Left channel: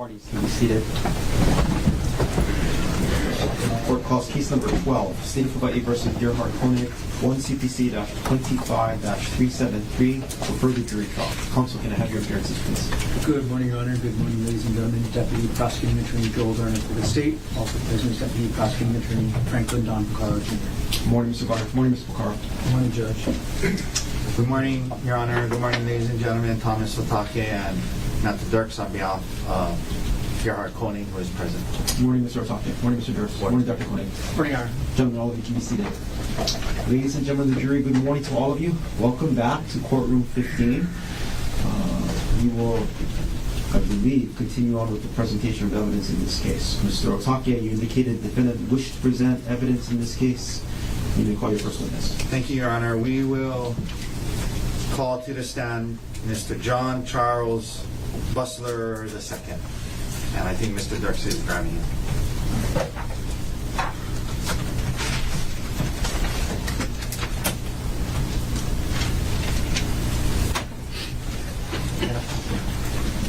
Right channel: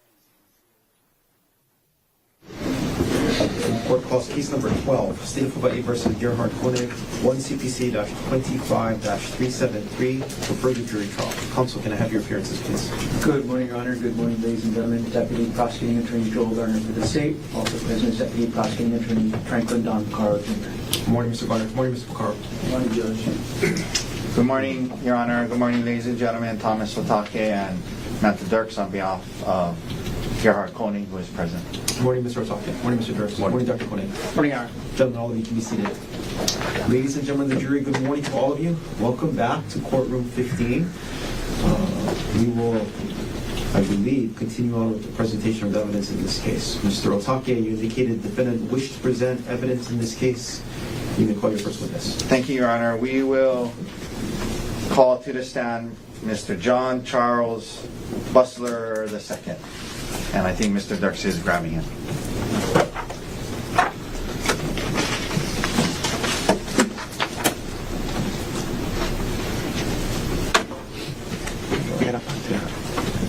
Parties can be seated. Court calls case number 12, State of Hawaii versus Gerhardt Konig, 1 CPC-25-373 for further jury trial. Counsel, can I have your appearances, please? Good morning, Your Honor. Good morning, ladies and gentlemen. Deputy Prosecuting Attorney Joel Garner for the state. Also present, Deputy Prosecuting Attorney Franklin Don Picaro Jr. Good morning, Mr. Garner. Good morning, Mr. Picaro. Good morning, Judge. Good morning, Your Honor. Good morning, ladies and gentlemen. Thomas Otake and Matthew Dirks on behalf of Gerhardt Konig, who is present. Good morning, Mr. Otake. Good morning, Mr. Durst. Good morning, Dr. Konig. Good morning, Your Honor. Gentlemen, all of you can be seated. Ladies and gentlemen of the jury, good morning to all of you. Welcome back to courtroom 15. We will, I believe, continue on with the presentation of evidence in this case. Mr. Otake, you indicated the defendant wished to present evidence in this case. You may call your first witness. Thank you, Your Honor. We will call to the stand Mr. John Charles Bustler II. And I think Mr. Dirks is grabbing him.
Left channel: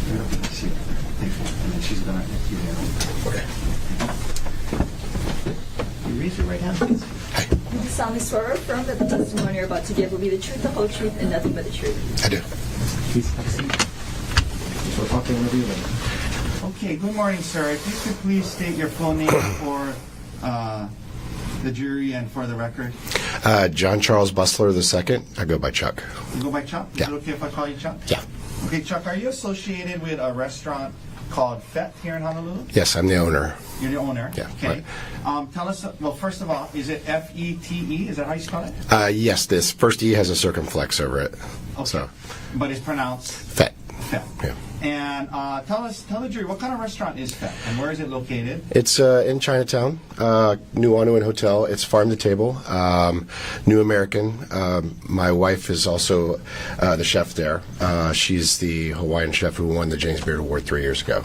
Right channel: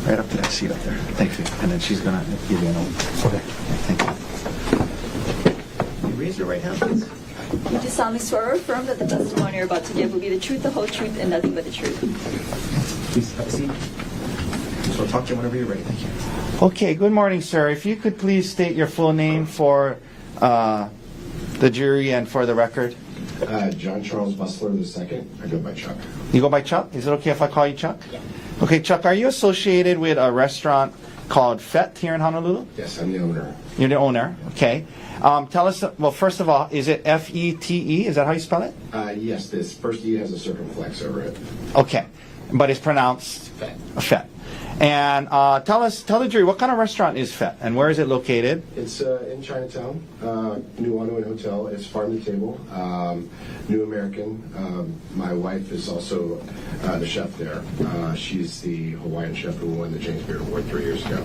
Right up there, seat up there. Thank you. And then she's gonna give you an open. Okay. Thank you. You raise your right hand, please. You do solemnly swear or affirm that the testimony you're about to give will be the truth, the whole truth, and nothing but the truth. I do. Please have a seat. Mr. Otake, whenever you're ready. Okay, good morning, sir. If you could please state your full name for the jury and for the record. John Charles Bustler II. I go by Chuck. You go by Chuck? Is Yeah. it okay if I call you Chuck? Yeah. Okay, Chuck, are you associated with a restaurant called FET here in Honolulu? Yes, I'm the owner. You're the owner? Yeah. Okay. Tell us, well, first of all, is it F-E-T-E? Is that how you spell it? Yes, this first E has a circumflex over it. Okay. So, But it's pronounced FET. FET. Yeah. And tell the jury, what kind of restaurant is FET and where is it located? It's in Chinatown, New Anuan Hotel. It's farm to table, New American. My wife is also the chef there. She's the Hawaiian chef who won the James Beard Award 3 years ago.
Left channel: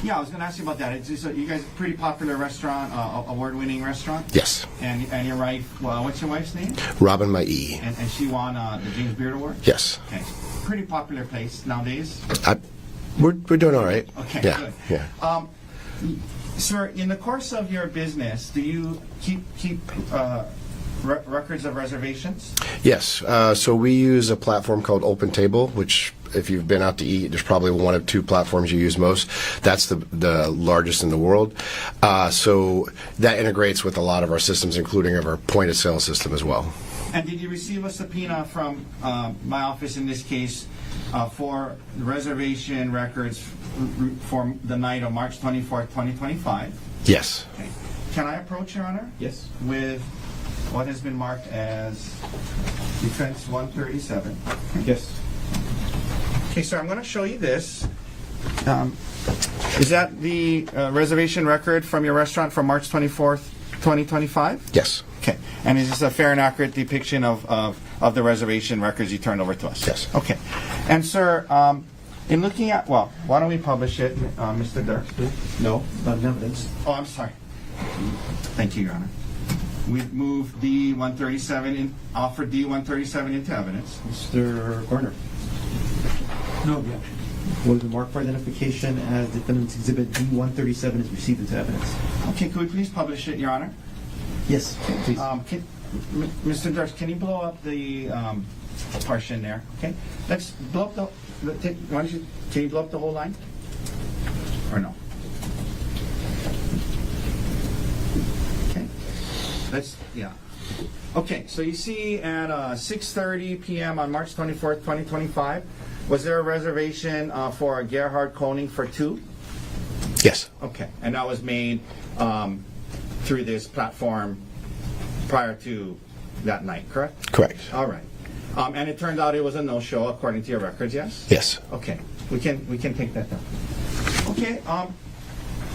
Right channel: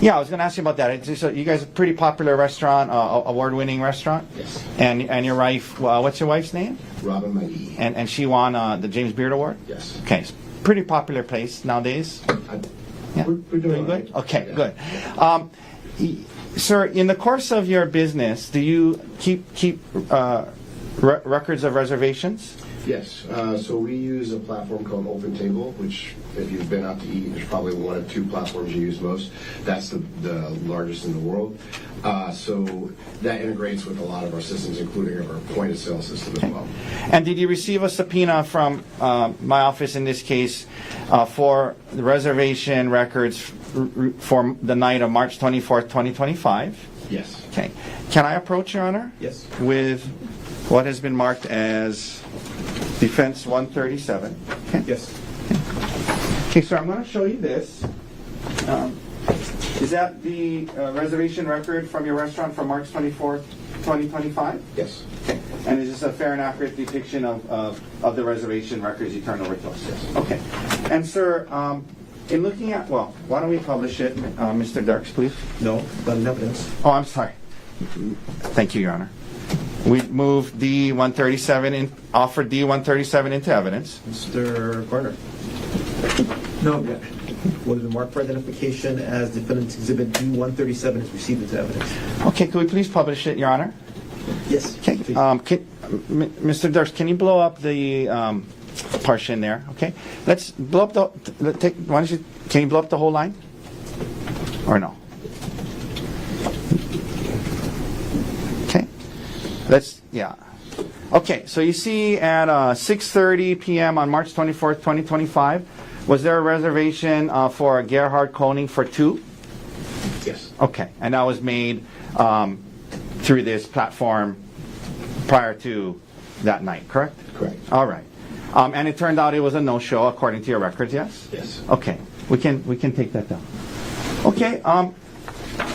Yeah, I was going to ask you about that. So you guys are a pretty popular restaurant, award-winning restaurant? Yes. And your wife, well, what's your wife's name? Robin My E. And she won the James Beard Award? Yes. Okay. Pretty popular place nowadays. We're doing all right. Okay, Yeah, good. Yeah. Sir, in the course of your business, do you keep records of reservations? Yes. So we use a platform called Open Table, which, if you've been out to eat, there's probably one of two platforms you use most. That's the largest in the world. So that integrates with a lot of our systems, including our point-of-sale system as well. And did you receive a subpoena from my office in this case for the reservation records for the night of March 24th, 2025? Yes. Okay. Can I approach, Your Honor? Yes. With what has been marked as Defense 137. Okay. Yes. Okay, sir, I'm going to show you this. Is that the reservation record from your restaurant from March 24th, 2025? Yes. Okay. And is this a fair and accurate depiction of the reservation records you turned over to us? Yes. Okay. And, sir, in looking at, well, why don't we publish it, Mr. Dirks, please? No, not in evidence. Oh, I'm sorry. Thank you, Your Honor. We've moved D-137, offered D-137 into evidence. Mr. Garner. No objection. Will the mark for identification as defendant's exhibit D-137 is received into evidence? Okay, could we please publish it, Your Honor? Yes. Okay. Please. Mr. Dirks, can you blow up the partition there? Okay. Let's blow up can you blow up the whole line? Or no? Okay. Yeah. Okay, so you see at 6:30 p.m. on March 24th, 2025, was there a reservation for Gerhardt Konig for 2? Yes. Okay, and that was made through this platform prior to that night, correct? Correct. All right. And it turned out it was a no-show according to your records, yes? Yes. Okay, we can take that down. Okay,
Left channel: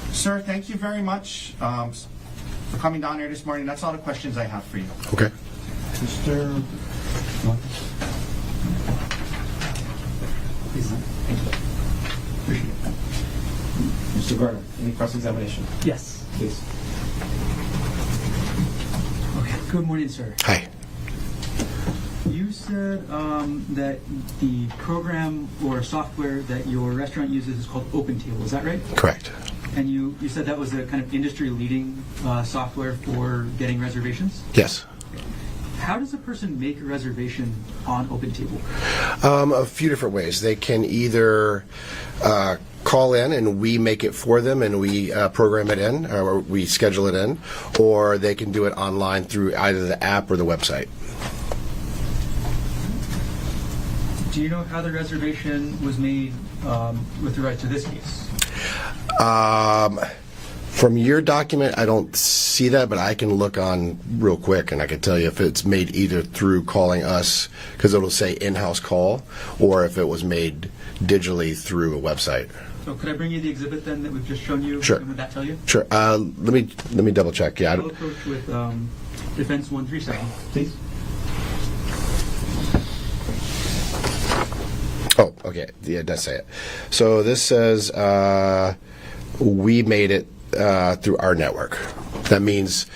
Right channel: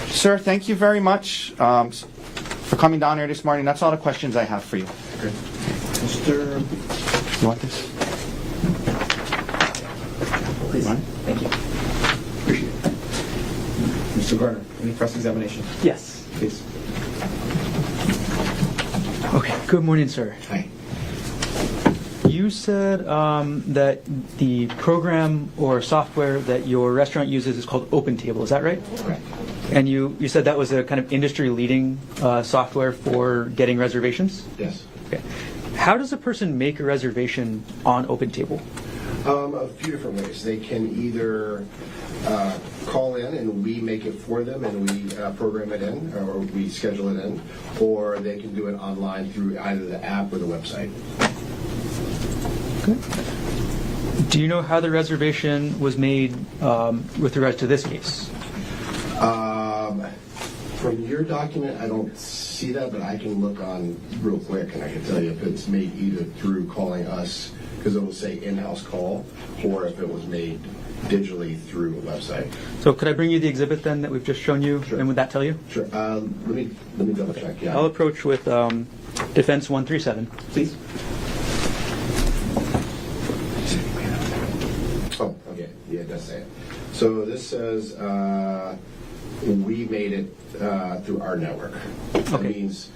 sir, thank you very much for coming down here this morning. That's all the questions I have for you. Okay. Mr. You want this? Please. Thank you. Appreciate it. Mr. Garner, any cross-examination? Yes. Please. Okay. Good morning, sir. Hi. You you said that the program or software that your restaurant uses is called OpenTable. Is that right? Correct. And you said that was a kind of industry-leading software for getting reservations? Yes. Okay. How does a person make a reservation on OpenTable? A few different ways. They can either call in and we make it for them and we program it in, or we schedule it in, or they can do it online through either the app or the website. Okay. Do you know how the reservation was made with regard to this case? From your document, I don't see that, but I can look on real quick and I can tell you if it's made either through calling us, because it'll say in-house call, or if it was made digitally through a website. So could I bring you the exhibit then that we've just shown you? Sure. And would that tell you? Sure. Let me double check. Yeah. I'll approach with Defense 137. Please. Oh, okay. Yeah, it does say it. So this says we made it through our network. That means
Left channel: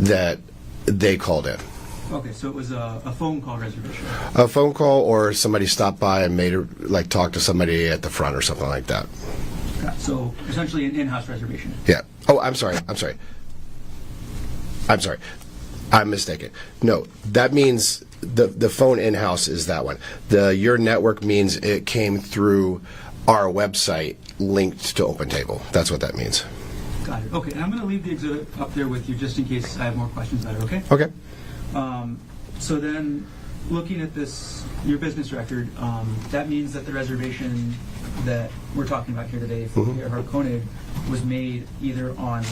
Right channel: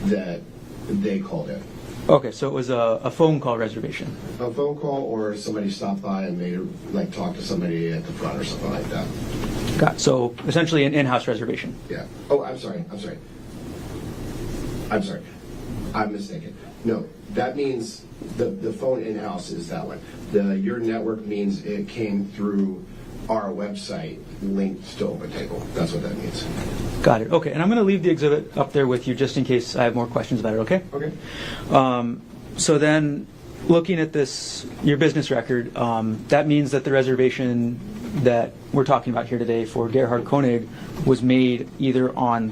that they called in. Okay, so it was a phone call reservation. A phone call, or somebody stopped by and made it, like talk to somebody at the front or something like that. Got so essentially an in-house reservation. Yeah. Oh, I'm sorry. I'm mistaken. No, that means the phone in-house is that one. Your network means it came through our website linked to OpenTable. That's what that means. Got it. Okay, and I'm going to leave the exhibit up there with you just in case I have more questions about it, okay? Okay. So then, looking at this, your business record, that means that the reservation that we're talking about here today for Gerhardt Konig was made either on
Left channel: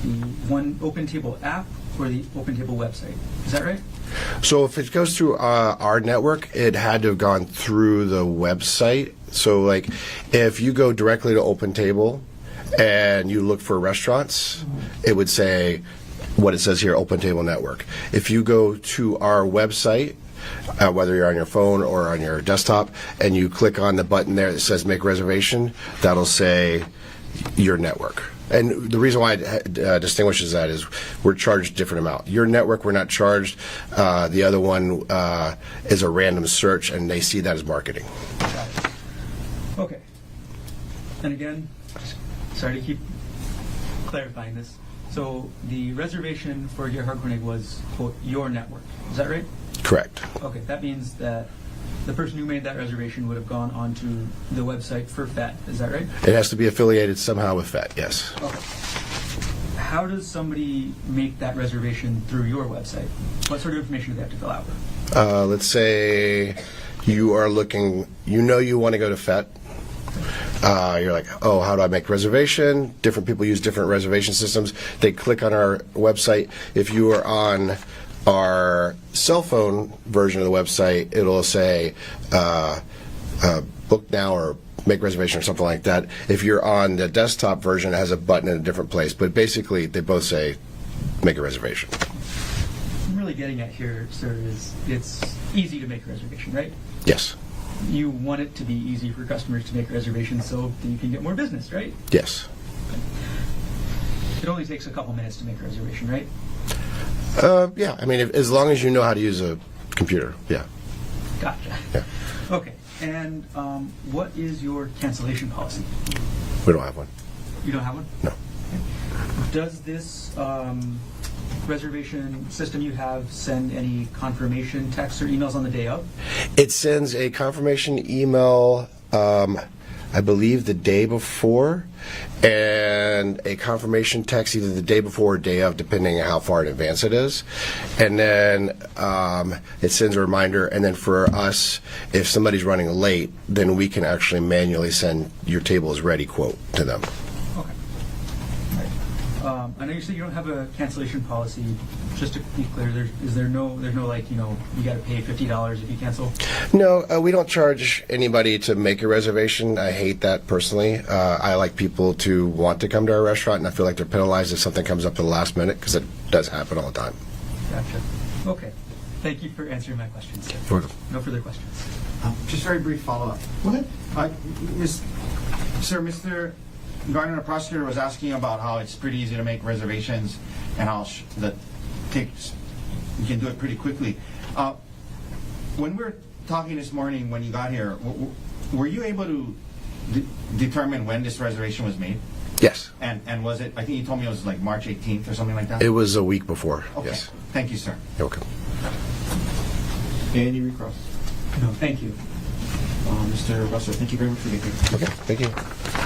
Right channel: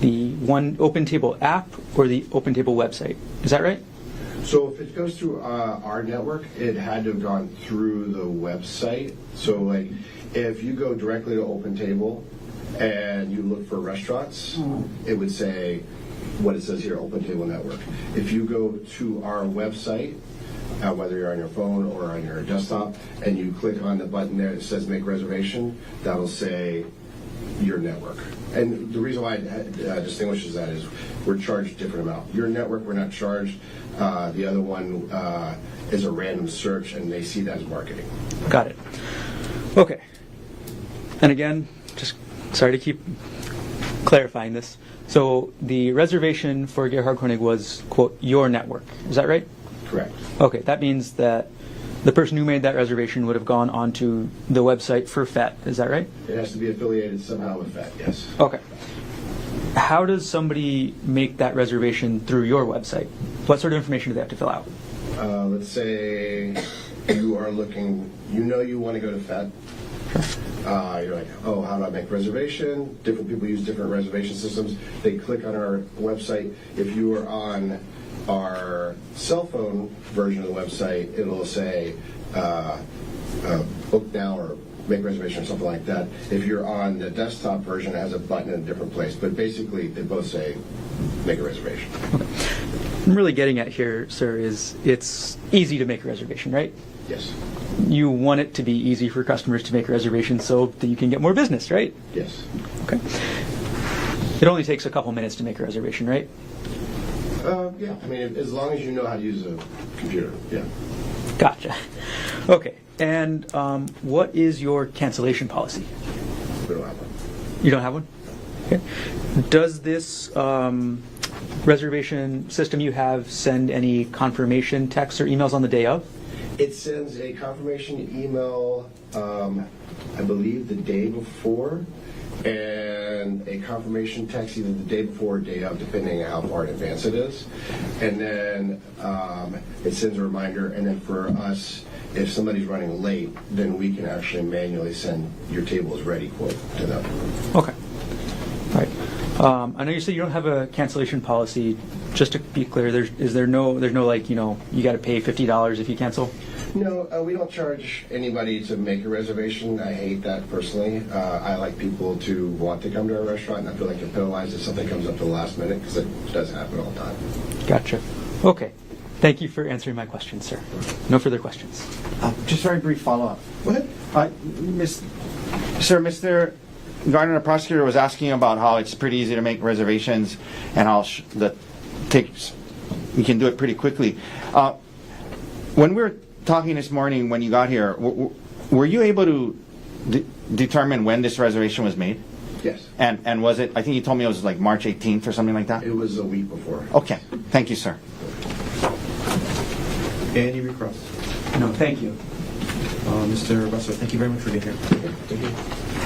the one OpenTable app or the OpenTable website. Is that right? So if it goes through our network, it had to have gone through the website. So like if you go directly to OpenTable and you look for restaurants, it would say what it says here, OpenTable Network. If you go to our website, whether you're on your phone or on your desktop, and you click on the button there that says make reservation, that'll say your network. And the reason why it distinguishes that is we're charged a different amount. Your network, we're not charged. The other one is a random search, and they see that as marketing. Got it. Okay. And again, just sorry to keep clarifying this. So the reservation for Gerhardt Konig was, quote, your network. Is that right? Correct. Okay, that means that the person who made that reservation would have gone onto the website for FET. Is that right? It has to be affiliated somehow with FET, yes. Okay. How does somebody make that reservation through your website? What sort of information do they have to fill out? Let's say you are looking, you want to go to FET. You're like, oh, how do I make reservation? Different people use different reservation systems. They click on our website. If you are on our cell phone version of the website, it'll say book now or make reservation or something like that. If you're on the desktop version, it has a button in a different place. But basically, they both say make a reservation. Okay. What I'm really getting at here, sir, is it's easy to make a reservation, right? Yes. You want it to be easy for customers to make reservations so that you can get more business, right? Yes. Okay. It only takes a couple minutes to make a reservation, right? Yeah. I mean, as long as you know how to use a computer, yeah. Gotcha. Yeah. Okay. And what is your cancellation policy? We don't have one. You don't have one? No. Okay. Does this reservation system you have send any confirmation texts or emails on the day of? It sends a confirmation email, I believe, the day before, and a confirmation text either the day before or day of, depending on how far in advance it is. And then it sends a reminder, and then for us, if somebody's running late, then we can actually manually send your table is ready quote to them. Okay. All right. I know you said you don't have a cancellation policy. Just to be clear, there's no like, you got to pay $50 if you cancel? No, we don't charge anybody to make a reservation. I hate that personally. I like people to want to come to our restaurant, and I feel like they're penalized if something comes up at the last minute, because it does happen all the time. Gotcha. Okay. Thank you for answering my questions, sir. Sure. No further questions. Just very brief follow-up. Go ahead. Sir, Mr. Gardner, the prosecutor, was asking about how it's pretty easy to make reservations and how that takes, we can do it pretty quickly. when we were talking this morning when you got here, were you able to determine when this reservation was made? Yes. And was it, I think you told me it was like March 18th or something like that? It was a week before. Okay. Yes. Thank you, sir. Okay. Any requests? No, thank you. Mr. Russell, thank you very much for being here. Okay. Thank you.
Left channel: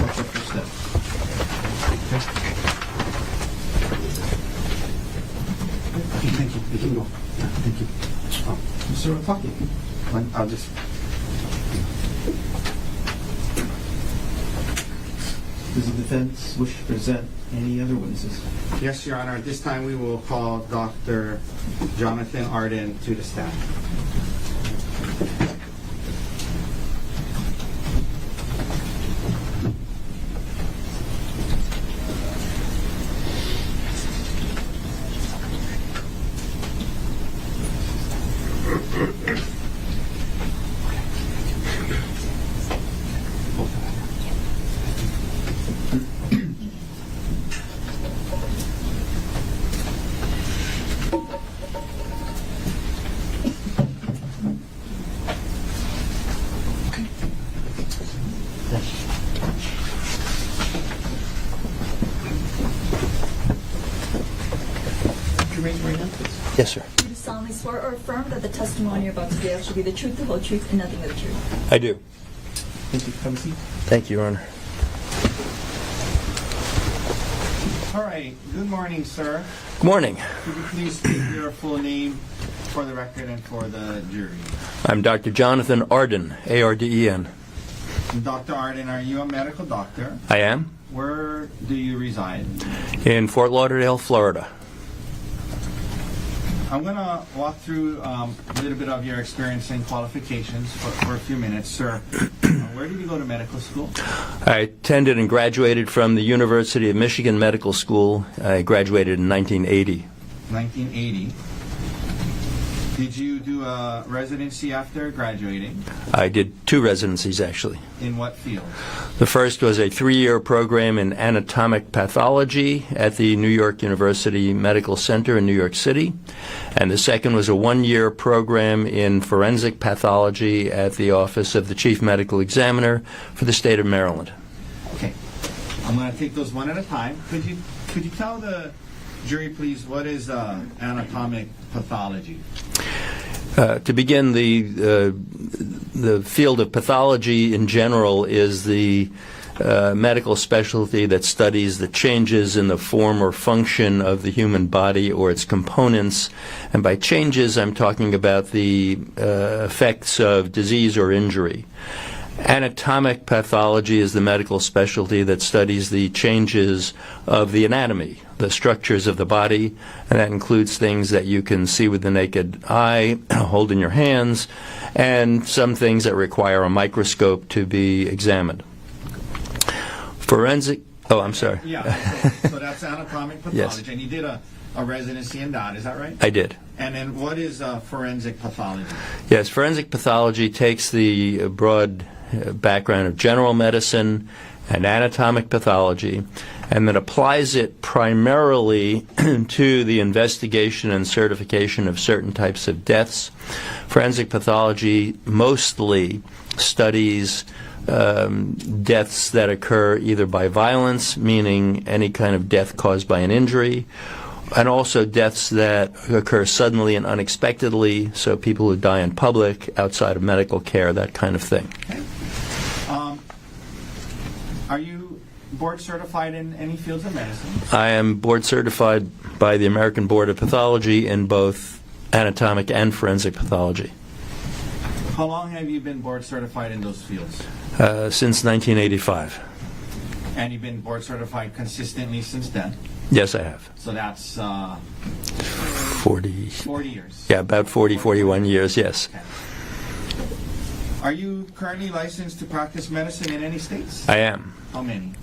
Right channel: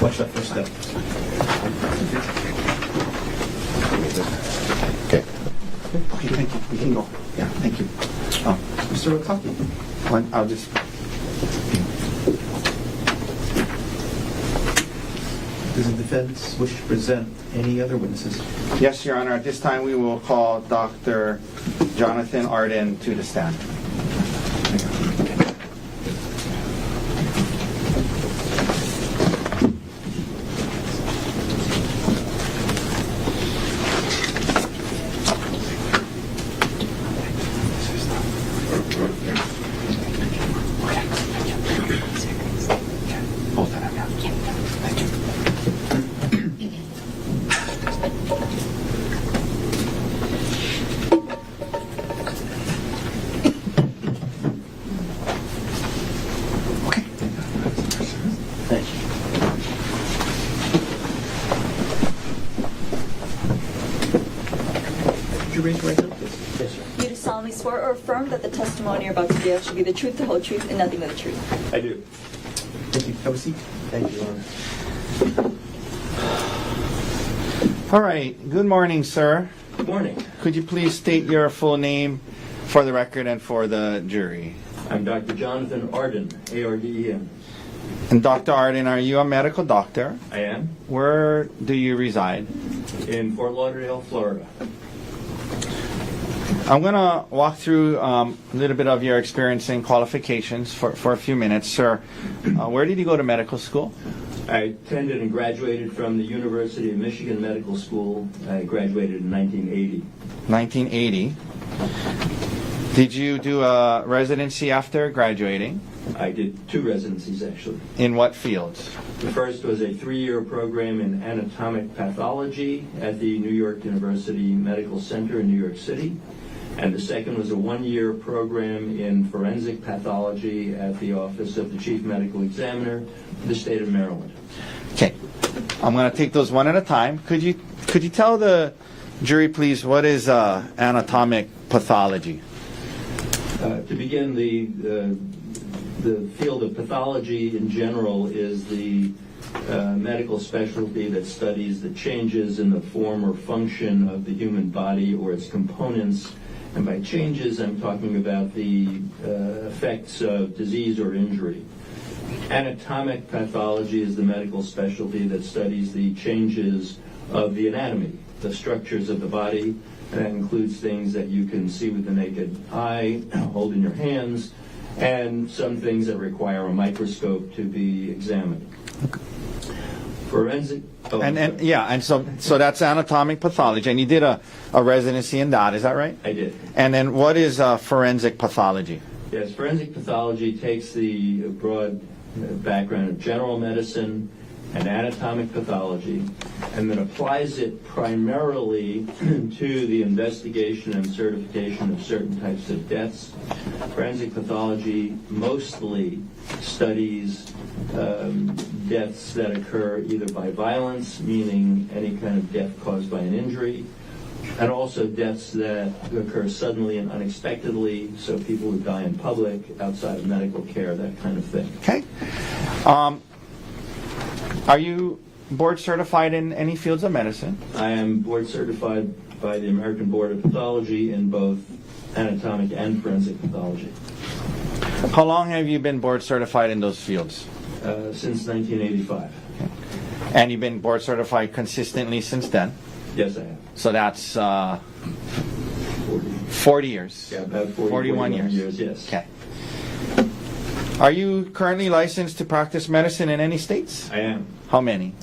Watch that first step. Okay. Thank you. We can go. Yeah, thank you. Oh, Mr. Otaki. I'll just... Does the defense wish to present any other witnesses? Yes, Your Honor. At this time, we will call Dr. Jonathan Arden to the stand. Could you raise your right hand, please? Yes, sir. Do you solemnly swear or affirm that the testimony you're about to give should be the truth, the whole truth, and nothing but the truth? I do. Thank you. Have a seat. Thank you, Your Honor. All right. Good morning, sir. Good morning. Could you please state your full name for the record and for the jury? I'm Dr. Jonathan Arden, A-R-D-E-N. And Dr. Arden, are you a medical doctor? I am Where do you reside? in Fort Lauderdale, Florida. I'm going to walk through a little bit of your experience and qualifications for a few minutes. Sir, where did you go to medical school? I attended and graduated from the University of Michigan Medical School. I graduated in 1980. 1980. Did you do a residency after graduating? I did 2 residencies, actually. In what field? The first was a 3-year program in anatomic pathology at the New York University Medical Center in New York City. And the second was a 1-year program in forensic pathology at the Office of the Chief Medical Examiner for the state of Maryland. Okay. I'm going to take those one at a time. Could you tell the jury, please, what is anatomic pathology? To begin, the field of pathology in general is the medical specialty that studies the changes in the form or function of the human body or its components. And by changes, I'm talking about the effects of disease or injury. Anatomic pathology is the medical specialty that studies the changes of the anatomy, the structures of the body, and that includes things that you can see with the naked eye, hold in your hands, and some things that require a microscope to be examined. Forensic, I'm sorry. And so that's anatomic pathology. Yes. And you did a residency in that, is that right? I did. And then what is forensic pathology? Yes, forensic pathology takes the broad background of general medicine and anatomic pathology and then applies it primarily to the investigation and certification of certain types of deaths. Forensic pathology mostly studies deaths that occur either by violence, meaning any kind of death caused by an injury, and also deaths that occur suddenly and unexpectedly, so people who die in public, outside of medical care, that kind of thing. Okay. Are you board certified in any fields of medicine? I am board certified by the American Board of Pathology in both anatomic and forensic pathology. How long have you been board certified in those fields? Since 1985. And you've been board certified consistently since then? Yes, I have. So that's 40 years. Yeah, about 41 years, yes. Okay. Are you currently licensed to practice medicine in any states? I am. How many?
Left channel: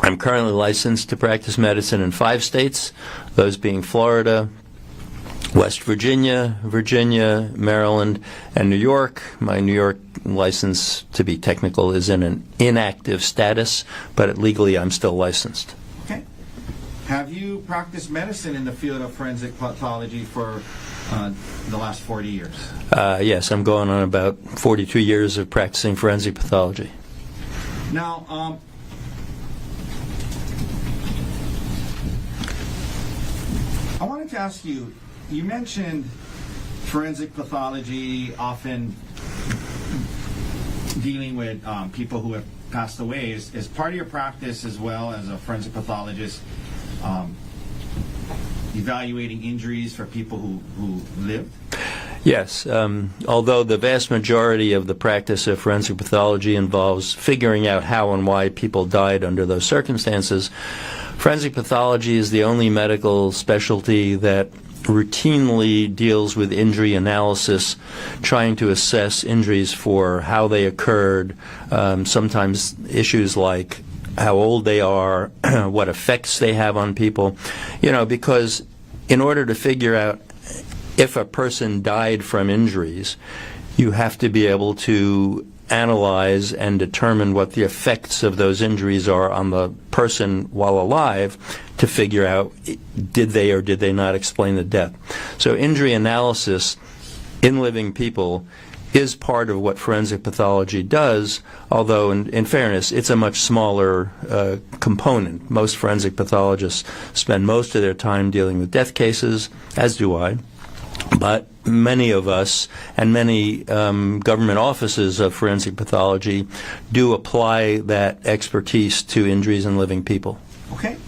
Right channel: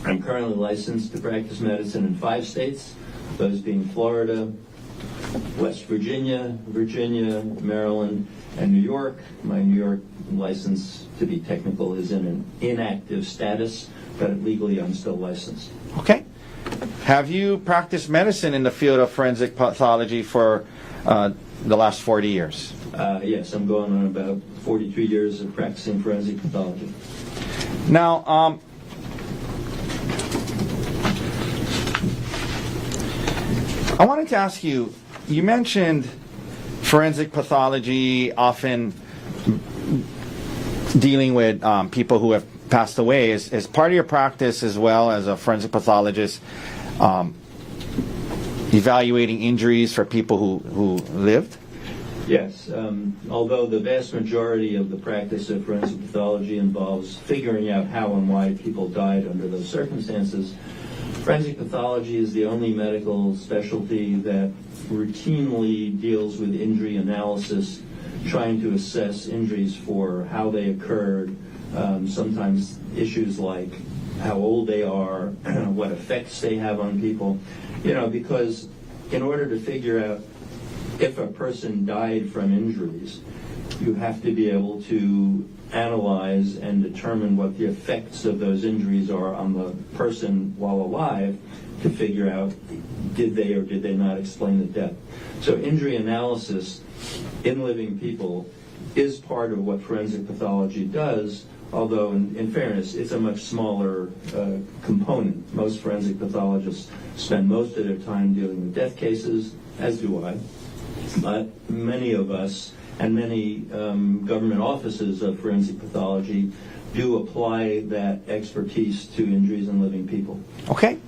I'm currently licensed to practice medicine in 5 states, those being Florida, West Virginia, Maryland, and New York. My New York license, to be technical, is in an inactive status, but legally I'm still licensed. Okay. Have you practiced medicine in the field of forensic pathology for the last 40 years? Yes, I'm going on about 42 years of practicing forensic pathology. Now, I wanted to ask you, you mentioned forensic pathology often dealing with people who have passed away. Is part of your practice as well as a forensic pathologist evaluating injuries for people who lived? Yes, although the vast majority of the practice of forensic pathology involves figuring out how and why people died under those circumstances, forensic pathology is the only medical specialty that routinely deals with injury analysis, trying to assess injuries for how they occurred, sometimes issues like how old they are, what effects they have on people, because in order to figure out if a person died from injuries, you have to be able to analyze and determine what the effects of those injuries are on the person while alive to figure out did they or did they not explain the death. So injury analysis in living people is part of what forensic pathology does, although in fairness, it's a much smaller component. Most forensic pathologists spend most of their time dealing with death cases, as do I. But many of us and many government offices of forensic pathology do apply that expertise to injuries in living people. Okay.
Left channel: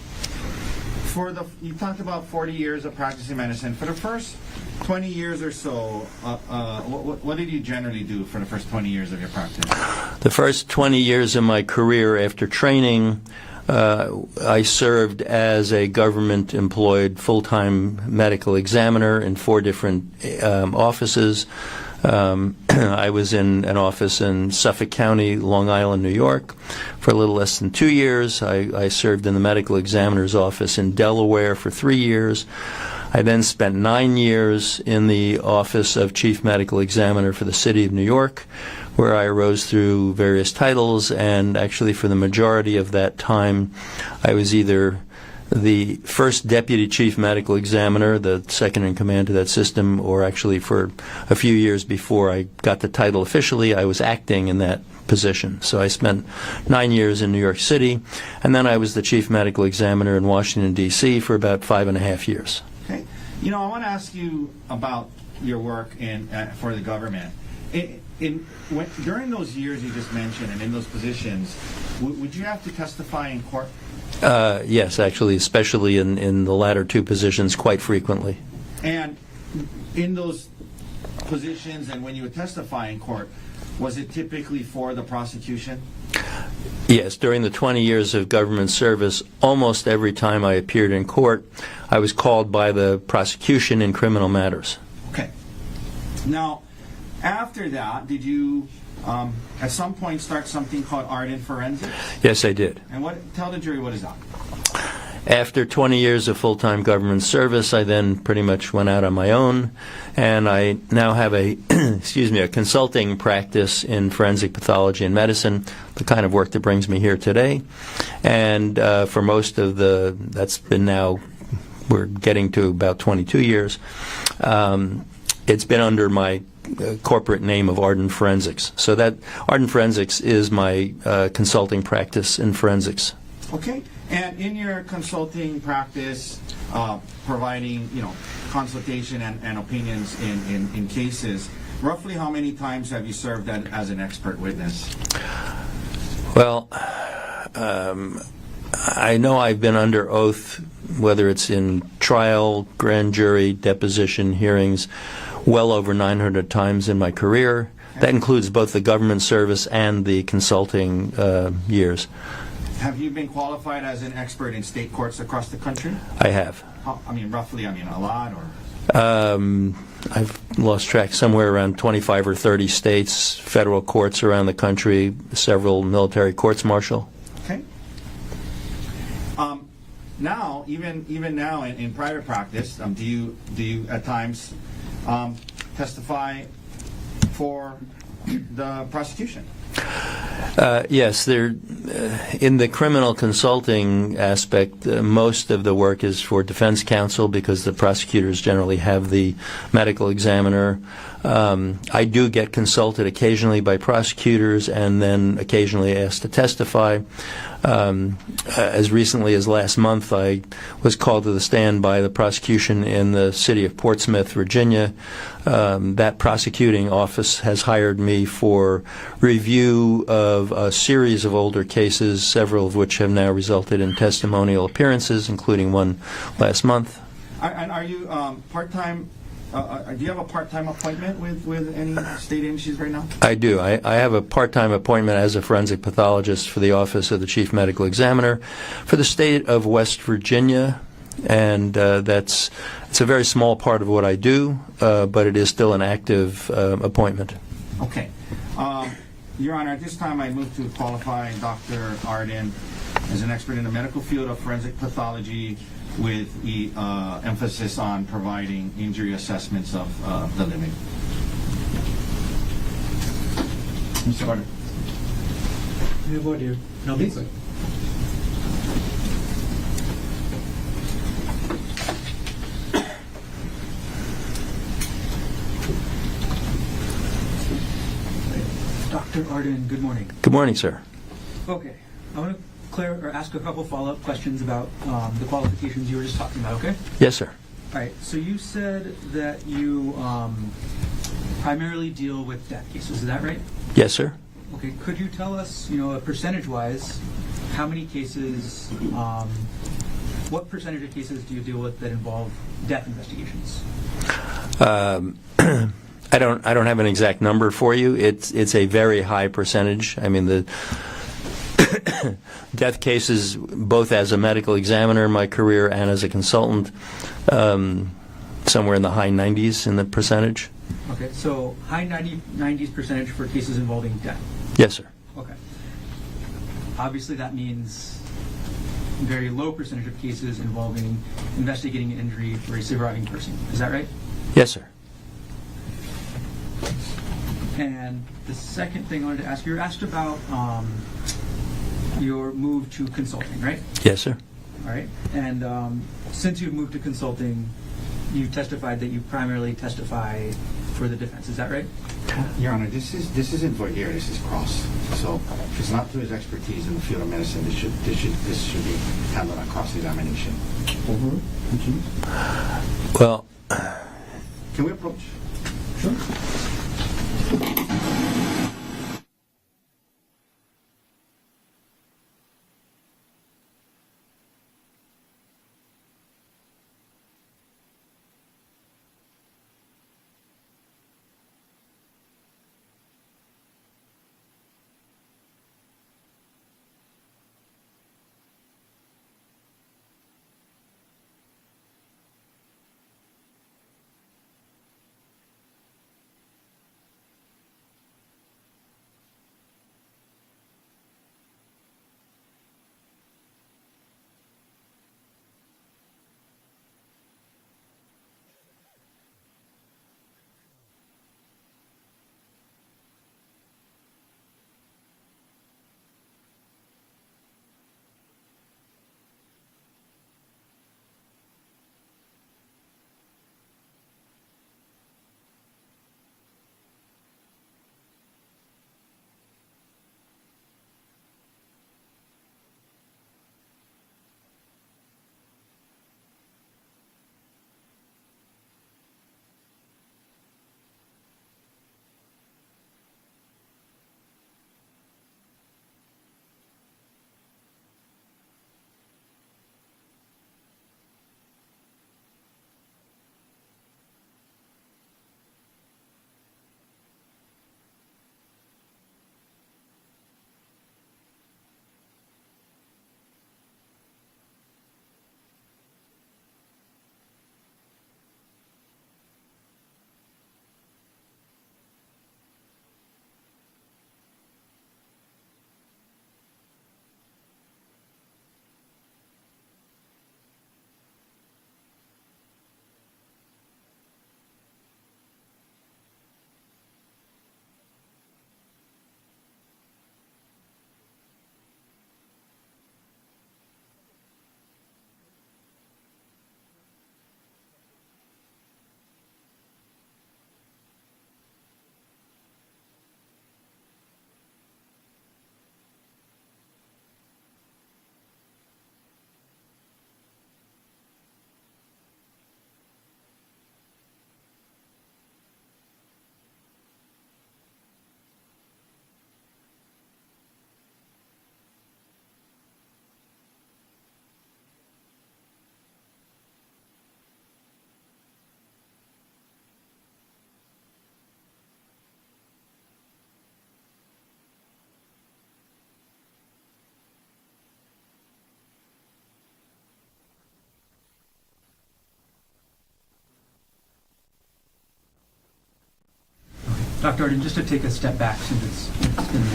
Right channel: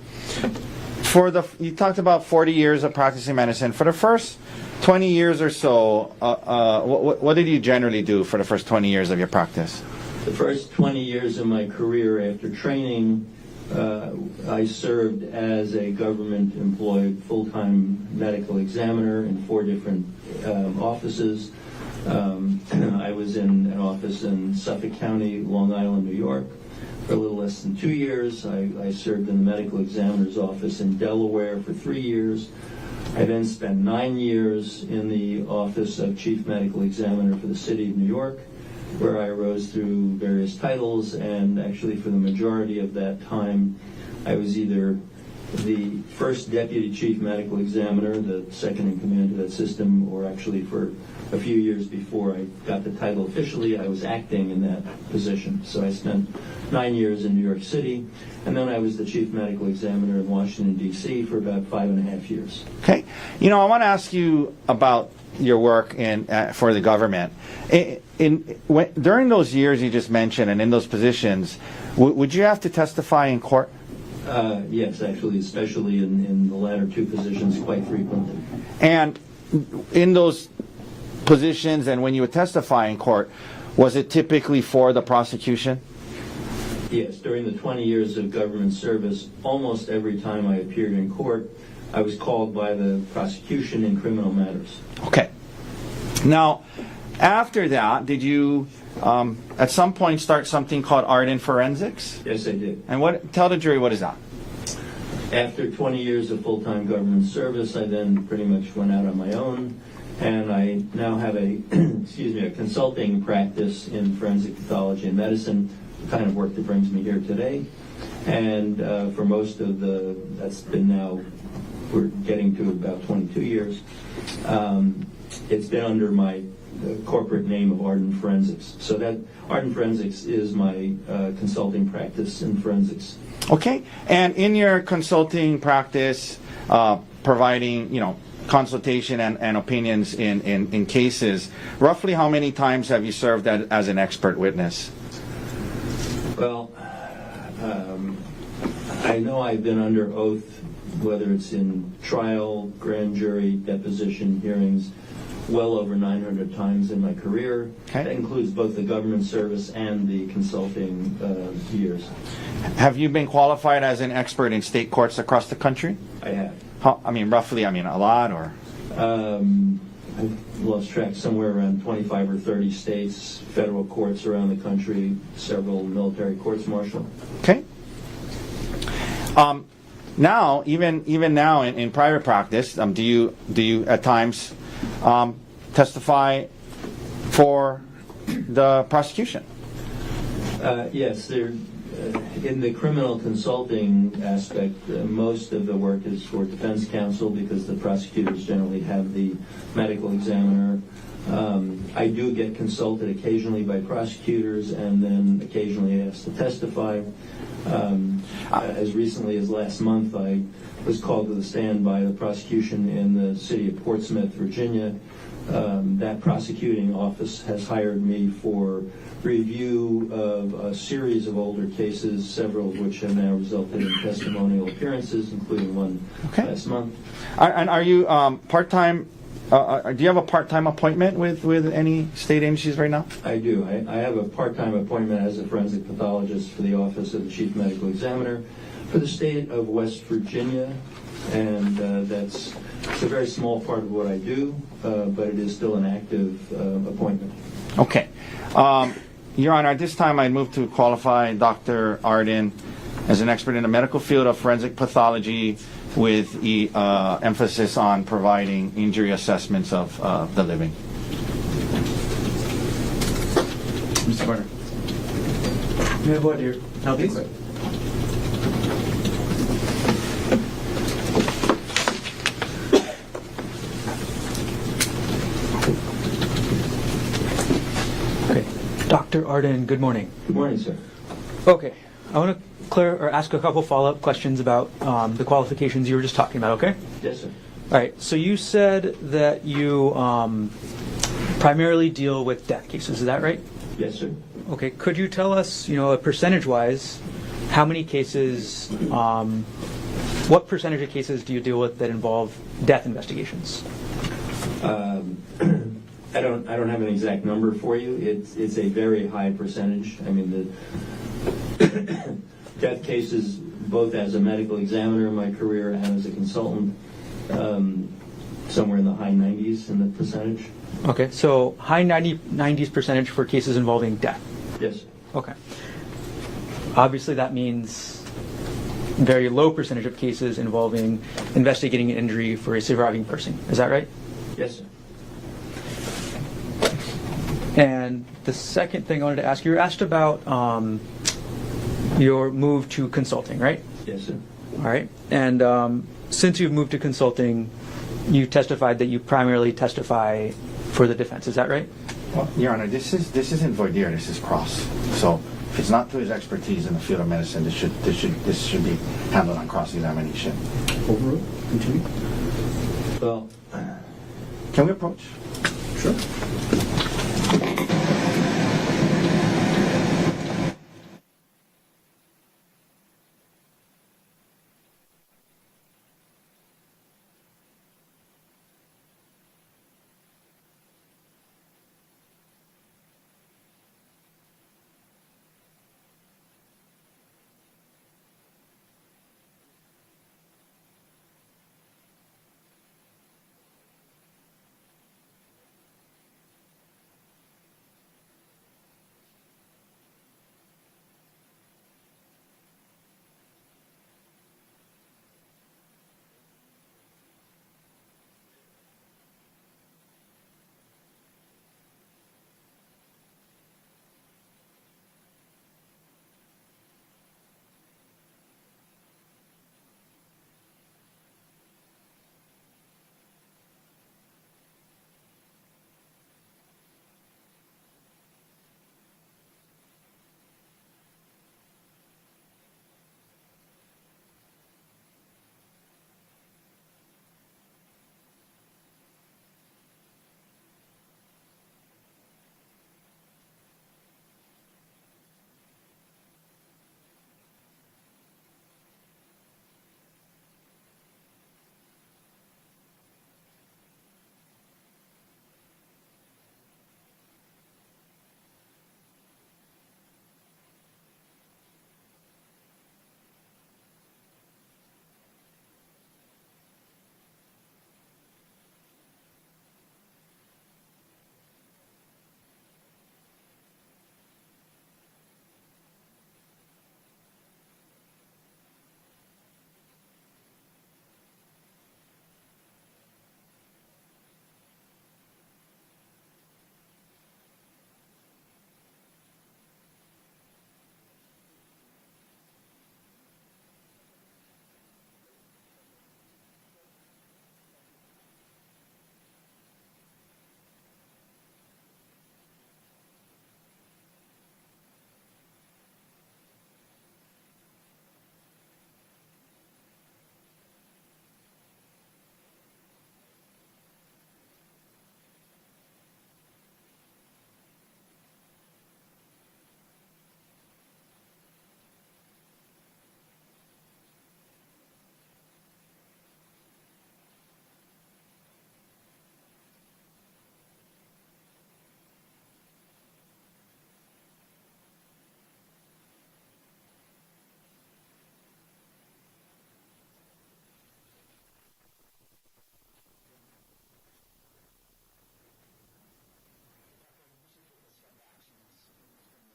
You talked about 40 years of practicing medicine. For the first 20 years or so, what did you generally do for the first 20 years of your practice? The first 20 years of my career after training, I served as a government-employed full-time medical examiner in 4 different offices. I was in an office in Suffolk County, Long Island, New York, for a little less than 2 years. I served in the medical examiner's office in Delaware for 3 years. I then spent 9 years in the office of chief medical examiner for the city of New York, where I rose through various titles, and actually for the majority of that time I was either the first deputy chief medical examiner, the second in command to that system, or actually for a few years before I got the title officially, I was acting in that position. So I spent 9 years in New York City, and then I was the chief medical examiner in Washington, D.C. for about 5.5 years. Okay. I want to ask you about your work for the government. During those years you just mentioned and in those positions, would you have to testify in court? Yes, actually, especially in the latter 2 positions, quite frequently. And in those positions and when you would testify in court, was it typically for the prosecution? Yes, during the 20 years of government service, almost every time I appeared in court, I was called by the prosecution in criminal matters. Okay. Now, after that, did you at some point start something called art in forensics? Yes, I did. And tell the jury, what is that? After 20 years of full-time government service, I then pretty much went out on my own, and I now have a a consulting practice in forensic pathology and medicine, the kind of work that brings me here today. And for most of that's been now, we're getting to about 22 years. It's been under my corporate name of Art in Forensics. So that Art in Forensics is my consulting practice in forensics. Okay. And in your consulting practice, providing consultation and opinions in cases, roughly how many times have you served as an expert witness? Well, I know I've been under oath, whether it's in trial, grand jury, deposition, hearings, well over 900 times in my career. Okay. That includes both the government service and the consulting years. Have you been qualified as an expert in state courts across the country? I have. Roughly, a lot, or? I've lost track, somewhere around 25 or 30 states, federal courts around the country, several military courts-martial. Okay. Now, even now in private practice, do you at times testify for the prosecution? Yes, in the criminal consulting aspect, most of the work is for defense counsel because the prosecutors generally have the medical examiner. I do get consulted occasionally by prosecutors and then occasionally asked to testify. As recently as last month, I was called to the stand by the prosecution in the city of Portsmouth, Virginia. That prosecuting office has hired me for review of a series of older cases, several of which have now resulted in testimonial appearances, including one last month. And are you part-time? Do you have a part-time appointment with any state agencies right now? I do. I have a part-time appointment as a forensic pathologist for the Office of the Chief Medical Examiner for the state of West Virginia, and it's a very small part of what I do, but it is still an active appointment. Okay. Your Honor, at this time I move to qualify Dr. Arden as an expert in the medical field of forensic pathology with emphasis on providing injury assessments of the living. Mr. Gardner. You have what here? I'll be quick. Okay. Dr. Arden, good morning. Good morning, sir. Okay. I want to ask a couple follow-up questions about the qualifications you were just talking about, okay? Yes, sir. All right. So you said that you primarily deal with death cases. Is that right? Yes, sir. Okay. Could you tell us, percentage-wise, how many cases, what percentage of cases do you deal with that involve death investigations? I don't have an exact number for you. It's a very high percentage. I mean, the death cases, both as a medical examiner in my career and as a consultant, somewhere in the high 90s in the percentage. Okay, so high 90s percentage for cases involving death. Yes, sir. Okay. Obviously, that means very low percentage of cases involving investigating an injury for a surviving person. Is that right? Yes, sir. And the second thing I wanted to ask, you were asked about your move to consulting, right? Yes, sir. All right. And since you've moved to consulting, you testified that you primarily testify for the defense. Is that right? Well, Your Honor, this isn't voir dire. This is cross. So it's not to his expertise in the field of medicine. This should be handled on cross-examination. Overruled. Continue. Well, Can we approach? Sure. Dr. Arden, just to take a step back since it's been a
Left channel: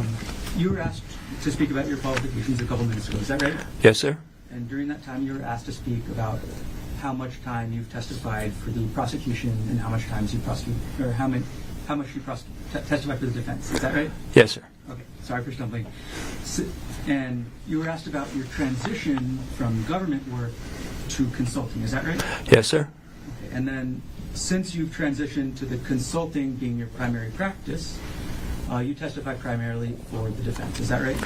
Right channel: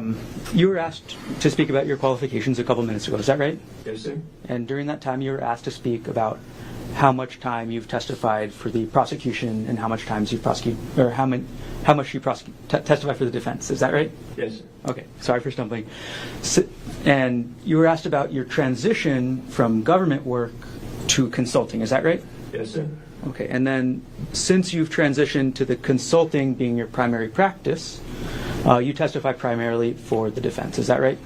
minute. You were asked to speak about your qualifications a couple minutes ago, is that right? Yes, sir. And during that time, you were asked to speak about how much time you've testified for the prosecution and how much times you prosecute, or how much you testify for the defense. Is that right? Yes, sir. Okay, sorry for stumbling. And you were asked about your transition from government work to consulting. Is that right? Yes, sir. Okay, and then since you've transitioned to the consulting being your primary practice, you testify primarily for the defense. Is that right?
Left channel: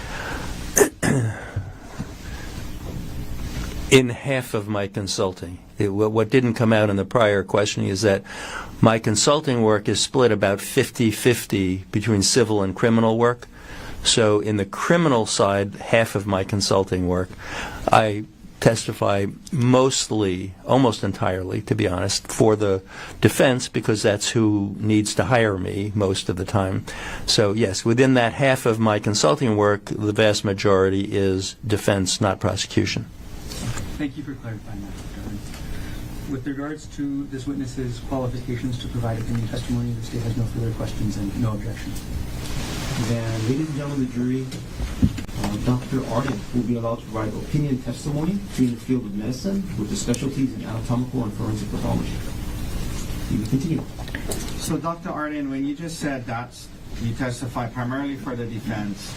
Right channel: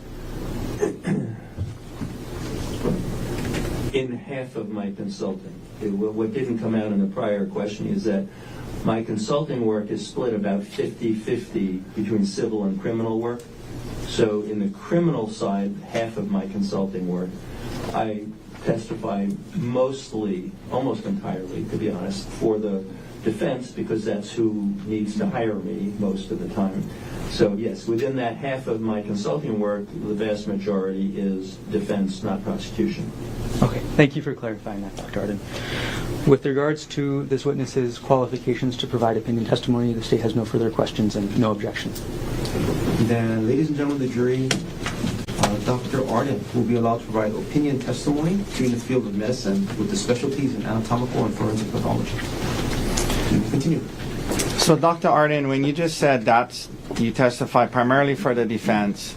In half of my consulting. What didn't come out in the prior questioning is that my consulting work is split about 50-50 between civil and criminal work. So in the criminal side, half of my consulting work, I testify mostly, almost entirely, to be honest, for the defense because that's who needs to hire me most of the time. So yes, within that half of my consulting work, the vast majority is defense, not prosecution. Okay, thank you for clarifying that, Dr. Arden. With regards to this witness's qualifications to provide opinion testimony, the state has no further questions and no objections. Then, ladies and gentlemen of the jury, Dr. Arden will be allowed to provide opinion testimony in the field of medicine with the specialties in anatomical and forensic pathology. And we'll continue. So, Dr. Arden, when you just said that you testify primarily for the defense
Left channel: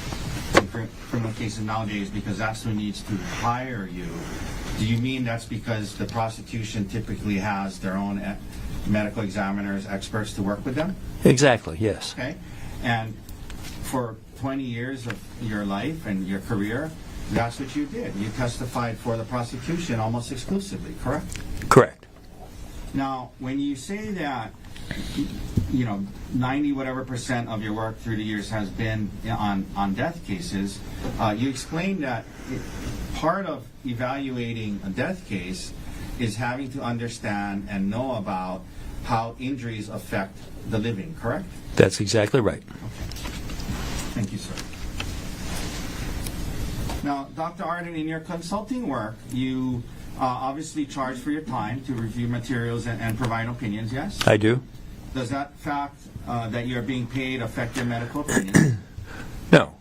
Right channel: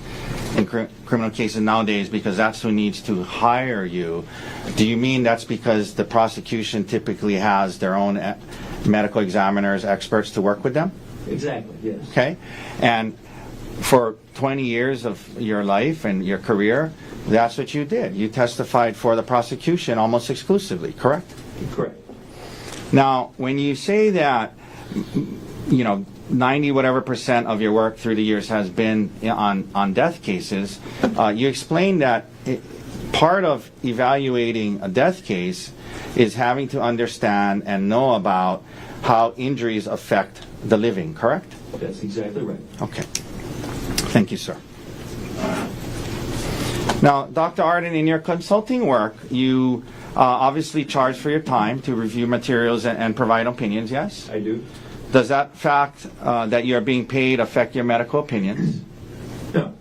in criminal cases nowadays because that's who needs to hire you, do you mean that's because the prosecution typically has their own medical examiners, experts to work with them? Exactly, yes. Okay. And for 20 years of your life and your career, that's what you did. You testified for the prosecution almost exclusively, correct? Correct. Now, when you say that, 90 whatever percent of your work through the years has been on death cases, you explained that part of evaluating a death case is having to understand and know about how injuries affect the living, correct? That's exactly right. Okay. Thank you, sir. Now, Dr. Arden, in your consulting work, you obviously charge for your time to review materials and provide opinions, yes? I do. Does that fact that you're being paid affect your medical opinions? No.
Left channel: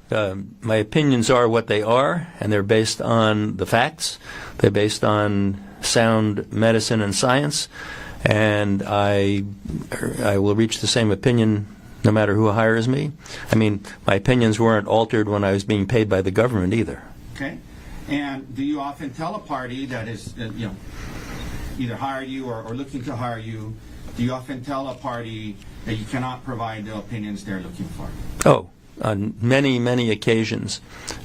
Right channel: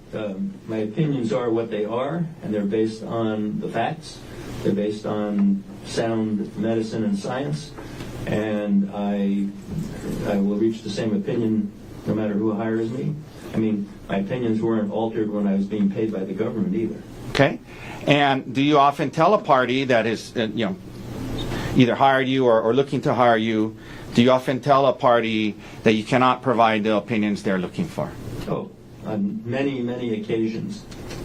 My opinions are what they are, and they're based on the facts. They're based on sound medicine and science, and I will reach the same opinion no matter who hires me. I mean, my opinions weren't altered when I was being paid by the government either. Okay. And do you often tell a party that is, either hired you or looking to hire you, do you often tell a party that you cannot provide the opinions they're looking for? Oh, on many, many occasions.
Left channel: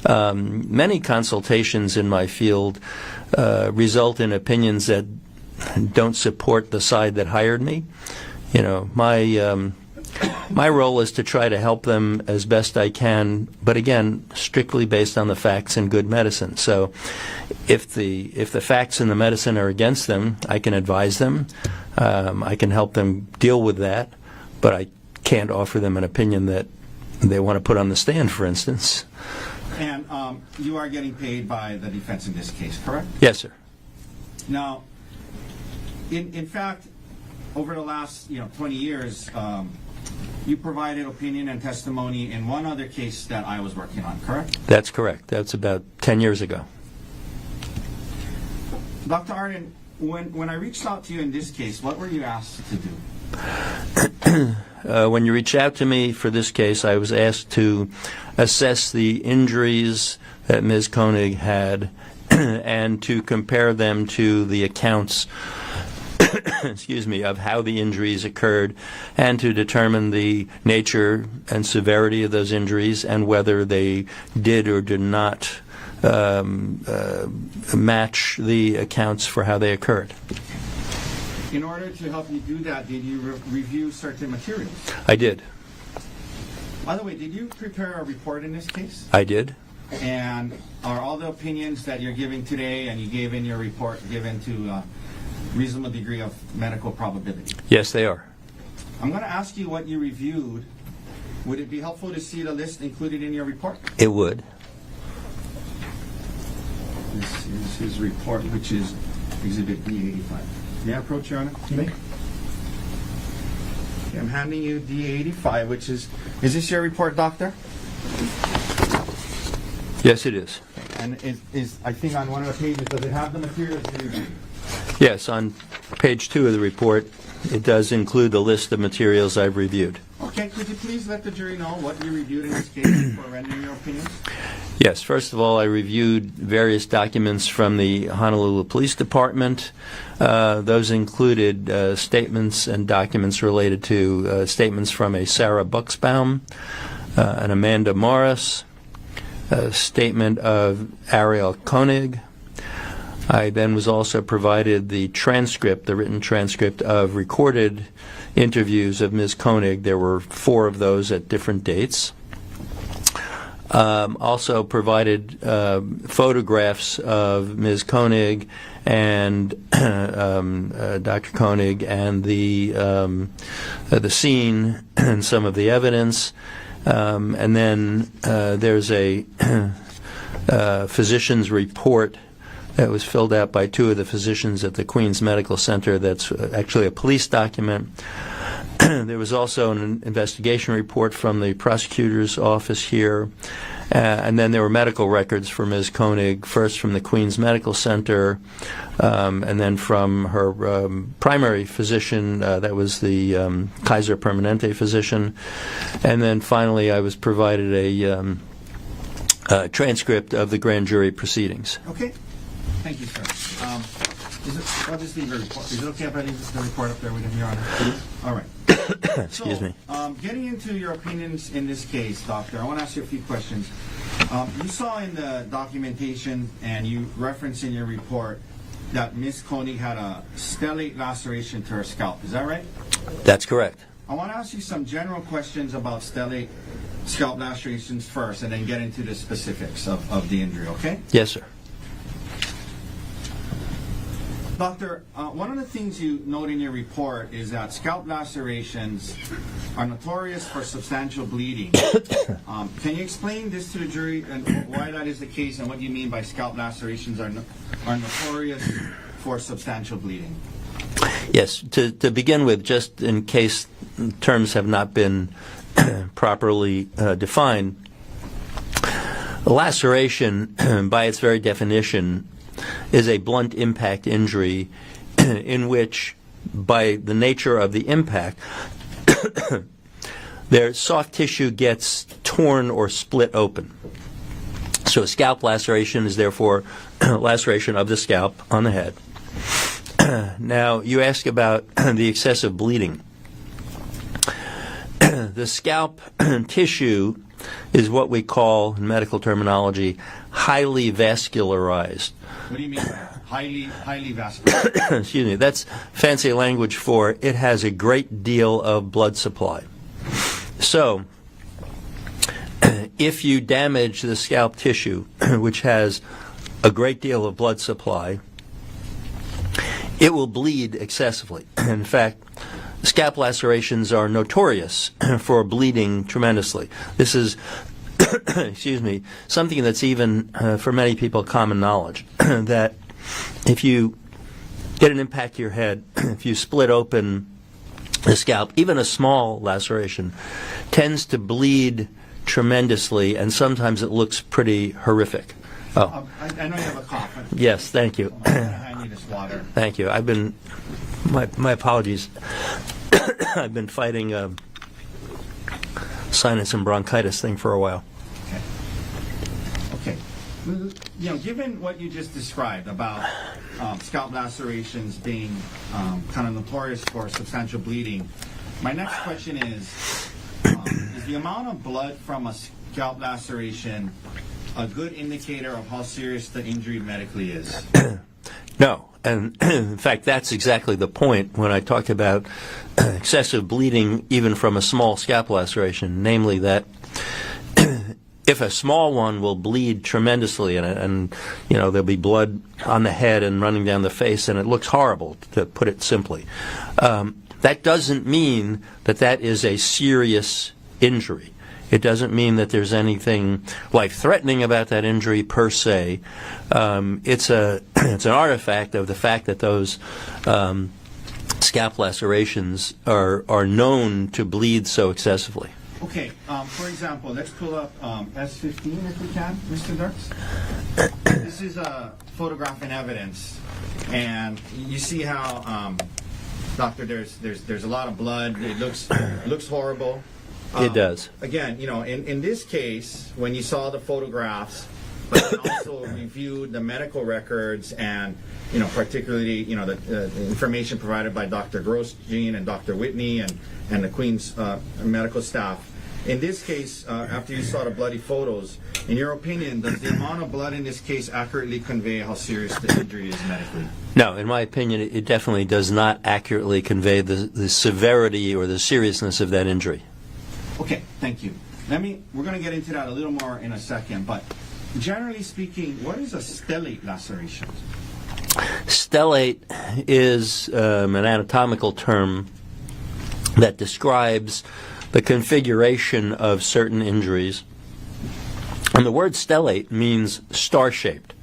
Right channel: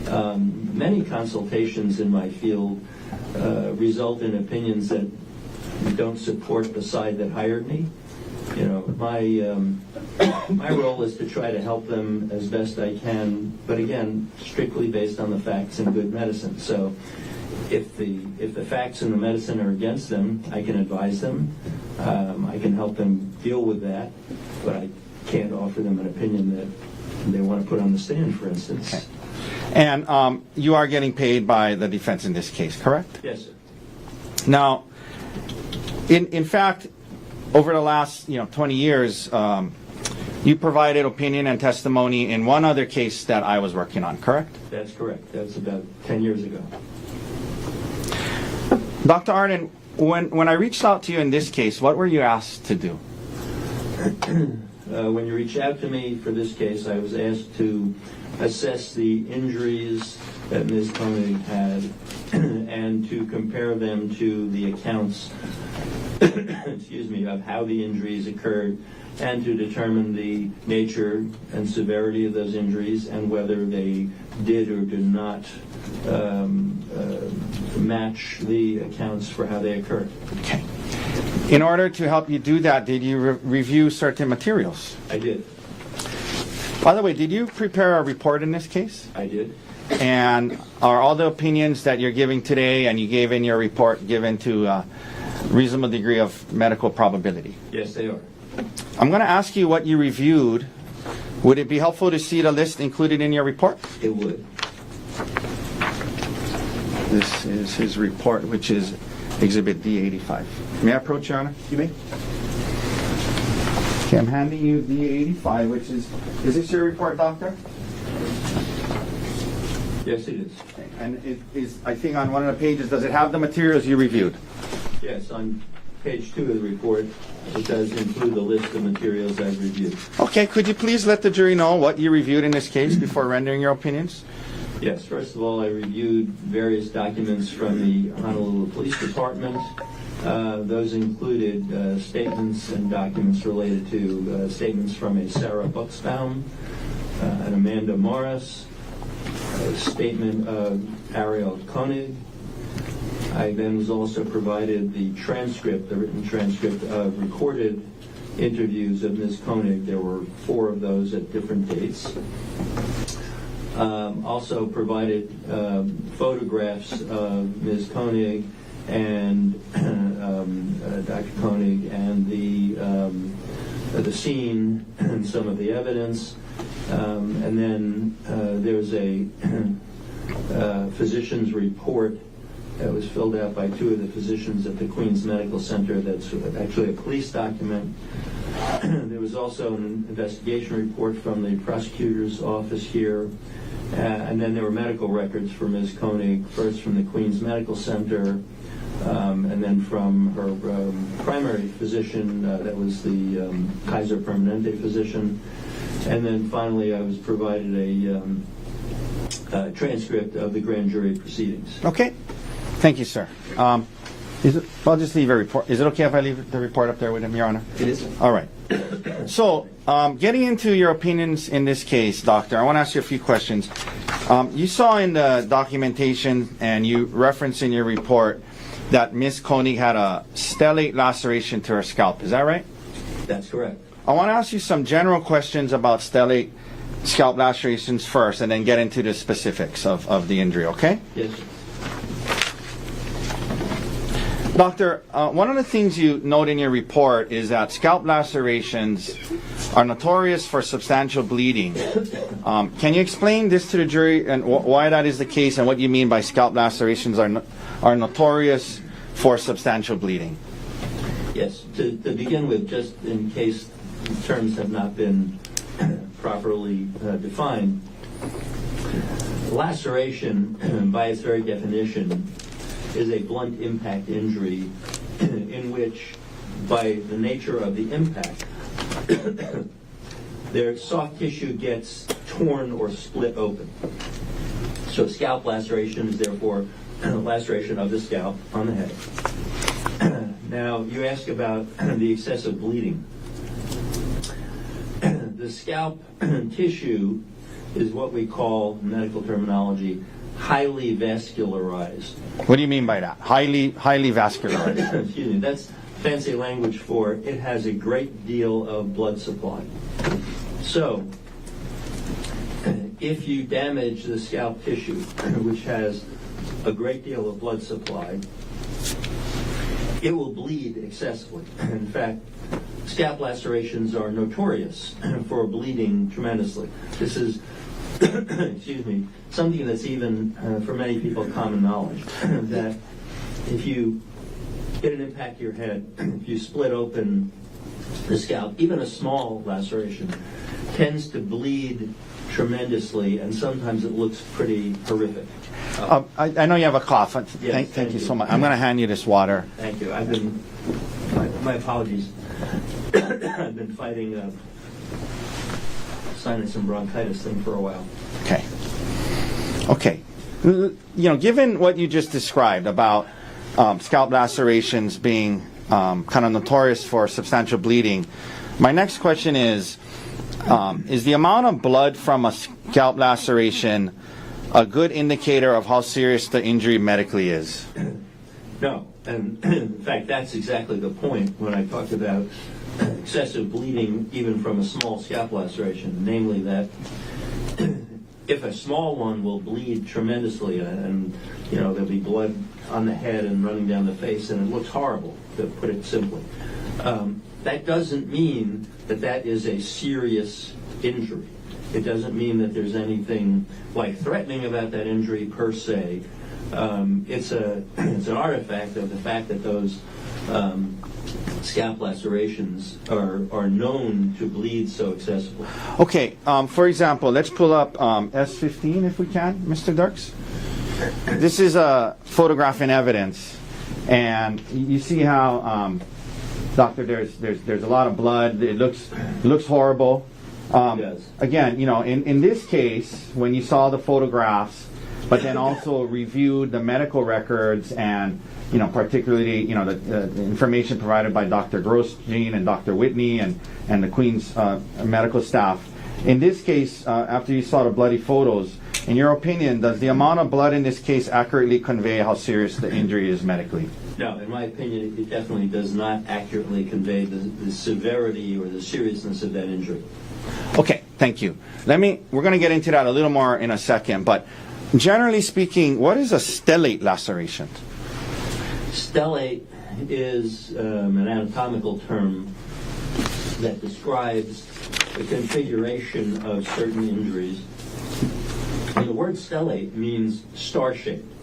Many consultations in my field result in opinions that don't support the side that hired me. My role is to try to help them as best I can, but again, strictly based on the facts and good medicine. So if the facts and the medicine are against them, I can advise them. I can help them deal with that, but I can't offer them an opinion that they want to put on the stand, for instance. And you are getting paid by the defense in this case, correct? Yes, sir. Now, in fact, over the last 20 years, you provided opinion and testimony in one other case that I was working on, correct? That's correct. That's about 10 years ago. Dr. Arden, when I reached out to you in this case, what were you asked to do? When you reached out to me for this case, I was asked to assess the injuries that Ms. Konig had and to compare them to the accounts of how the injuries occurred and to determine the nature and severity of those injuries and whether they did or did not match the accounts for how they occurred. Okay. In order to help you do that, did you review certain materials? I did. By the way, did you prepare a report in this case? I did. And are all the opinions that you're giving today and you gave in your report given to a reasonable degree of medical probability? Yes, they are. I'm going to ask you what you reviewed. Would it be helpful to see the list included in your report? It would. This is his report, which is Exhibit D85. May I approach, Your Honor? You may. Okay, I'm handing you D85, which is this your report, doctor? Yes, it is. And is I think on one of the pages, does it have the materials you reviewed? Yes, on page 2 of the report, it does include the list of materials I've reviewed. Okay, could you please let the jury know what you reviewed in this case before rendering your opinions? Yes, first of all, I reviewed various documents from the Honolulu Police Department. Those included statements and documents related to statements from a Sarah Buxbaum, an Amanda Morris, a statement of Gerhardt Konig. I then was also provided the transcript, the written transcript of recorded interviews of Ms. Konig. There were 4 of those at different dates. Also provided photographs of Ms. Konig and Dr. Konig and the scene and some of the evidence. And then there's a physician's report that was filled out by 2 of the physicians at the Queens Medical Center. That's actually a police document. There was also an investigation report from the prosecutor's office here. And then there were medical records for Ms. Konig, first from the Queens Medical Center, and then from her primary physician, that was the Kaiser Permanente physician. And then finally I was provided a transcript of the grand jury proceedings. Okay. Thank you, sir. I'll just leave a report. Is it okay if I leave the report up there with him, Your Honor? All right. So, getting into your opinions in this case, Doctor, I want to ask you a few questions. You saw in the documentation and you referenced in your report that Ms. Konig had a stellate laceration to her scalp. Is that right? That's correct. I want to ask you some general questions about stellate scalp lacerations first and then get into the specifics of the injury, okay? Yes, sir. Doctor, one of the things you note in your report is that scalp lacerations are notorious for substantial bleeding. Can you explain this to the jury and why that is the case and what you mean by scalp lacerations are notorious for substantial bleeding? Yes. To begin with, just in case terms have not been properly defined, a laceration, by its very definition, is a blunt impact injury in which, by the nature of the impact, their soft tissue gets torn or split open. So a scalp laceration is therefore laceration of the scalp on the head. Now, you ask about the excessive bleeding. The scalp tissue is what we call, in medical terminology, highly vascularized. What do you mean by that? Highly vascular. Excuse me. That's fancy language for it has a great deal of blood supply. So, if you damage the scalp tissue, which has a great deal of blood supply, it will bleed excessively. In fact, scalp lacerations are notorious for bleeding tremendously. This is excuse me, something that's even, for many people, common knowledge, that if you get an impact to your head, if you split open the scalp, even a small laceration tends to bleed tremendously, and sometimes it looks pretty horrific. I know you have a cough. Yes, thank you so much. I'm going to hand you this water. Thank you. My apologies. I've been fighting sinus and bronchitis thing for a while. Okay. Given what you just described about scalp lacerations being kind of notorious for substantial bleeding, my next question is the amount of blood from a scalp laceration a good indicator of how serious the injury medically is? No. And in fact, that's exactly the point when I talk about excessive bleeding even from a small scalp laceration, namely that if a small one will bleed tremendously and there'll be blood on the head and running down the face and it looks horrible, to put it simply, that doesn't mean that is a serious injury. It doesn't mean that there's anything life-threatening about that injury per se. It's an artifact of the fact that those scalp lacerations are known to bleed so excessively. Okay, for example, let's pull up S15 if we can, Mr. Dirks. This is a photograph in evidence, and you see how, doctor, there's a lot of blood. It looks horrible. It does. Again, in this case, when you saw the photographs, but then also reviewed the medical records and particularly the information provided by Dr. Grosjean and Dr. Whitney and the Queen's medical staff. In this case, after you saw the bloody photos, in your opinion, does the amount of blood in this case accurately convey how serious the injury is medically? No, in my opinion, it definitely does not accurately convey the severity or the seriousness of that injury. Okay, thank you. We're going to get into that a little more in a second, but generally speaking, what is a stellate laceration? Stellate is an anatomical term that describes the configuration of certain injuries. And the word stellate means star-shaped.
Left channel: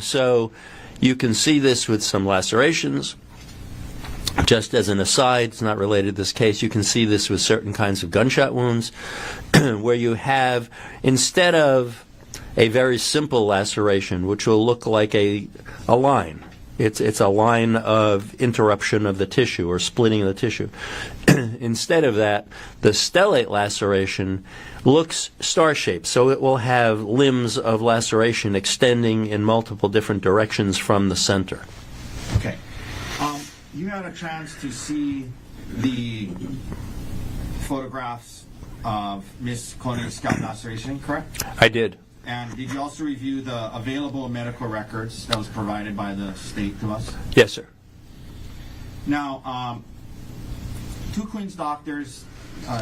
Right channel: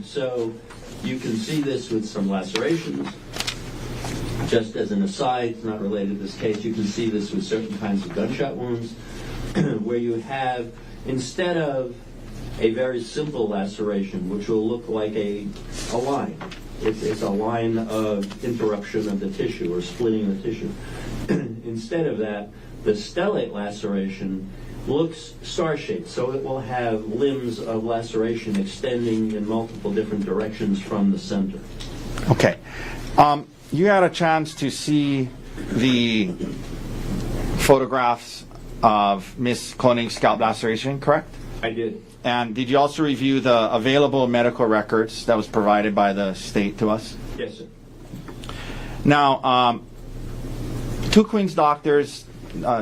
So you can see this with some lacerations. Just as an aside, it's not related to this case, you can see this with certain kinds of gunshot wounds where you have, instead of a very simple laceration, which will look like a line. It's a line of interruption of the tissue or splitting of the tissue. Instead of that, the stellate laceration looks star-shaped, so it will have limbs of laceration extending in multiple different directions from the center. Okay. You had a chance to see the photographs of Miss Konig's scalp laceration, correct? I did. And did you also review the available medical records that was provided by the state to us? Yes, sir. Now, two Queen's doctors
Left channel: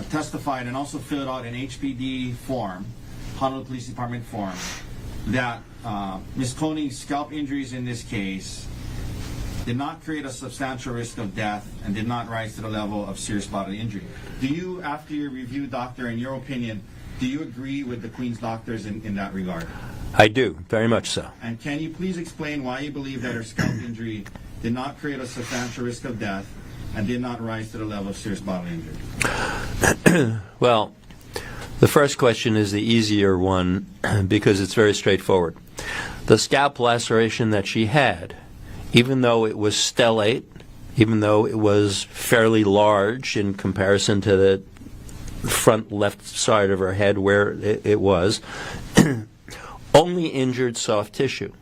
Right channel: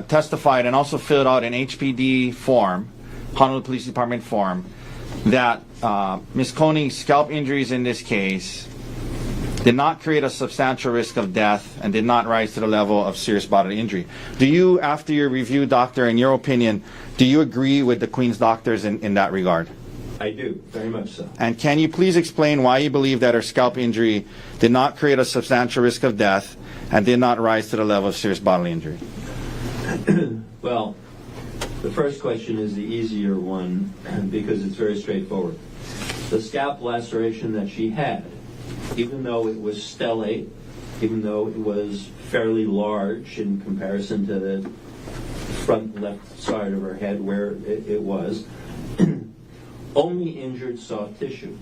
testified and also filled out an HPD form, Honolulu Police Department form, that Ms. Konig's scalp injuries in this case did not create a substantial risk of death and did not rise to the level of serious bodily injury. Do you, after your review, doctor, in your opinion, do you agree with the Queen's doctors in that regard? I do, very much so. And can you please explain why you believe that her scalp injury did not create a substantial risk of death and did not rise to the level of serious bodily injury? Well, the first question is the easier one because it's very straightforward. The scalp laceration that she had, even though it was stellate, even though it was fairly large in comparison to the front left side of her head where it was, only injured soft tissue.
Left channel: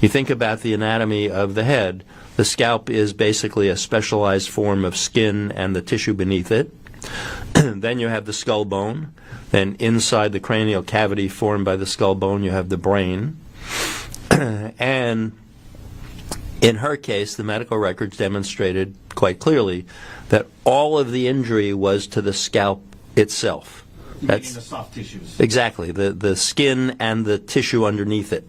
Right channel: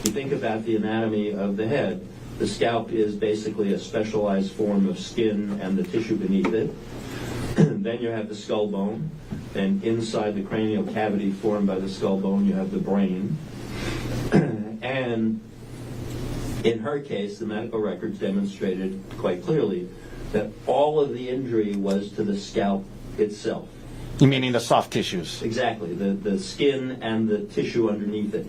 You think about the anatomy of the head, the scalp is basically a specialized form of skin and the tissue beneath it. Then you have the skull bone. Then inside the cranial cavity formed by the skull bone, you have the brain. And in her case, the medical records demonstrated quite clearly that all of the injury was to the scalp itself. Meaning the soft tissues. Exactly, the skin and the tissue underneath it.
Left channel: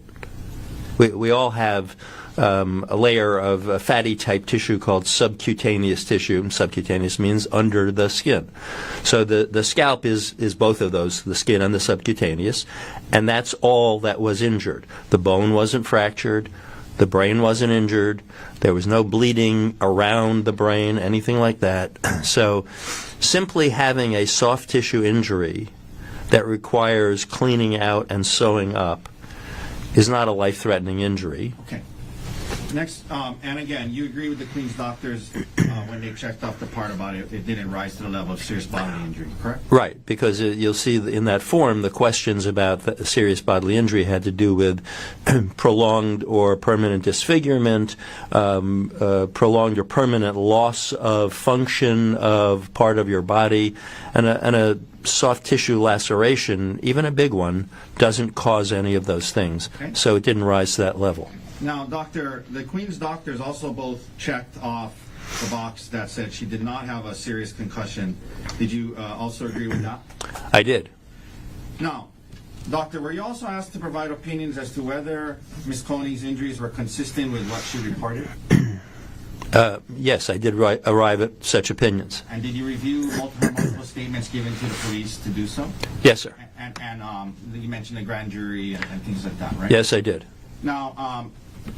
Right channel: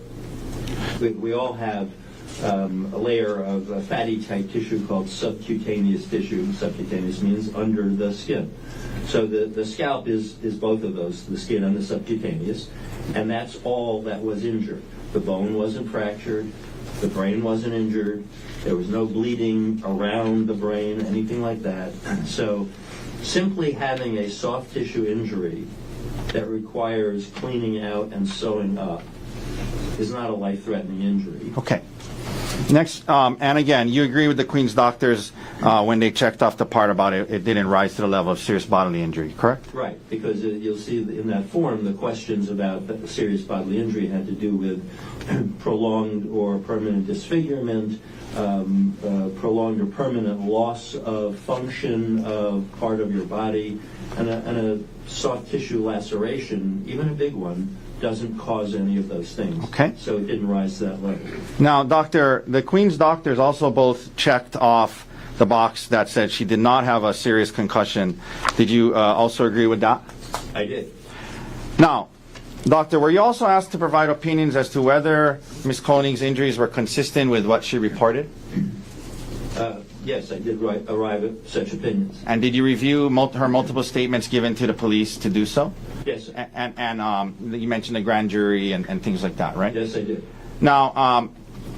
We all have a layer of fatty type tissue called subcutaneous tissue. Subcutaneous means under the skin. So the scalp is both of those, the skin and the subcutaneous, and that's all that was injured. The bone wasn't fractured, the brain wasn't injured, there was no bleeding around the brain, anything like that. So simply having a soft tissue injury that requires cleaning out and sewing up is not a life-threatening injury. Okay. Next, and again, you agree with the Queen's doctors when they checked off the part about it didn't rise to the level of serious bodily injury, correct? Right, because you'll see in that form the questions about the serious bodily injury had to do with prolonged or permanent disfigurement, prolonged or permanent loss of function of part of your body, and a soft tissue laceration, even a big one, doesn't cause any of those things. Okay. So it didn't rise to that level. Now, doctor, the Queen's doctors also both checked off the box that said she did not have a serious concussion. Did you also agree with that? I did. Now, doctor, were you also asked to provide opinions as to whether Ms. Konig's injuries were consistent with what she reported? Yes, I did arrive at such opinions. And did you review her multiple statements given to the police to do so? Yes, sir. And you mentioned the grand jury and things like that, right? Yes, I did. Now,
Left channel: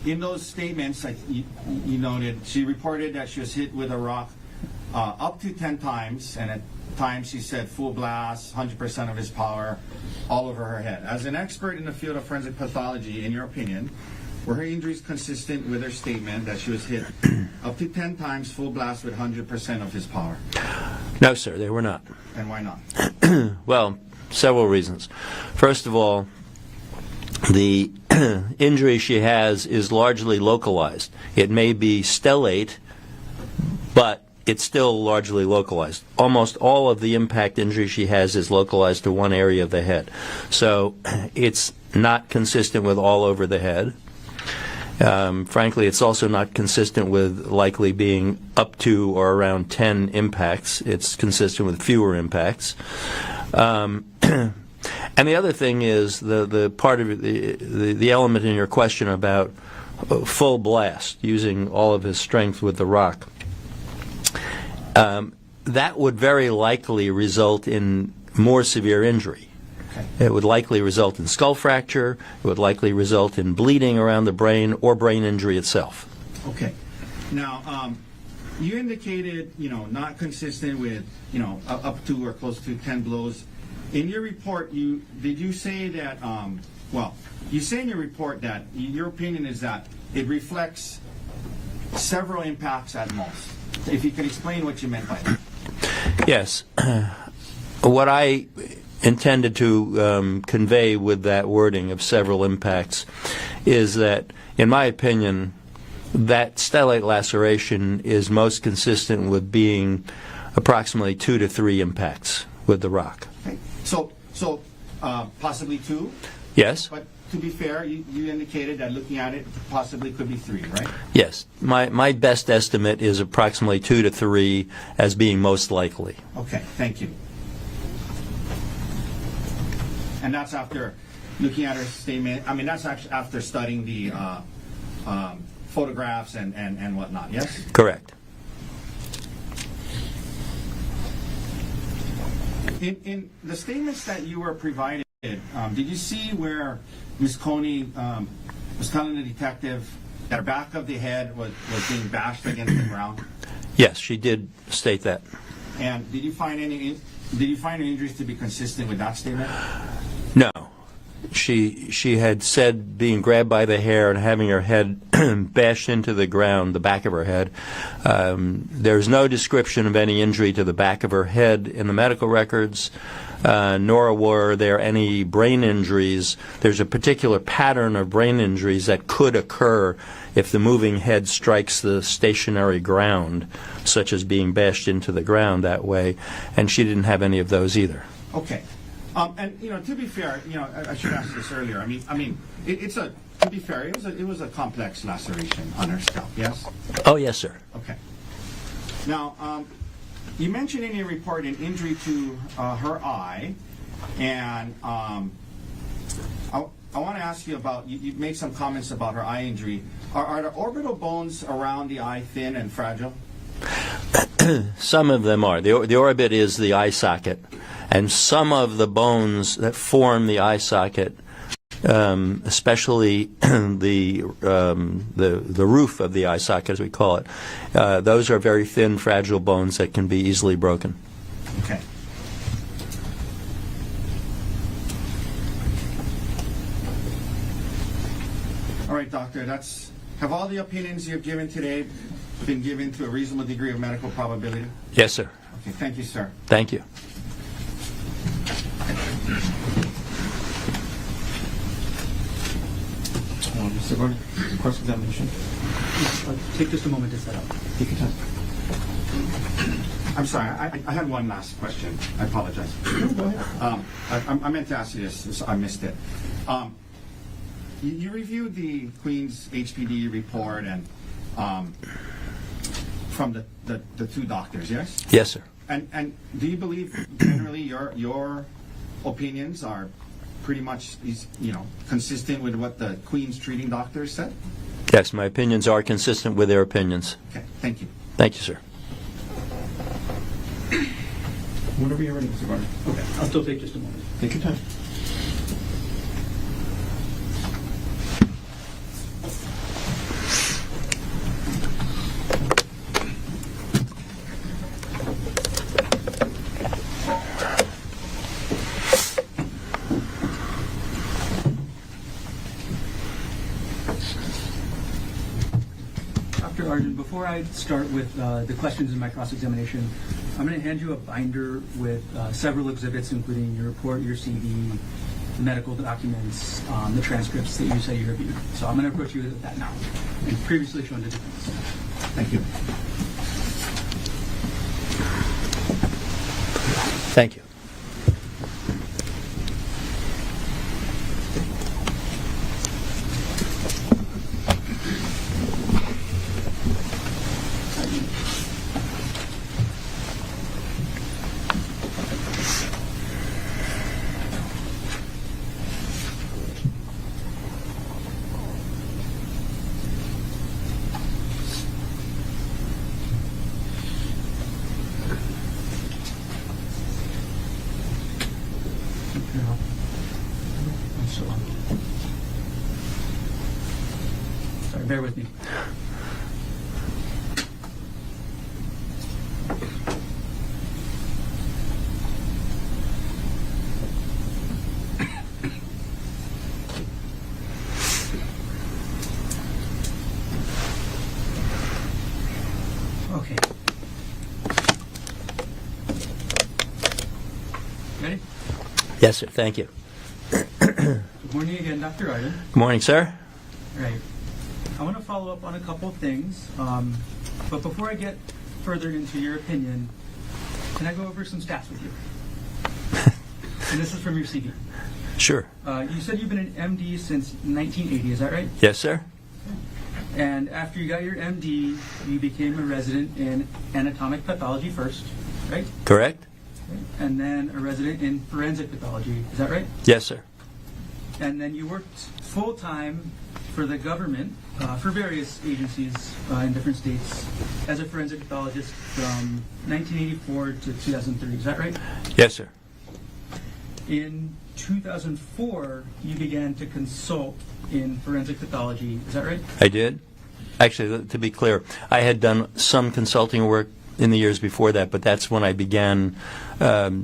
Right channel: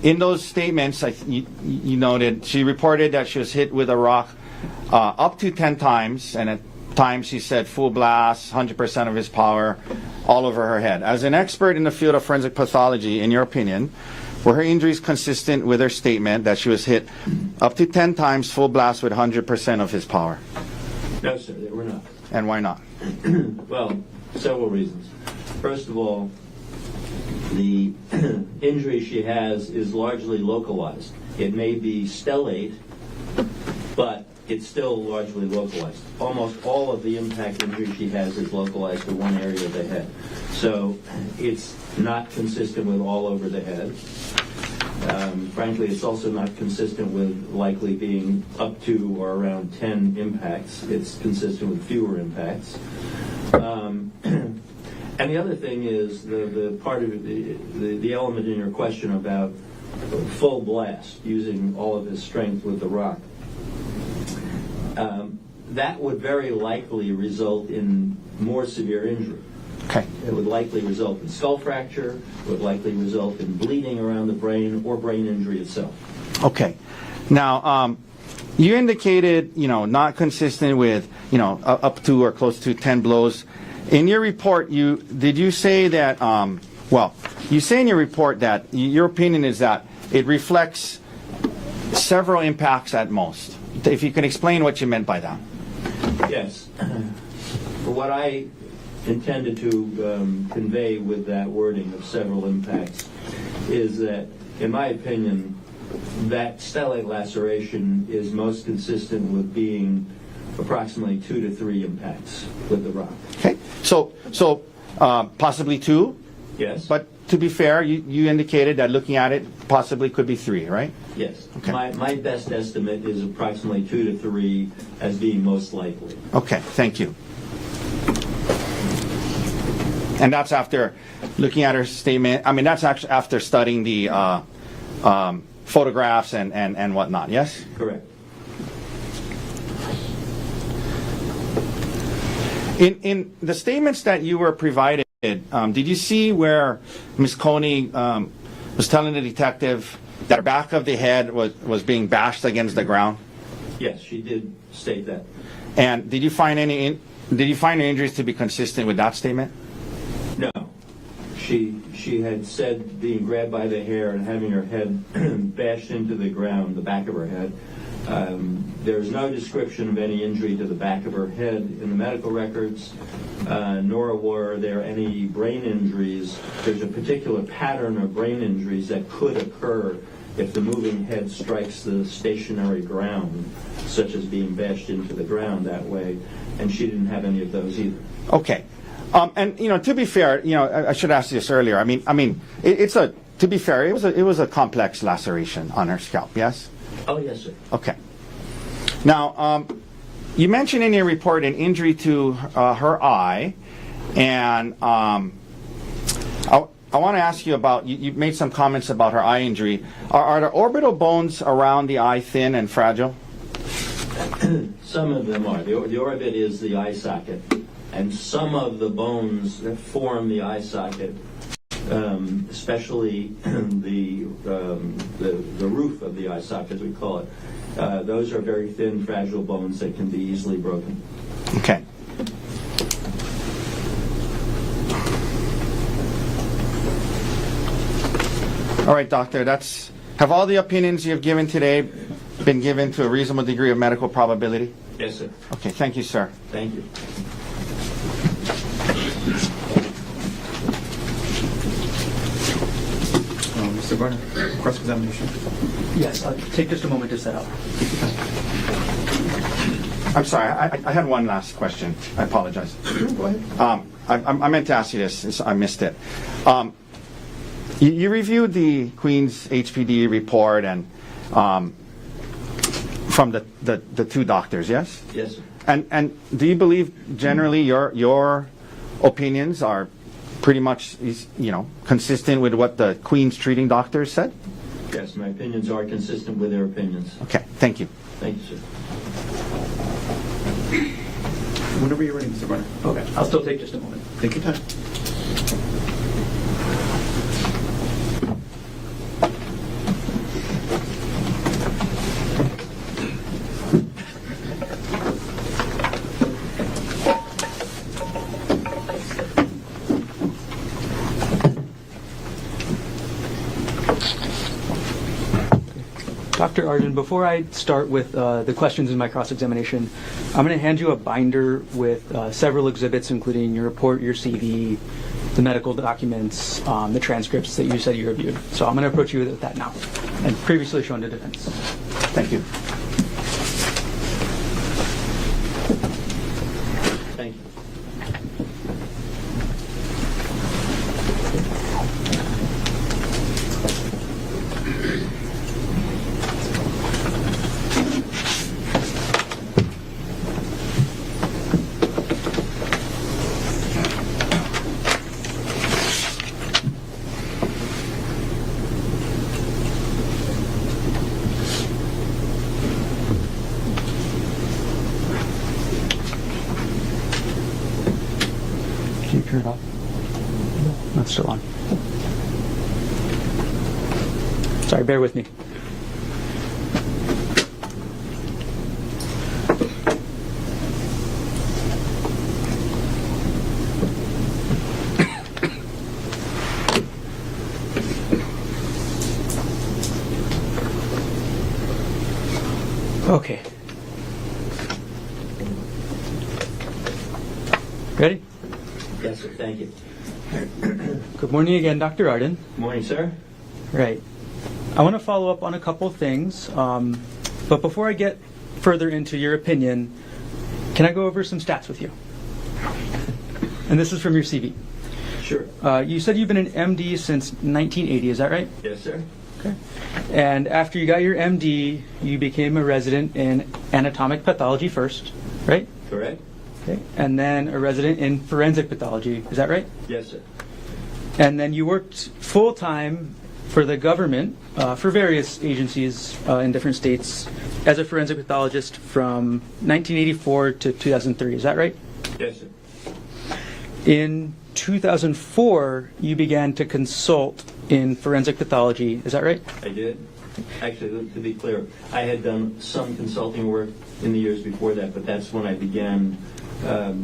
in those statements, you noted, she reported that she was hit with a rock up to 10 times, and at times she said full blast, 100% of his power, all over her head. As an expert in the field of forensic pathology, in your opinion, were her injuries consistent with her statement that she was hit up to 10 times full blast with 100% of his power? No, sir, they were not. And why not? Well, several reasons. First of all, the injury she has is largely localized. It may be stellate, but it's still largely localized. Almost all of the impact injury she has is localized to one area of the head. So it's not consistent with all over the head. Frankly, it's also not consistent with likely being up to or around 10 impacts. It's consistent with fewer impacts. And the other thing is the part of the element in your question about full blast, using all of his strength with the rock. That would very likely result in more severe injury. Okay. It would likely result in skull fracture. It would likely result in bleeding around the brain or brain injury itself. Okay. Now, you indicated, not consistent with, up to or close to 10 blows. In your report, did you say that, you say in your report that your opinion is that it reflects several impacts at most. If you can explain what you meant by that. Yes. What I intended to convey with that wording of several impacts is that, in my opinion, that stellate laceration is most consistent with being approximately 2 to 3 impacts with the rock. Okay. So possibly 2? Yes. But to be fair, you indicated that looking at it, possibly could be 3, right? Yes. Okay. My best estimate is approximately 2 to 3 as being most likely. Okay, thank you. And that's after looking at her statement. I mean, that's actually after studying the photographs and whatnot, yes? Correct. In the statements that you were provided, did you see where Ms. Konig was telling the detective that her back of the head was being bashed against the ground? Yes, she did state that. And did you find her injuries to be consistent with that statement? No. She had said being grabbed by the hair and having her head bashed into the ground, the back of her head. There's no description of any injury to the back of her head in the medical records, nor were there any brain injuries. There's a particular pattern of brain injuries that could occur if the moving head strikes the stationary ground, such as being bashed into the ground that way, and she didn't have any of those either. Okay. And to be fair, I should ask you this earlier. I mean, to be fair, it was a complex laceration on her scalp. Yes. Oh yes, sir. Okay. Now, you mentioned in your report an injury to her eye, and I want to ask you about. You made some comments about her eye injury. Are the orbital bones around the eye thin and fragile? Some of them are. The orbit is the eye socket. And some of the bones that form the eye socket, especially the roof of the eye socket, as we call it, those are very thin, fragile bones that can be easily broken. Okay. All right, doctor. Have all the opinions you have given today been given to a reasonable degree of medical probability? Yes, sir. Okay. Thank you, sir. Thank you. Mr. Garner, cross-examination. Yes, take just a moment to set up. I'm sorry, I had one last question. I apologize. I meant to ask you this. I missed it. You reviewed the Queen's HPD report and from the 2 doctors, yes? Yes, sir. And do you believe generally your opinions are pretty much consistent with what the Queen's treating doctors said? Yes, my opinions are consistent with their opinions. Okay, thank you. Thank you, sir. Whenever you're ready, Mr. Garner. Okay, I'll still take just a moment. Take your time. Dr. Arden, before I start with the questions in my cross-examination, I'm going to hand you a binder with several exhibits, including your report, your CV, the medical documents, the transcripts that you said you reviewed. So I'm going to approach you with that now, and previously shown to defense. Thank you. Thank you. Can you turn it off? No, it's still on. Sorry, bear with me. Okay. Ready? Yes, sir. Thank you. Good morning again, Dr. Arden. Good morning, sir. Right. I want to follow up on a couple of things, but before I get further into your opinion, can I go over some stats with you? And this is from your CV. Sure. You said you've been an MD since 1980, is that right? Yes, sir. Okay. And after you got your MD, you became a resident in anatomic pathology first, right? Correct? Okay. And then a resident in forensic pathology, is that right? Yes, sir. And then you worked full-time for the government, for various agencies in different states, as a forensic pathologist from 1984 to 2003, is that right? Yes, sir. In 2004, you began to consult in forensic pathology, is that right? I did. Actually, to be clear, I had done some consulting work in the years before that, but that's when I began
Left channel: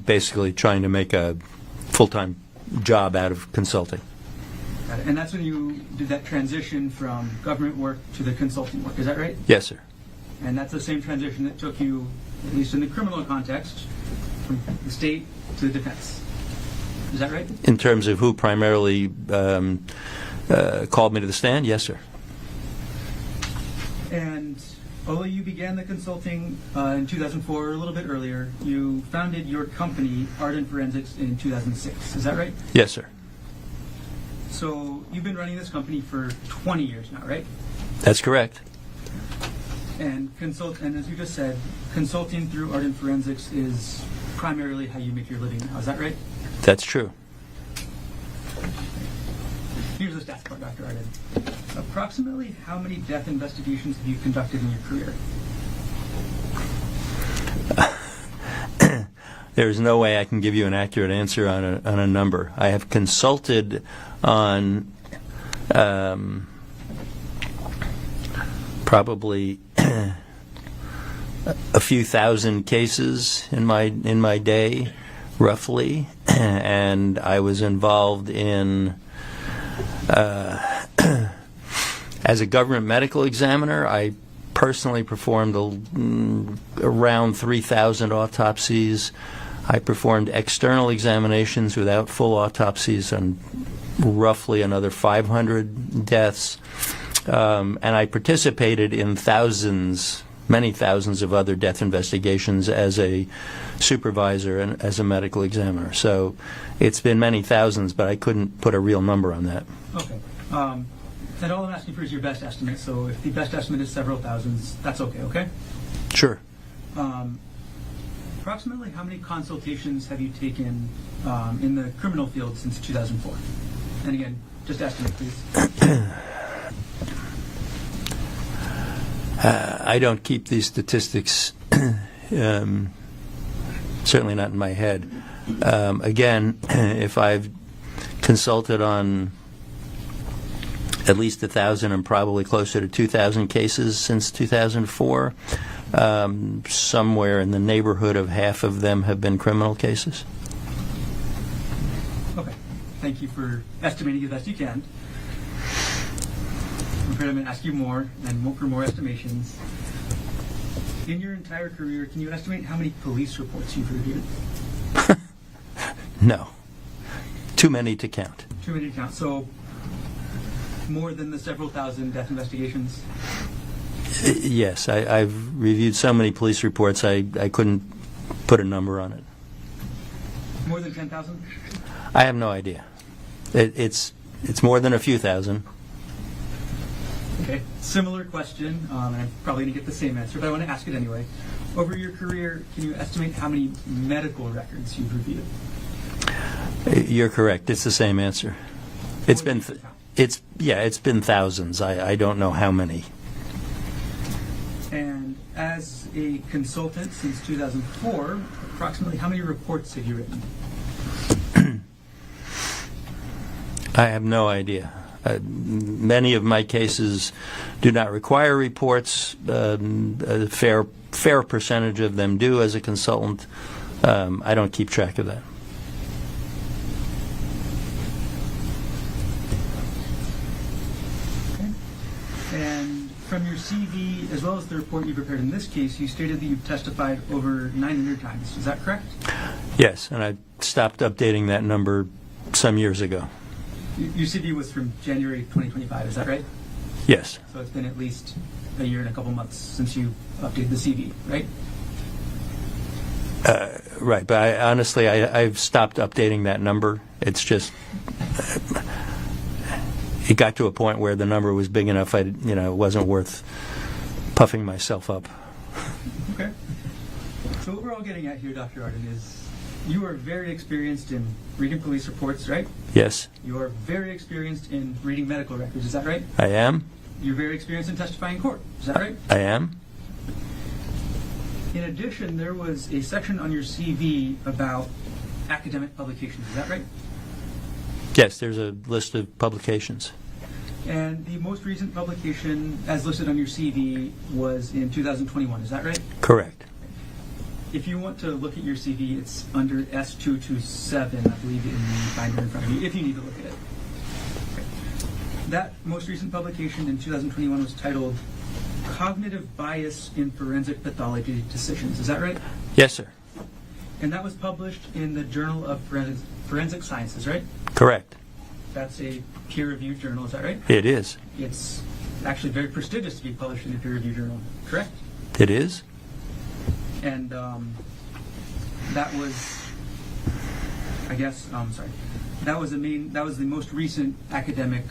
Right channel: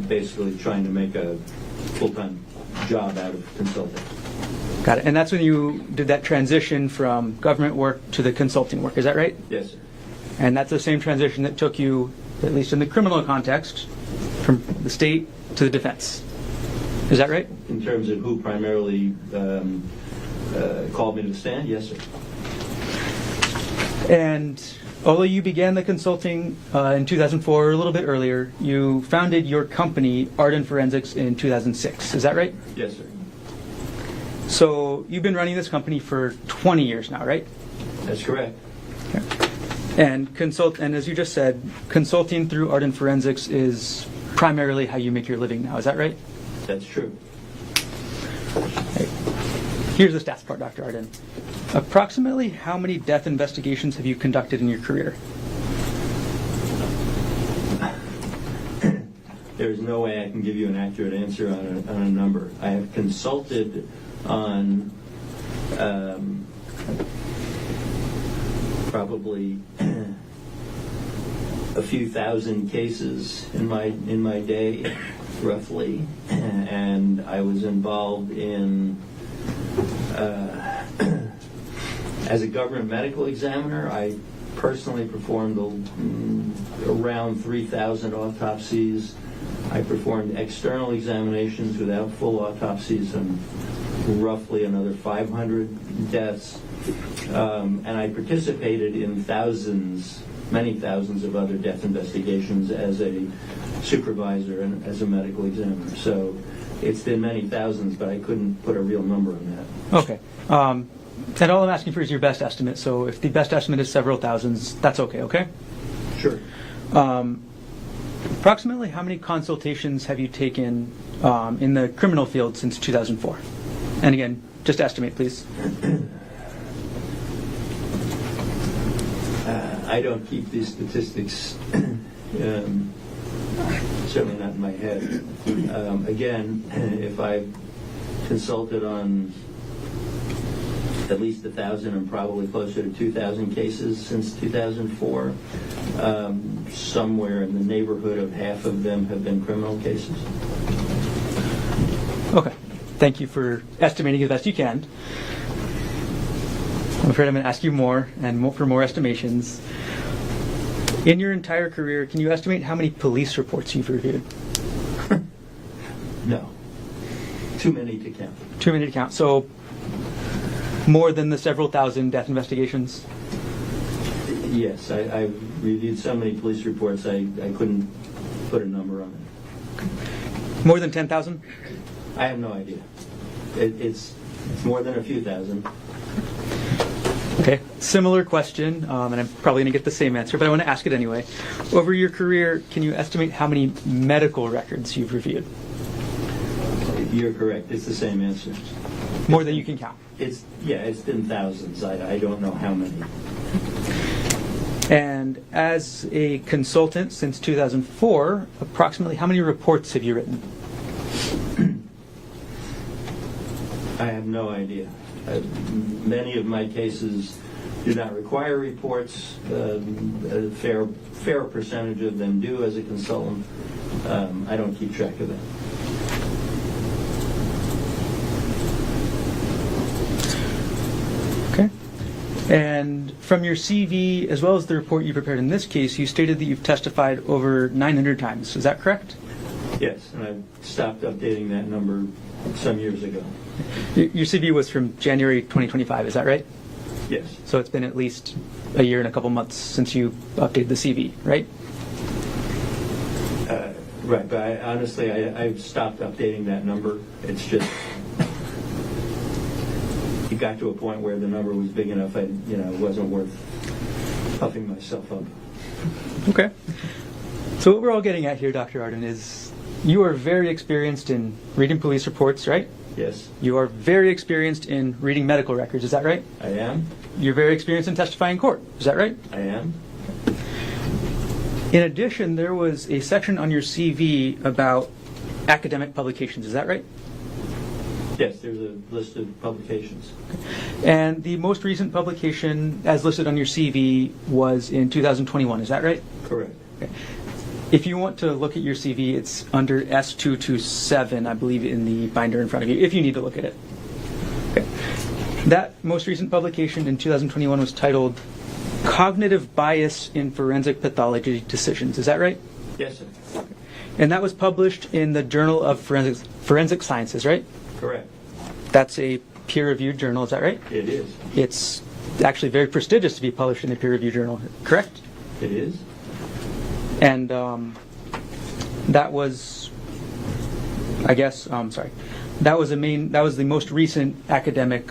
basically trying to make a full-time job out of consulting. Got it. And that's when you did that transition from government work to the consulting work, is that right? Yes, sir. And that's the same transition that took you, at least in the criminal context, from the state to the defense. Is that right? In terms of who primarily called me to the stand, yes, sir. And although you began the consulting in 2004, or a little bit earlier, you founded your company, Arden Forensics, in 2006. Is that right? Yes, sir. So you've been running this company for 20 years now, right? That's correct. Okay. And as you just said, consulting through Arden Forensics is primarily how you make your living now. Is that right? That's true. Right. Here's the stats part, Dr. Arden. Approximately how many death investigations have you conducted in your career? There's no way I can give you an accurate answer on a number. I have consulted on probably a few thousand cases in my day, roughly, and I was involved in as a government medical examiner. I personally performed around 3,000 autopsies. I performed external examinations without full autopsies on roughly another 500 deaths. And I participated in many thousands of other death investigations as a supervisor and as a medical examiner. So it's been many thousands, but I couldn't put a real number on that. Okay. And all I'm asking for is your best estimate. So if the best estimate is several thousands, that's okay? Sure. Approximately how many consultations have you taken in the criminal field since 2004? And again, just estimate, please. I don't keep these statistics, certainly not in my head. Again, if I've consulted on at least 1,000 and probably closer to 2,000 cases since 2004, somewhere in the neighborhood of half of them have been criminal cases. Okay. Thank you for estimating as best you can. I'm afraid I'm going to ask you more and more for more estimations. In your entire career, can you estimate how many police reports you've reviewed? No. Too many to count. Too many to count. So more than the several thousand death investigations? Yes, I've reviewed so many police reports, I couldn't put a number on it. More than 10,000? I have no idea. It's more than a few thousand. Okay, similar question, and I'm probably going to get the same answer, but I want to ask it anyway. Over your career, can you estimate how many medical records you've reviewed? You're correct. It's the same answer. More than you can count. It's been thousands. I don't know how many. And as a consultant since 2004, approximately how many reports have you written? I have no idea. Many of my cases do not require reports. A fair percentage of them do as a consultant. I don't keep track of that. Okay. And from your CV, as well as the report you prepared in this case, you stated that you've testified over 900 times. Is that correct? Yes, and I stopped updating that number some years ago. Your CV was from January 2025, is that right? Yes. So it's been at least a year and a couple months since you updated the CV, right? Right, but I've stopped updating that number. It's just, it got to a point where the number was big enough, it wasn't worth puffing myself up. Okay. So what we're all getting at here, Dr. Arden, is you are very experienced in reading police reports, right? Yes, You are very experienced in reading medical records, is that right? I am. You're very experienced in testifying in court, is that right? I am. In addition, there was a section on your CV about academic publications, is that right? Yes, there's a list of publications. And the most recent publication, as listed on your CV, was in 2021, is that right? Correct. Okay. If you want to look at your CV, it's under S227, I believe, in the binder in front of you, if you need to look at it. Okay. That most recent publication in 2021 was titled Cognitive Bias in Forensic Pathology Decisions. Is that right? Yes, sir. And that was published in the Journal of Forensic Sciences, right? Correct. That's a peer-reviewed journal, is that right? It is. It's actually very prestigious to be published in a peer-reviewed journal, correct? It is. And that was, that was the most recent academic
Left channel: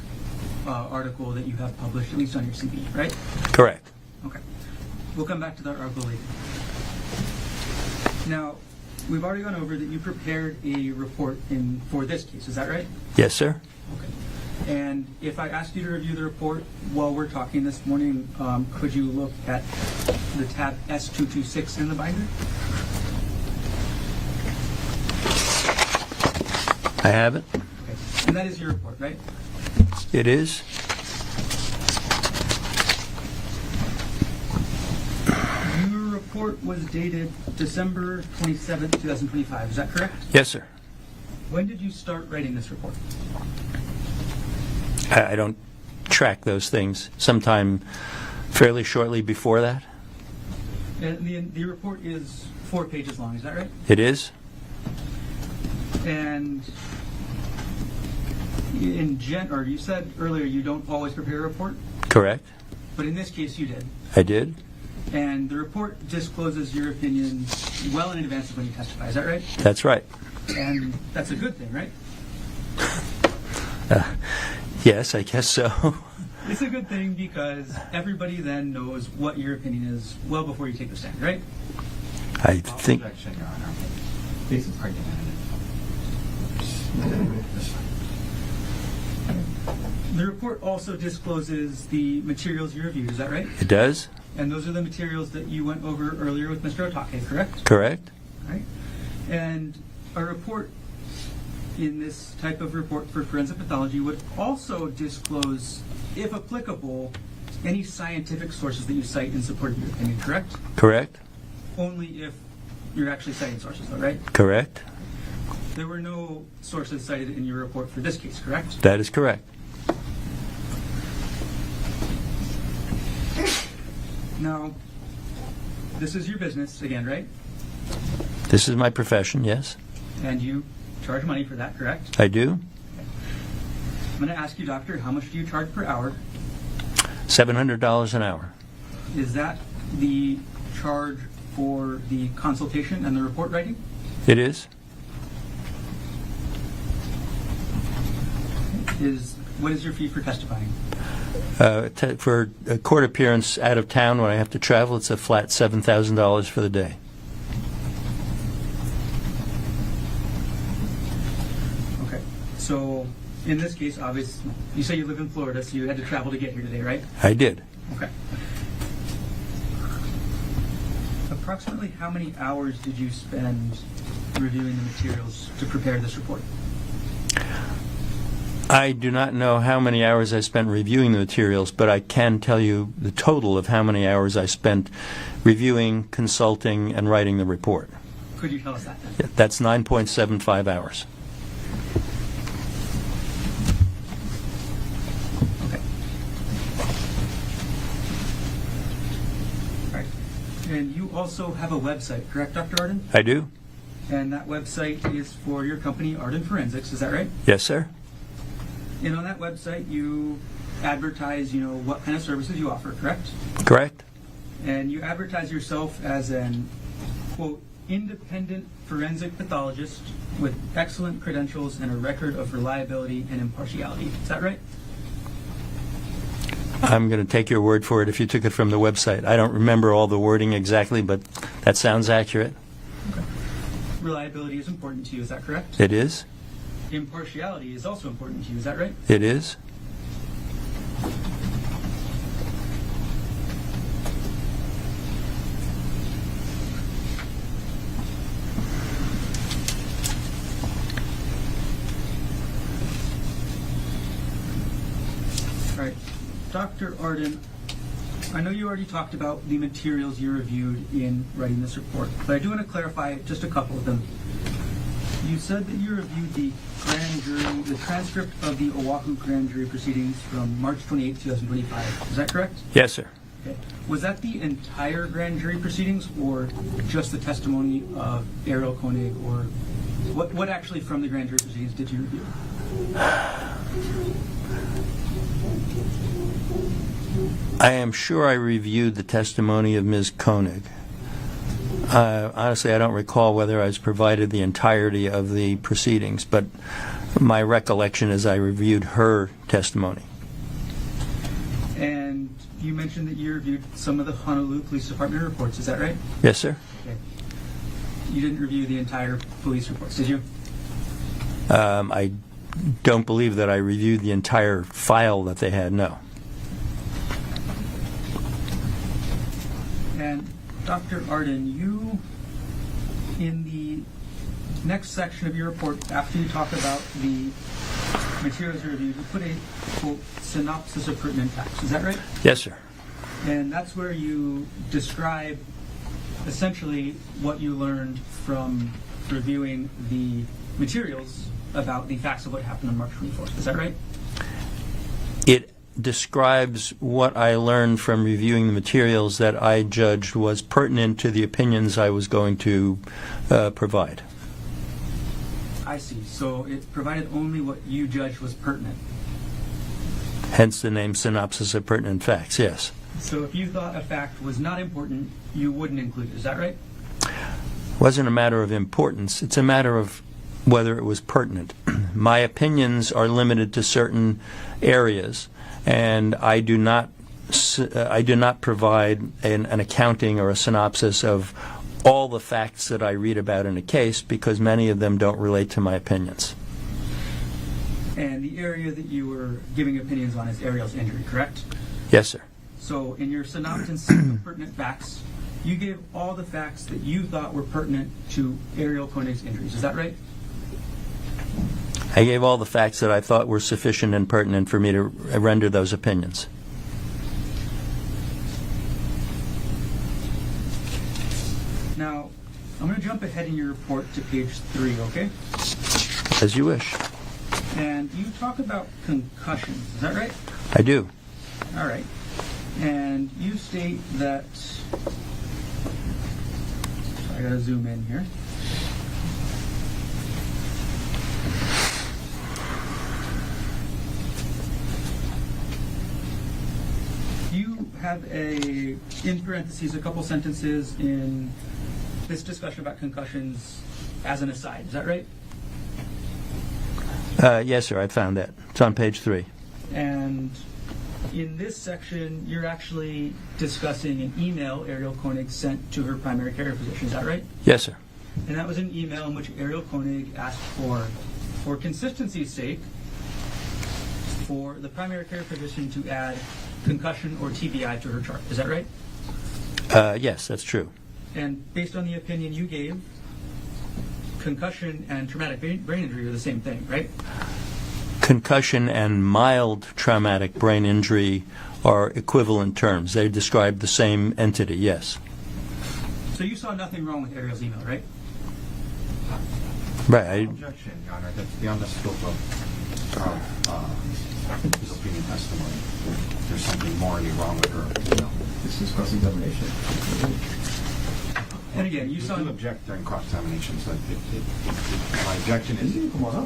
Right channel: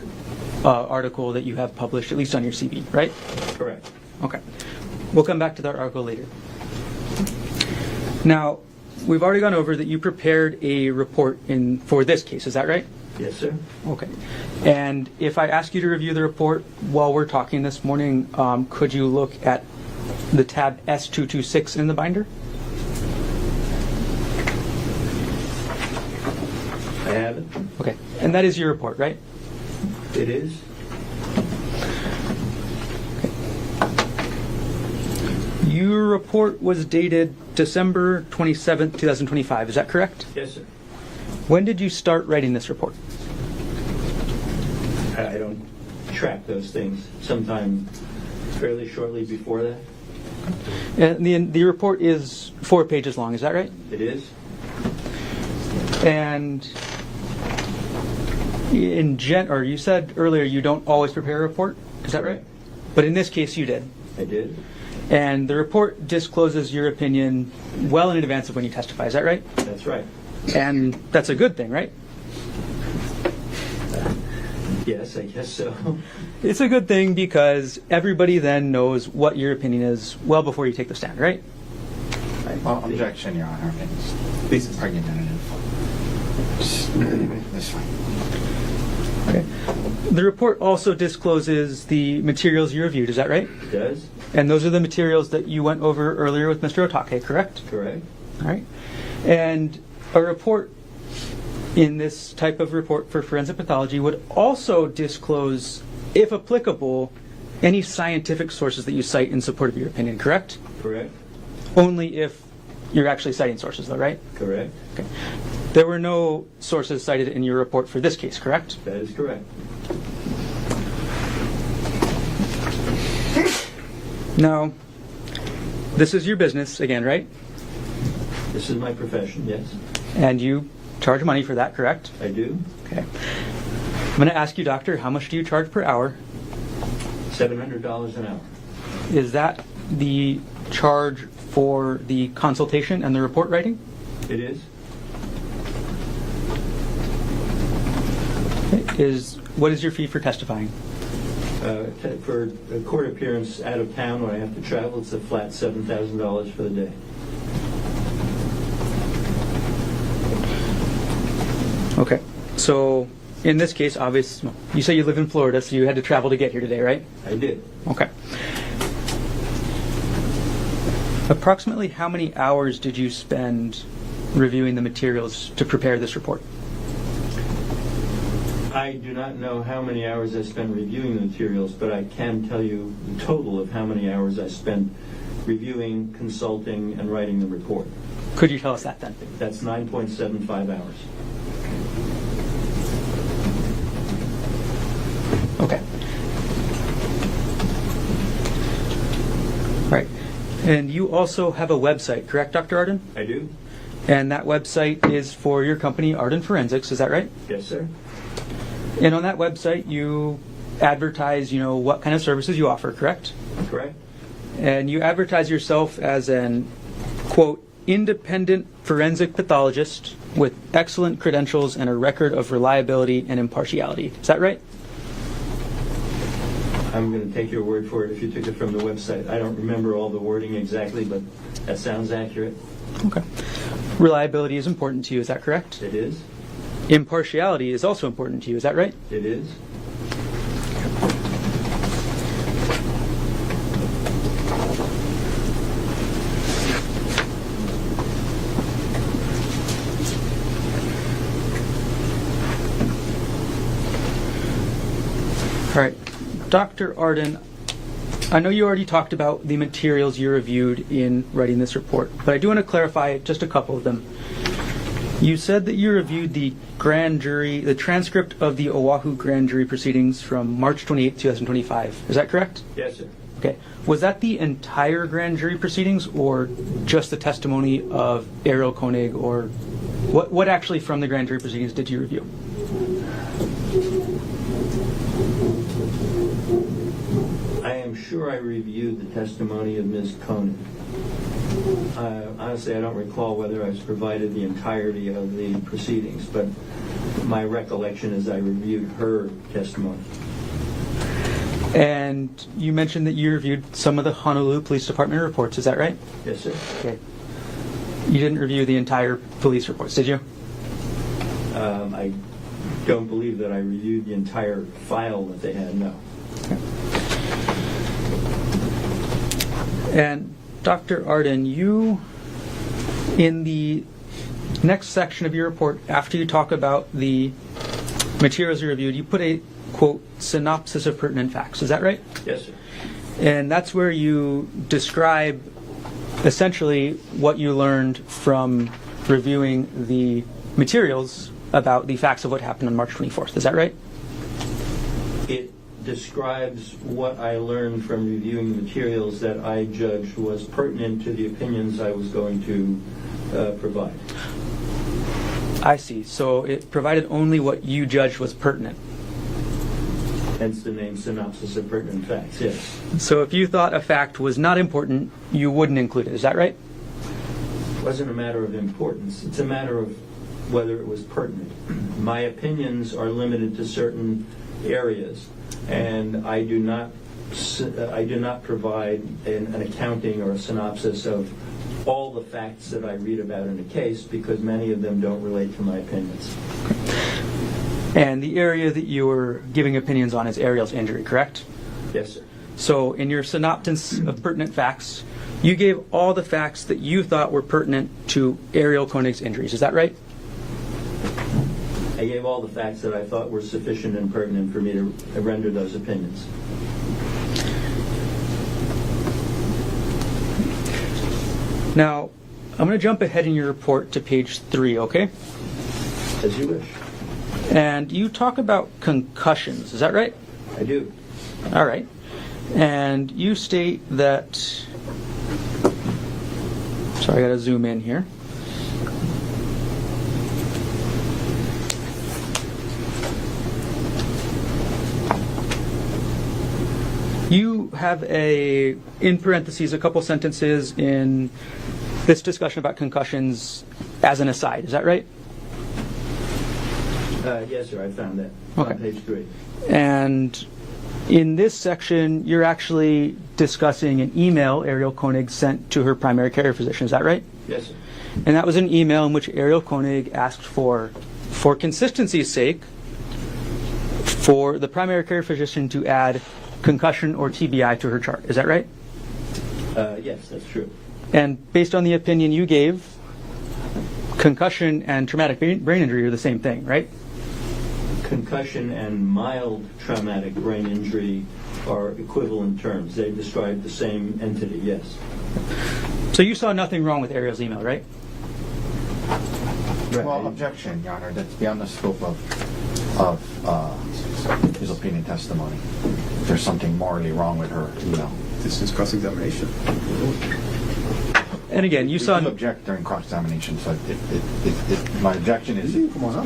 article that you have published, at least on your CV, right? Correct. Okay. We'll come back to that article later. Now, we've already gone over that you prepared a report for this case, is that right? Yes, sir. Okay. And if I ask you to review the report while we're talking this morning, could you look at the tab S226 in the binder? I have it. Okay. And that is your report, right? It is. Your report was dated December 27th, 2025. Is that correct? Yes, sir. When did you start writing this report? I don't track those things. Sometime fairly shortly before that. And the report is 4 pages long, is that right? It is. And you said earlier you don't always prepare a report? Correct. But in this case you did. I did. And the report discloses your opinion well in advance of when you testify, is that right? That's right. And that's a good thing, right? Yes, I guess so. It's a good thing because everybody then knows what your opinion is well before you take the stand, right? I think. Objection, Your Honor. This is argumentative. That's fine. Okay. The report also discloses the materials you reviewed, is that right? It does. And those are the materials that you went over earlier with Mr. Otake, correct? Correct. All right. And a report in this type of report for forensic pathology would also disclose, if applicable, any scientific sources that you cite in support of your opinion, correct? Correct. Only if you're actually citing sources, though, right? Correct. Okay. There were no sources cited in your report for this case, correct? That is correct. Now, this is your business again, right? This is my profession, yes. And you charge money for that, correct? I do. Okay. I'm going to ask you, doctor, how much do you charge per hour? $700 an hour. Is that the charge for the consultation and the report writing? It is. What is your fee for testifying? For a court appearance out of town when I have to travel, it's a flat $7,000 for the day. Okay. So in this case, obviously, you say you live in Florida, so you had to travel to get here today, right? I did. Okay. Approximately how many hours did you spend reviewing the materials to prepare this report? I do not know how many hours I spent reviewing the materials, but I can tell you the total of how many hours I spent reviewing, consulting, and writing the report. Could you tell us that then? Yeah, that's 9.75 hours. Okay. All right. And you also have a website, correct, Dr. Arden? I do? And that website is for your company, Arden Forensics, is that right? Yes, sir. And on that website, you advertise, what kind of services you offer, correct? Correct? And you advertise yourself as an, quote, independent forensic pathologist with excellent credentials and a record of reliability and impartiality. Is that right? I'm going to take your word for it if you took it from the website. I don't remember all the wording exactly, but that sounds accurate. Okay. Reliability is important to you, is that correct? It is? Impartiality is also important to you, is that right? It is? All right. Dr. Arden, I know you already talked about the materials you reviewed in writing this report, but I do want to clarify just a couple of them. You said that you reviewed the transcript of the Oahu grand jury proceedings from March 28, 2025. Is that correct? Yes, sir. Okay. Was that the entire grand jury proceedings or just the testimony of Gerhardt Konig, or what actually from the grand jury proceedings did you review? I am sure I reviewed the testimony of Ms. Konig. Honestly, I don't recall whether I was provided the entirety of the proceedings, but my recollection is I reviewed her testimony. And you mentioned that you reviewed some of the Honolulu Police Department reports, is that right? Yes, sir. Okay. You didn't review the entire police reports, did you? I don't believe that I reviewed the entire file that they had, no. Okay. And Dr. Arden, you, in the next section of your report, after you talk about the materials you reviewed, you put a, quote, synopsis of pertinent facts. Is that right? Yes, sir. And that's where you describe essentially what you learned from reviewing the materials about the facts of what happened on March 24th. Is that right? It describes what I learned from reviewing the materials that I judged was pertinent to the opinions I was going to provide. I see. So it provided only what you judged was pertinent. Hence the name synopsis of pertinent facts, yes. So if you thought a fact was not important, you wouldn't include it. Is that right? It wasn't a matter of importance. It's a matter of whether it was pertinent. My opinions are limited to certain areas, and I do not provide an accounting or a synopsis of all the facts that I read about in a case, because many of them don't relate to my opinions. And the area that you were giving opinions on is Ariel's injury, correct? Yes, sir. So in your synopsis of pertinent facts, you gave all the facts that you thought were pertinent to Gerhardt Konig's injuries. Is that right? I gave all the facts that I thought were sufficient and pertinent for me to render those opinions. Now, I'm going to jump ahead in your report to page 3, okay? As you wish. And you talk about concussions. Is that right? I do. All right. And you state that, sorry, I gotta zoom in here. You have in parentheses, a couple sentences in this discussion about concussions as an aside. Is that right? Yes, sir, I found that. It's on Okay. page 3. And in this section, you're actually discussing an email Ariel Konig sent to her primary care physician. Is that right? Yes, sir. And that was an email in which Ariel Konig asked for consistency's sake, for the primary care physician to add concussion or TBI to her chart. Is that right? Yes, that's true. And based on the opinion you gave, concussion and traumatic brain injury are the same thing, right? Concussion and mild traumatic brain injury are equivalent terms. They describe the same entity, yes. So you saw nothing wrong with Ariel's email, right? Well, objection, Your Honor, that's beyond the scope of his opinion testimony. There's something morally wrong with her email. This is cross-examination. And again, you We saw do object during cross-examination, so my objection is... Come on up.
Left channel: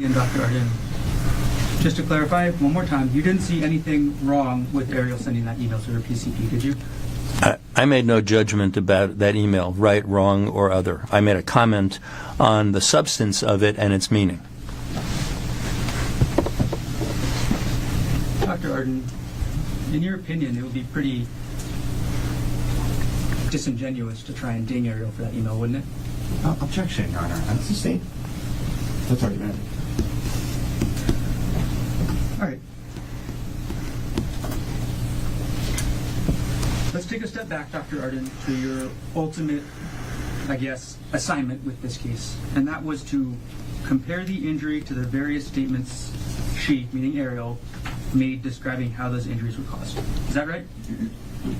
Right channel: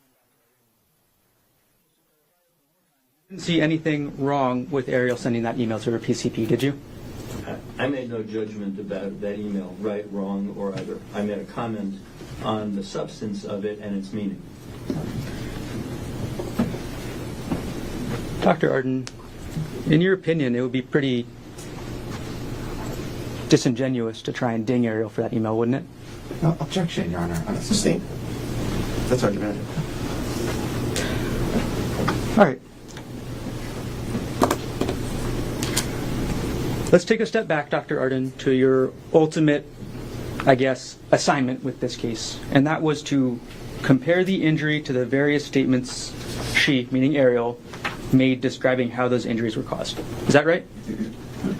And Dr. Arden, just to clarify one more time, you didn't see anything wrong with Ariel sending that email to her PCP, did you? I made no judgment about that email, right, wrong, or other. I made a comment on the substance of it and its meaning. Dr. Arden, in your opinion, it would be pretty disingenuous to try and ding Ariel for that email, wouldn't it? Objection, Your Honor. That's sustained. That's argumentative. All right. Let's take a step back, Dr. Arden, to your ultimate, I guess, assignment with this case. And that was to compare the injury to the various statements she, meaning Ariel, made describing how those injuries were caused. Is that right?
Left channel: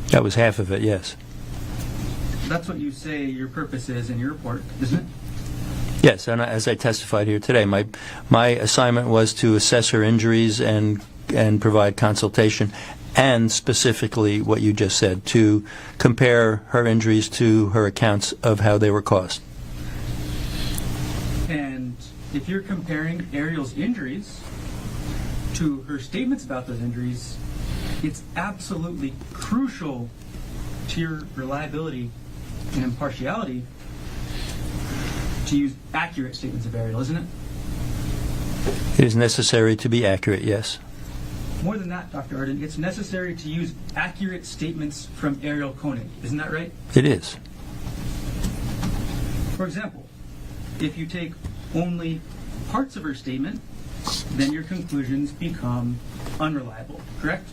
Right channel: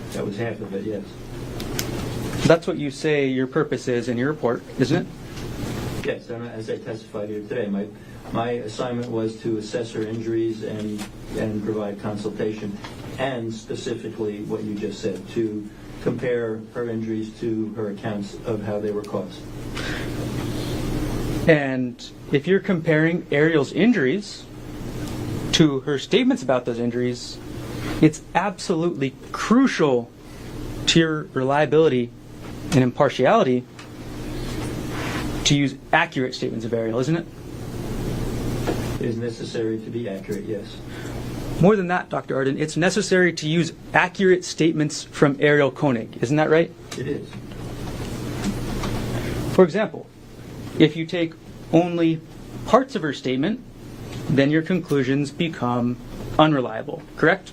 That was half of it, yes. That's what you say your purpose is in your report, isn't it? Yes, and as I testified here today, my assignment was to assess her injuries and provide consultation, and specifically what you just said, to compare her injuries to her accounts of how they were caused. And if you're comparing Ariel's injuries to her statements about those injuries, it's absolutely crucial to your reliability and impartiality to use accurate statements of Ariel, isn't it? It is necessary to be accurate, yes. More than that, Dr. Arden, it's necessary to use accurate statements from Ariel Konig. Isn't that right? It is. For example, if you take only parts of her statement, then your conclusions become unreliable, correct?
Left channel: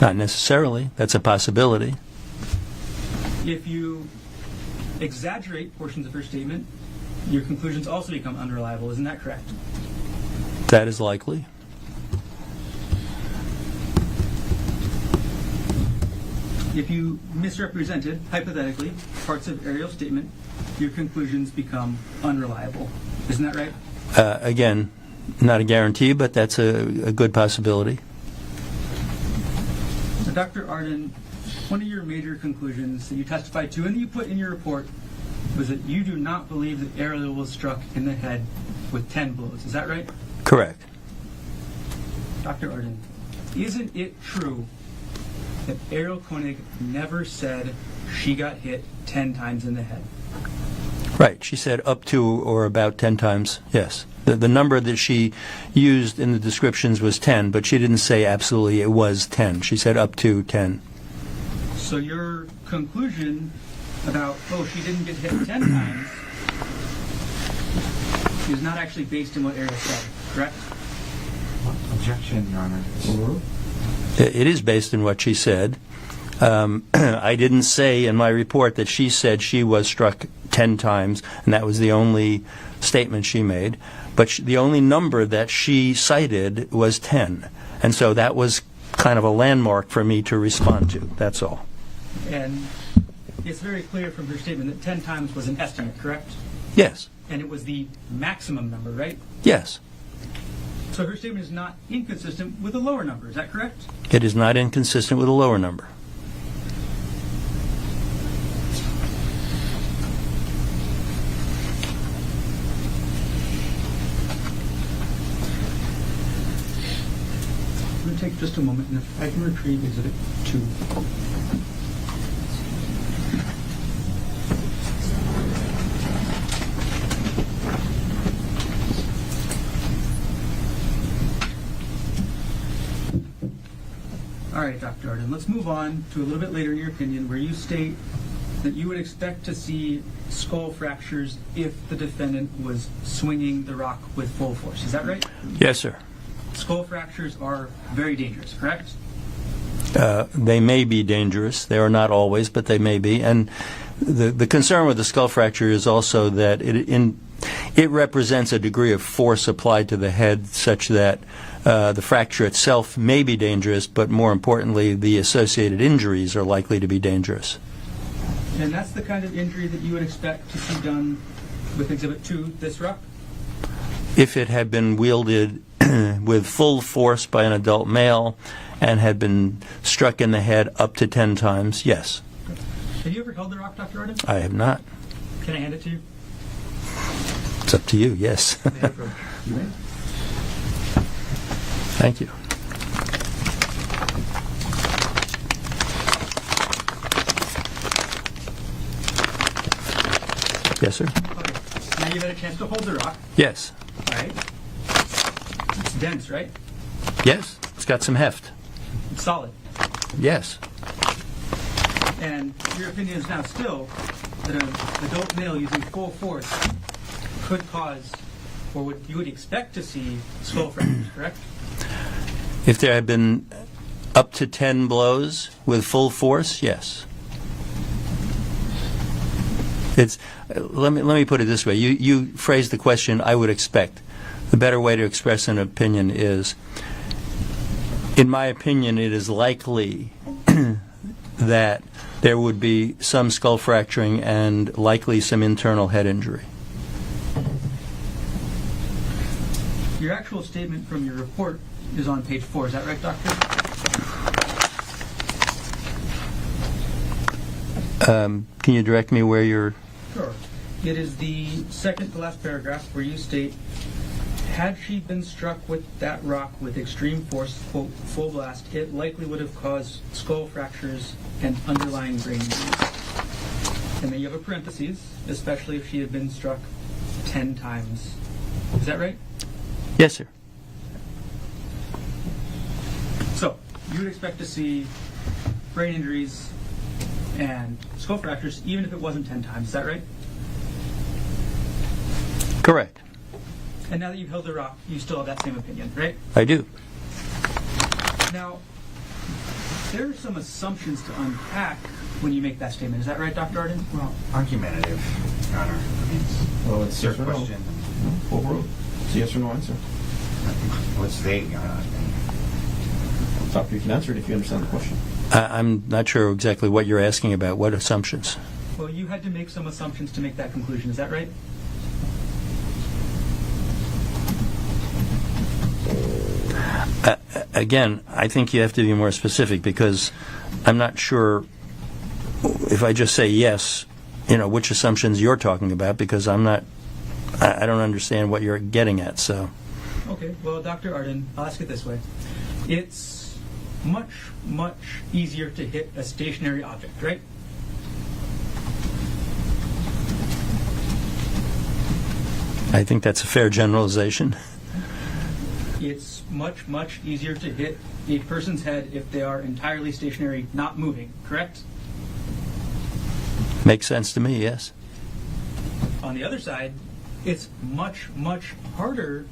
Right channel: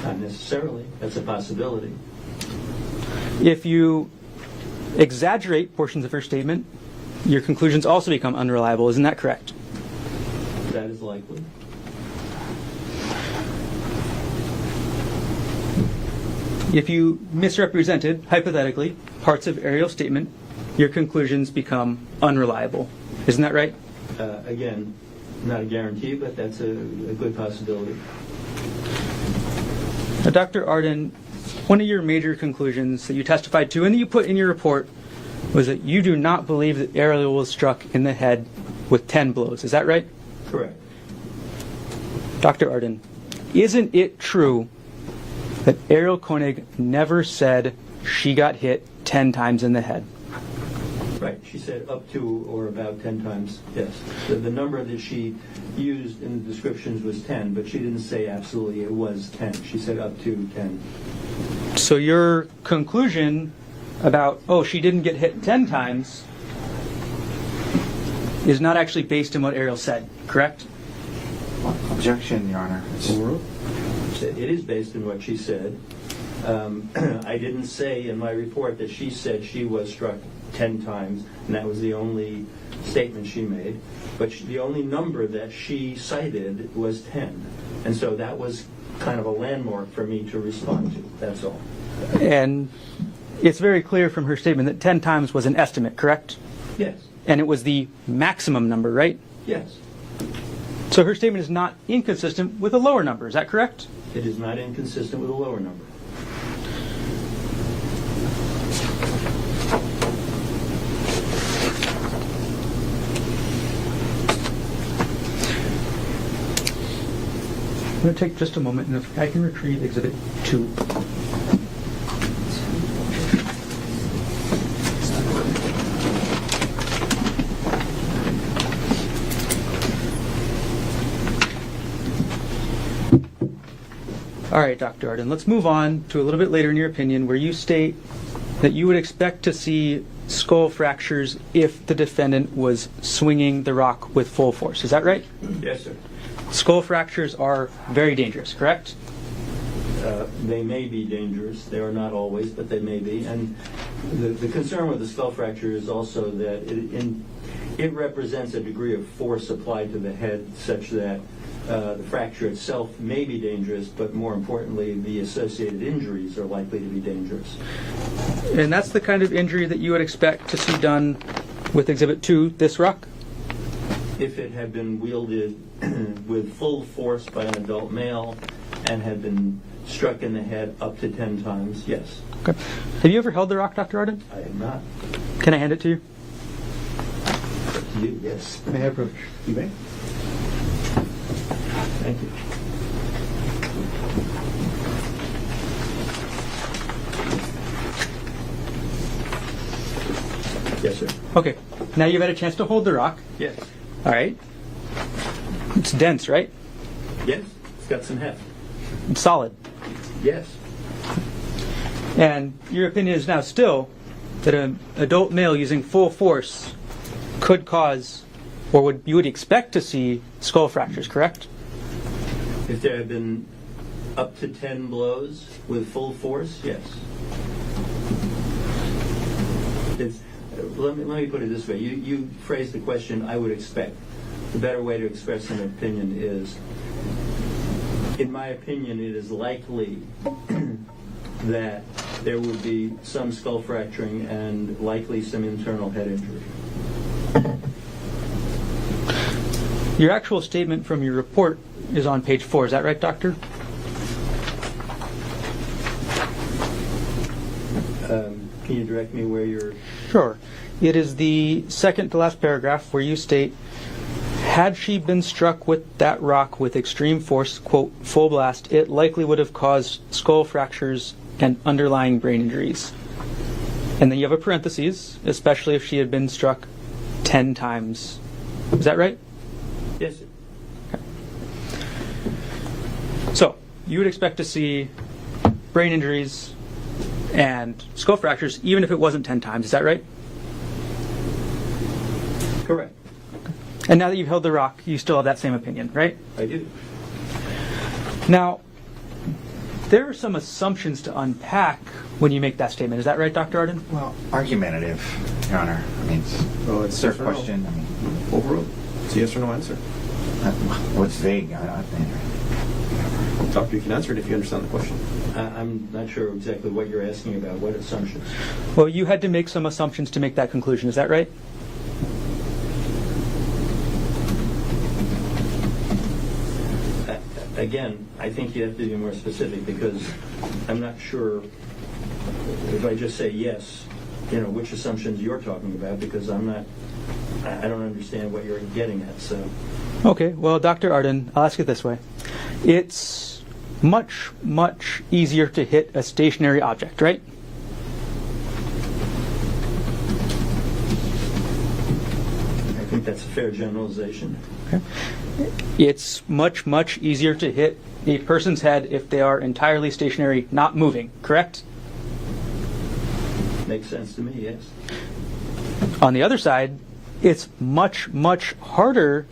Not necessarily. That's a possibility. If you exaggerate portions of her statement, your conclusions also become unreliable. Isn't that correct? That is likely. If you misrepresented, hypothetically, parts of Ariel's statement, your conclusions become unreliable. Isn't that right? Again, not a guarantee, but that's a good possibility. Now, Dr. Arden, one of your major conclusions that you testified to and that you put in your report was that you do not believe that Ariel was struck in the head with 10 blows. Is that right? Correct. Dr. Arden, isn't it true that Ariel Konig never said she got hit 10 times in the head? Right. She said up to or about 10 times, yes. The number that she used in the descriptions was 10, but she didn't say absolutely it was 10. She said up to 10. So your conclusion about, oh, she didn't get hit 10 times is not actually based on what Ariel said, correct? Objection, Your Honor. It is based on what she said. I didn't say in my report that she said she was struck 10 times, and that was the only statement she made. But the only number that she cited was 10. And so that was kind of a landmark for me to respond to. That's all. And it's very clear from her statement that 10 times was an estimate, correct? Yes. And it was the maximum number, right? Yes. So her statement is not inconsistent with a lower number, is that correct? It is not inconsistent with a lower number. I'm going to take just a moment, and if I can retrieve Exhibit 2. All right, Dr. Arden, let's move on to a little bit later in your opinion where you state that you would expect to see skull fractures if the defendant was swinging the rock with full force. Is that right? Yes, sir. Skull fractures are very dangerous, correct? They may be dangerous. They are not always, but they may be. And the concern with the skull fracture is also that it represents a degree of force applied to the head such that the fracture itself may be dangerous, but more importantly, the associated injuries are likely to be dangerous. And that's the kind of injury that you would expect to see done with Exhibit 2, this rock? If it had been wielded with full force by an adult male and had been struck in the head up to 10 times, yes. Okay. Have you ever held the rock, Dr. Arden? I have not. Can I hand it to you? It's up to you, yes. May I approve? You may. Thank you. Yes, sir. Okay. Now you've had a chance to hold the rock. Yes. All right. It's dense, right? Yes. It's got some heft. It's solid. Yes. And your opinion is now still that an adult male using full force could cause, or you would expect to see skull fractures, correct? If there had been up to 10 blows with full force, yes. It's let me put it this way. You phrased the question, I would expect. The better way to express an opinion is, in my opinion, it is likely that there would be some skull fracturing and likely some internal head injury. Your actual statement from your report is on page 4. Is that right, Doctor? Can you direct me where you're... Sure. It is the second to last paragraph where you state, had she been struck with that rock with extreme force, quote, full blast, it likely would have caused skull fractures and underlying brain injuries. And then you have a parenthesis, especially if she had been struck 10 times. Is that right? Yes, sir. So, you would expect to see brain injuries and skull fractures even if it wasn't 10 times. Is that right? Correct. And now that you've held the rock, you still have that same opinion, right? I do. Now, there are some assumptions to unpack when you make that statement. Is that right, Dr. Arden? Well, argumentative, Your Honor. I mean, Oh, it's their yes or no? question. I mean, Overruled. It's a yes or no answer. what's vague? Doctor, you can answer it if you understand the question. I'm not sure exactly what you're asking about. What assumptions? Well, you had to make some assumptions to make that conclusion. Is that right? Again, I think you have to be more specific because I'm not sure if I just say yes, which assumptions you're talking about, because I don't understand what you're getting at. So, Okay, well, Dr. Arden, I'll ask it this way. It's much, much easier to hit a stationary object, right? I think that's a fair generalization. It's much, much easier to hit a person's head if they are entirely stationary, not moving, correct? Makes sense to me, yes. On the other side, it's much, much harder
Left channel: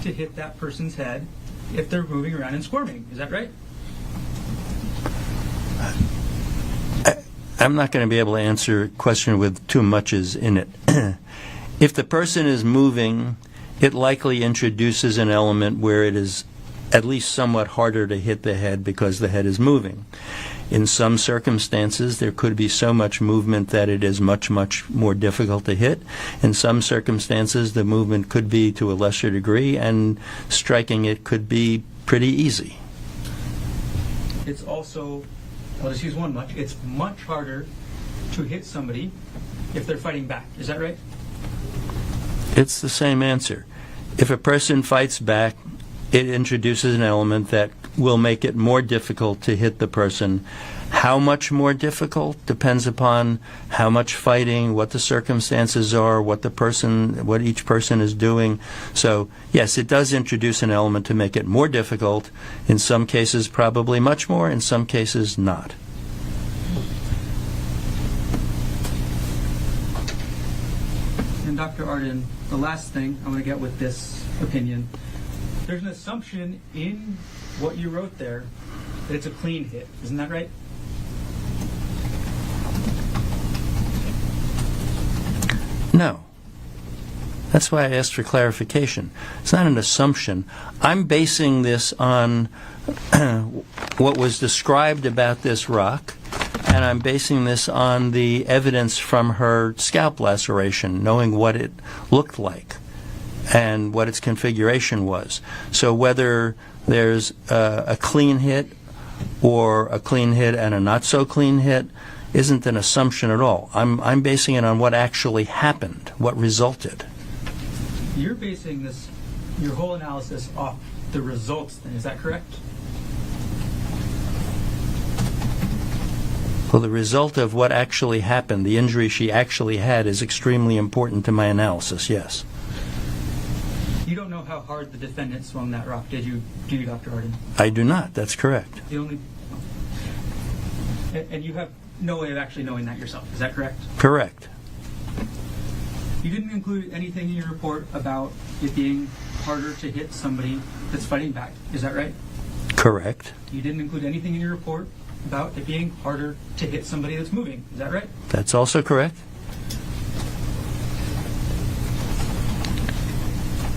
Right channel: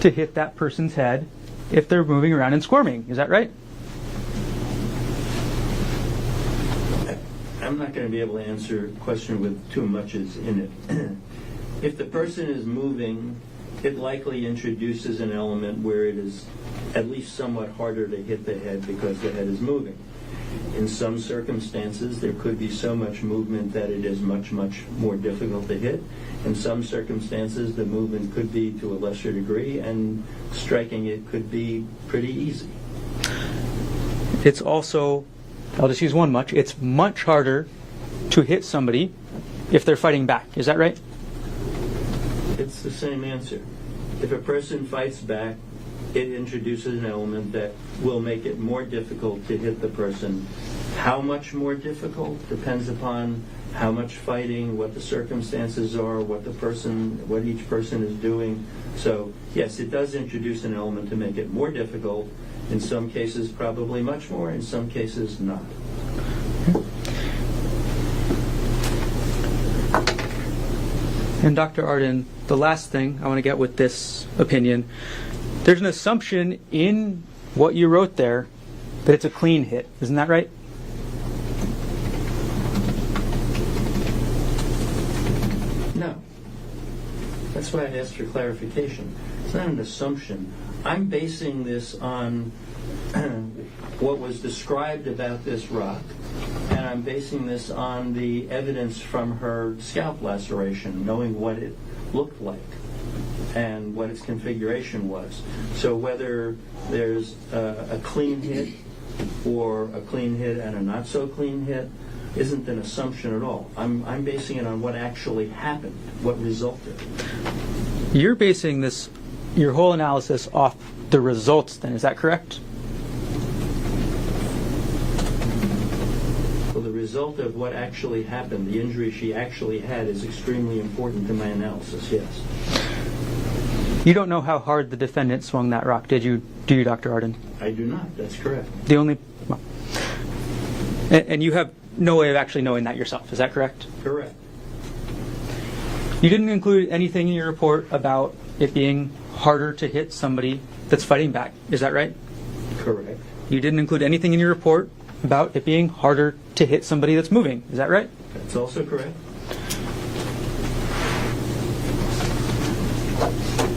to hit that person's head if they're moving around and squirming. Is that right? I'm not going to be able to answer a question with too muches in it. If the person is moving, it likely introduces an element where it is at least somewhat harder to hit the head because the head is moving. In some circumstances, there could be so much movement that it is much, much more difficult to hit. In some circumstances, the movement could be to a lesser degree, and striking it could be pretty easy. It's also, I'll just use one much, it's much harder to hit somebody if they're fighting back. Is that right? It's the same answer. If a person fights back, it introduces an element that will make it more difficult to hit the person. How much more difficult depends upon how much fighting, what the circumstances are, what each person is doing. So, yes, it does introduce an element to make it more difficult. In some cases, probably much more. In some cases, not. And Dr. Arden, the last thing I want to get with this opinion, there's an assumption in what you wrote there that it's a clean hit. Isn't that right? No. That's why I asked for clarification. It's not an assumption. I'm basing this on what was described about this rock, and I'm basing this on the evidence from her scalp laceration, knowing what it looked like and what its configuration was. So whether there's a clean hit or a clean hit and a not so clean hit isn't an assumption at all. I'm basing it on what actually happened, what resulted. You're basing your whole analysis off the results then, is that correct? Well, the result of what actually happened, the injury she actually had, is extremely important to my analysis, yes. You don't know how hard the defendant swung that rock, do you, Dr. Arden? I do not, that's correct. And you have no way of actually knowing that yourself, is that correct? Correct. You didn't include anything in your report about it being harder to hit somebody that's fighting back, is that right? Correct. You didn't include anything in your report about it being harder to hit somebody that's moving, is that right? That's also correct.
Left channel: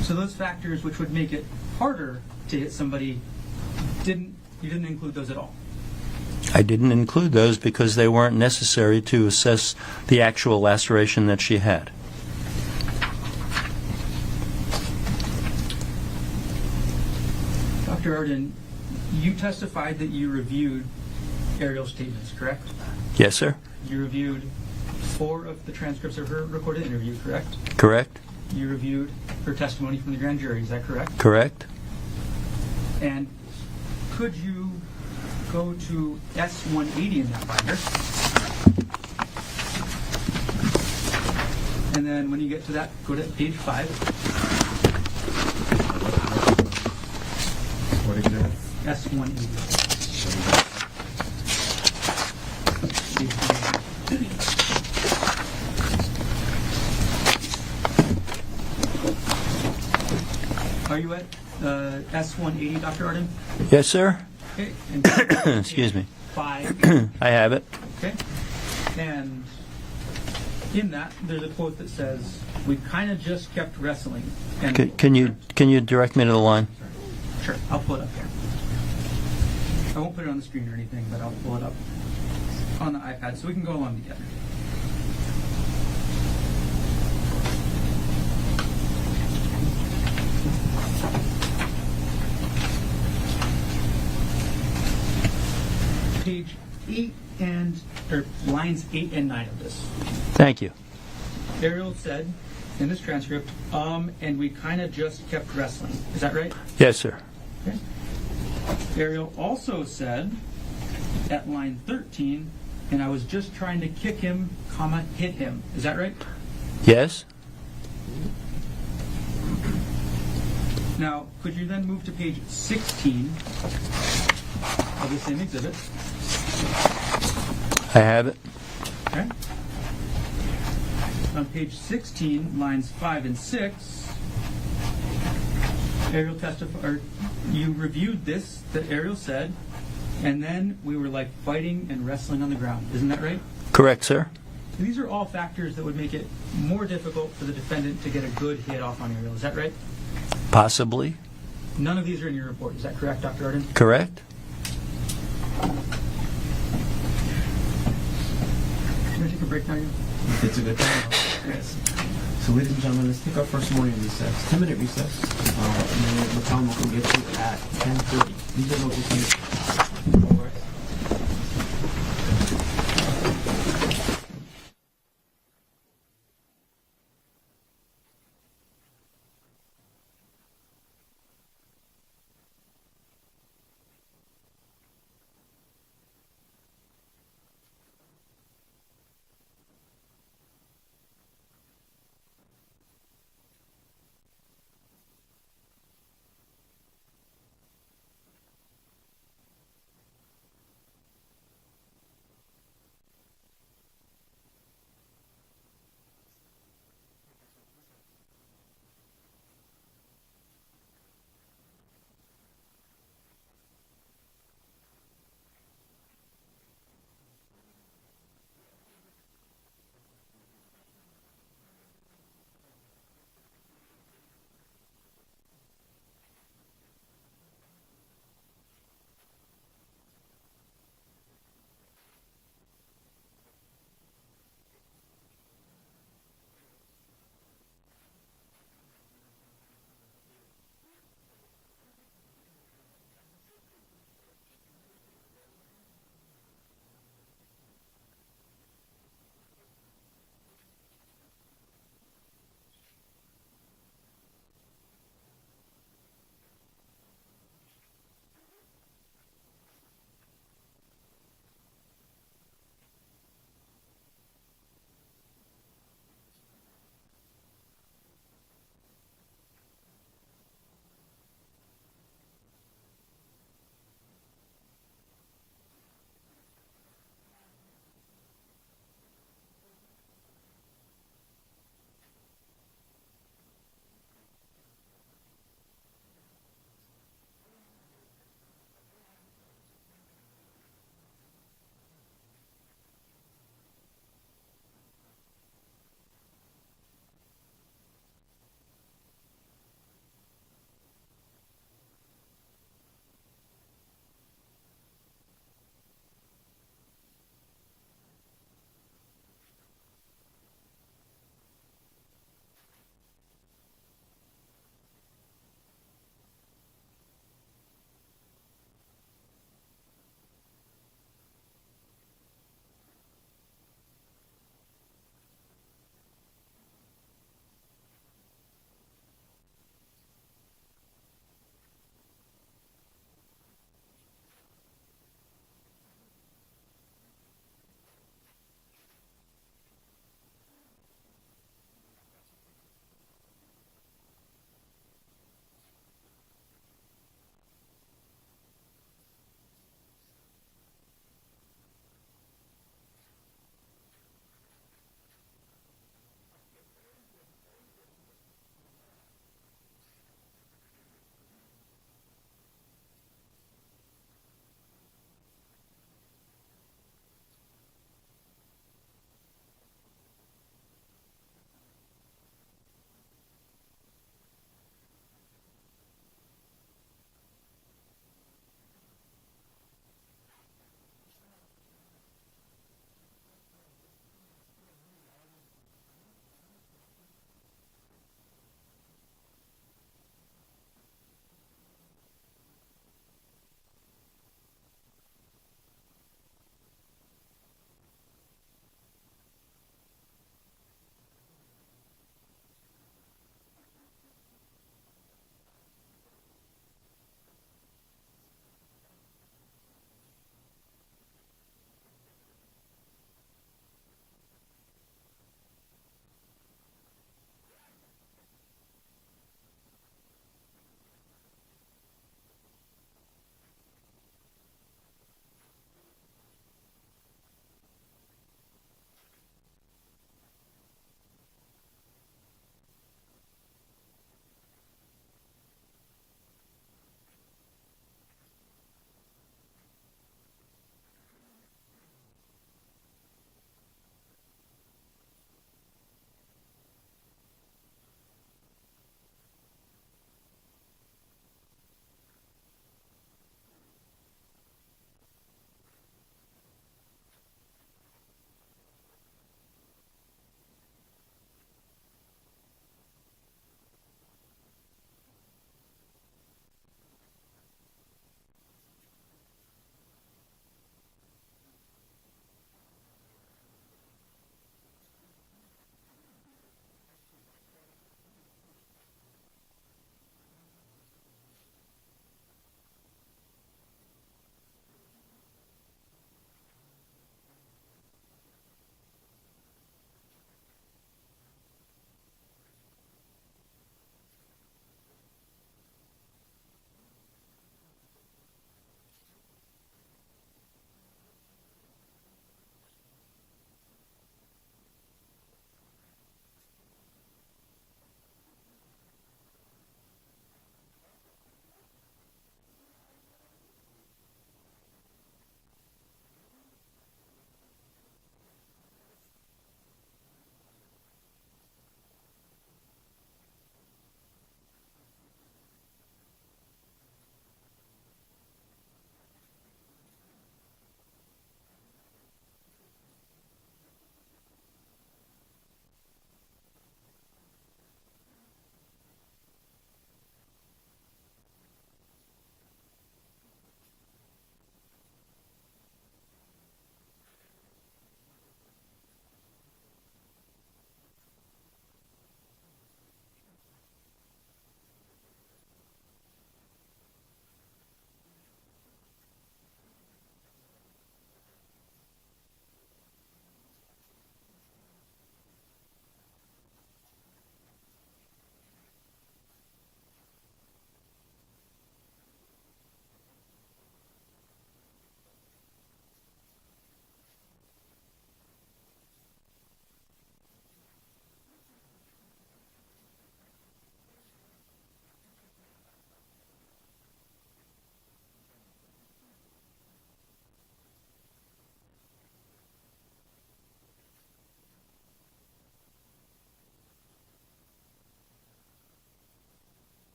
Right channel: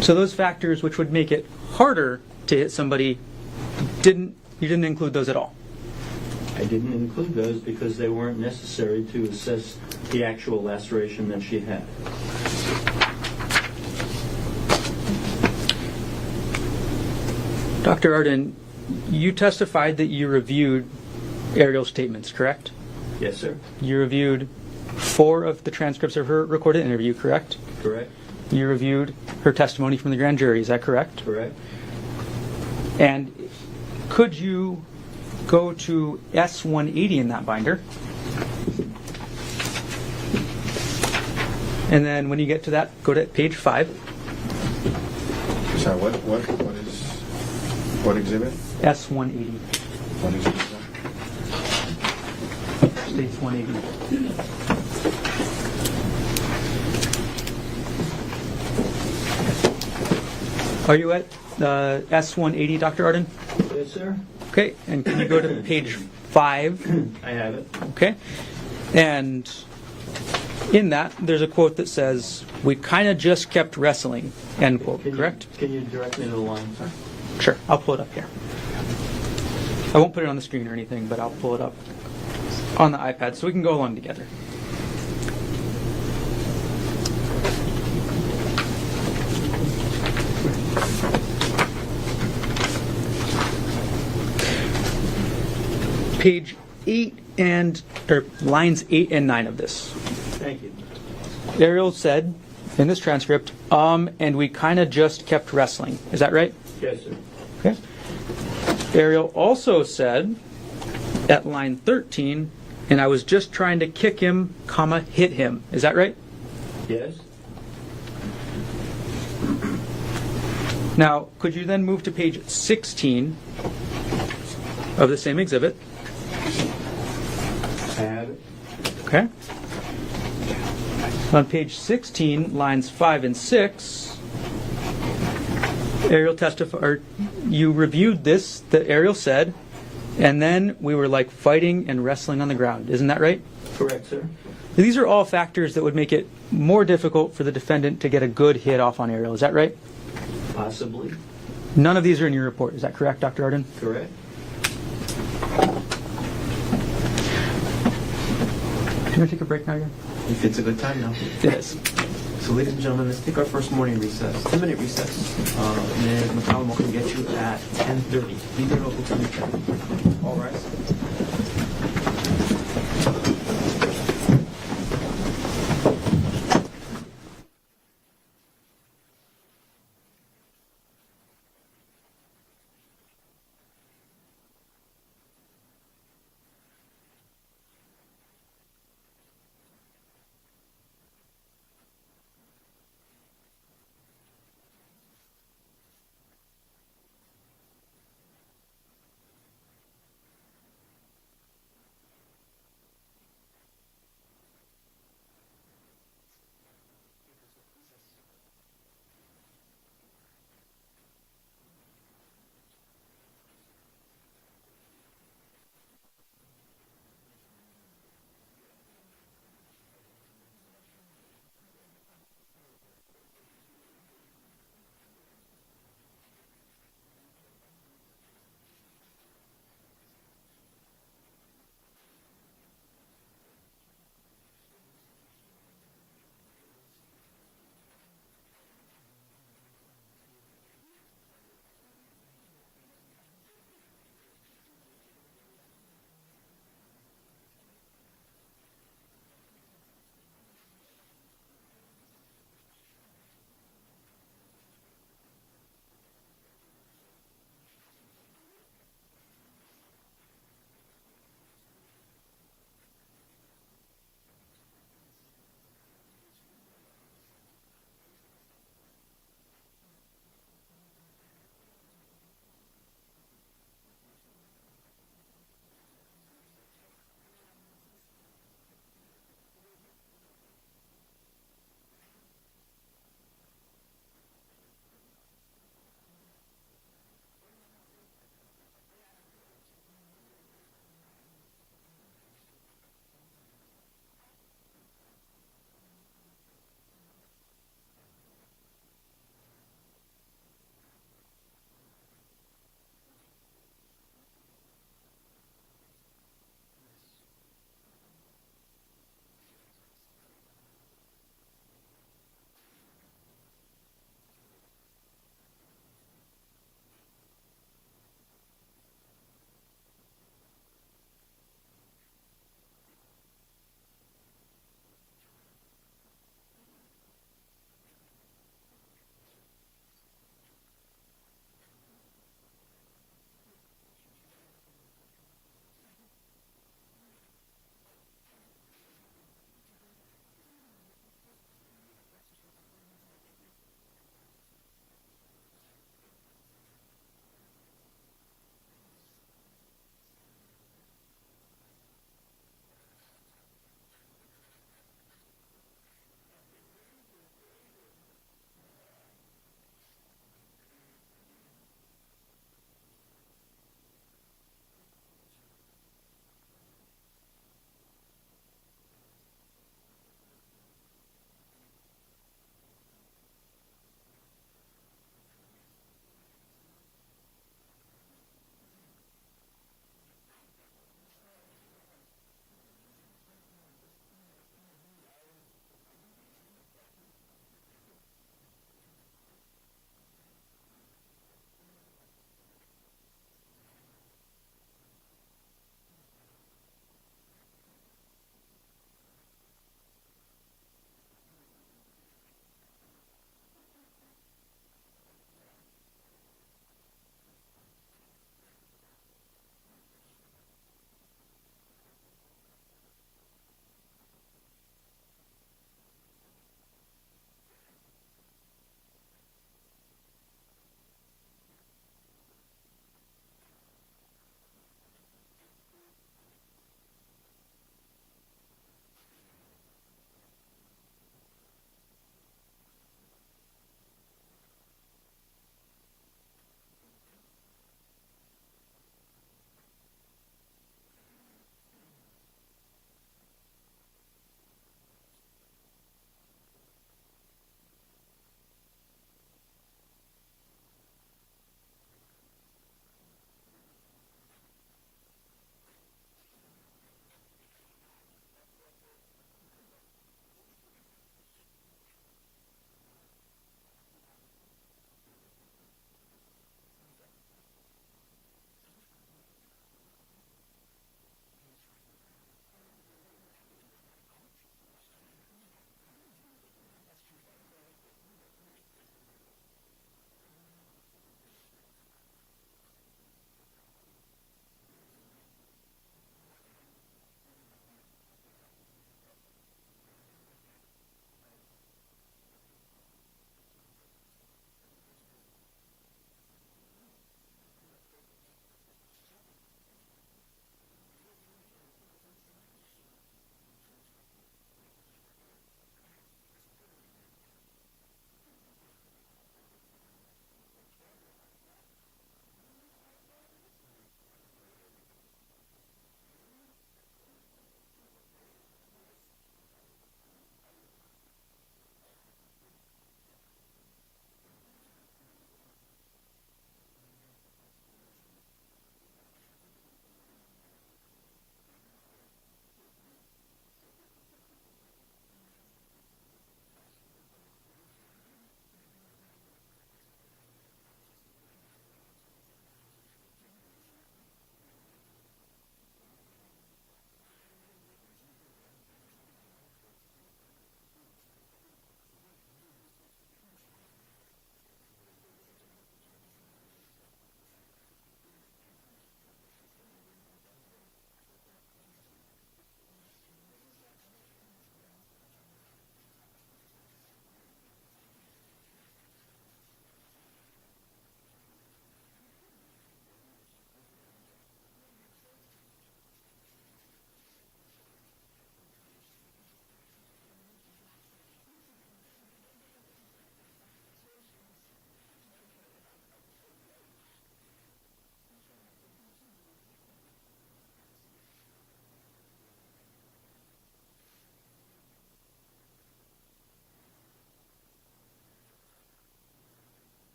So those factors which would make it harder to hit somebody, you didn't include those at all? I didn't include those because they weren't necessary to assess the actual laceration that she had. Dr. Arden, you testified that you reviewed aerial statements, correct? Yes, sir. You reviewed 4 of the transcripts of her recorded interview, correct? Correct. You reviewed her testimony from the grand jury, is that correct? Correct. And could you go to S180 in that binder? And then when you get to that, go to page 5. Sorry, what exhibit? S180. Page 180. Are you at S180, Dr. Arden? Yes, sir. Okay, and can you go to Excuse page me. 5? I have it. Okay. And in that, there's a quote that says, "We kind of just kept wrestling," end quote, Can correct? you direct me to the line? Sure, I'll pull it up here. I won't put it on the screen or anything, but I'll pull it up on the iPad so we can go along together. Page 8 lines 8 and 9 of this. Thank you. Ariel said in this transcript, and we kind of just kept wrestling. Is that right? Yes, sir. Okay. Ariel also said at line 13, and I was just trying to kick him, comma, hit him. Is that right? Yes? Now, could you then move to page 16 of the same exhibit? I have it. Okay. On page 16, lines 5 and 6, Ariel testified, you reviewed this, that Ariel said, and then we were like fighting and wrestling on the ground. Isn't that right? Correct, sir. These are all factors that would make it more difficult for the defendant to get a good hit off on Ariel. Is that right? Possibly. None of these are in your report. Is that correct, Dr. Arden? Correct. Can we take a break now again? If it's a good time now. It is. So ladies and gentlemen, let's take our first morning recess, 2-minute recess. And then McCollum will get you at 10:30. Need to go to the all rise.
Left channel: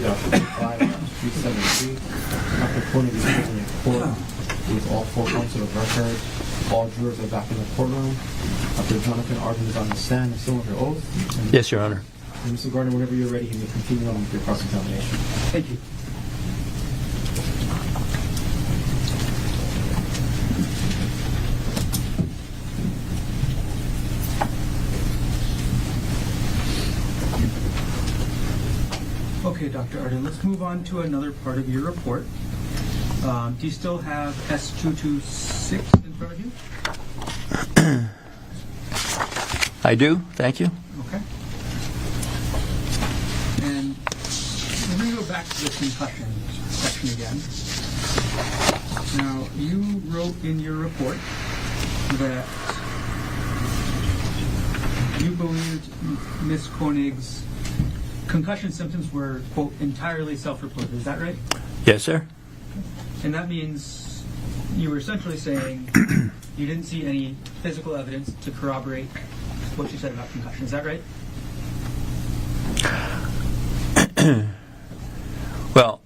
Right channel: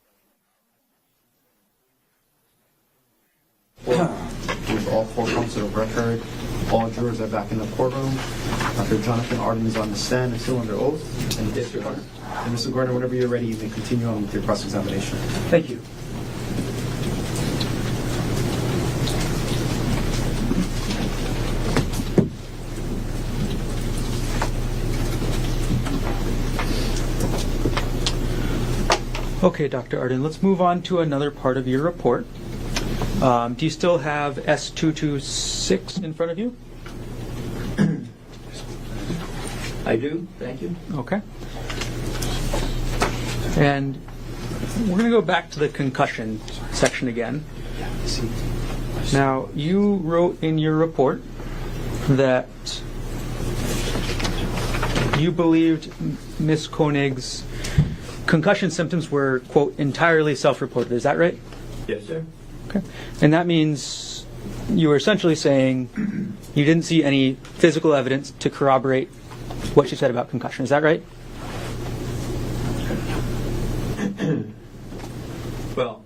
3-373. Dr. Konig is present in court with all 4 counts of record. All jurors are back in the courtroom. Dr. Jonathan Arden is on the stand and still under oath. And Yes, Your Honor. And Mr. Gardner, whenever you're ready, you may continue on with your cross-examination. Thank you. Okay, Dr. Arden, let's move on to another part of your report. Do you still have S226 in front of you? I do, thank you. Okay. And we're going to go back to the concussion section again. Now, you wrote in your report that you believed Ms. Konig's concussion symptoms were, quote, entirely self-reported. Is that right? Yes, sir. Okay. And that means you were essentially saying you didn't see any physical evidence to corroborate what you said about concussion. Is that right? Well,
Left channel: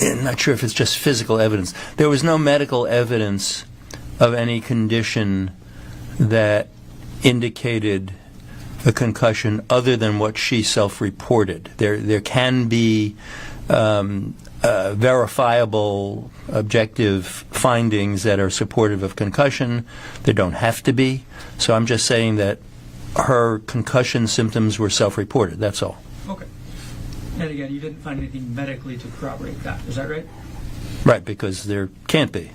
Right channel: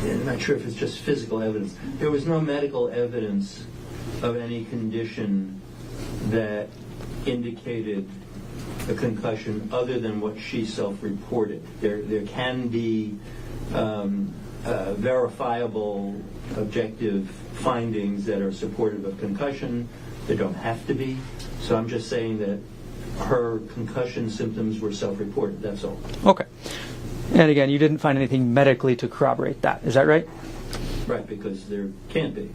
I'm not sure if it's just physical evidence. There was no medical evidence of any condition that indicated a concussion other than what she self-reported. There can be verifiable, objective findings that are supportive of concussion. There don't have to be. So I'm just saying that her concussion symptoms were self-reported. That's all. Okay. And again, you didn't find anything medically to corroborate that. Is that right? Right, because there can't be.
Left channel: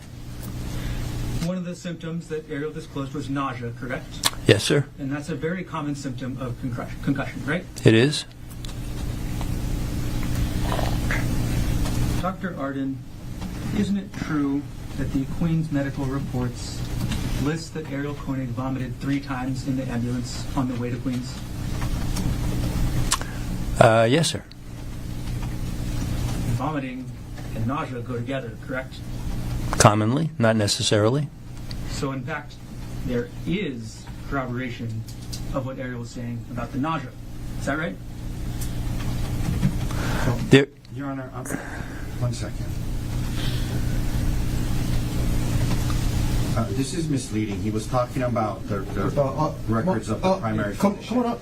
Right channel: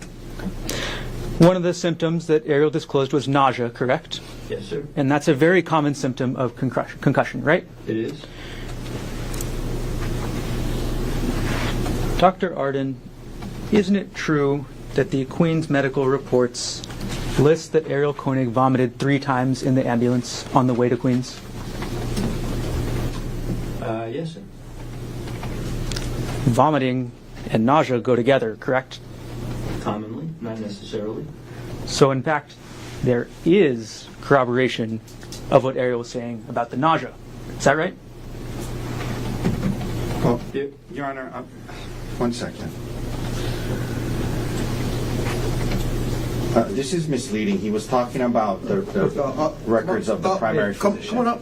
One of the symptoms that Ariel disclosed was nausea, correct? Yes, sir. And that's a very common symptom of concussion, right? It is. Dr. Arden, isn't it true that the Queen's medical reports list that Ariel Konig vomited 3 times in the ambulance on the way to Queens? Yes, sir. Vomiting and nausea go together, correct? Commonly, not necessarily. So in fact, there is corroboration of what Ariel was saying about the nausea. Is that right? There, Your Honor, one second. This is misleading. He was talking about the records of the primary physician. Come on up.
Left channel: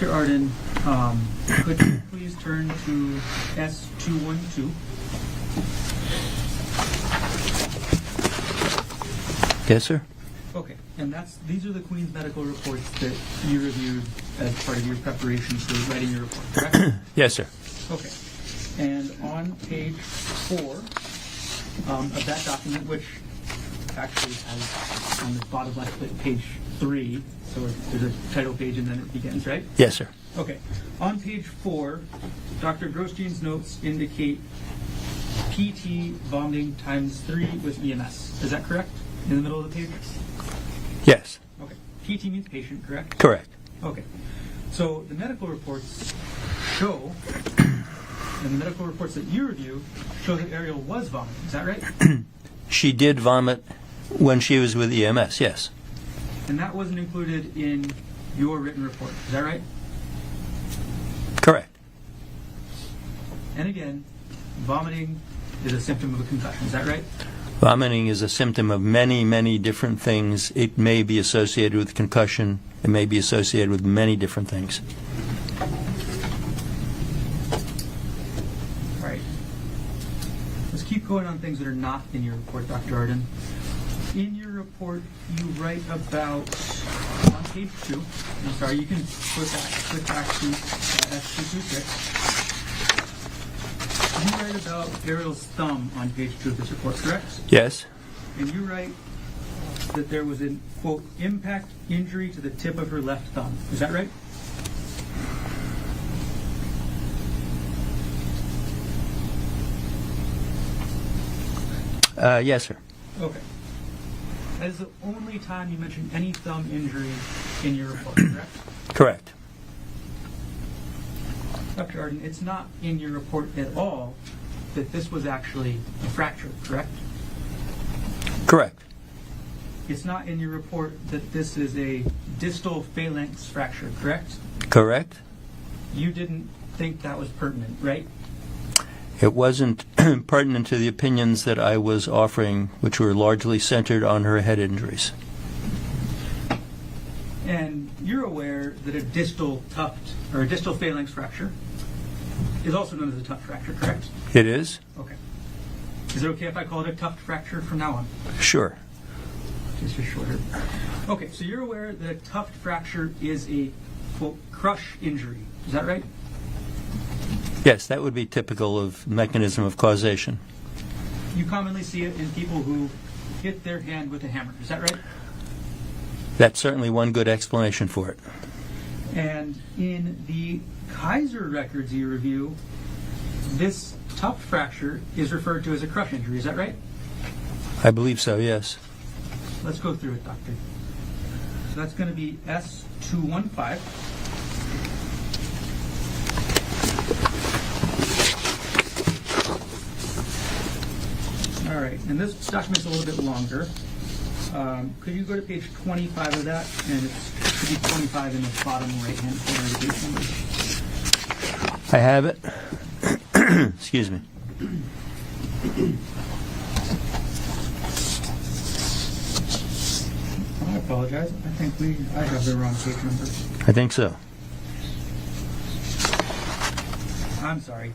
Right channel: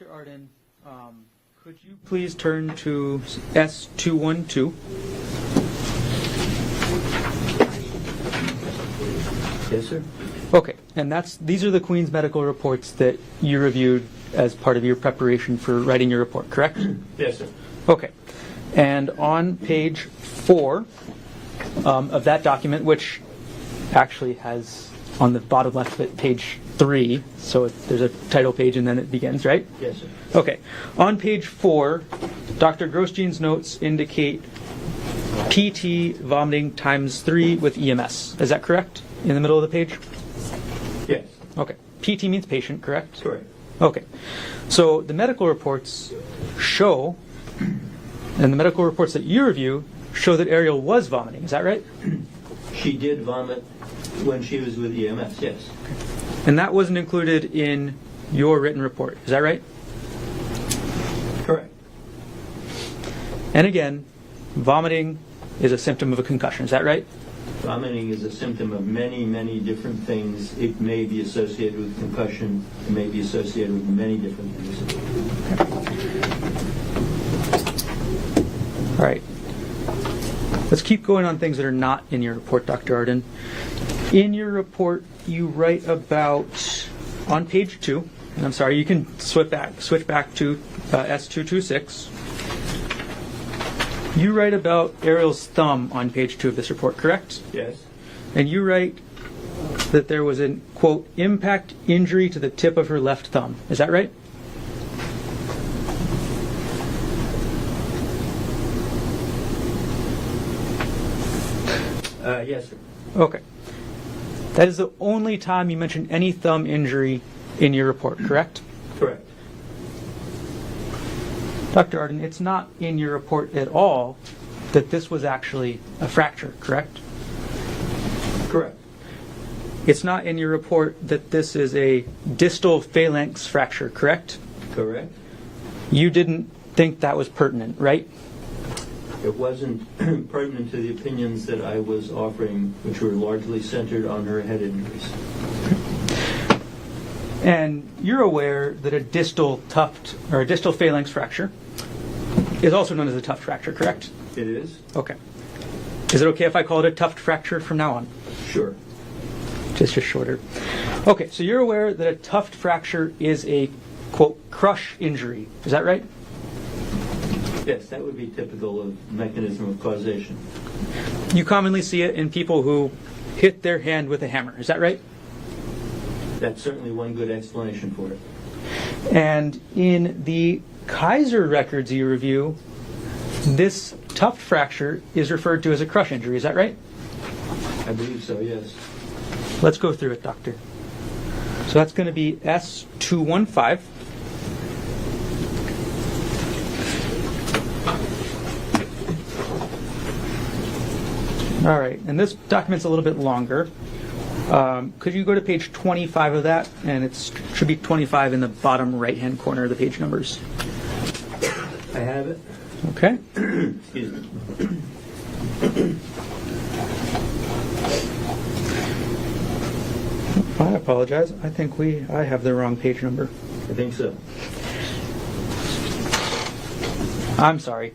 Dr. Arden, could you please turn to S212? Yes, sir. Okay, and these are the Queen's medical reports that you reviewed as part of your preparation for writing your report, correct? Yes, sir. Okay. And on page 4 of that document, which actually has on the bottom left of it page 3, so there's a title page and then it begins, right? Yes, sir. Okay. On page 4, Dr. Grosjean's notes indicate PT vomiting times 3 with EMS. Is that correct? In the middle of the page? Yes. Okay. PT means patient, correct? Correct. Okay. So the medical reports show, and the medical reports that you review show that Ariel was vomiting. Is that right? She did vomit when she was with EMS, yes. And that wasn't included in your written report. Is that right? Correct. And again, vomiting is a symptom of a concussion. Is that right? Vomiting is a symptom of many, many different things. It may be associated with concussion. It may be associated with many different things. All right. Let's keep going on things that are not in your report, Dr. Arden. In your report, you write about, on page 2, and I'm sorry, you can switch back to S226. You write about Ariel's thumb on page 2 of this report, correct? Yes. And you write that there was a, quote, impact injury to the tip of her left thumb. Is that right? Yes, sir. Okay. That is the only time you mention any thumb injury in your report, correct? Correct. Dr. Arden, it's not in your report at all that this was actually a fracture, correct? Correct. It's not in your report that this is a distal phalanx fracture, correct? Correct. You didn't think that was pertinent, right? It wasn't pertinent to the opinions that I was offering, which were largely centered on her head injuries. And you're aware that a distal tuft or a distal phalanx fracture is also known as a tuft fracture, correct? It is? Okay. Is it okay if I call it a tuft fracture from now on? Sure. Just shorter. Okay, so you're aware that a tuft fracture is a, quote, crush injury. Is that right? Yes, that would be typical of mechanism of causation. You commonly see it in people who hit their hand with a hammer. Is that right? That's certainly one good explanation for it. And in the Kaiser records you review, this tuft fracture is referred to as a crush injury. Is that right? I believe so, yes. Let's go through it, Doctor. So that's going to be S215. All right, and this document's a little bit longer. Could you go to page 25 of that? And it should be 25 in the bottom right-hand corner of the page numbers. I have it. Okay. Excuse me. I apologize. I think I have the wrong page number. I think so. I'm sorry.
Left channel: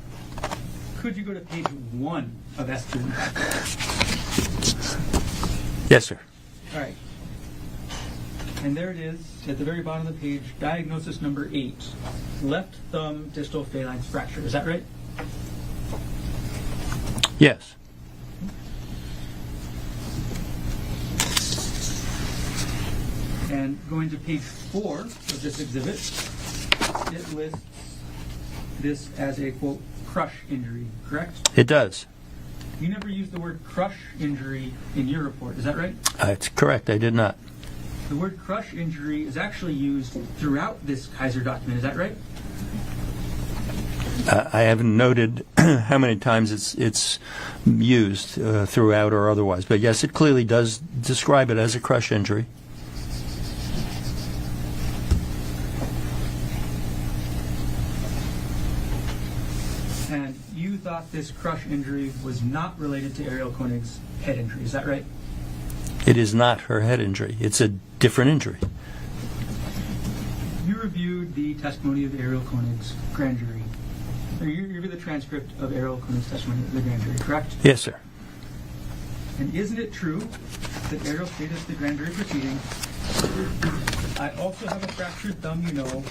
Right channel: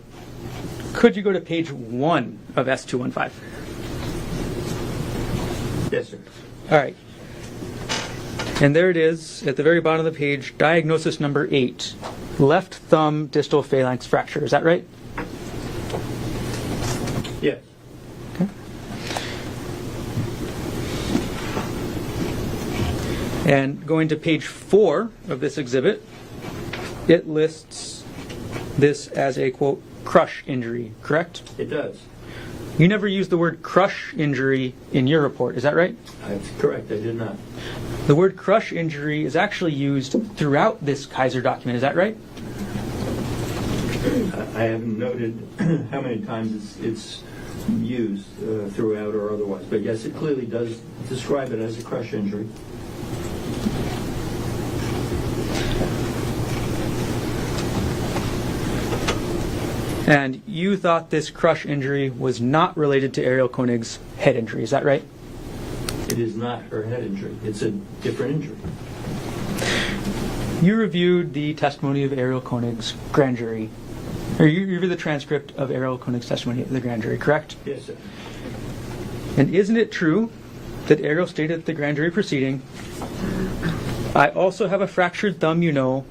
Could you go to page 1 of S215? Yes, sir. All right. And there it is at the very bottom of the page, diagnosis number 8, left thumb distal phalanx fracture. Is that right? Yes. Okay. And going to page 4 of this exhibit, it lists this as a, quote, crush injury, correct? It does. You never used the word crush injury in your report, is that right? It's correct. I did not. The word crush injury is actually used throughout this Kaiser document, is that right? I haven't noted how many times it's used throughout or otherwise, but yes, it clearly does describe it as a crush injury. And you thought this crush injury was not related to Ariel Konig's head injury, is that right? It is not her head injury. It's a different injury. You reviewed the testimony of Ariel Konig's grand jury, or you reviewed the transcript of Ariel Konig's testimony at the grand jury, correct? Yes, sir. And isn't it true that Ariel stated at the grand jury proceeding, I also have a fractured thumb, you know,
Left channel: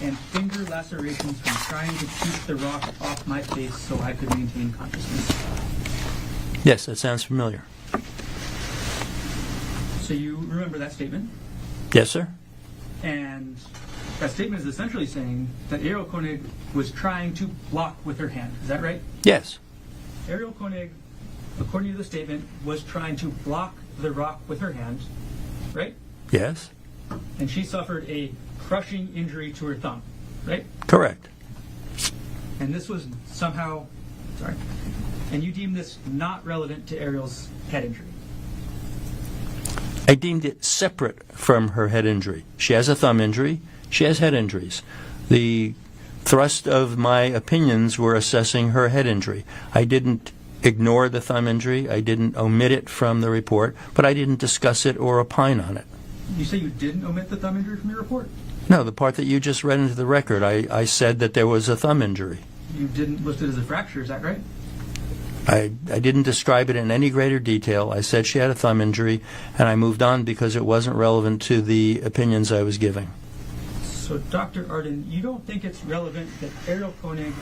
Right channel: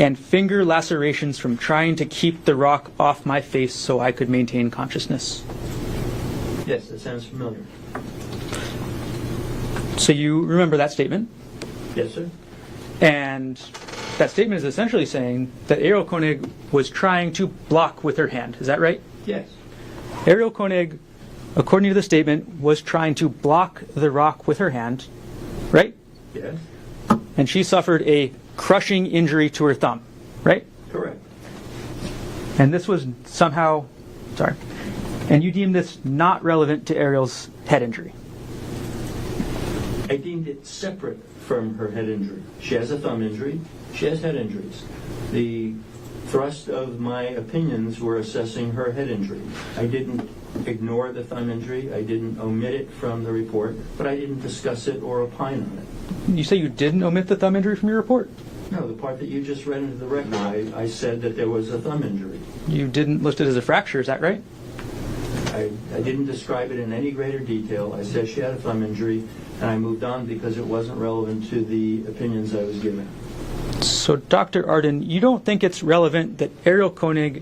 and finger lacerations from trying to keep the rock off my face so I could maintain consciousness? Yes, that sounds familiar. So you remember that statement? Yes, sir. And that statement is essentially saying that Ariel Konig was trying to block with her hand. Is that right? Yes. Ariel Konig, according to the statement, was trying to block the rock with her hand, right? Yes. And she suffered a crushing injury to her thumb, right? Correct. And this was somehow, and you deemed this not relevant to Ariel's head injury. I deemed it separate from her head injury. She has a thumb injury. She has head injuries. The thrust of my opinions were assessing her head injury. I didn't ignore the thumb injury. I didn't omit it from the report, but I didn't discuss it or opine on it. You say you didn't omit the thumb injury from your report? No, the part that you just read into the record, I said that there was a thumb injury. You didn't list it as a fracture, is that right? I didn't describe it in any greater detail. I said she had a thumb injury, and I moved on because it wasn't relevant to the opinions I was giving. So, Dr. Arden, you don't think it's relevant that Ariel Konig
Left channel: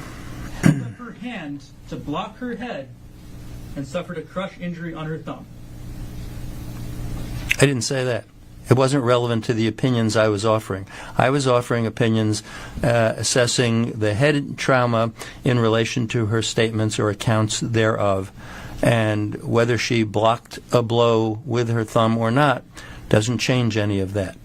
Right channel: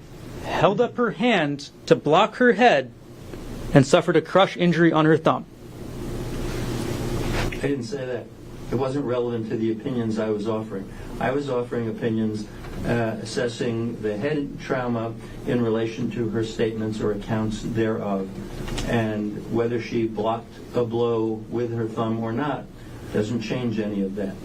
held up her hand to block her head and suffered a crush injury on her thumb? I didn't say that. It wasn't relevant to the opinions I was offering. I was offering opinions assessing the head trauma in relation to her statements or accounts thereof, and whether she blocked a blow with her thumb or not doesn't change any of that.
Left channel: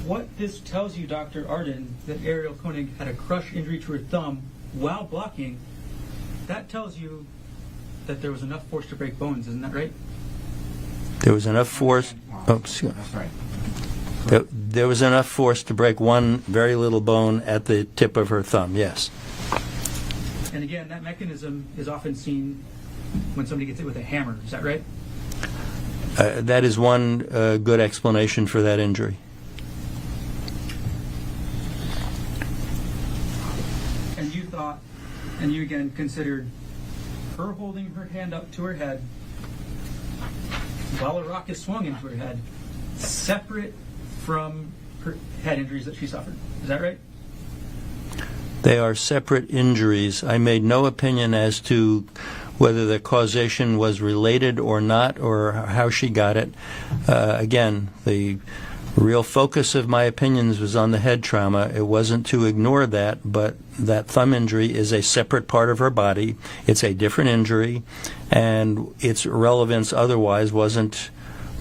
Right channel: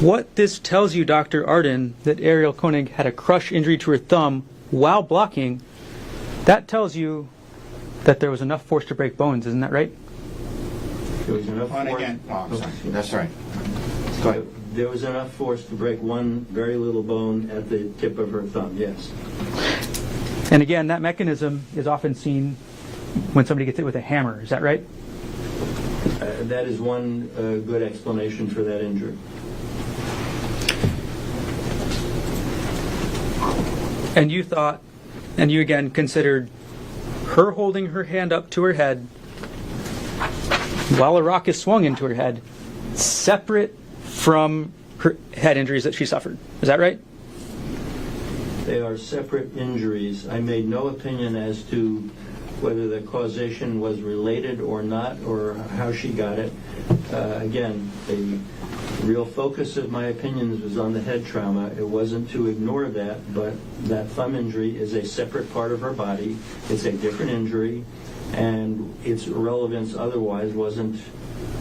What this tells you, Dr. Arden, that Ariel Konig had a crush injury to her thumb while blocking, that tells you that there was enough force to break bones, isn't that right? There was enough force. That's right. Go ahead. There was enough force to break one very little bone at the tip of her thumb, yes. And again, that mechanism is often seen when somebody gets hit with a hammer, is that right? That is one good explanation for that injury. And you thought, and you again considered her holding her hand up to her head while a rock is swung into her head separate from her head injuries that she suffered. Is that right? They are separate injuries. I made no opinion as to whether the causation was related or not, or how she got it. Again, the real focus of my opinions was on the head trauma. It wasn't to ignore that, but that thumb injury is a separate part of her body. It's a different injury, and its relevance otherwise wasn't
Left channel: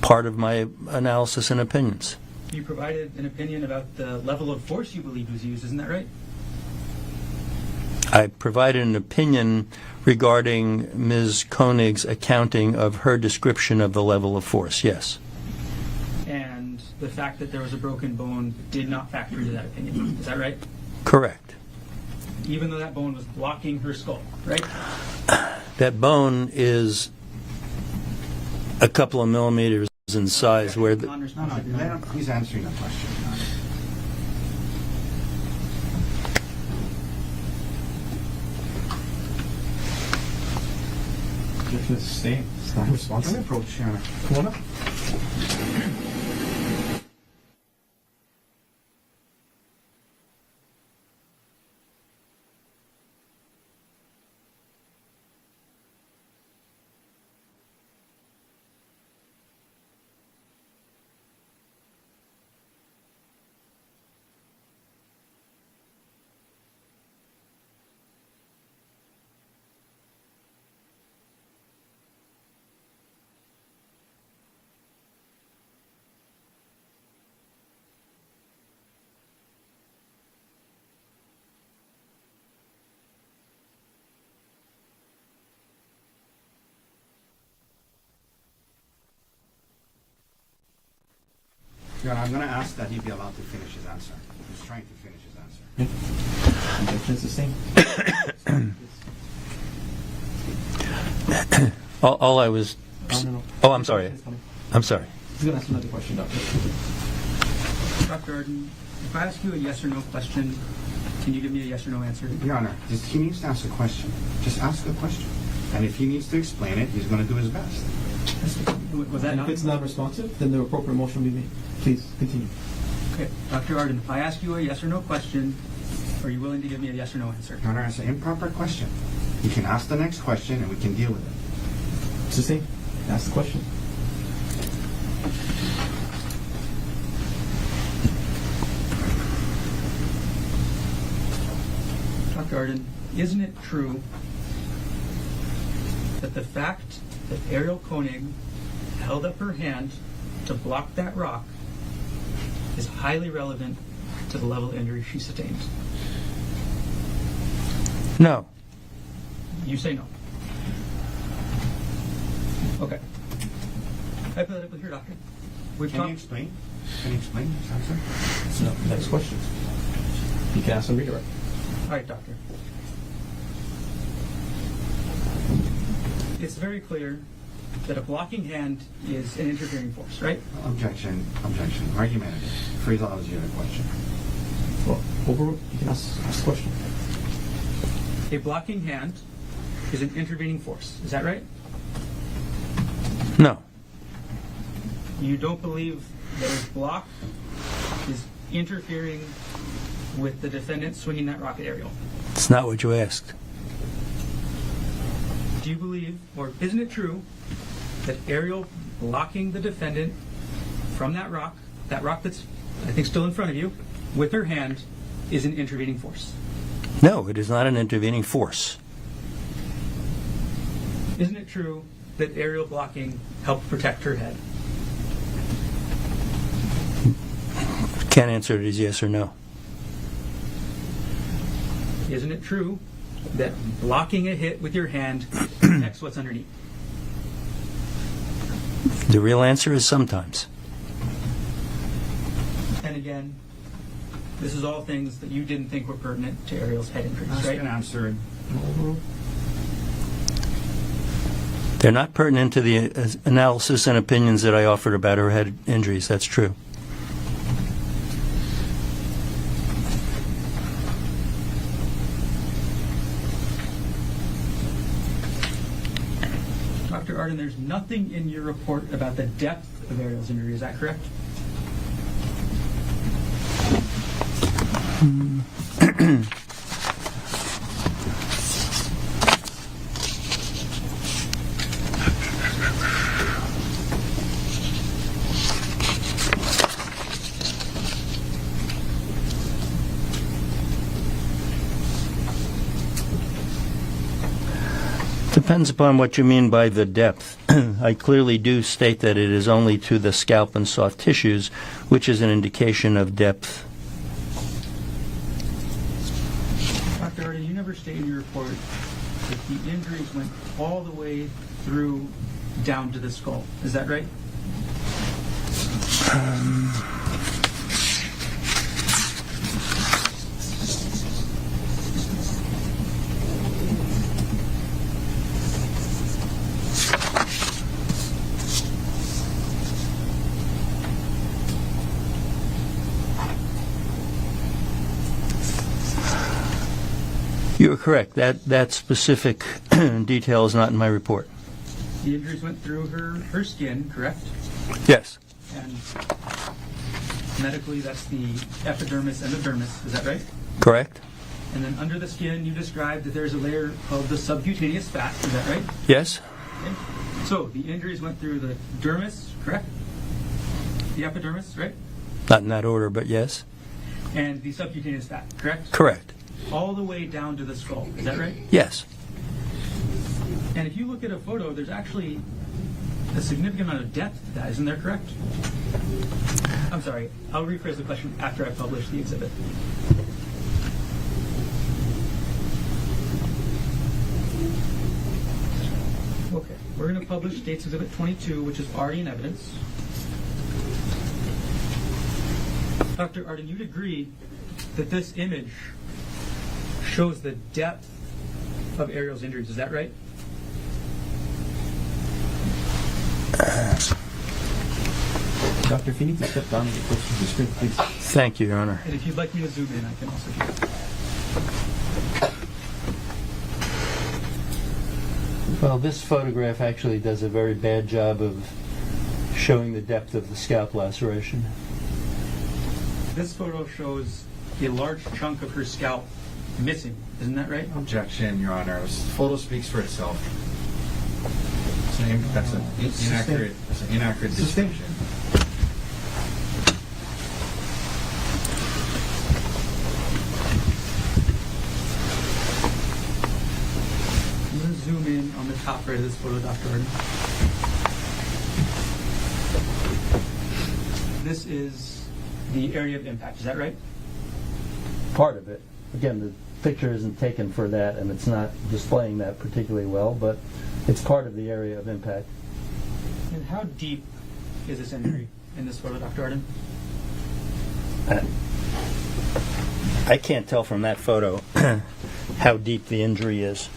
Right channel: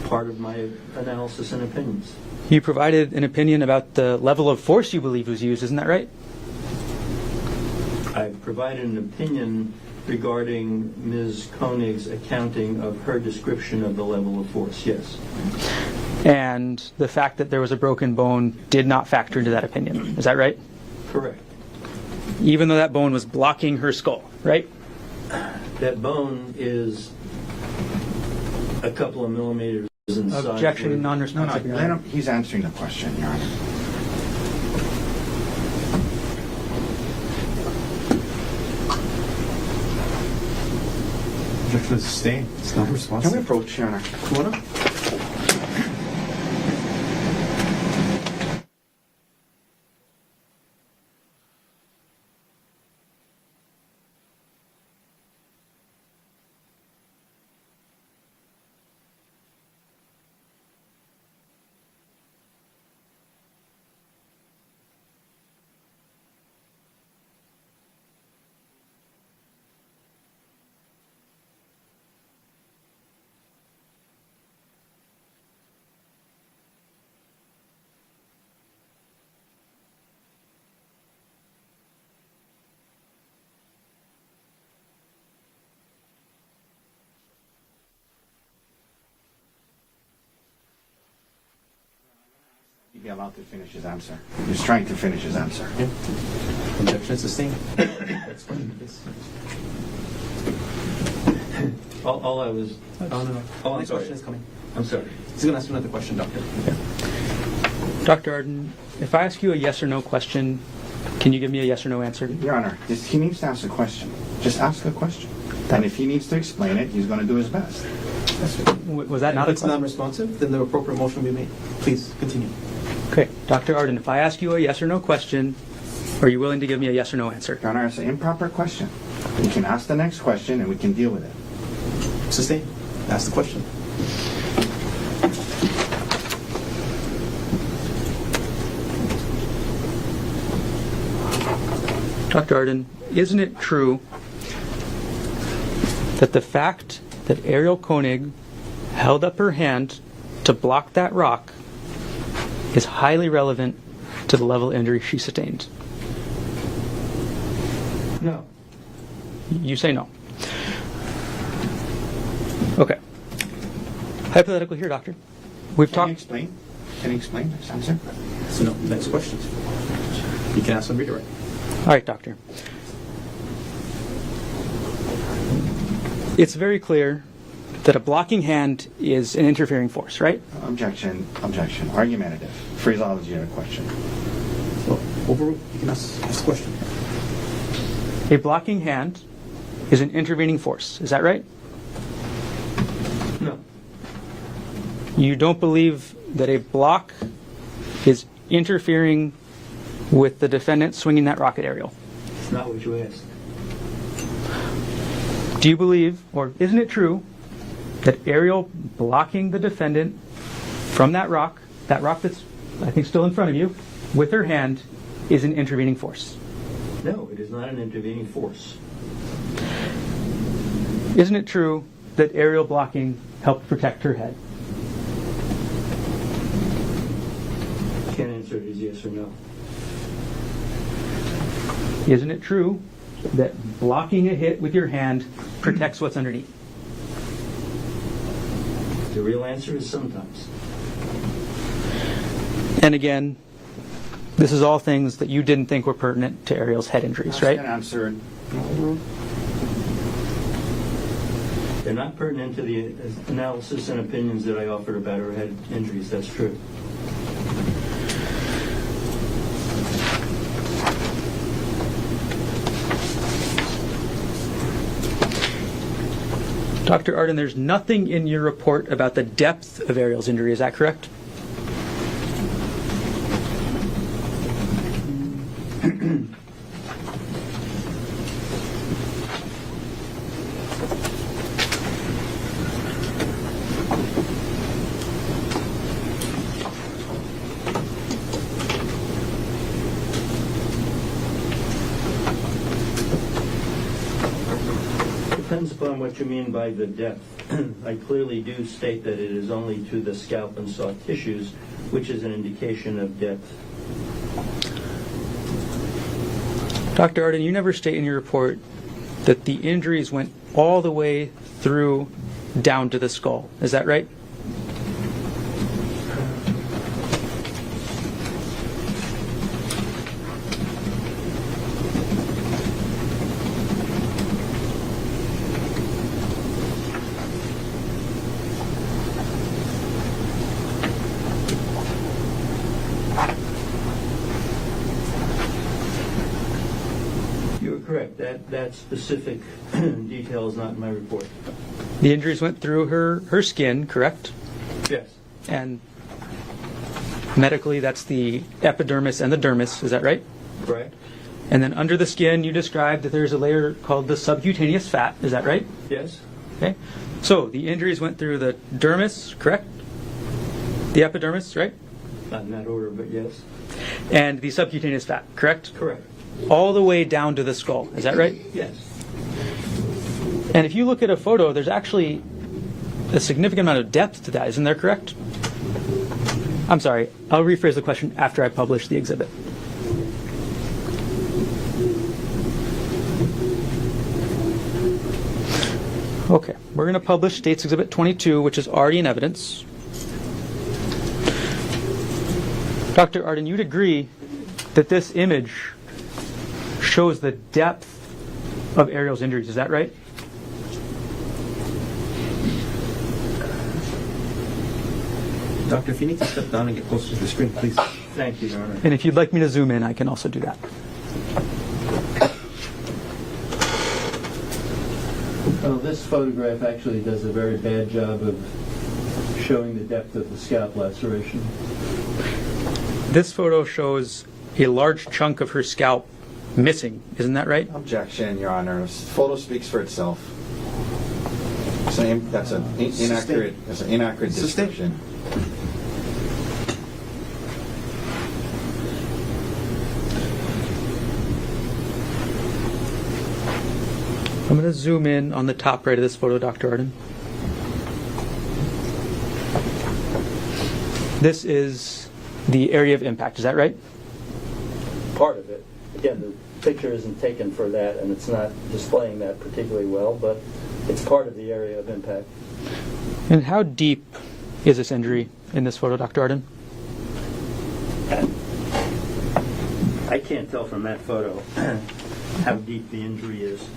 part of my analysis and opinions. You provided an opinion about the level of force you believe was used, isn't that right? I provided an opinion regarding Ms. Konig's accounting of her description of the level of force, yes. And the fact that there was a broken bone did not factor into that opinion. Is that right? Correct. Even though that bone was blocking her skull, right? That bone is a couple of millimeters in size. Objection, No, non-responsive. let him, he's answering the question, Your Honor. Objection is sustained. It's not Can we responsive. approach, Your Honor? Come on up. Your Honor, I'm going to ask that he be allowed to finish his answer. He's trying to finish his answer. Objection is sustained. All I was... Oh, no. Oh, I'm sorry. Question is coming. I'm sorry. He's going to ask another question, Doctor. Dr. Arden, if I ask you a yes or no question, can you give me a yes or no answer? Your Honor, he needs to ask a question. Just ask a question. And if he needs to explain it, he's going to do his best. Was that not If it's a non-responsive, then the appropriate motion will be made. Please, continue. Okay, Dr. Arden, if I ask you a yes or no question, are you willing to give me a yes or no answer? Your Honor, it's an improper question. We can ask the next question and we can deal with it. Sustain. Ask the question. Dr. Arden, isn't it true that the fact that Ariel Konig held up her hand to block that rock is highly relevant to the level of injury she sustained? No. You say no. Okay. Hypothetical here, doctor. We've Can you talked. explain? Can you explain this answer? So, no, next question. You can ask and redirect. All right, doctor. It's very clear that a blocking hand is an interfering force, right? Objection. Objection. Argumentative. Phraseology of a question. Well, overruled. You can ask the question. A blocking hand is an intervening force. Is that right? No. You don't believe that a block is interfering with the defendant swinging that rock at Ariel? It's not what you asked. Do you believe, or isn't it true, that Ariel blocking the defendant from that rock that's, I think, still in front of you, with her hand, is an intervening force? No, it is not an intervening force. Isn't it true that Ariel blocking helped protect her head? Can't answer it as yes or no. Isn't it true that blocking a hit with your hand protects what's underneath? The real answer is sometimes. And again, this is all things that you didn't think were pertinent to Ariel's head injuries, Ask right? and answer. They're not pertinent to the analysis and opinions that I offered about her head injuries. That's true. Dr. Arden, there's nothing in your report about the depth of Ariel's injury, is that correct? Depends upon what you mean by the depth. I clearly do state that it is only to the scalp and soft tissues, which is an indication of depth. Dr. Arden, you never state in your report that the injuries went all the way through down to the skull. Is that right? You are correct. That specific detail is not in my report. The injuries went through her skin, correct? Yes. And medically, that's the epidermis and the dermis. Is that right? Correct? And then under the skin, you described that there's a layer called the subcutaneous fat. Is that right? Yes? Okay. So the injuries went through the dermis, correct? The epidermis, right? Not in that order, but yes. And the subcutaneous fat, correct? Correct. All the way down to the skull. Is that right? Yes. And if you look at a photo, there's actually a significant amount of depth to that. Isn't there correct? I'm sorry. I'll rephrase the question after I publish the exhibit. Okay. We're going to publish State's Exhibit 22, which is already in evidence. Dr. Arden, you'd agree that this image shows the depth of Ariel's injuries. Is that right? Doctor, if you need to step down and get closer to the screen, please. Thank you, Your Honor. And if you'd like me to zoom in, I can also do that. Well, this photograph actually does a very bad job of showing the depth of the scalp laceration. This photo shows a large chunk of her scalp missing. Isn't that right? Objection, Your Honor. This photo speaks for itself. That's an inaccurate description. I'm going to zoom in on the top right of this photo, Dr. Arden. This is the area of impact. Is that right? Part of it. Again, the picture isn't taken for that, and it's not displaying that particularly well, but it's part of the area of impact. And how deep is this injury in this photo, Dr. Arden? I can't tell from that photo how deep the injury is.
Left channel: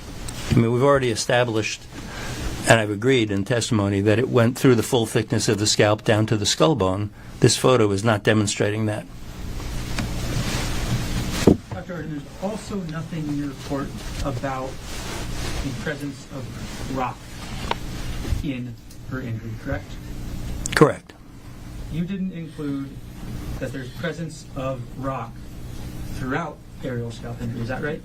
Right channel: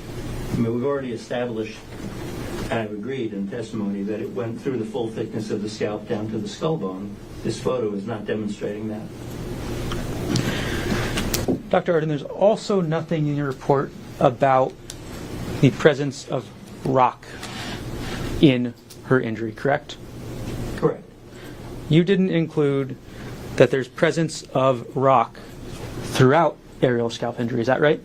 I mean, we've already established, and I've agreed in testimony, that it went through the full thickness of the scalp down to the skull bone. This photo is not demonstrating that. Dr. Arden, there's also nothing in your report about the presence of rock in her injury, correct? Correct. You didn't include that there's presence of rock throughout aerial scalp injury, is that right?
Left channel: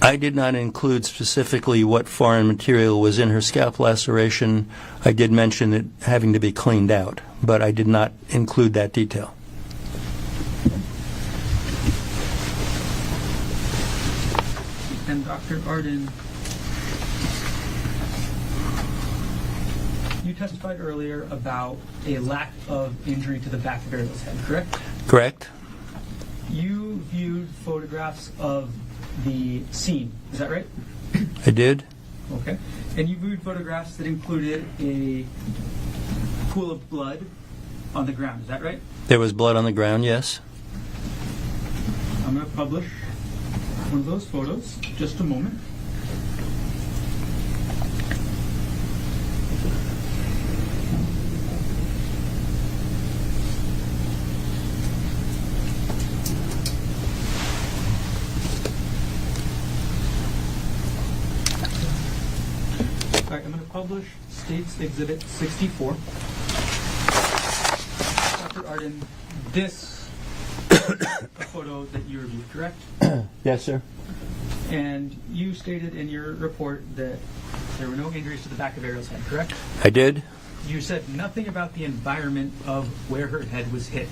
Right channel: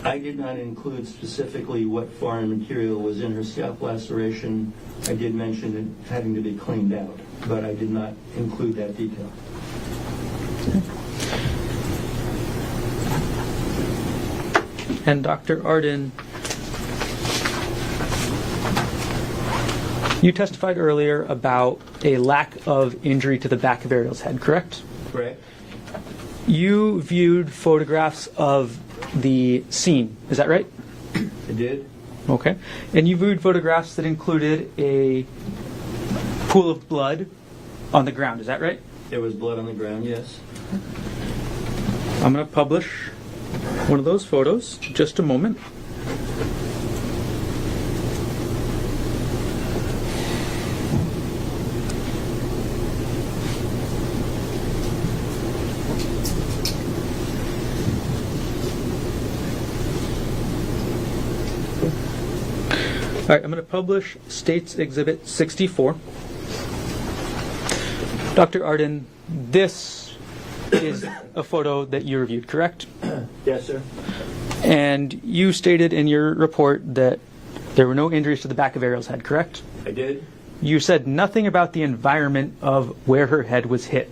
I did not include specifically what foreign material was in her scalp laceration. I did mention it having to be cleaned out, but I did not include that detail. And Dr. Arden, you testified earlier about a lack of injury to the back of Ariel's head, correct? Correct? You viewed photographs of the scene, is that right? I did. Okay. And you viewed photographs that included a pool of blood on the ground, is that right? There was blood on the ground, yes. I'm going to publish one of those photos, just a moment. All right, I'm going to publish State's Exhibit 64. Dr. Arden, this is a photo that you reviewed, correct? Yes, sir. And you stated in your report that there were no injuries to the back of Ariel's head, correct? I did. You said nothing about the environment of where her head was hit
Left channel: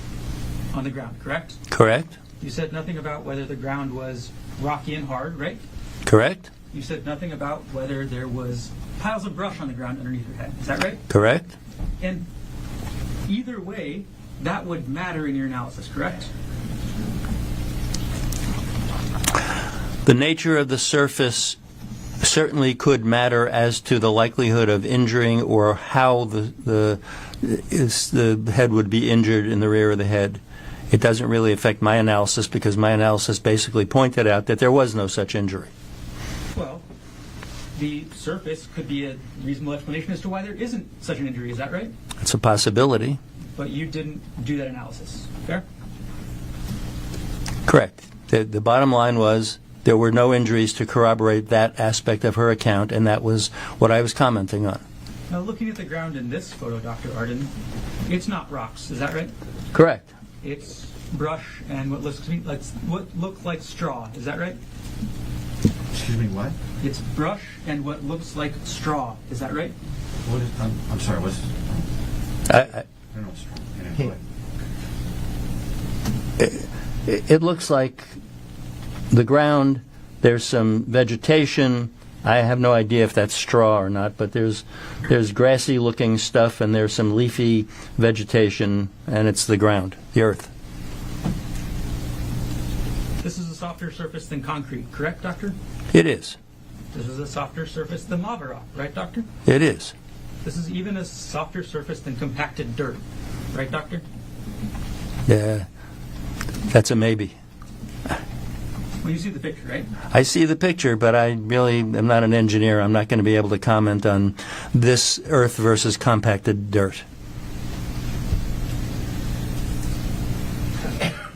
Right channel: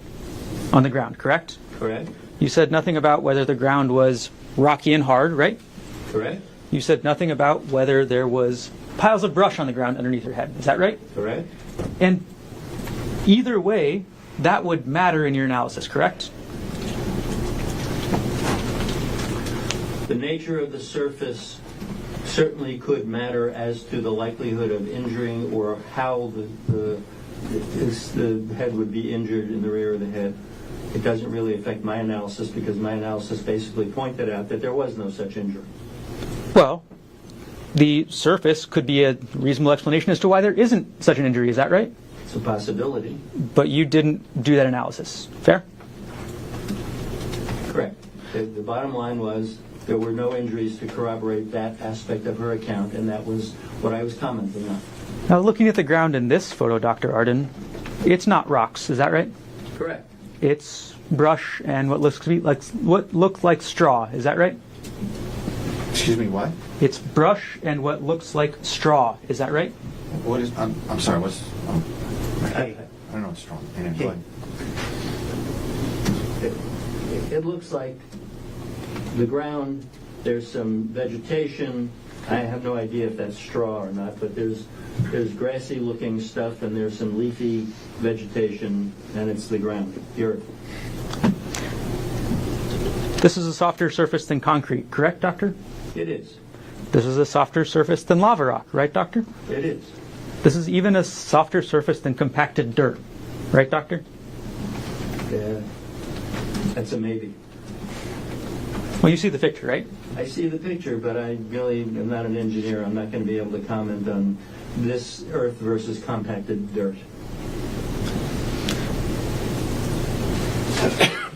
on the ground, correct? Correct. You said nothing about whether the ground was rocky and hard, right? Correct. You said nothing about whether there was piles of brush on the ground underneath her head. Is that right? Correct. And either way, that would matter in your analysis, correct? The nature of the surface certainly could matter as to the likelihood of injuring or how the head would be injured in the rear of the head. It doesn't really affect my analysis because my analysis basically pointed out that there was no such injury. Well, the surface could be a reasonable explanation as to why there isn't such an injury. Is that right? It's a possibility. But you didn't do that analysis. Fair? Correct. The bottom line was there were no injuries to corroborate that aspect of her account, and that was what I was commenting on. Now, looking at the ground in this photo, Dr. Arden, it's not rocks. Is that right? Correct. It's brush and what looks like straw. Is that right? Excuse me, what? It's brush and what looks like straw. Is that right? What is, I'm sorry, what's, I don't know what's wrong. It looks like the ground, there's some vegetation. I have no idea if that's straw or not, but there's grassy looking stuff and there's some leafy vegetation, and it's the ground, the earth. This is a softer surface than concrete, correct, Doctor? It is. This is a softer surface than lava rock, right, Doctor? It is. This is even a softer surface than compacted dirt, right, Doctor? Yeah, that's a maybe. Well, you see the picture, right? I see the picture, but I really am not an engineer. I'm not going to be able to comment on this earth versus compacted dirt.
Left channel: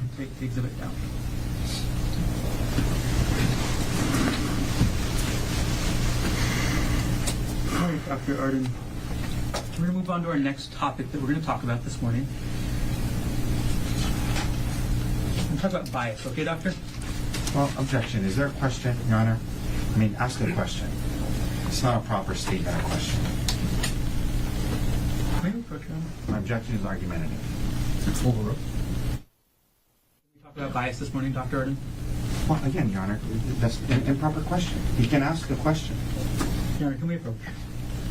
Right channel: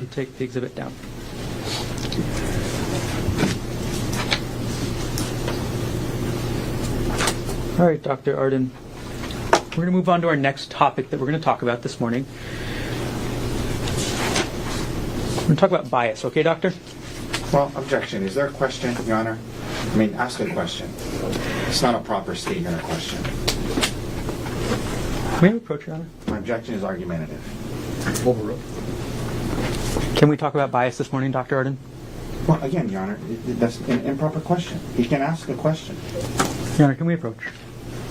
You take the exhibit down. All right, Dr. Arden. We're going to move on to our next topic that we're going to talk about this morning. We're going to talk about bias, okay, Doctor? Well, objection. Is there a question, Your Honor? I mean, ask a question. It's not a proper statement or question. May we approach, Your Honor? My objection is argumentative. Overruled. Can we talk about bias this morning, Dr. Arden? Well, again, Your Honor, that's an improper question. You can ask a question. Your Honor, can we approach?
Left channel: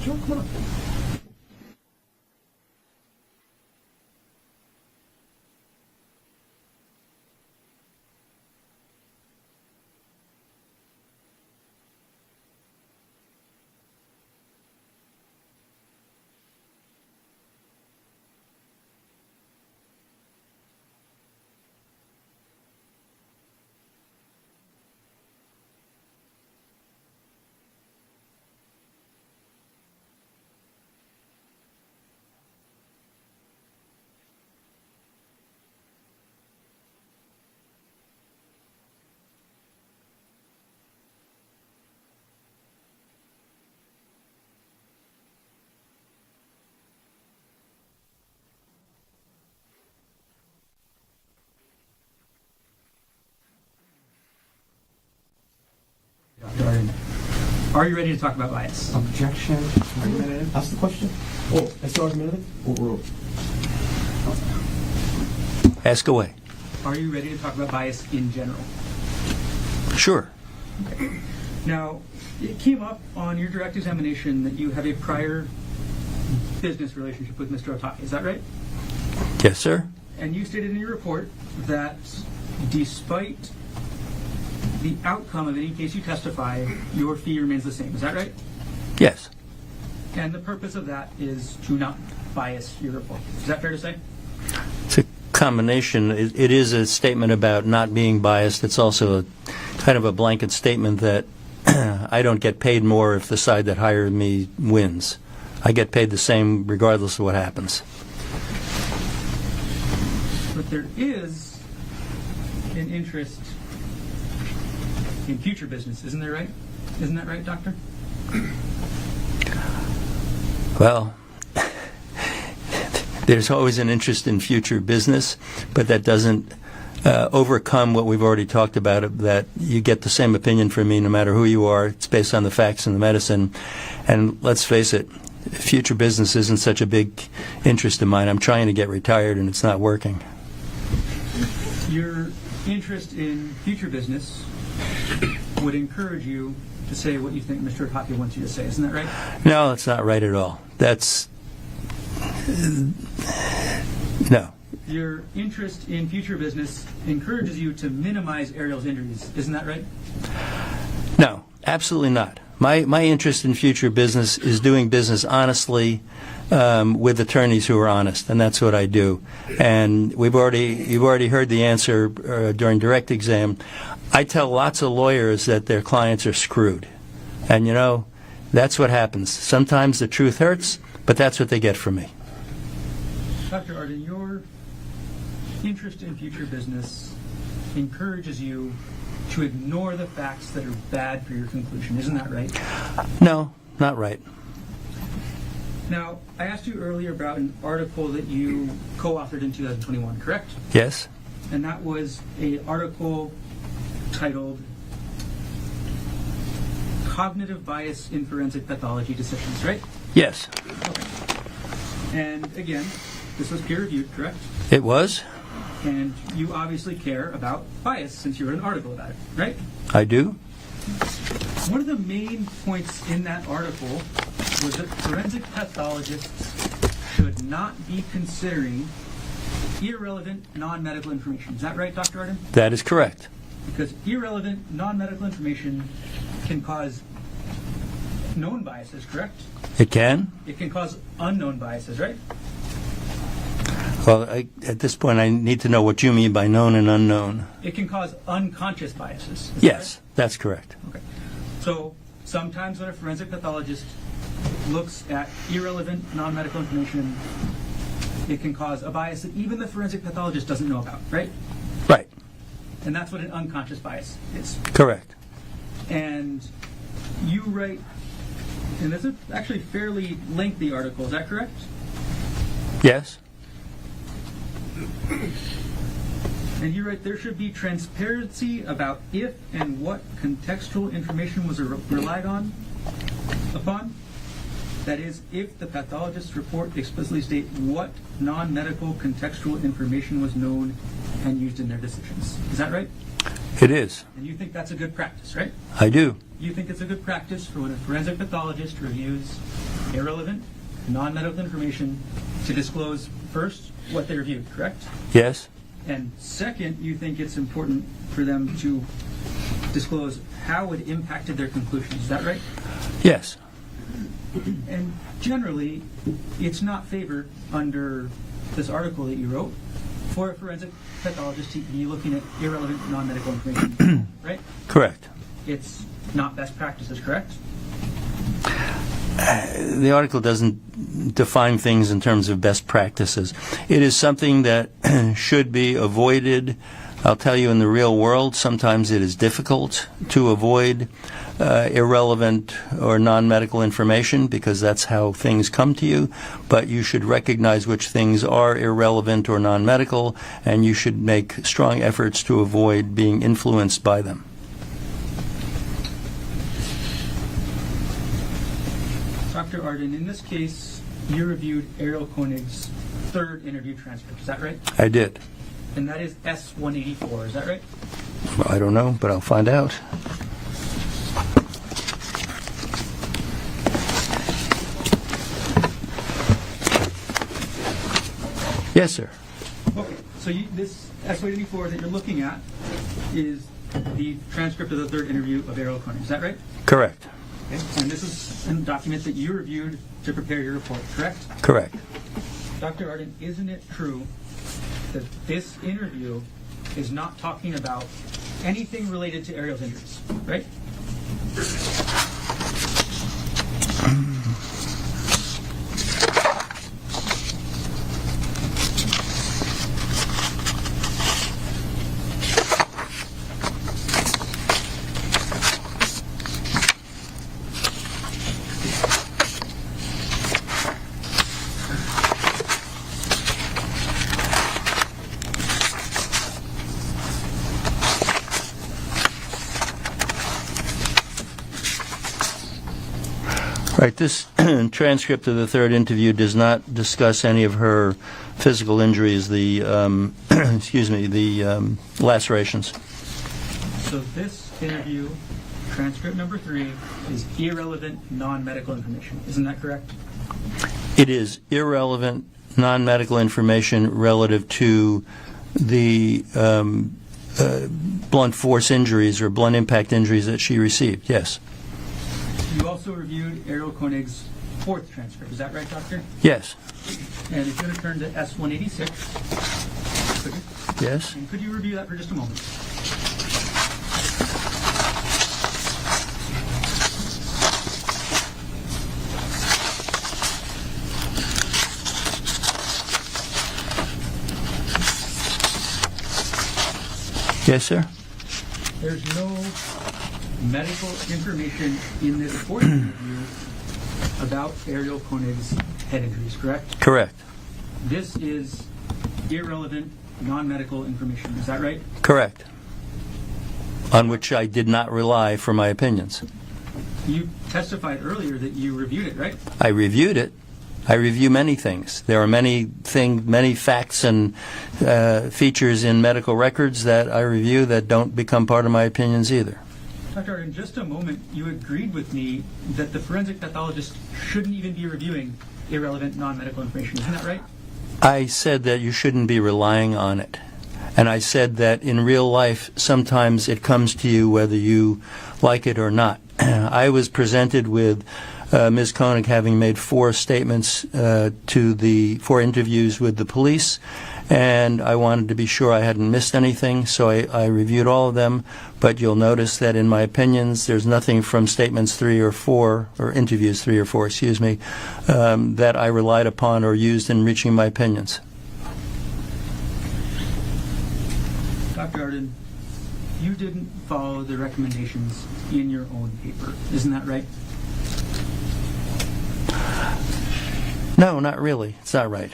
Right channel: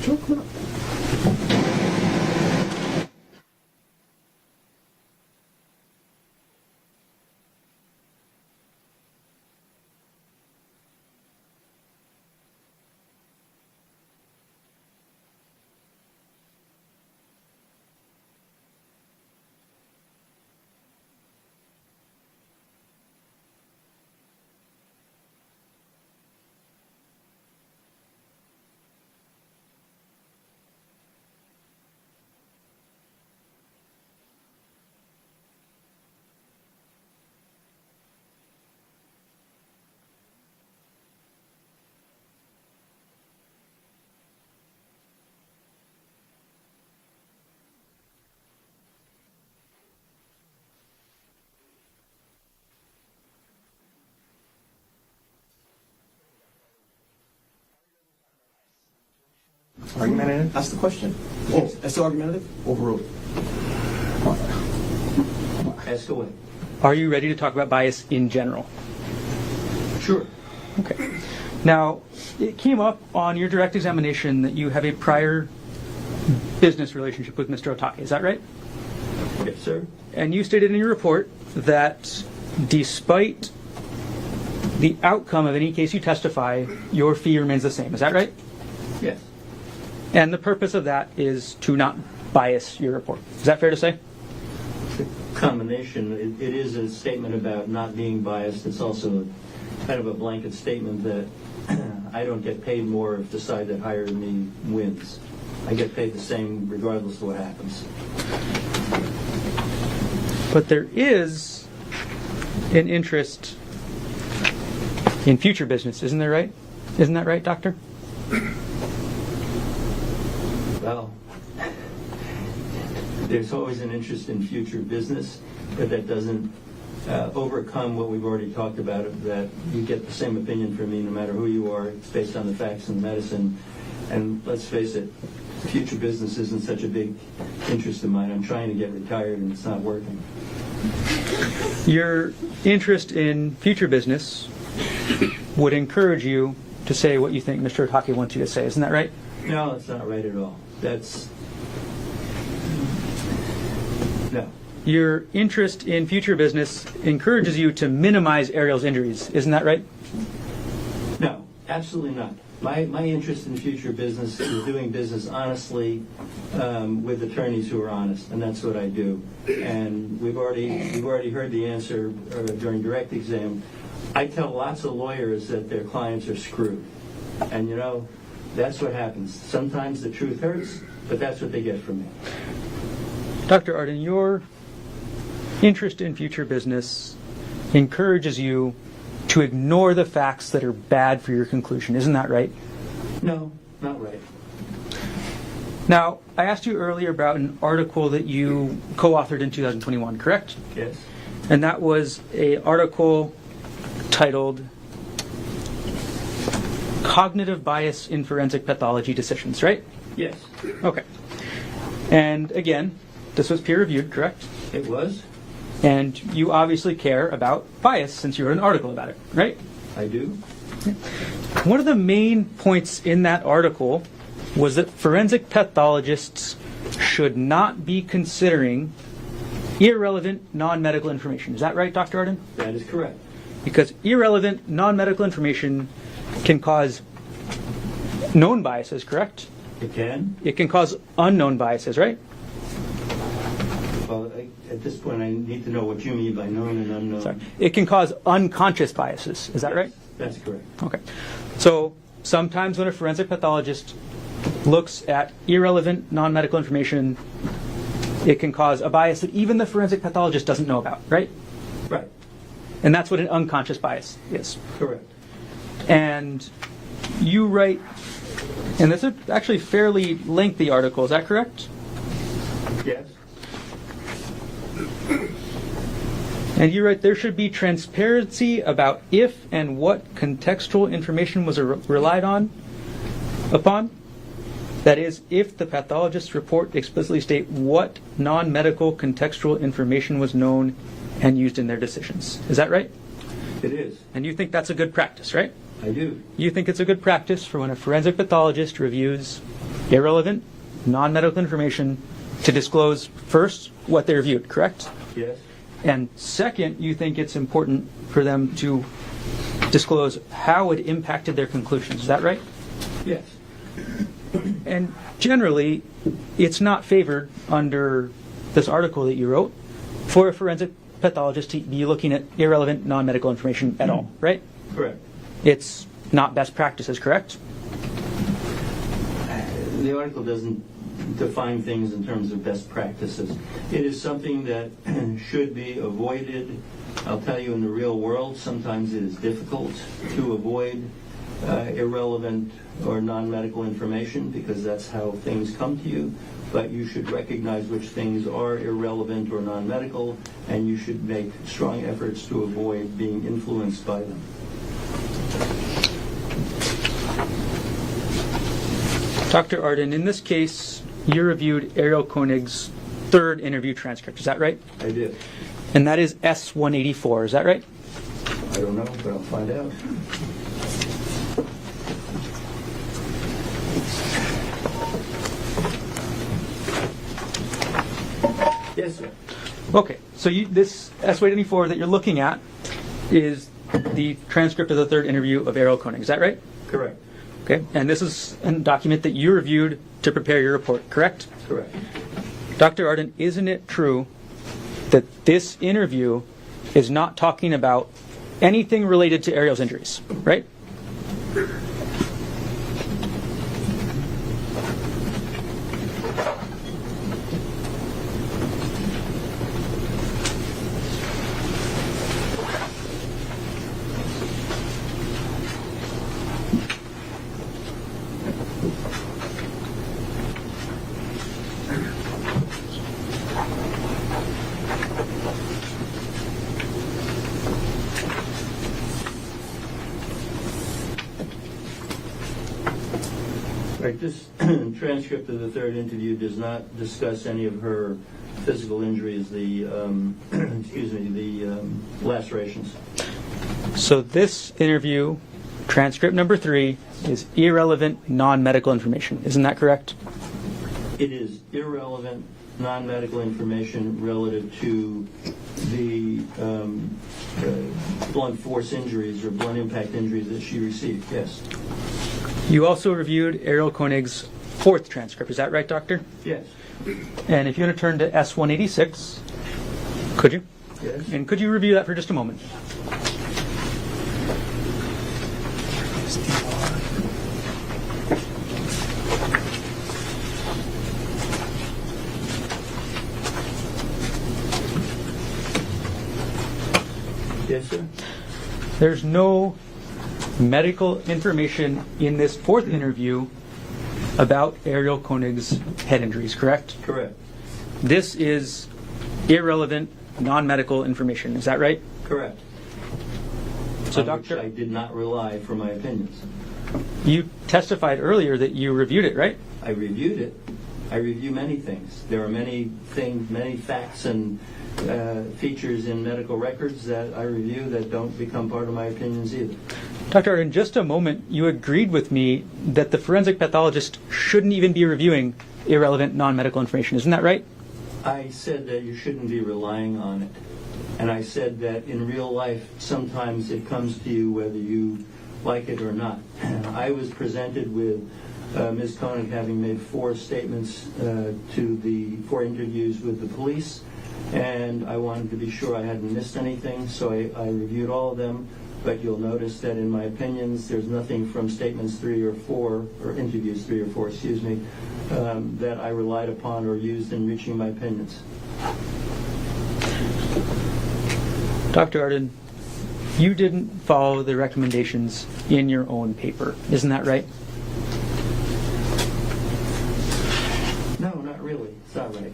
Sure, come on. Dr. Arden, are you ready to talk about bias? Objection. Argumentative. Ask the question. Oh, that's the argumentative? Overruled. Ask away. Are you ready to talk about bias in general? Sure. Okay. Now, it came up on your direct examination that you have a prior business relationship with Mr. Otake. Is that right? Yes, sir. And you stated in your report that despite the outcome of any case you testify, your fee remains the same. Is that right? Yes. And the purpose of that is to not bias your report. Is that fair to say? It's a combination. It is a statement about not being biased. It's also a kind of a blanket statement that I don't get paid more if the side that hired me wins. I get paid the same regardless of what happens. But there is an interest in future business, isn't there, right? Isn't that right, Doctor? Well, there's always an interest in future business, but that doesn't overcome what we've already talked about, that you get the same opinion from me no matter who you are. It's based on the facts and the medicine. And let's face it, future business isn't such a big interest of mine. I'm trying to get retired and it's not working. Your interest in future business would encourage you to say what you think Mr. Otake wants you to say. Isn't that right? No, that's not right at all. That's... No. Your interest in future business encourages you to minimize Ariel's injuries. Isn't that right? No, absolutely not. My interest in future business is doing business honestly with attorneys who are honest, and that's what I do. And you've already heard the answer during direct exam. I tell lots of lawyers that their clients are screwed. And, you know, that's what happens. Sometimes the truth hurts, but that's what they get from me. Dr. Arden, your interest in future business encourages you to ignore the facts that are bad for your conclusion. Isn't that right? No, not right. Now, I asked you earlier about an article that you co-authored in 2021, correct? Yes? And that was an article titled Cognitive Bias in Forensic Pathology Decisions, right? Yes. Okay. And again, this was peer-reviewed, correct? It was? And you obviously care about bias since you wrote an article about it, right? I do. One of the main points in that article was that forensic pathologists should not be considering irrelevant non-medical information. Is that right, Dr. Arden? That is correct. Because irrelevant non-medical information can cause known biases, correct? It can? It can cause unknown biases, right? Well, at this point, I need to know what you mean by known and unknown. It can cause unconscious biases. Is that right? Yes, that's correct. Okay. So sometimes when a forensic pathologist looks at irrelevant non-medical information, it can cause a bias that even the forensic pathologist doesn't know about, right? Right. And that's what an unconscious bias is. Correct. And you write, and this is actually a fairly lengthy article, is that correct? Yes. And you write, there should be transparency about if and what contextual information was relied upon. That is, if the pathologist's report explicitly state what non-medical contextual information was known and used in their decisions. Is that right? It is. And you think that's a good practice, right? I do. You think it's a good practice for when a forensic pathologist reviews irrelevant non-medical information to disclose, first, what they reviewed, correct? Yes. And second, you think it's important for them to disclose how it impacted their conclusions. Is that right? Yes. And generally, it's not favored under this article that you wrote for a forensic pathologist to be looking at irrelevant non-medical information at all, right? Correct. It's not best practices, correct? The article doesn't define things in terms of best practices. It is something that should be avoided. I'll tell you, in the real world, sometimes it is difficult to avoid irrelevant or non-medical information because that's how things come to you, but you should recognize which things are irrelevant or non-medical, and you should make strong efforts to avoid being influenced by them. Dr. Arden, in this case, you reviewed Ariel Konig's third interview transcript. Is that right? I did. And that is S-184. Is that right? Well, I don't know, but I'll find out. Yes, sir. Okay, so this S-184 that you're looking at is the transcript of the third interview of Ariel Konig. Is that right? Correct. Okay, and this is a document that you reviewed to prepare your report, correct? Correct. Dr. Arden, isn't it true that this interview is not talking about anything related to Ariel's injuries, right? Right. This transcript of the third interview does not discuss any of her physical injuries, the lacerations. So this interview, transcript number 3, is irrelevant non-medical information. Isn't that correct? It is irrelevant non-medical information relative to the blunt force injuries or blunt impact injuries that she received, yes. You also reviewed Ariel Konig's fourth transcript. Is that right, Doctor? Yes. And if you want to turn to S-186, could you? Yes. And could you review that for just a moment? Yes, sir. There's no medical information in this fourth interview about Ariel Konig's head injuries, correct? Correct. This is irrelevant non-medical information. Is that right? Correct. So On which I did not rely for my opinions. You testified earlier that you reviewed it, right? I reviewed it. I review many things. There are many facts and features in medical records that I review that don't become part of my opinions either. Doctor, in just a moment, you agreed with me that the forensic pathologist shouldn't even be reviewing irrelevant non-medical information. Isn't that right? I said that you shouldn't be relying on it. And I said that in real life, sometimes it comes to you whether you like it or not. I was presented with Ms. Konig having made 4 statements to the 4 interviews with the police, and I wanted to be sure I hadn't missed anything, so I reviewed all of them. But you'll notice that in my opinions, there's nothing from statements 3 or 4, or interviews 3 or 4, excuse me, that I relied upon or used in reaching my opinions. Dr. Arden, you didn't follow the recommendations in your own paper, isn't that right? No, not really. It's not right.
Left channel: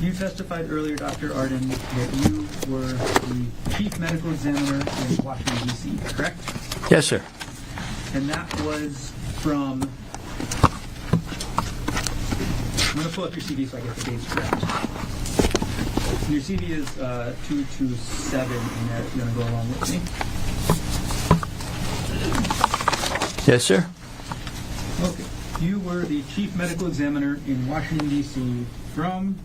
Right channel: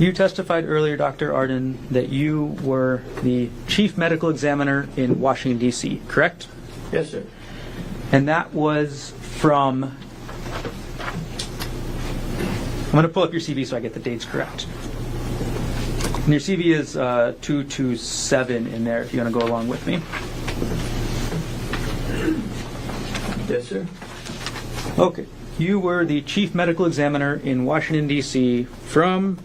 You testified earlier, Dr. Arden, that you were the chief medical examiner in Washington, D.C., correct? Yes, sir. And that was from... I'm going to pull up your CV so I get the dates correct. And your CV is 227 in there if you want to go along with me. Yes, sir. Okay. You were the chief medical examiner in Washington, D.C. from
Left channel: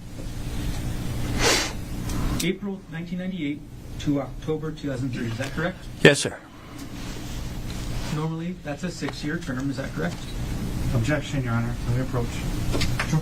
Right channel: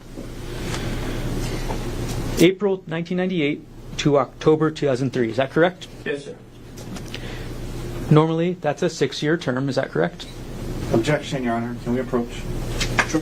April 1998 to October 2003. Is that correct? Yes, sir. Normally, that's a 6-year term. Is that correct? Objection, Your Honor. Can we approach? Sure.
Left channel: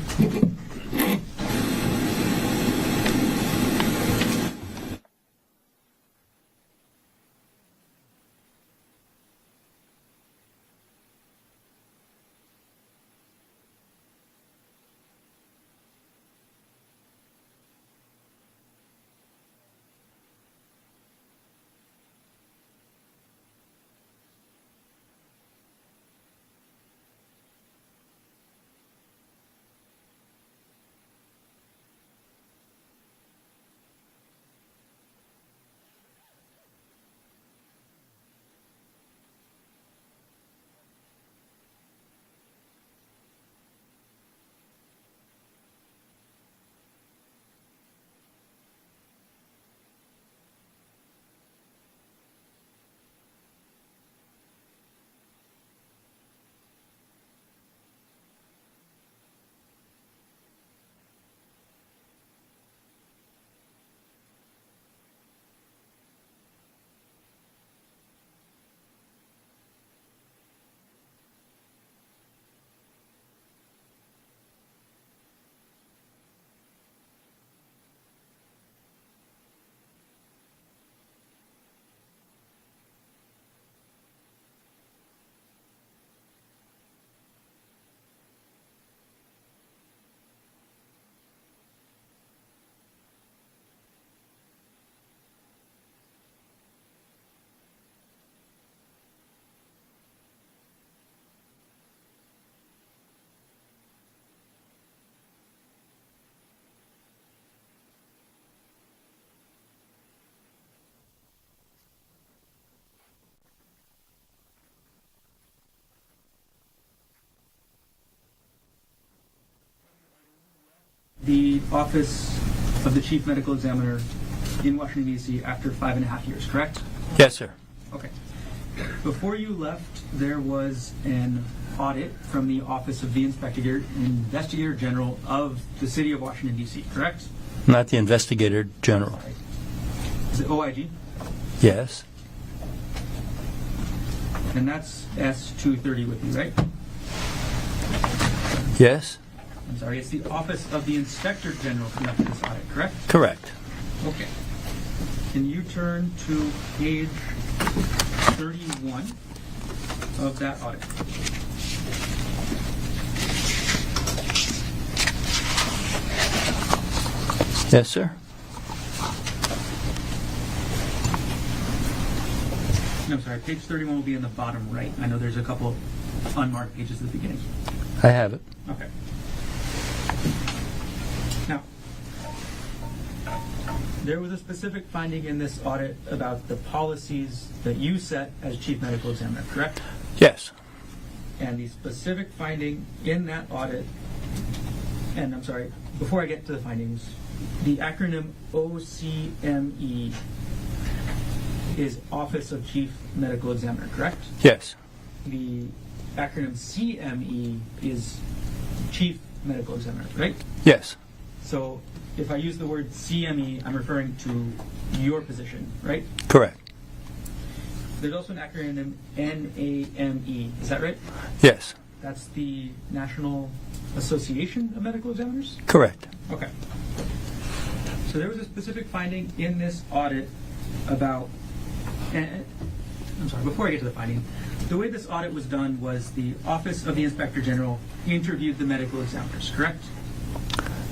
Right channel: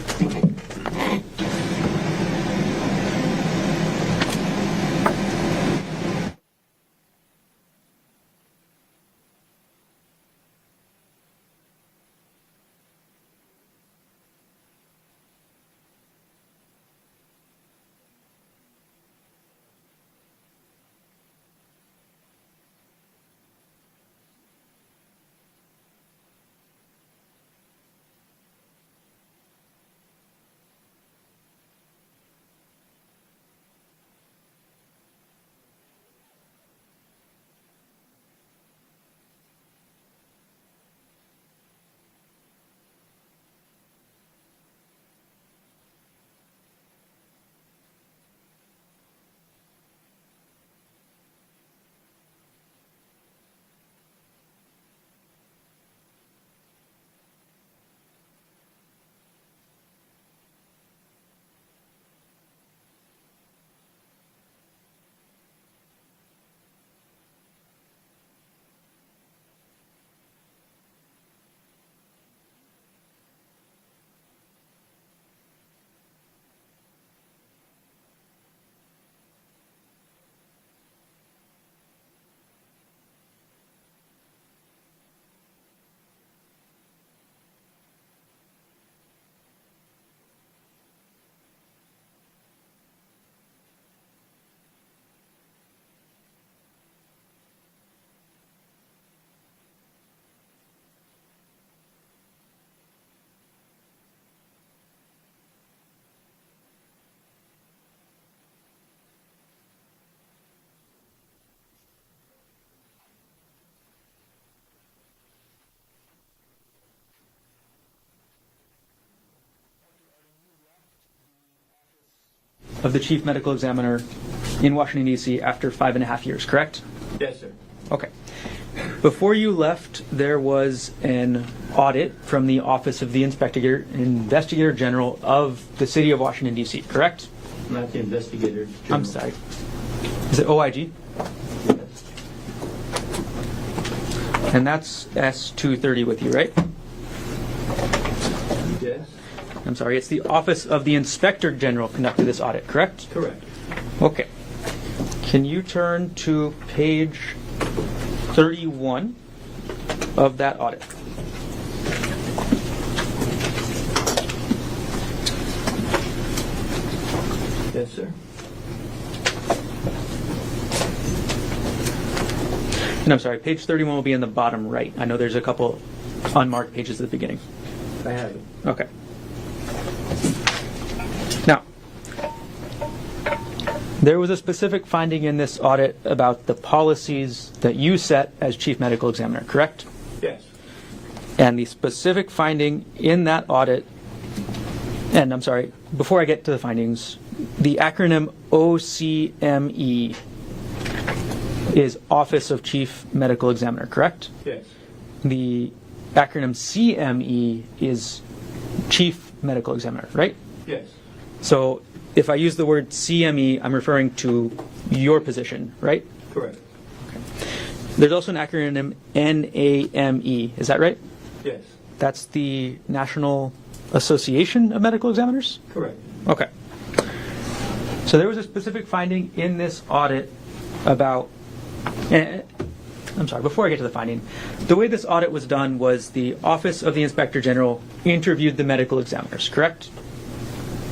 The office of the chief medical examiner in Washington, D.C. after 5.5 years, correct? Yes, sir. Okay. Before you left, there was an audit from the Office of the Investigator General of the City of Washington, D.C., correct? Not the investigator general. I'm sorry. Is it OIG? Yes. And that's S230 with you, right? Yes. I'm sorry, it's the Office of the Inspector General conducted this audit, correct? Correct. Okay. Can you turn to page 31 of that audit? Yes, sir. And I'm sorry, page 31 will be in the bottom right. I know there's a couple unmarked pages at the beginning. I have it. Okay. Now, there was a specific finding in this audit about the policies that you set as chief medical examiner, correct? Yes. And the specific finding in that audit, and I'm sorry, before I get to the findings, the acronym OCME is Office of Chief Medical Examiner, correct? Yes. The acronym CME is Chief Medical Examiner, right? Yes. So if I use the word CME, I'm referring to your position, right? Correct. There's also an acronym NAME. Is that right? Yes, That's the National Association of Medical Examiners? correct. Okay. So there was a specific finding in this audit about, I'm sorry, before I get to the finding, the way this audit was done was the Office of the Inspector General interviewed the medical examiners, correct?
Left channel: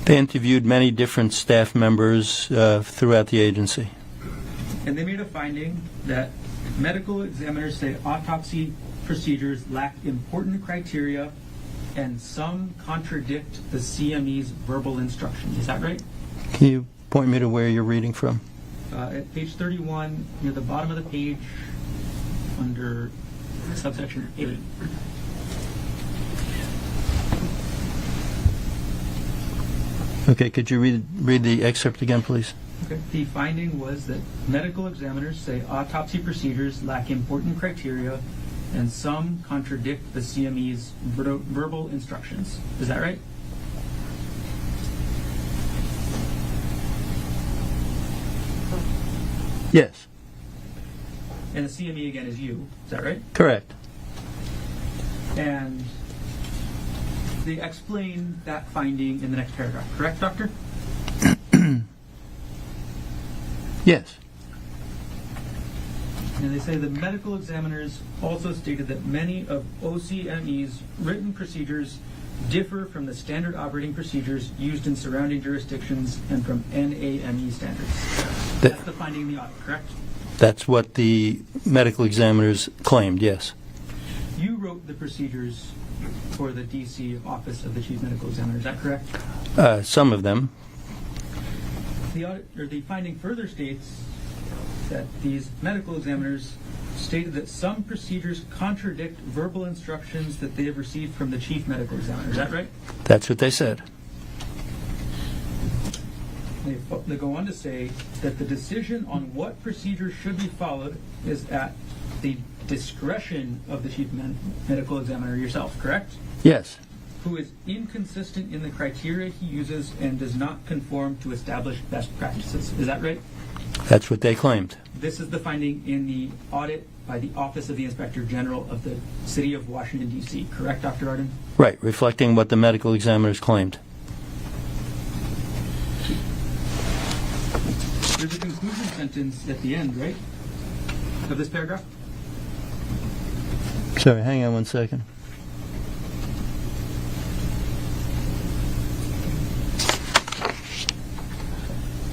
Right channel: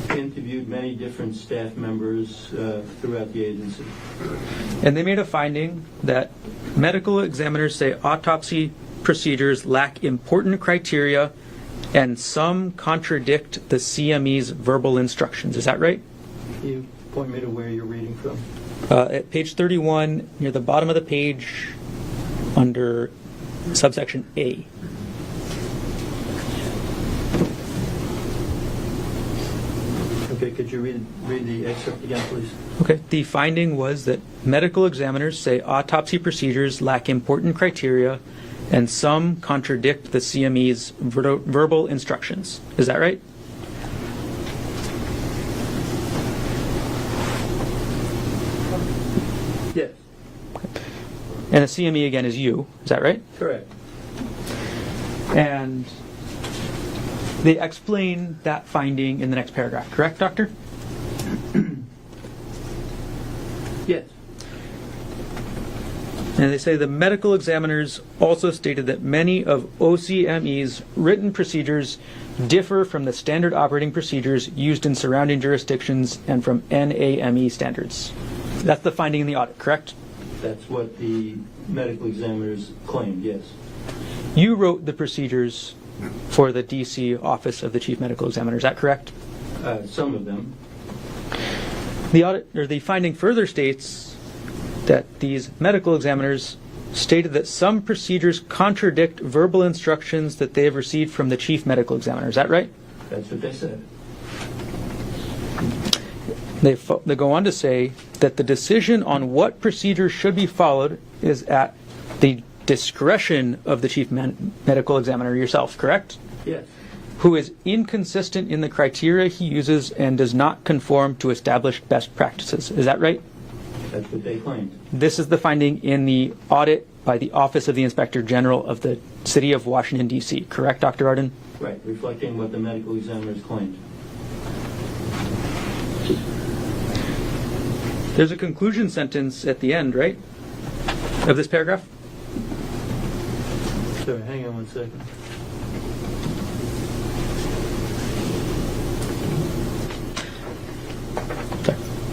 They interviewed many different staff members throughout the agency. And they made a finding that medical examiners say autopsy procedures lack important criteria and some contradict the CME's verbal instructions. Is that right? Can you point me to where you're reading from? At page 31, near the bottom of the page, under subsection A. Okay, could you read the excerpt again, please? Okay. The finding was that medical examiners say autopsy procedures lack important criteria and some contradict the CME's verbal instructions. Is that right? Yes, And the CME again is you. Is that right? correct. And they explain that finding in the next paragraph. Correct, doctor? Yes, And they say the medical examiners also stated that many of OCME's written procedures differ from the standard operating procedures used in surrounding jurisdictions and from NAME standards. That's the finding in the audit, correct? that's what the medical examiners claimed, yes. You wrote the procedures for the DC Office of the Chief Medical Examiner, is that correct? Some of them. The audit, or the finding further states that these medical examiners stated that some procedures contradict verbal instructions that they have received from the chief medical examiner. Is that right? That's what they said. They go on to say that the decision on what procedures should be followed is at the discretion of the chief medical examiner yourself, correct? Yes, Who is inconsistent in the criteria he uses and does not conform to established best practices. Is that right? that's what they claimed. This is the finding in the audit by the Office of the Inspector General of the City of Washington, D.C. Correct, Dr. Arden? Right, reflecting what the medical examiners claimed. There's a conclusion sentence at the end, right, of this paragraph? Sorry, hang on one second.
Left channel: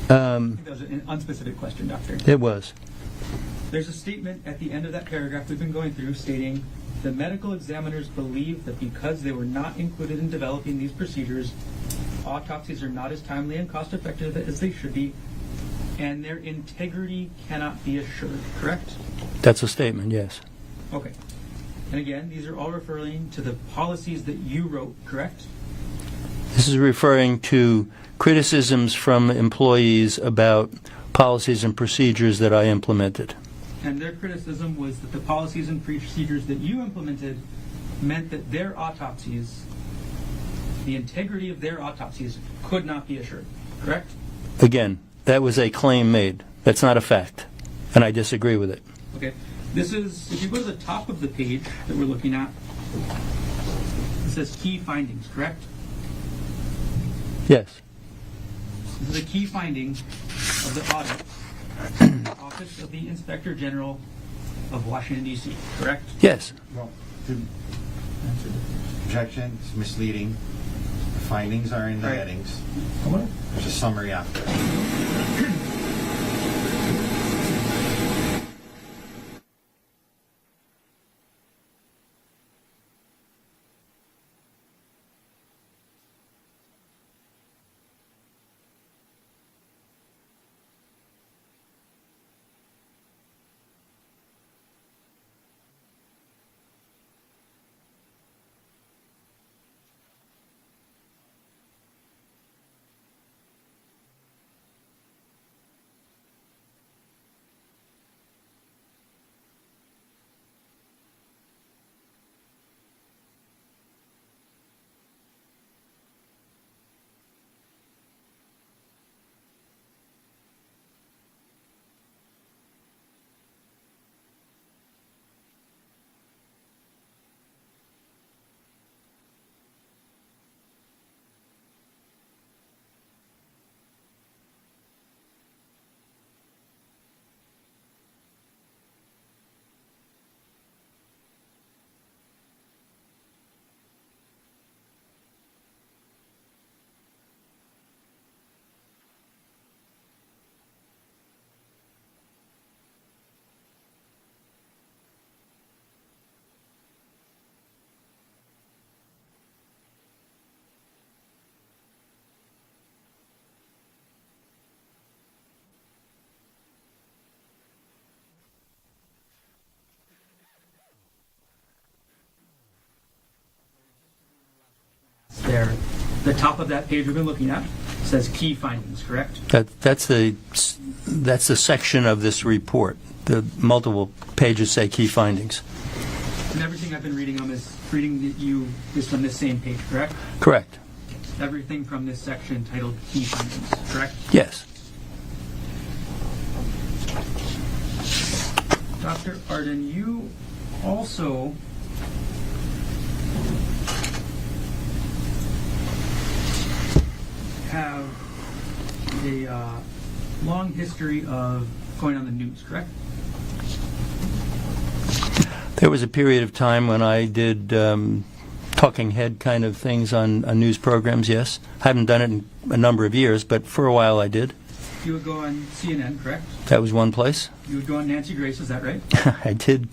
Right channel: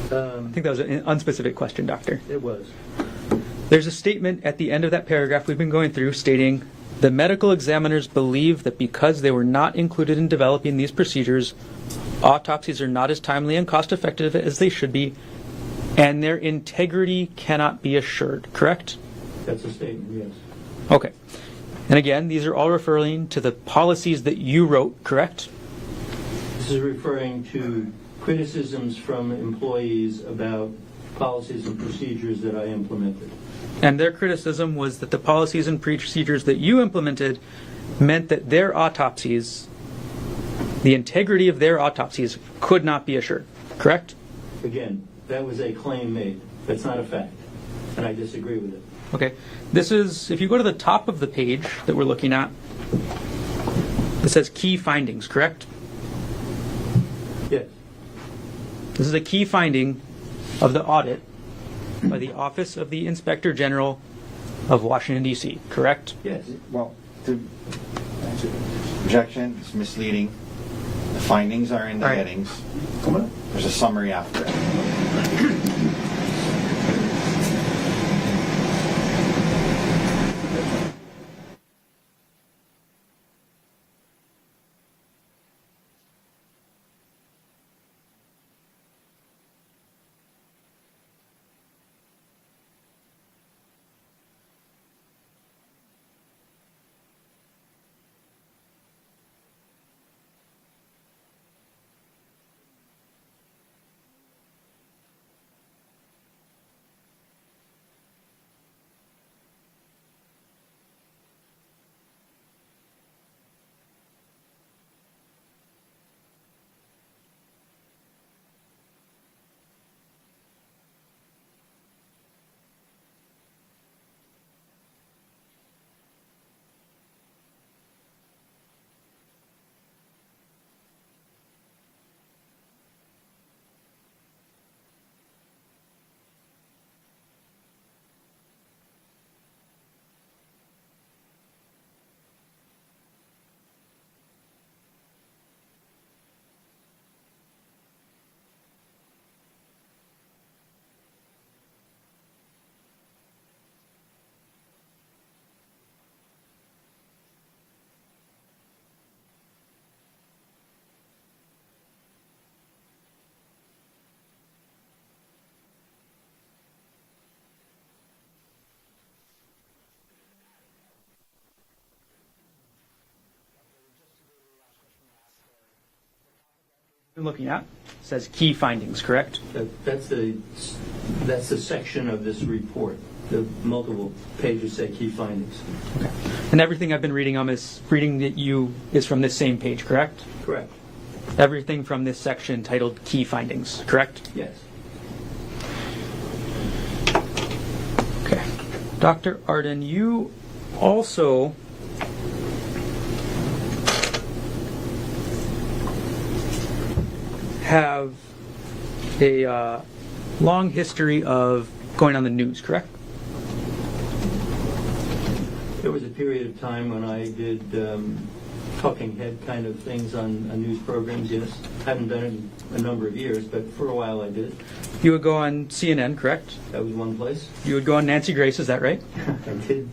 I think that was an unspecific question, Doctor. It was. There's a statement at the end of that paragraph we've been going through stating the medical examiners believe that because they were not included in developing these procedures, autopsies are not as timely and cost effective as they should be, and their integrity cannot be assured, correct? That's a statement, yes. Okay. And again, these are all referring to the policies that you wrote, correct? This is referring to criticisms from employees about policies and procedures that I implemented. And their criticism was that the policies and procedures that you implemented meant that their autopsies, the integrity of their autopsies, could not be assured, correct? Again, that was a claim made. That's not a fact, and I disagree with it. Okay. This is, if you go to the top of the page that we're looking at, it says key findings, correct? Yes, This is a key finding of the audit by the Office of the Inspector General of Washington, D.C., correct? yes. Well, objection, it's misleading. The findings are in the Right. headings. Come on. There's a summary after it. there, the top of that page we've been looking at says key findings, correct? That's the section of this report. The multiple pages say key findings. And everything I've been reading is from this same page, correct? Correct. Everything from this section titled key findings, correct? Yes. Dr. Arden, you also have a long history of going on the news, correct? There was a period of time when I did talking head kind of things on news programs, yes. I haven't done it in a number of years, but for a while I did. You would go on CNN, correct? That was one place. You would go on Nancy Grace, is that right? I did.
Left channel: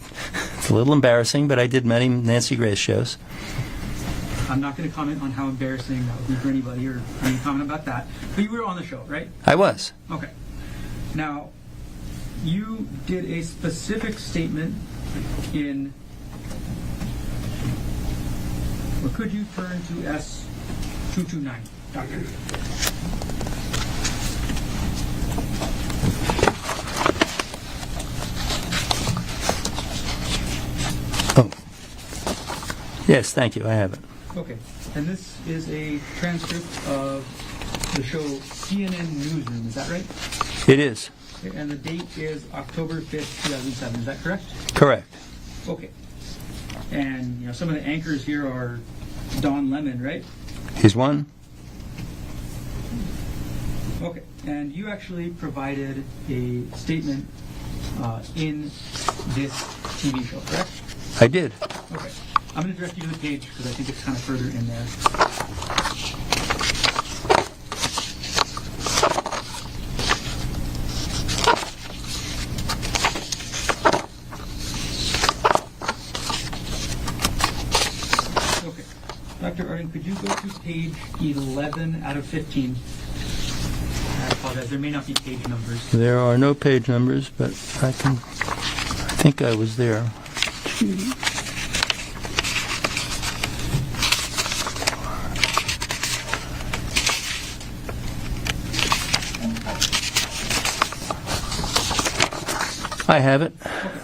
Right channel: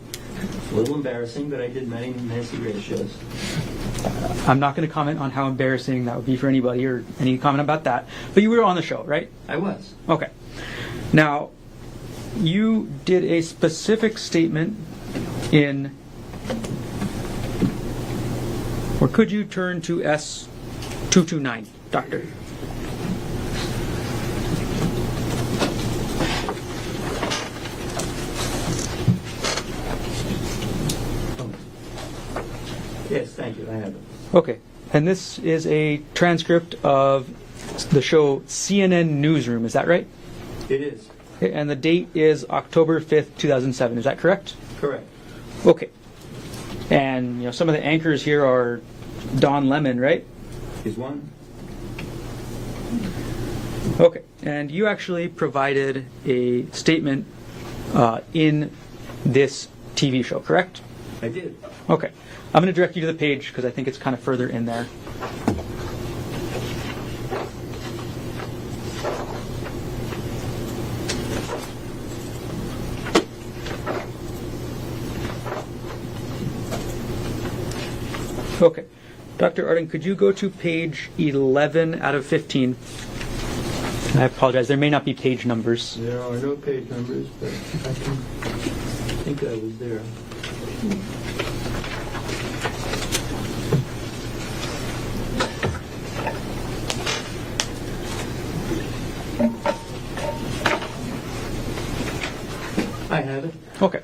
It's a little embarrassing, but I did many Nancy Grace shows. I'm not going to comment on how embarrassing that would be for anybody or any comment about that. But you were on the show, right? I was. Okay. Now, you did a specific statement in, or could you turn to S229, Doctor? Oh. Yes, thank you. I have it. Okay. And this is a transcript of the show CNN Newsroom, is that right? It is. Okay, and the date is October 5th, 2007, is that correct? Correct. Okay. And some of the anchors here are Don Lemon, right? He's one. Okay. And you actually provided a statement in this TV show, correct? I did. Okay. I'm going to direct you to the page because I think it's kind of further in there. Okay. Dr. Arden, could you go to page 11 out of 15? And I apologize, there may not be page numbers. There are no page numbers, but I think I was there. I have it. Okay.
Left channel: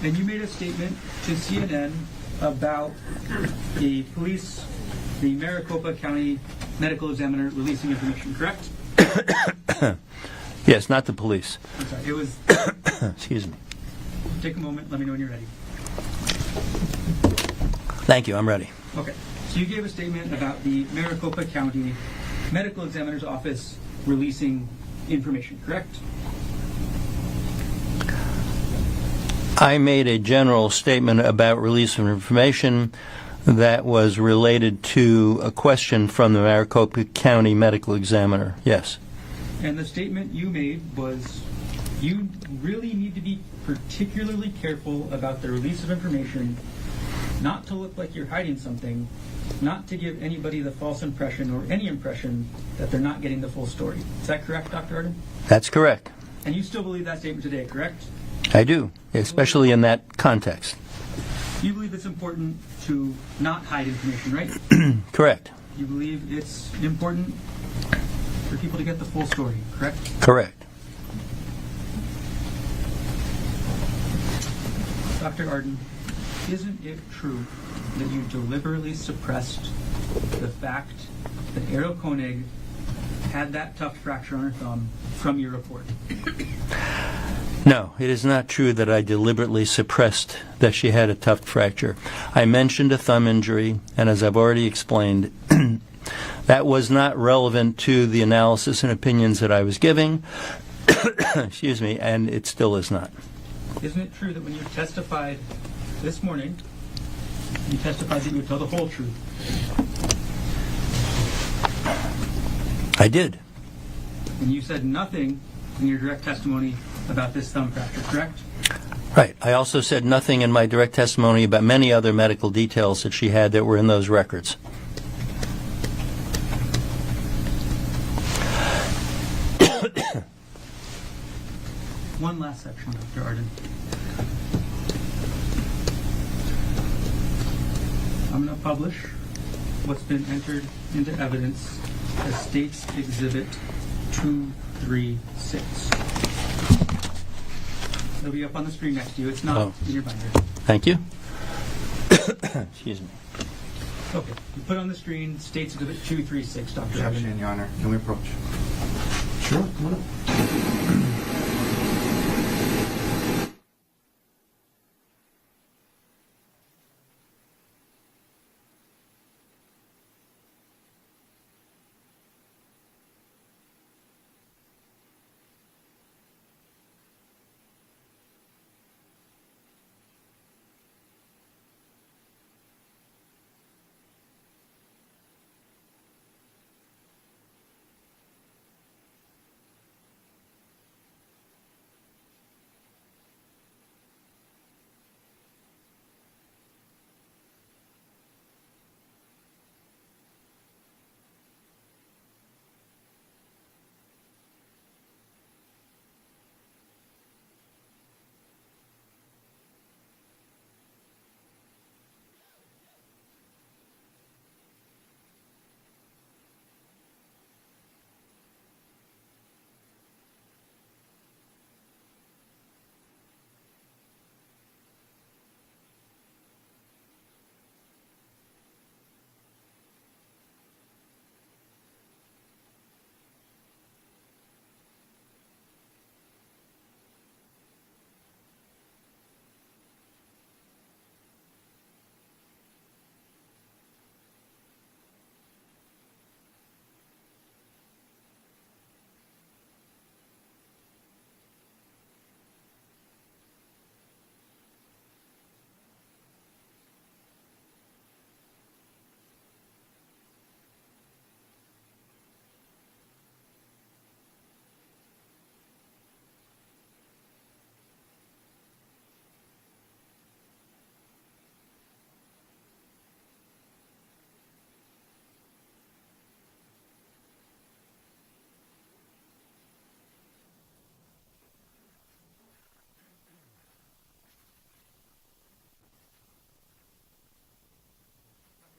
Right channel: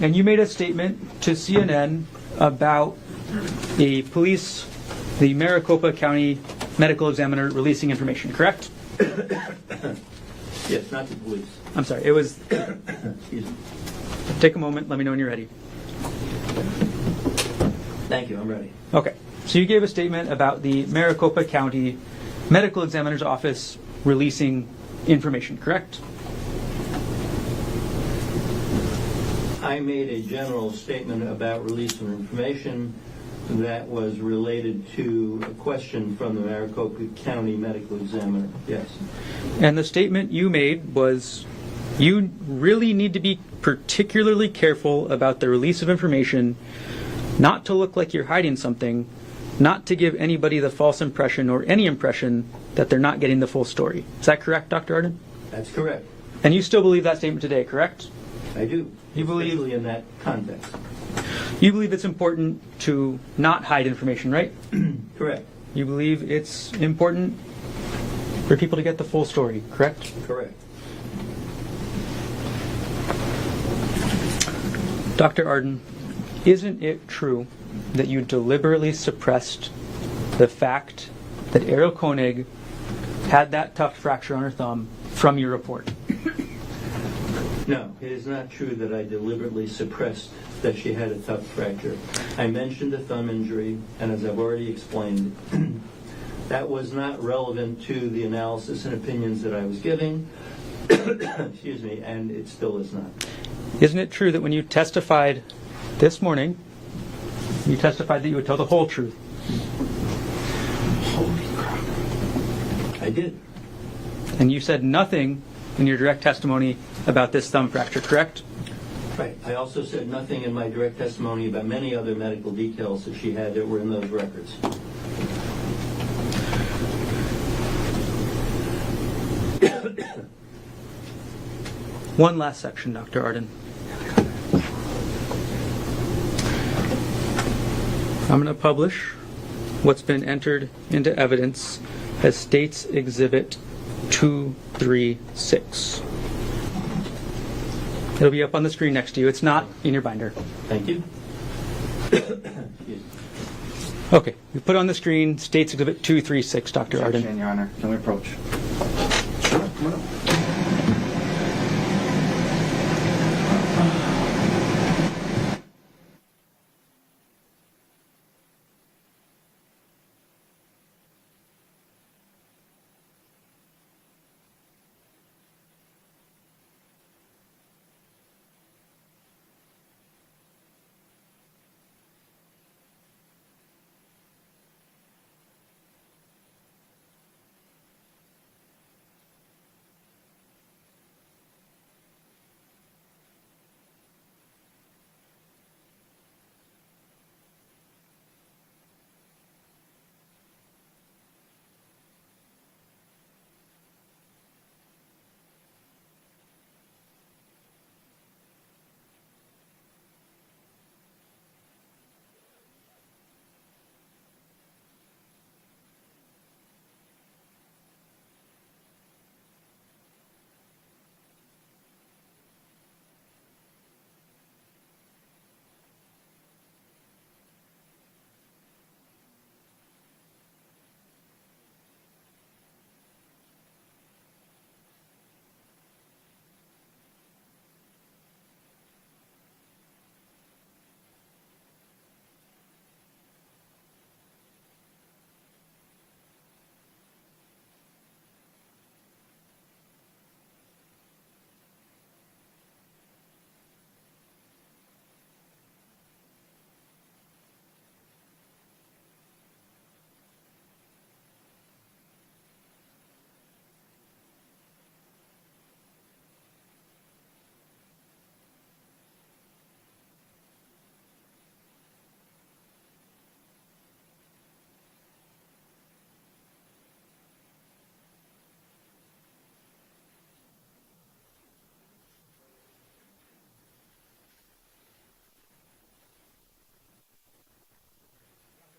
And you made a statement to CNN about the Maricopa County medical examiner releasing information, correct? Yes, not the police. I'm sorry, it was... Excuse me. Take a moment, let me know when you're ready. Thank you, I'm ready. Okay. So you gave a statement about the Maricopa County Medical Examiner's Office releasing information, correct? I made a general statement about release of information that was related to a question from the Maricopa County Medical Examiner. Yes. And the statement you made was you really need to be particularly careful about the release of information, not to look like you're hiding something, not to give anybody the false impression or any impression that they're not getting the full story. Is that correct, Dr. Arden? That's correct. And you still believe that statement today, correct? I do, especially in that context. You believe it's important to not hide information, right? Correct. You believe it's important for people to get the full story, correct? Correct. Dr. Arden, isn't it true that you deliberately suppressed the fact that Ariel Konig had that tuft fracture on her thumb from your report? No, it is not true that I deliberately suppressed that she had a tuft fracture. I mentioned a thumb injury, and as I've already explained, that was not relevant to the analysis and opinions that I was giving, excuse me, and it still is not. Isn't it true that when you testified this morning, you testified that you would tell the whole truth? I did. And you said nothing in your direct testimony about this thumb fracture, correct? Right. I also said nothing in my direct testimony about many other medical details that she had that were in those records. One last section, Dr. Arden. I'm going to publish what's been entered into evidence as State's Exhibit 236. It'll be up on the screen next to you. It's not in your binder. Thank you. Excuse me. Okay, you put on the screen State's Exhibit 236, Dr. Arden. Objection, Your Honor. Can we approach? Sure, come on up.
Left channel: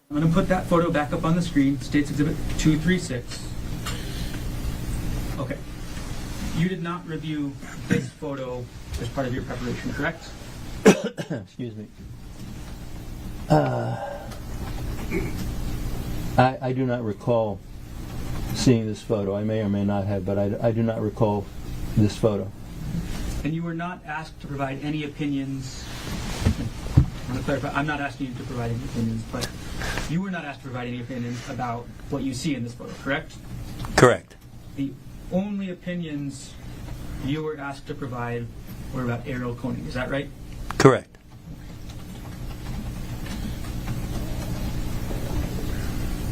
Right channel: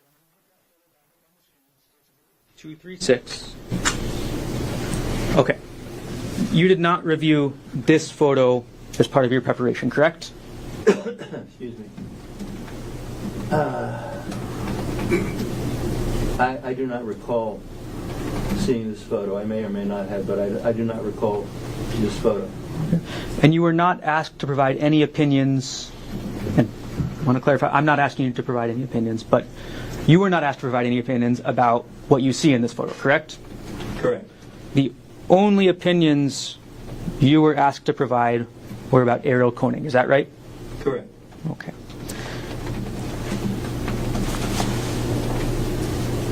I'm going to put that photo back up on the screen, State's Exhibit 236. Okay. You did not review this photo as part of your preparation, correct? Excuse me. I do not recall seeing this photo. I may or may not have, but I do not recall this photo. And you were not asked to provide any opinions, and I want to clarify, I'm not asking you to provide any opinions, but you were not asked to provide any opinions about what you see in this photo, correct? Correct. The only opinions you were asked to provide were about Gerhardt Konig, is that right? Correct. Okay.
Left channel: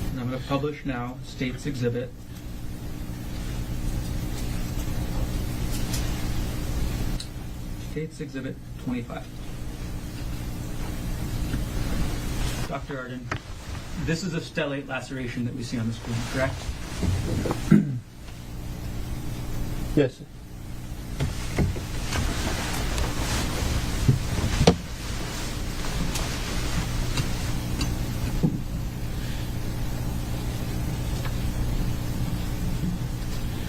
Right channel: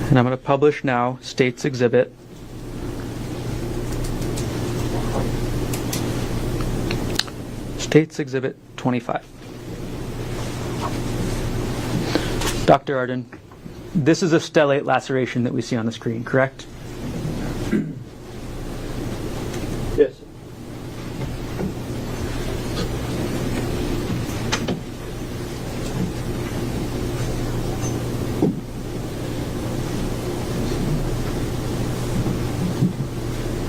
And I'm going to publish now State's Exhibit. State's Exhibit 25. Dr. Arden, this is a stellate laceration that we see on the screen, correct? Yes.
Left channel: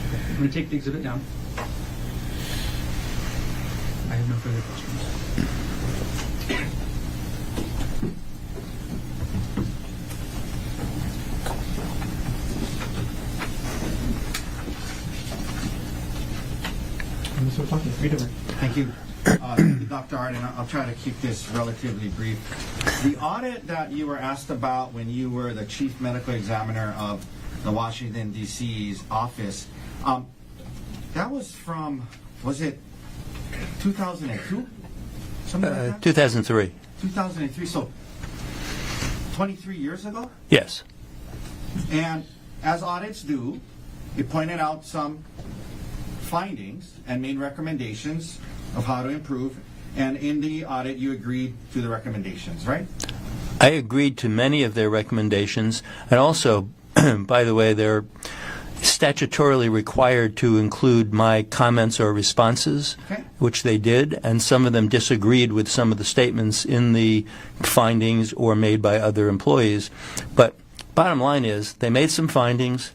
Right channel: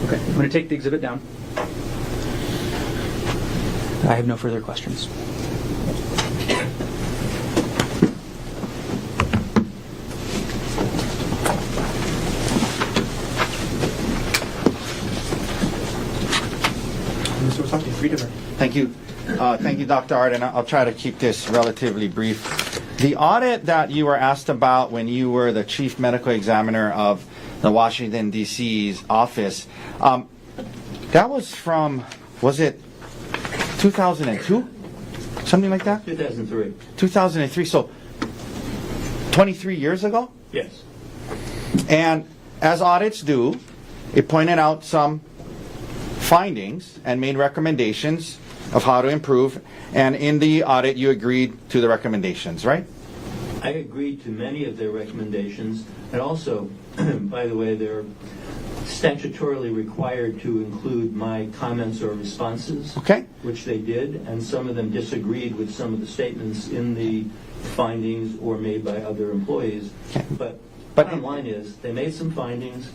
Okay, I'm going to take the exhibit down. I have no further questions. Mr. Wasaki, free to Thank you. Thank you, Dr. Arden. I'll try to keep this relatively brief. The audit that you were asked about when you were the chief medical examiner of the Washington, D.C.'s office, that was from, was it 2002? Something like that? 2003. 2003, so 23 years ago? Yes. And as audits do, it pointed out some findings and made recommendations of how to improve. And in the audit, you agreed to the recommendations, right? I agreed to many of their recommendations, and also, by the way, they're statutorily required to include my comments or responses, Okay. which they did, and some of them disagreed with some of the statements in the findings or made by other employees. But Bottom line is, they made some findings.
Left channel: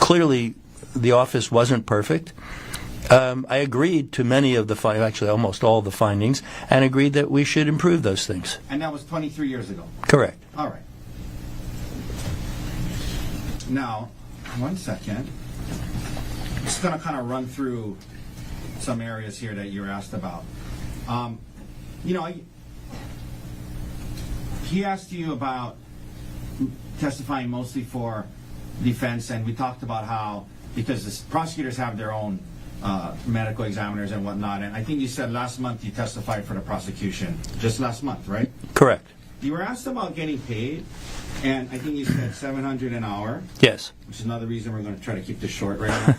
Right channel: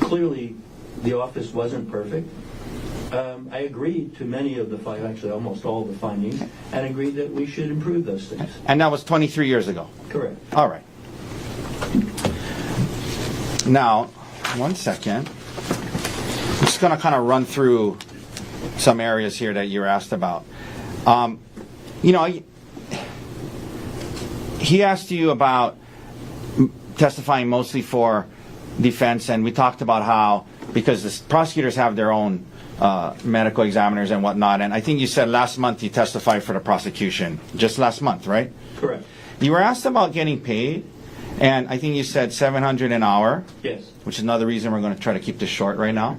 Clearly, the office wasn't perfect. I agreed to many of the actually almost all the findings, and agreed that we should improve those things. And that was 23 years ago. Correct. All right. Now, one second. I'm just going to kind of run through some areas here that you were asked about. You know, he asked you about testifying mostly for defense, and we talked about how, because the prosecutors have their own medical examiners and whatnot, and I think you said last month you testified for the prosecution. Just last month, right? Correct. You were asked about getting paid, and I think you said $700 an hour. Yes. Which is another reason we're going to try to keep this short right now.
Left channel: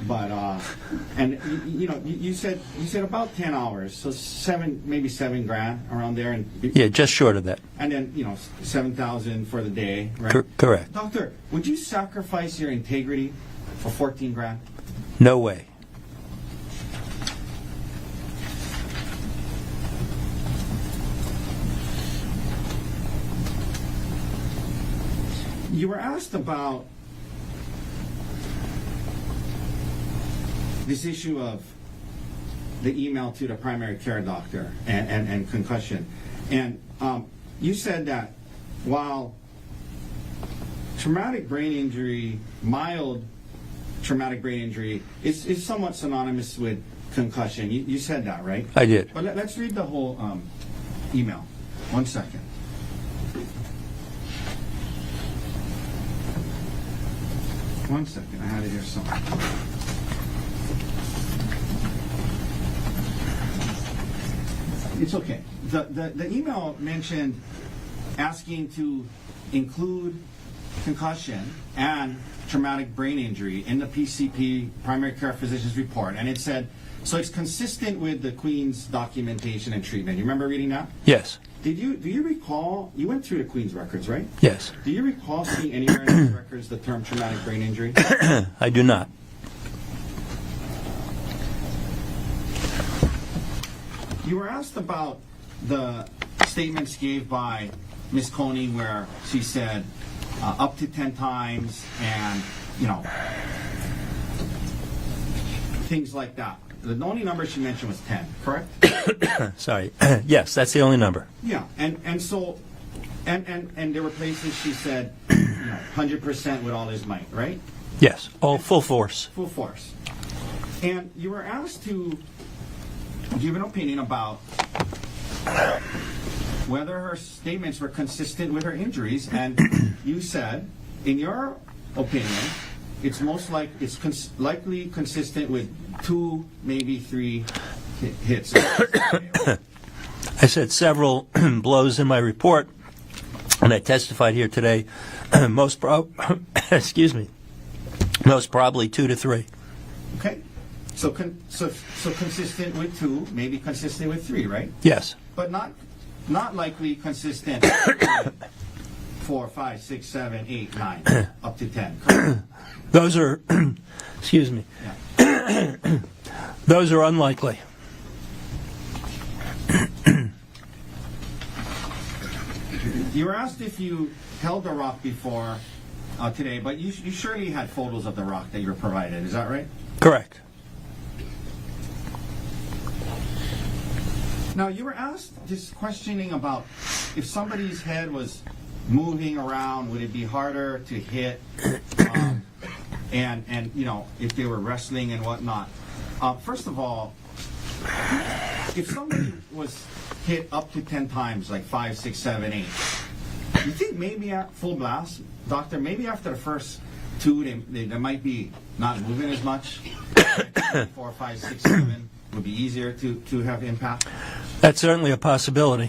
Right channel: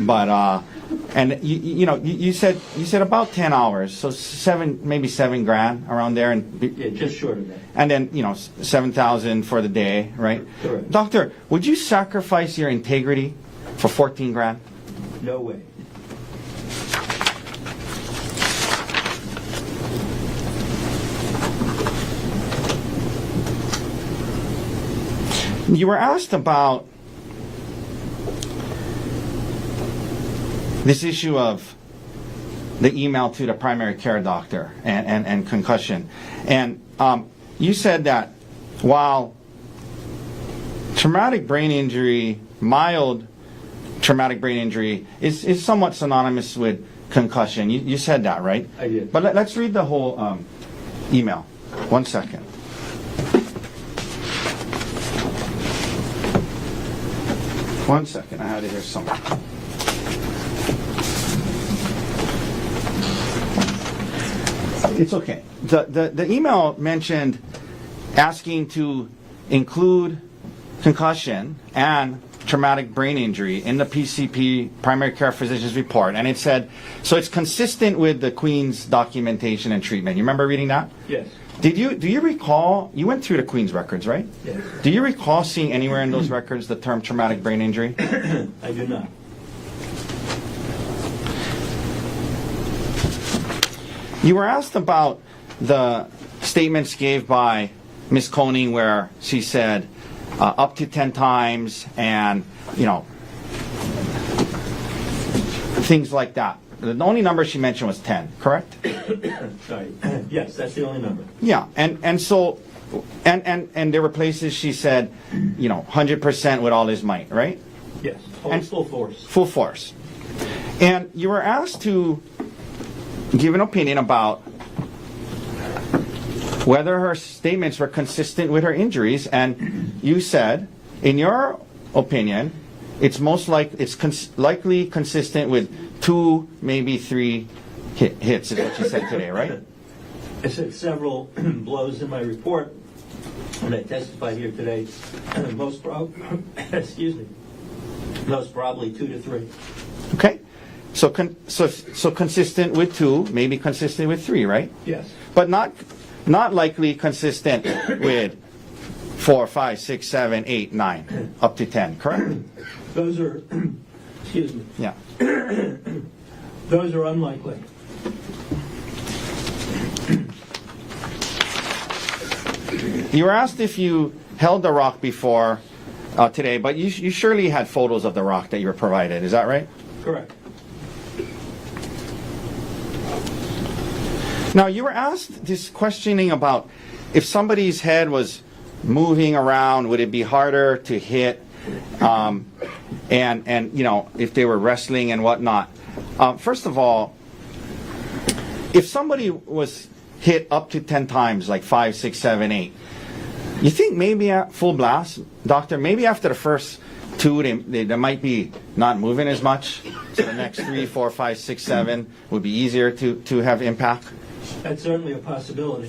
But and you said about 10 hours, so maybe $7,000 around there, and Yeah, just short of that. and then 7,000 for the day, right? Correct. Doctor, would you sacrifice your integrity for 14 grand? No way. You were asked about this issue of the email to the primary care doctor and concussion. And you said that while traumatic brain injury, mild traumatic brain injury, is somewhat synonymous with concussion. You said that, right? I did. But let's read the whole email. 1 second. One second, I had to hear something. It's okay. The email mentioned asking to include concussion and traumatic brain injury in the PCP, primary care physician's report, and it said, so it's consistent with the Queen's documentation and treatment. You remember reading that? Yes. Do you recall, you went through the Queen's records, right? Yes. Do you recall seeing anywhere in those records the term traumatic brain injury? I do not. You were asked about the statements gave by Ms. Konig where she said up to 10 times and, things like that. The only number she mentioned was 10, correct? Sorry. Yes, that's the only number. Yeah, and so, and there were places she said, 100% with all his might, right? Yes. All And- full force. Full force. And you were asked to give an opinion about whether her statements were consistent with her injuries, and you said, in your opinion, it's likely consistent with 2, maybe 3 hits, is what you said today, right? I said several blows in my report, and I testified here today. Excuse me. Most probably 2 to 3. Okay, so consistent with 2, maybe consistent with 3, right? Yes. But not likely consistent with 4, 5, 6, 7, 8, 9, up to 10, correct? Those are, excuse me. Yeah. Those are unlikely. You were asked if you held the rock before today, but you surely had photos of the rock that you were provided. Is that right? Correct. Now, you were asked this questioning about if somebody's head was moving around, would it be harder to hit, and if they were wrestling and whatnot. First of all, if somebody was hit up to 10 times, like 5, 6, 7, 8, you think maybe at full blast, doctor, maybe after the first 2, they might be not moving as much. The next 3, 4, 5, 6, 7 would be easier to have impact? That's certainly a possibility.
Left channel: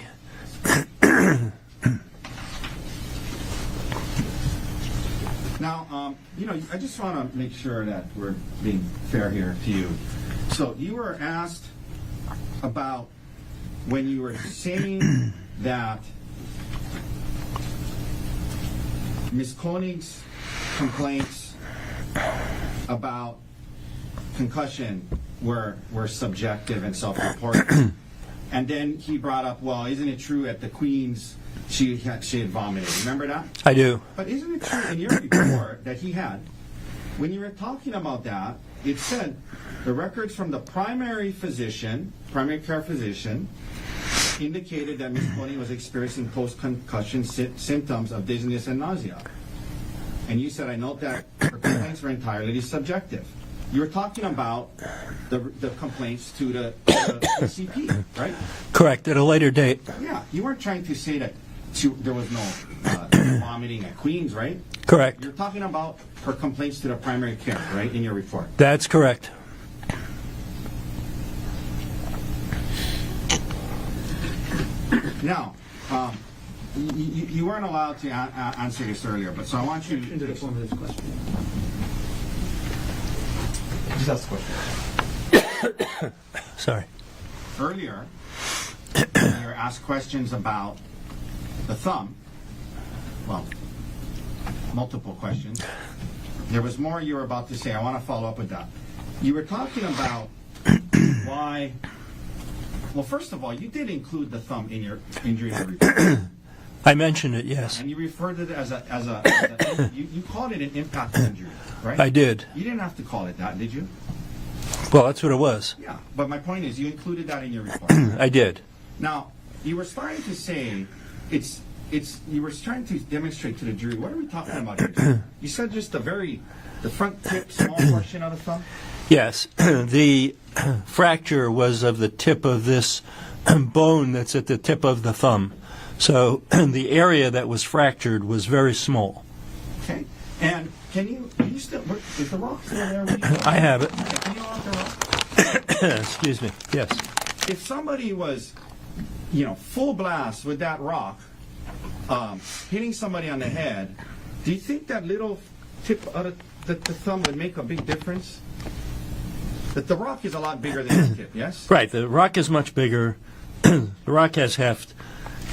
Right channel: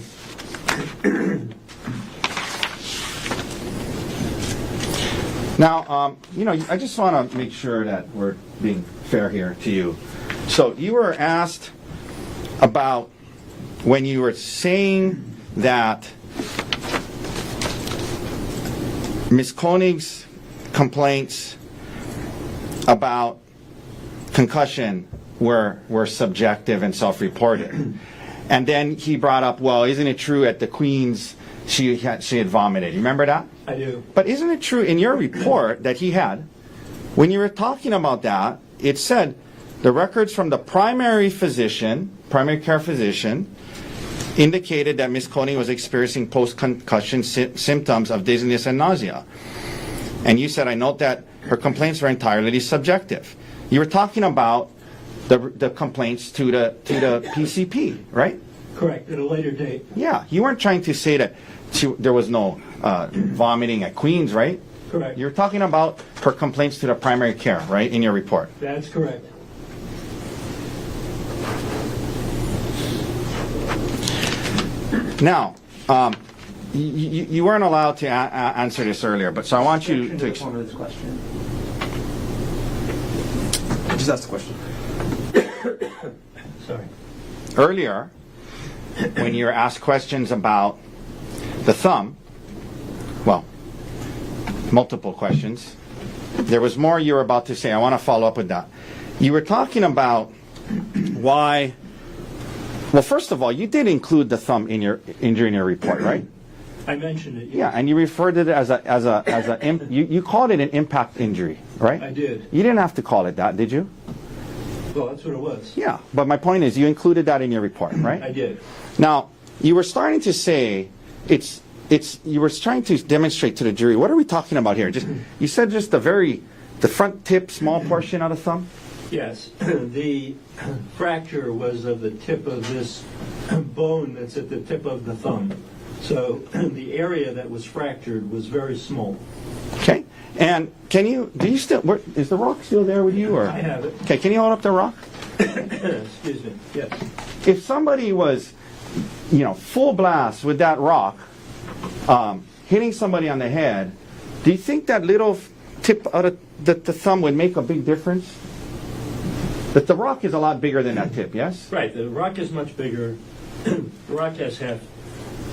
Now, I just want to make sure that we're being fair here to you. So you were asked about when you were saying that Ms. Konig's complaints about concussion were subjective and self-reported. And then he brought up, well, isn't it true at the Queen's she had vomited. Remember that? I do. But isn't it true in your report that he had, when you were talking about that, it said the records from the primary care physician, indicated that Ms. Konig was experiencing post-concussion symptoms of dizziness and nausea. And you said, I note that her complaints were entirely subjective. You were talking about the complaints to the PCP, right? Correct, at a later date. Yeah, you weren't trying to say that there was no vomiting at Queens, right? Correct. You're talking about her complaints to the primary care, right, in your report? That's correct. Now, you weren't allowed to answer this earlier, but so I want you Objection to... the form of this question. Just ask the question. Sorry. Earlier, when you were asked questions about the thumb, well, multiple questions, there was more you were about to say. I want to follow up with that. You were talking about why... Well, first of all, you did include the thumb in your injury in your report, right? I mentioned it, yes. Yeah, and you referred to it as you called it an impact injury, right? I did. You didn't have to call it that, did you? Well, that's what it was. Yeah, but my point is you included that in your report, right? I did. Now, you were starting to say you were trying to demonstrate to the jury, what are we talking about here? You said just the front tip, small portion of the thumb? Yes. The fracture was of the tip of this bone that's at the tip of the thumb. So the area that was fractured was very small. Okay. And is the rock still there with you? Or? I have it. Okay, can you hold up the rock? Excuse me. Yes. If somebody was, full blast with that rock, hitting somebody on the head, do you think that little tip of the thumb would make a big difference? But the rock is a lot bigger than that tip, yes? Right. The rock is much bigger. The rock has heft.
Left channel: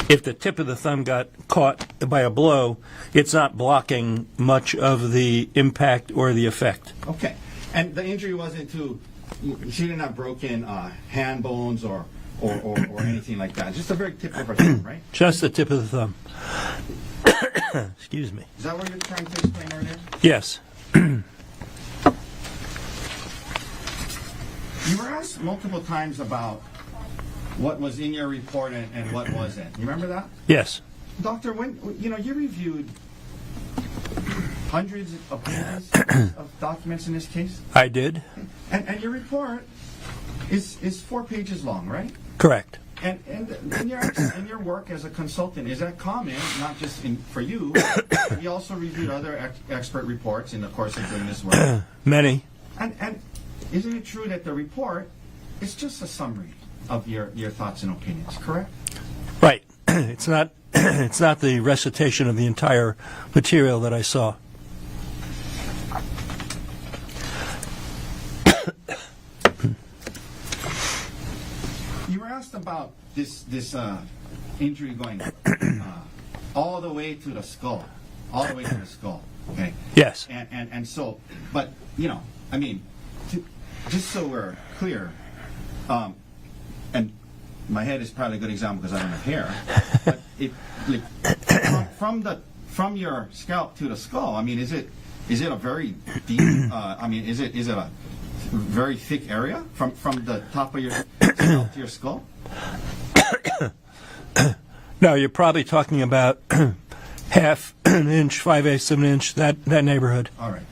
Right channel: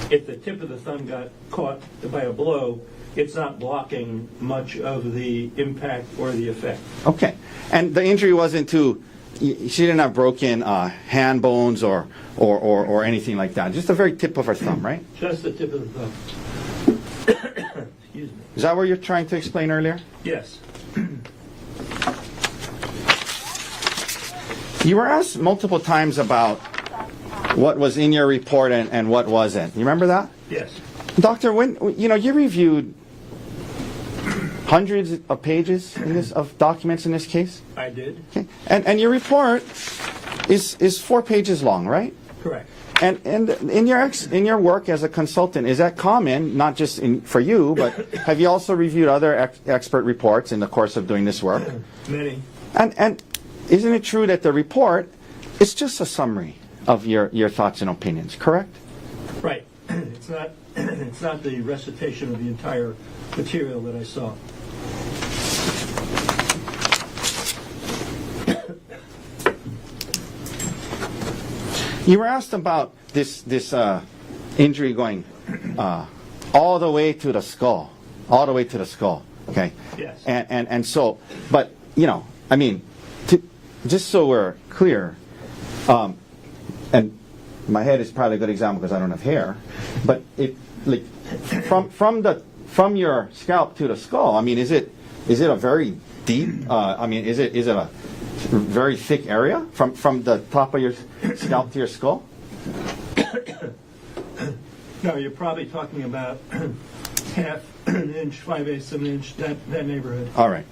If the tip of the thumb got caught by a blow, it's not blocking much of the impact or the effect. Okay. And the injury wasn't she didn't have broken hand bones or anything like that. Just the very tip of her thumb, right? Just the tip of the thumb. Excuse me. Is that what you're trying to explain earlier? Yes. You were asked multiple times about what was in your report and what wasn't. You remember that? Yes. Doctor, you reviewed hundreds of pages of documents in this case? I did. Okay. And your report is 4 pages long, right? Correct. And in your work as a consultant, is that common, not just for you, but have you also reviewed other expert reports in the course of doing this work? Many. And isn't it true that the report is just a summary of your thoughts and opinions, correct? Right. It's not the recitation of the entire material that I saw. You were asked about this injury going all the way to the skull, okay? Yes. And so, but just so we're clear, and my head is probably a good example because I don't have hair, but from your scalp to the skull, is it a very deep? Is it a very thick area from the top of your scalp to your skull? No, you're probably talking about half an inch, 5/8 of an inch, that neighborhood. All right.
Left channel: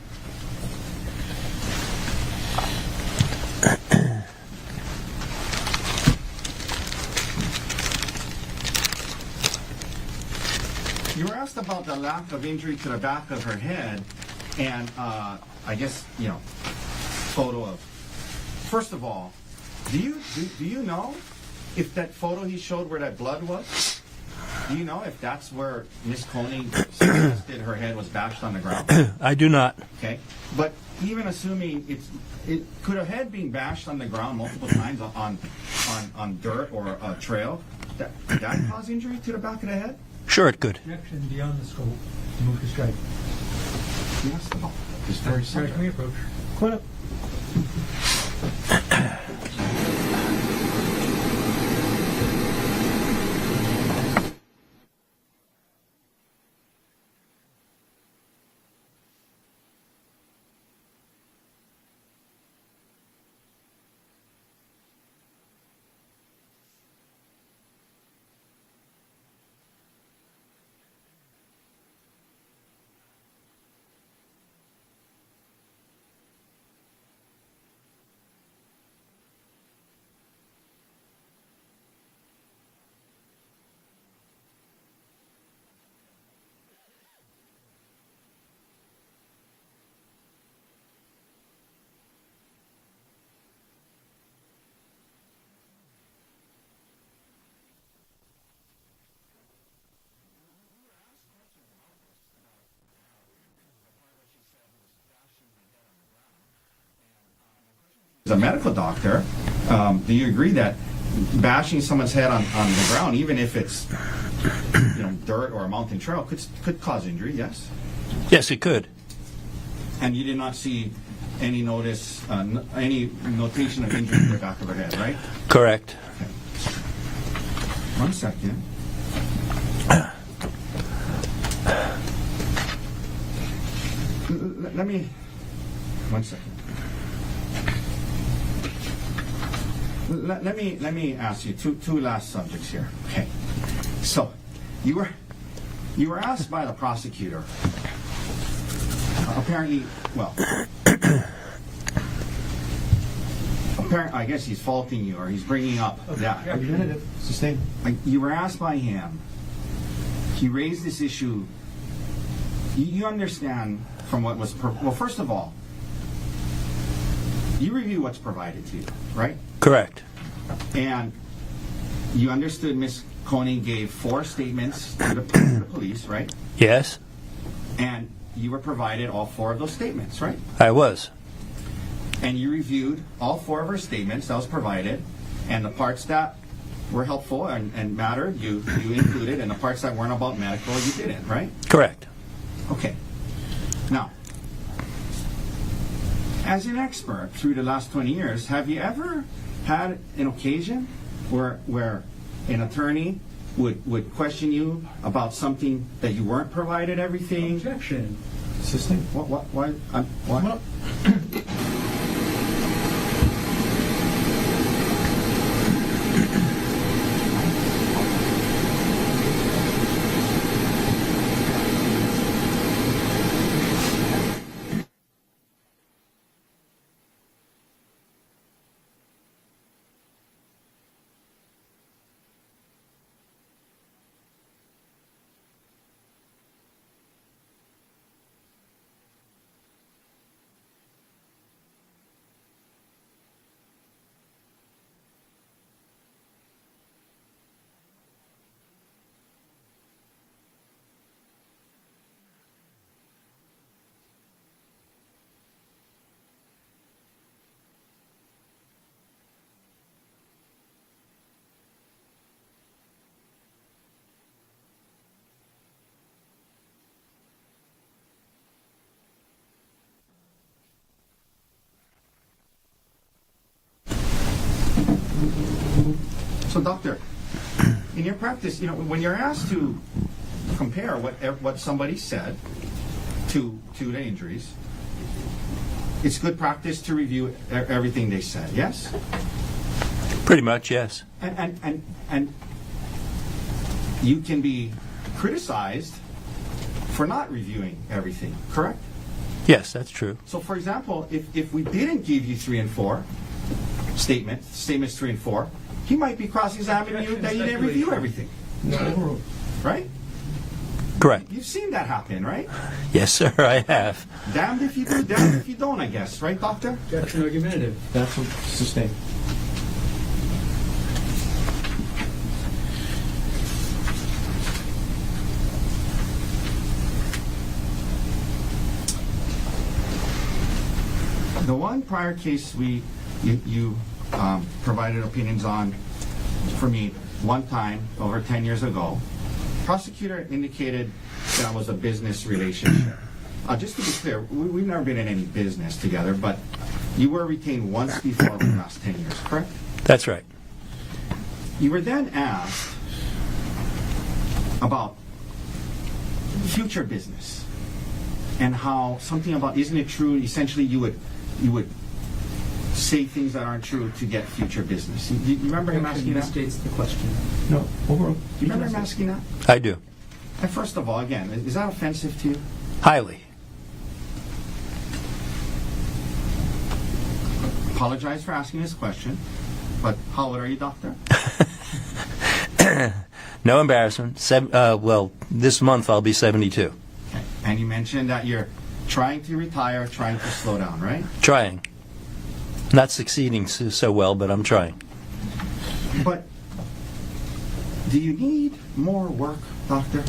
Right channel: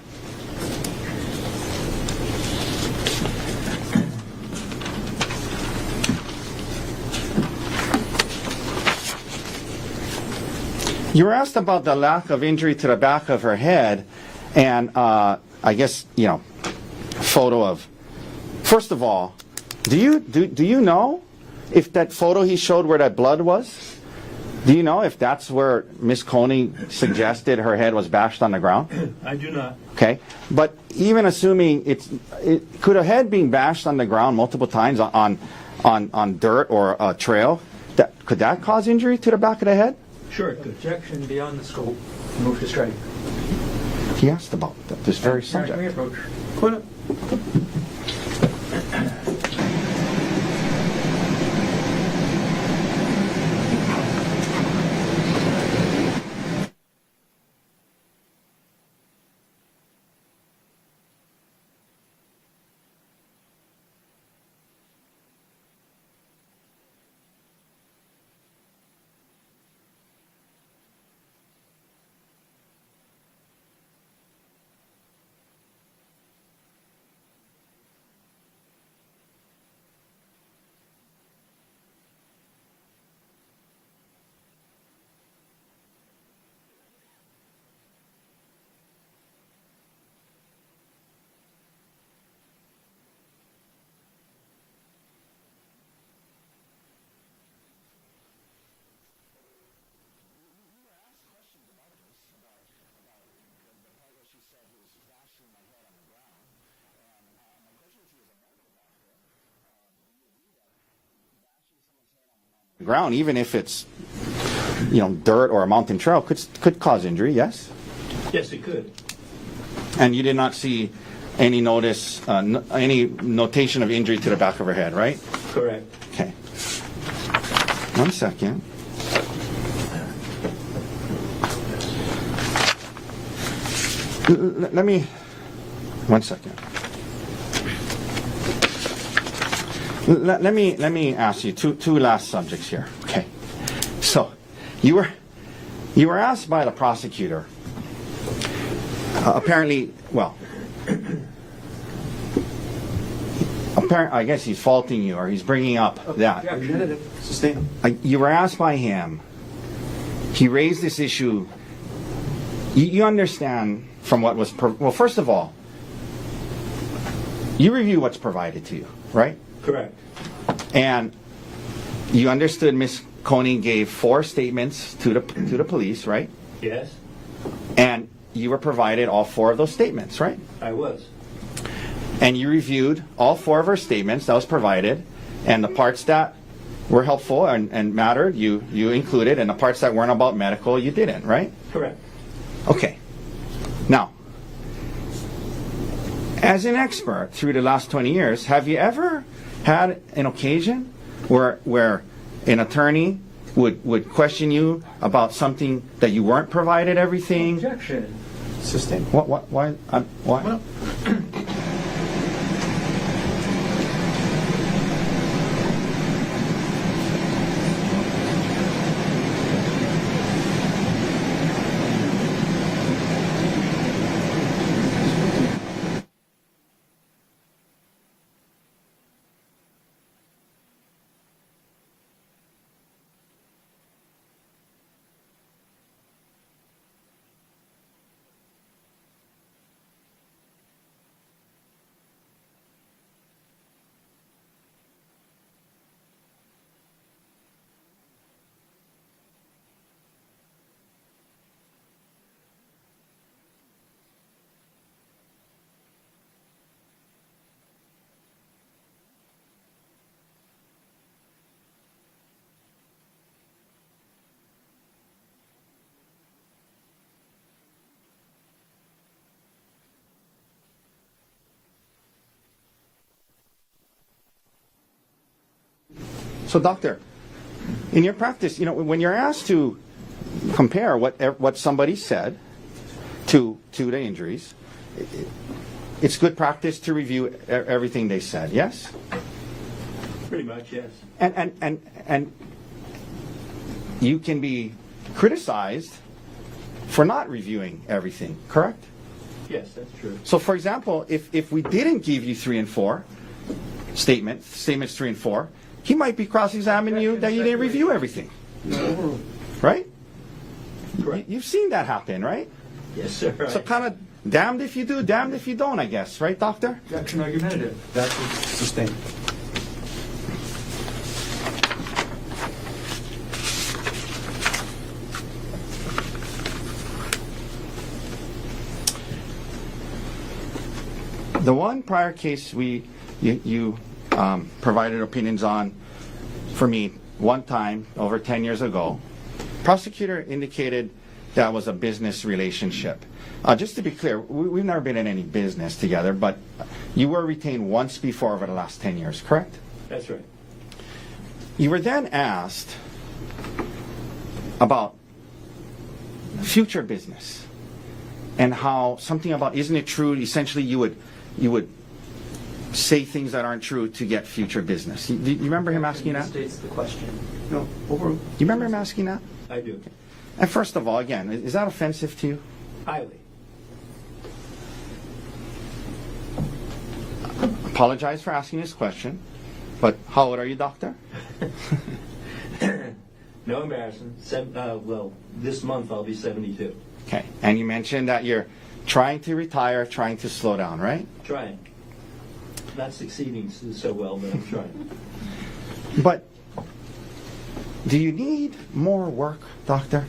You were asked about the lack of injury to the back of her head, and I guess photo of. First of all, do you know if that photo he showed where that blood was? Do you know if that's where Miss Konig suggested her head was bashed on the ground? I do not. Okay, but even assuming could a head being bashed on the ground multiple times on dirt or a trail, could that cause injury to the back of the head? Sure, it could. Objection beyond the scope. Move to strike. He asked about this very Sorry, subject. approach. Go ahead. As a medical doctor, do you agree that bashing someone's head on the ground, even if it's, dirt or a mountain trail, could cause injury? Yes. Yes, it could. And you did not see any any notation of injury to the back of her head, right? Correct. Okay. 1 second. Let me. 1 second. Let me ask you two last subjects here. Okay. So, you were asked by the prosecutor. Apparently, I guess he's faulting you, or he's bringing up that. Representative. Sustain. You were asked by him. He raised this issue. You understand from what was well. First of all, you review what's provided to you, right? Correct. And you understood Ms. Konig gave 4 statements to the police, right? Yes, And you were provided all 4 of those statements, right? I was. And you reviewed all 4 of her statements that was provided, and the parts that were helpful and mattered, you included, and the parts that weren't about medical, you didn't, right? Correct. Okay. Now, as an expert through the last 20 years, have you ever had an occasion where an attorney would question you about something that you weren't provided everything? Objection. Sustain. Why? Why? So, doctor, in your practice, when you're asked to compare what somebody said to the injuries, it's good practice to review everything they said. Yes. Pretty much, yes. And you can be criticized for not reviewing everything. Correct. Yes, that's true. So, for example, if we didn't give you 3 and 4 statements 3 and 4, he might be cross-examining you that you didn't review everything. No. Right? Correct. You've seen that happen, right? Yes, sir, I have. Damned if you do, damned if you don't, I guess. Right, doctor? Objection argumentative. That's sustain. The one prior case you provided opinions on for me one time over 10 years ago, prosecutor indicated that was a business relationship. Just to be clear, we've never been in any business together, but you were retained once before over the last 10 years, correct? That's right. You were then asked about future business and how something about, isn't it true, essentially you would say things that aren't true to get future business. Do you remember him asking that? States the question. No. Overruled. Do you remember him asking that? I do. And first of all, again, is that offensive to you? Highly. Apologize for asking this question, but how old are you, doctor? No embarrassment. Well, this month I'll be 72. Okay. And you mentioned that you're trying to retire, trying to slow down, right? Trying. Not succeeding so well, but I'm trying. But do you need more work, doctor?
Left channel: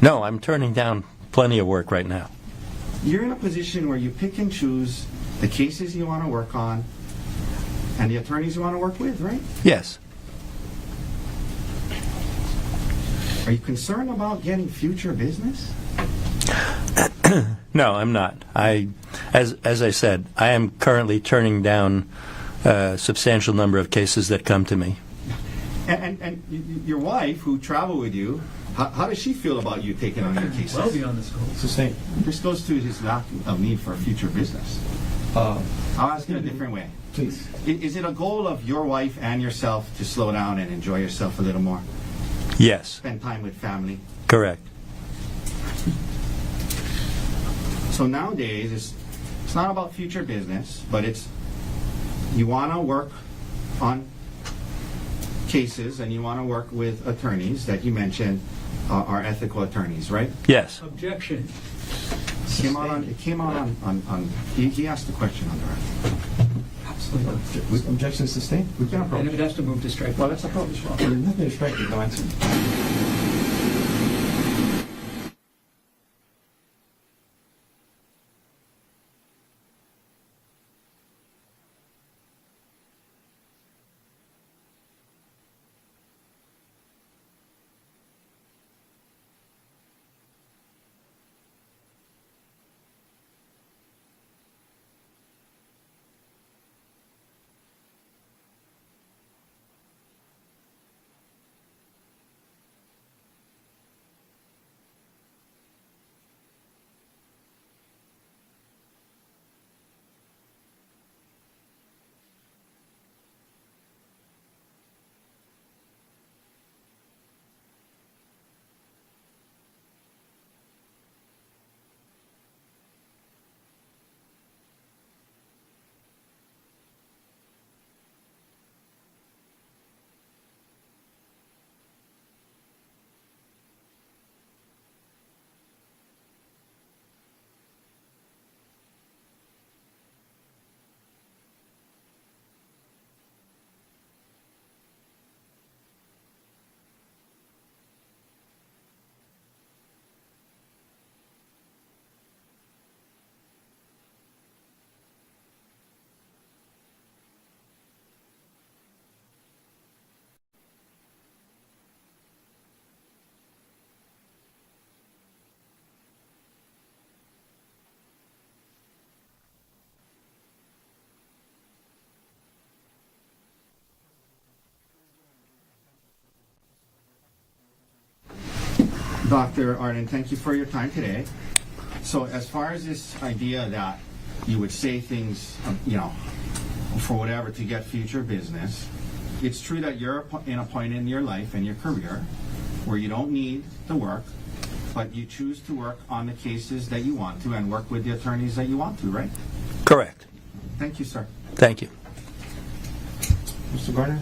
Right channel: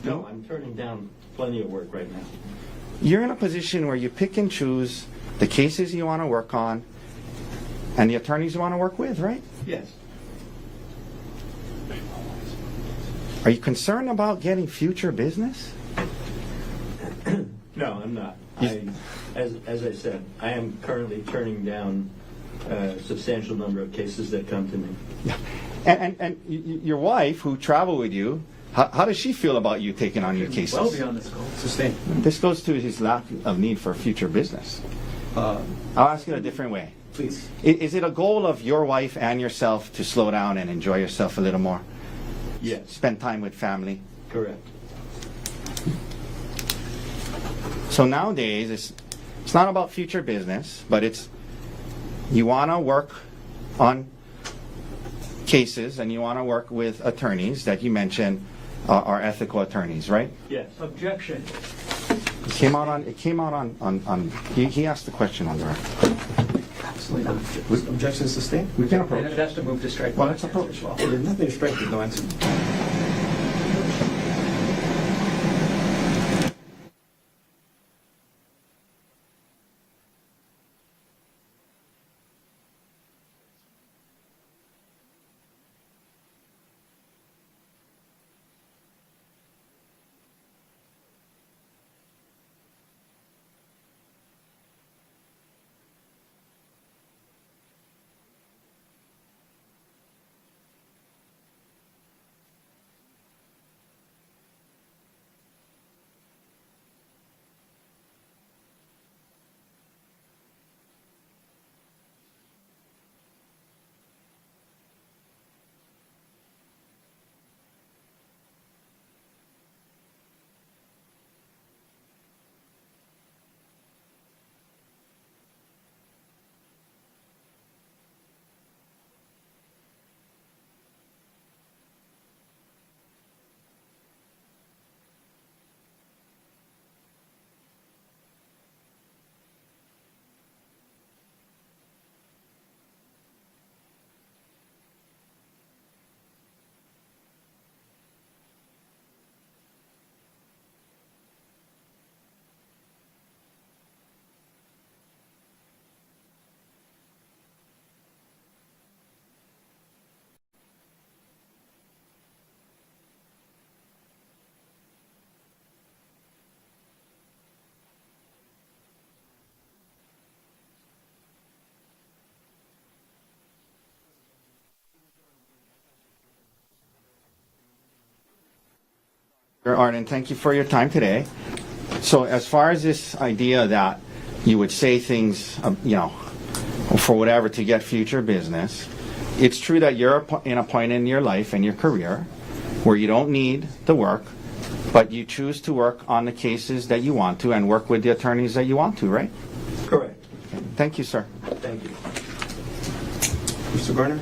No, I'm turning down plenty of work right now. You're in a position where you pick and choose the cases you want to work on, And the attorneys you want to work with, right? Yes. Are you concerned about getting future business? No, I'm not. As I said, I am currently turning down a substantial number of cases that come to me. And your wife, who traveled with you, how does she feel about you taking on your cases? Well beyond the scope. Sustained. This goes to his lack of need for future business. I'll ask it a different way. Please. Is it a goal of your wife and yourself to slow down and enjoy yourself a little more? Yes, Spend time with family? correct. So nowadays, it's not about future business, but it's you want to work on cases and you want to work with attorneys that you mentioned are ethical attorneys, right? Yes. Objection. It came out on he asked the question on the record. Absolutely not. Objection is sustained? We can And approach. it has to move to strike. Well, let's approach. There's nothing to strike, no answer. Dr. Arden, thank you for your time today. So as far as this idea that you would say things, for whatever to get future business, it's true that you're in a point in your life and your career where you don't need the work, but you choose to work on the cases that you want to and work with the attorneys that you want to, right? Correct. Thank you, sir. Thank you. Mr. Garner,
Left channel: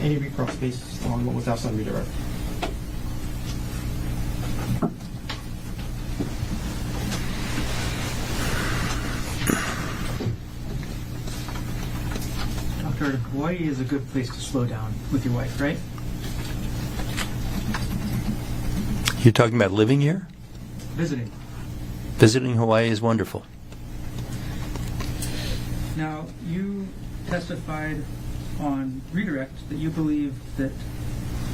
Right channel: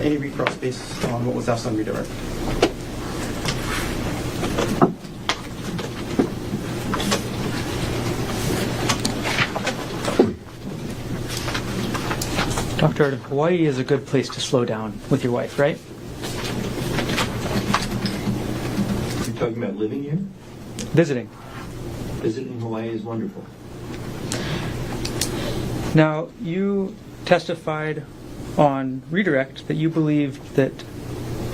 any recross based on what was asked on redirect? Dr. Arden, Hawaii is a good place to slow down with your wife, right? You're talking about living here? Visiting. Visiting Hawaii is wonderful. Now, you testified on redirect that you believed that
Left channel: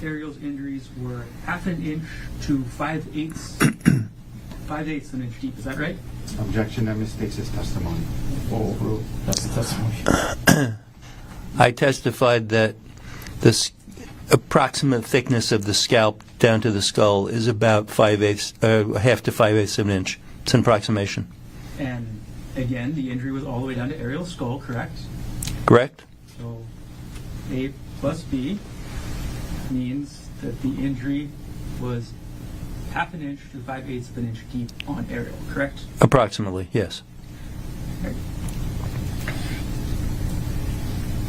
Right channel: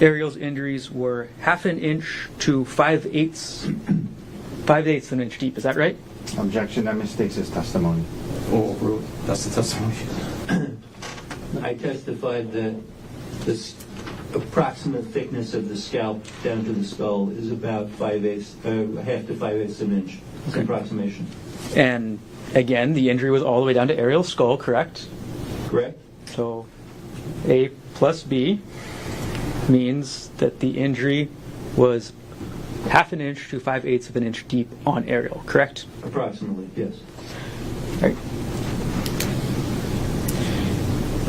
Ariel's injuries were 1/2 inch to 5/8 an inch deep. Is that right? Objection, that mistakes his testimony. Oh, that's the testimony. I testified that the approximate thickness of the scalp down to the skull is about 1/2 to 5/8 of an inch. It's an approximation. And again, the injury was all the way down to Ariel's skull, correct? Correct? So A plus B means that the injury was 1/2 inch to 5/8 of an inch deep on Ariel, correct? Approximately, yes. Right.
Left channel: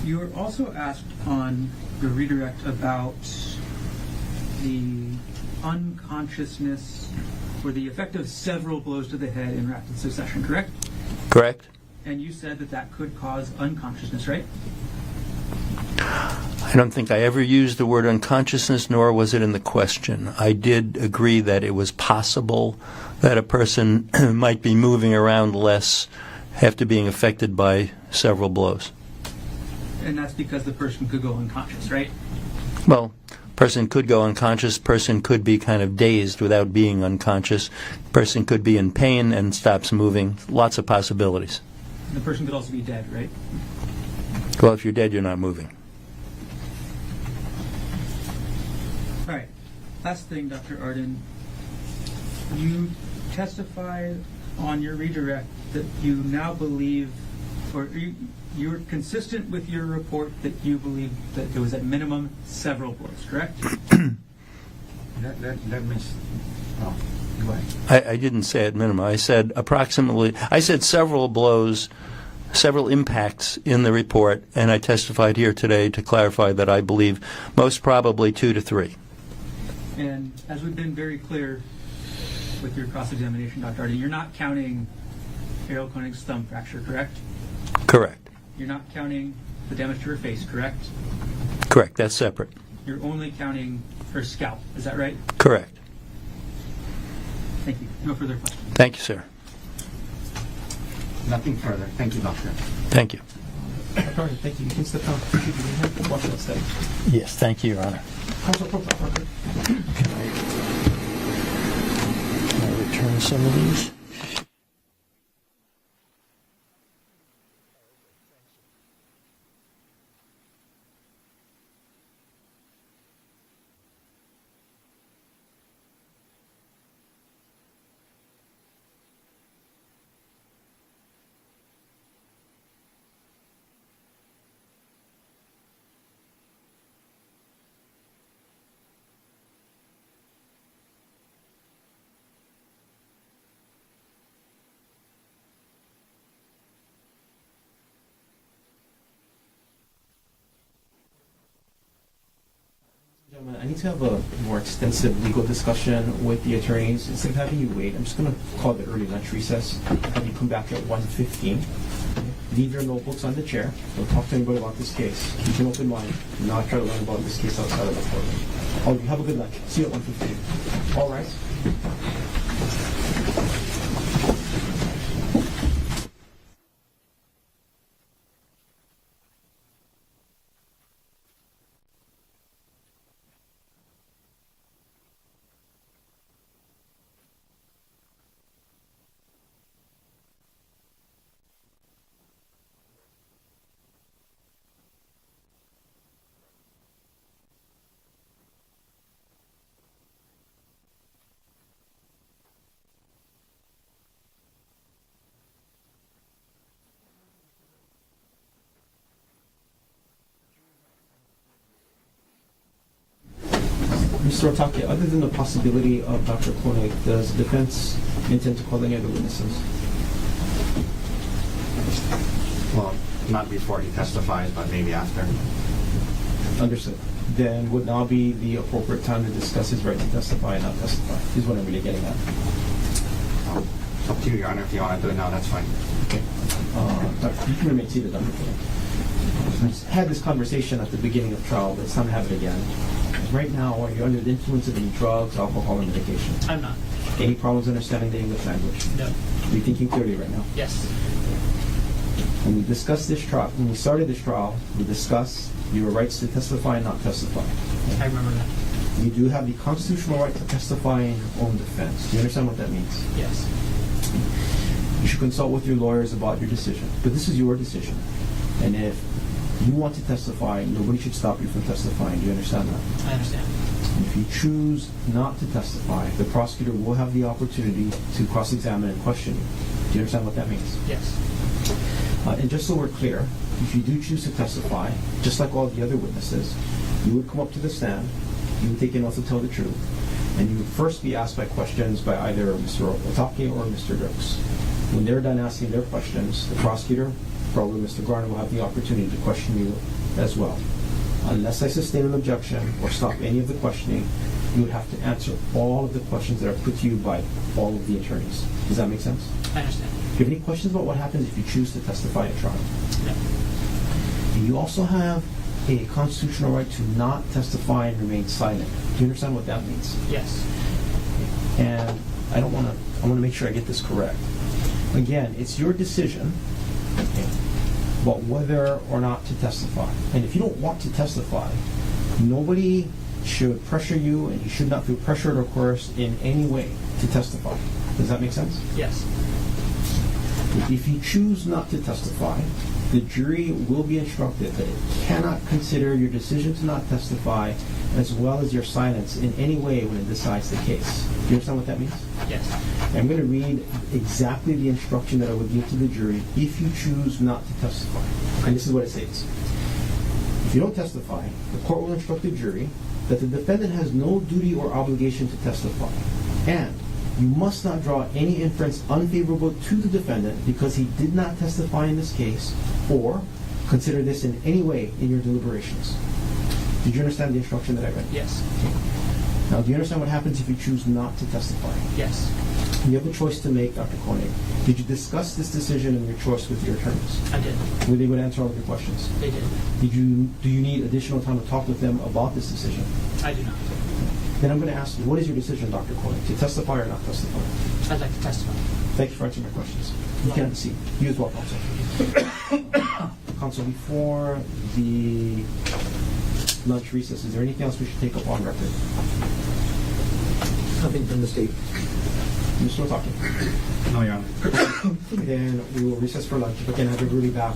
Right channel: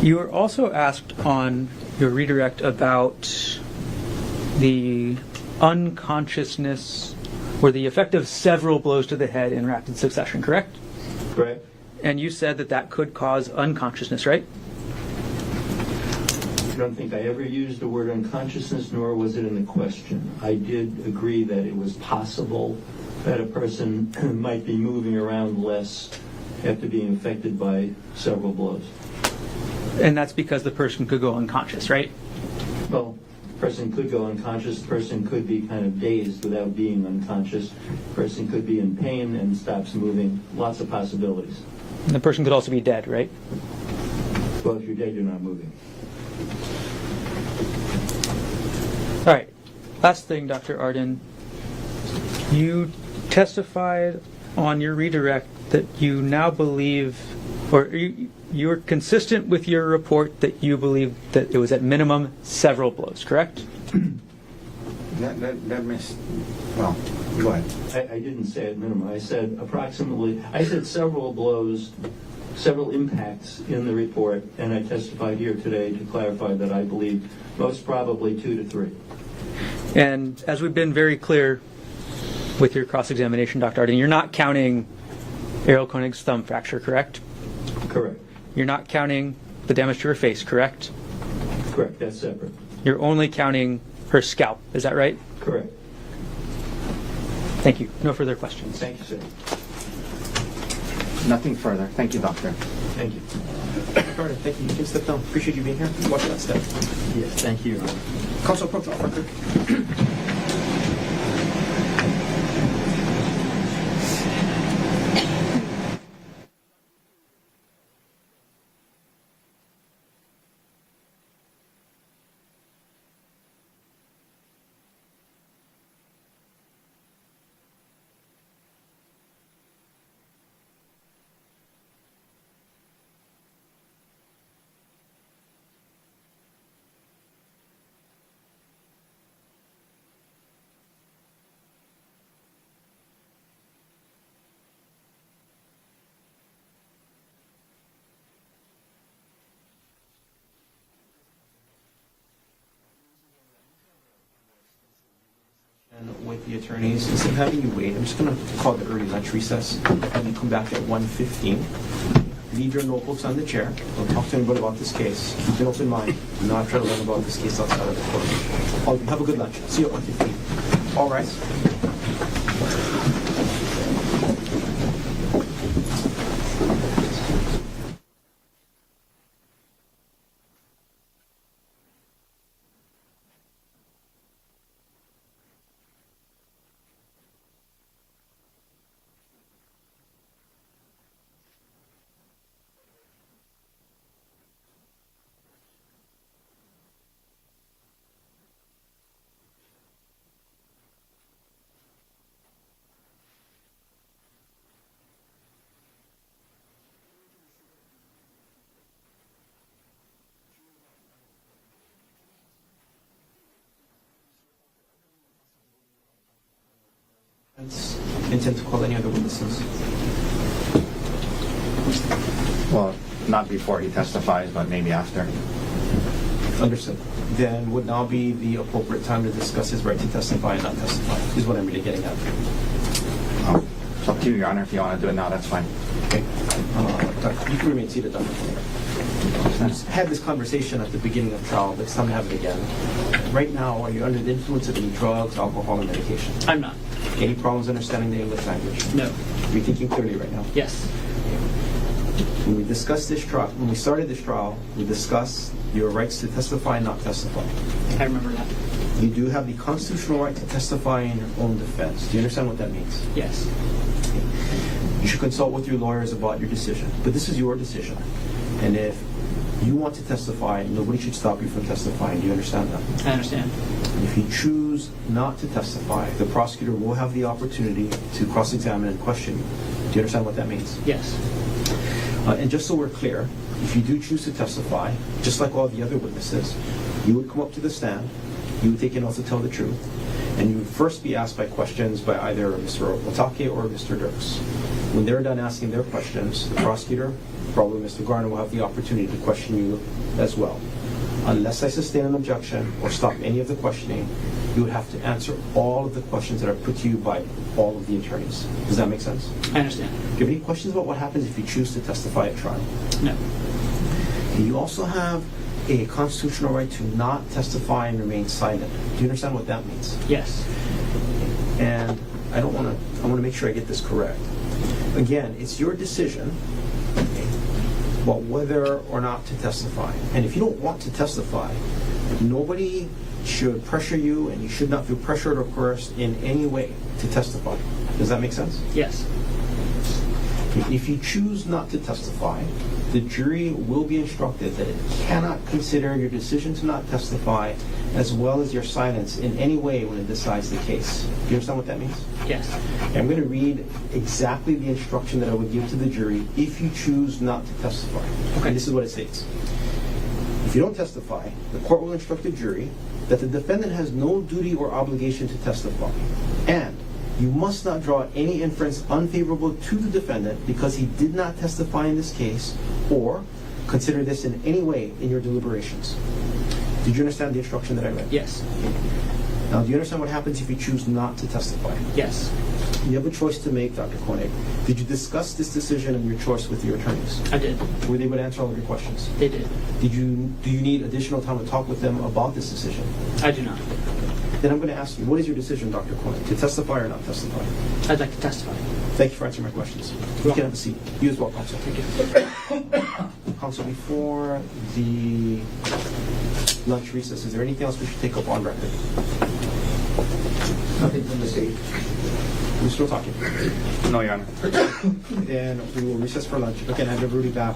You were also asked on your redirect about the unconsciousness or the effect of several blows to the head in rapid succession, correct? Correct? And you said that that could cause unconsciousness, right? I don't think I ever used the word unconsciousness, nor was it in the question. I did agree that it was possible that a person might be moving around less after being affected by several blows. And that's because the person could go unconscious, right? Well, person could go unconscious, person could be kind of dazed without being unconscious, person could be in pain and stops moving, lots of possibilities. And the person could also be dead, right? Well, if you're dead, you're not moving. All right. Last thing, Dr. Arden. You testified on your redirect that you now believe, or you're consistent with your report that you believe that it was at minimum several blows, correct? That makes, well, go ahead. I didn't say at minimum. I said approximately, I said several blows, several impacts in the report, and I testified here today to clarify that I believe most probably 2 to 3. And as we've been very clear with your cross-examination, Dr. Arden, you're not counting Errol Konig's thumb fracture, correct? Correct. You're not counting the damage to her face, correct? Correct. That's separate. You're only counting her scalp, is that right? Correct. Thank you. No further questions. Thank you, sir. Nothing further. Thank you, doctor. Thank you. All right, thank you. Please step down. Appreciate you being here. Watch that step. Yes, thank you, Your Honor. Counsel Pro Tem Parker. Return some of these. Gentlemen, I need to have a more extensive legal discussion with the attorneys. Instead of having you wait, I'm just going to call the early lunch recess. Have you come back at 1:15. Leave your notebooks on the chair. Don't talk to anybody about this case. Keep an open mind. Do not try to learn about this case outside of the courtroom. Have a good lunch. See you at 1:15. All rise. Mr. Otake, other than the possibility of Dr. Konig, does the defense intend to call any other witnesses? Well, not before he testifies, but maybe after. Understood. Then would now be the appropriate time to discuss his right to testify and not testify, is what I'm really getting at. It's up to you, Your Honor. If you want to do it now, that's fine. Okay. You can remain seated, Dr. Konig. Had this conversation at the beginning of trial, but it's time to have it again. Right now, are you under the influence of any drugs, alcohol, or medication? I'm not. Any problems understanding the English language? No. Are you thinking clearly right now? Yes. When we discussed this trial, when we started this trial, we discussed your rights to testify and not testify. I remember that. You do have the constitutional right to testify in your own defense. Do you understand what that means? Yes. You should consult with your lawyers about your decision. But this is your decision. And if you want to testify, nobody should stop you from testifying. Do you understand that? I understand. And if you choose not to testify, the prosecutor will have the opportunity to cross-examine and question you. Do you understand what that means? Yes. And just so we're clear, if you do choose to testify, just like all the other witnesses, you would come up to the stand, you would take an oath to tell the truth, and you would first be asked by questions by either Mr. Otake or Mr. Dirks. When they're done asking their questions, the prosecutor, probably Mr. Garner, will have the opportunity to question you as well. Unless I sustain an objection or stop any of the questioning, you would have to answer all of the questions that are put to you by all of the attorneys. Does that make sense? I understand. Do you have any questions about what happens if you choose to testify at trial? No. And you also have a constitutional right to not testify and remain silent. Do you understand what that means? Yes. And I want to make sure I get this correct. Again, it's your decision. Okay. about whether or not to testify. And if you don't want to testify, nobody should pressure you, and you should not feel pressured or coerced in any way to testify. Does that make sense? Yes. If you choose not to testify, the jury will be instructed that it cannot consider your decision to not testify as well as your silence in any way when it decides the case. Do you understand what that means? Yes. I'm going to read exactly the instruction that I would give to the jury if you choose not to testify. And this is what it states. If you don't testify, the court will instruct the jury that the defendant has no duty or obligation to testify, and you must not draw any inference unfavorable to the defendant because he did not testify in this case, or consider this in any way in your deliberations. Did you understand the instruction that I read? Yes. Okay. Now, do you understand what happens if you choose not to testify? Yes. You have a choice to make, Dr. Konig. Did you discuss this decision and your choice with your attorneys? I did. Were they able to answer all of your questions? They did. Do you need additional time to talk with them about this decision? I do not. Then I'm going to ask you, what is your decision, Dr. Konig? To testify or not testify? I'd like to testify. Thank you for answering my questions. You can have a seat. You as well, Counsel. Counsel, before the lunch recess, is there anything else we should take up on record? Nothing from the state. We're still talking. No, Your Honor. Then we will recess for lunch. Again, have everybody back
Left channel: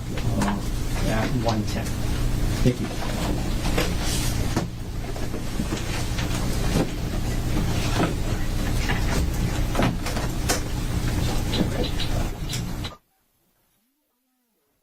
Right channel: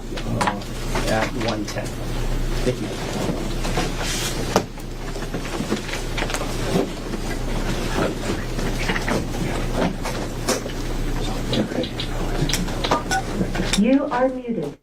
at 1:10. Thank you. You are muted.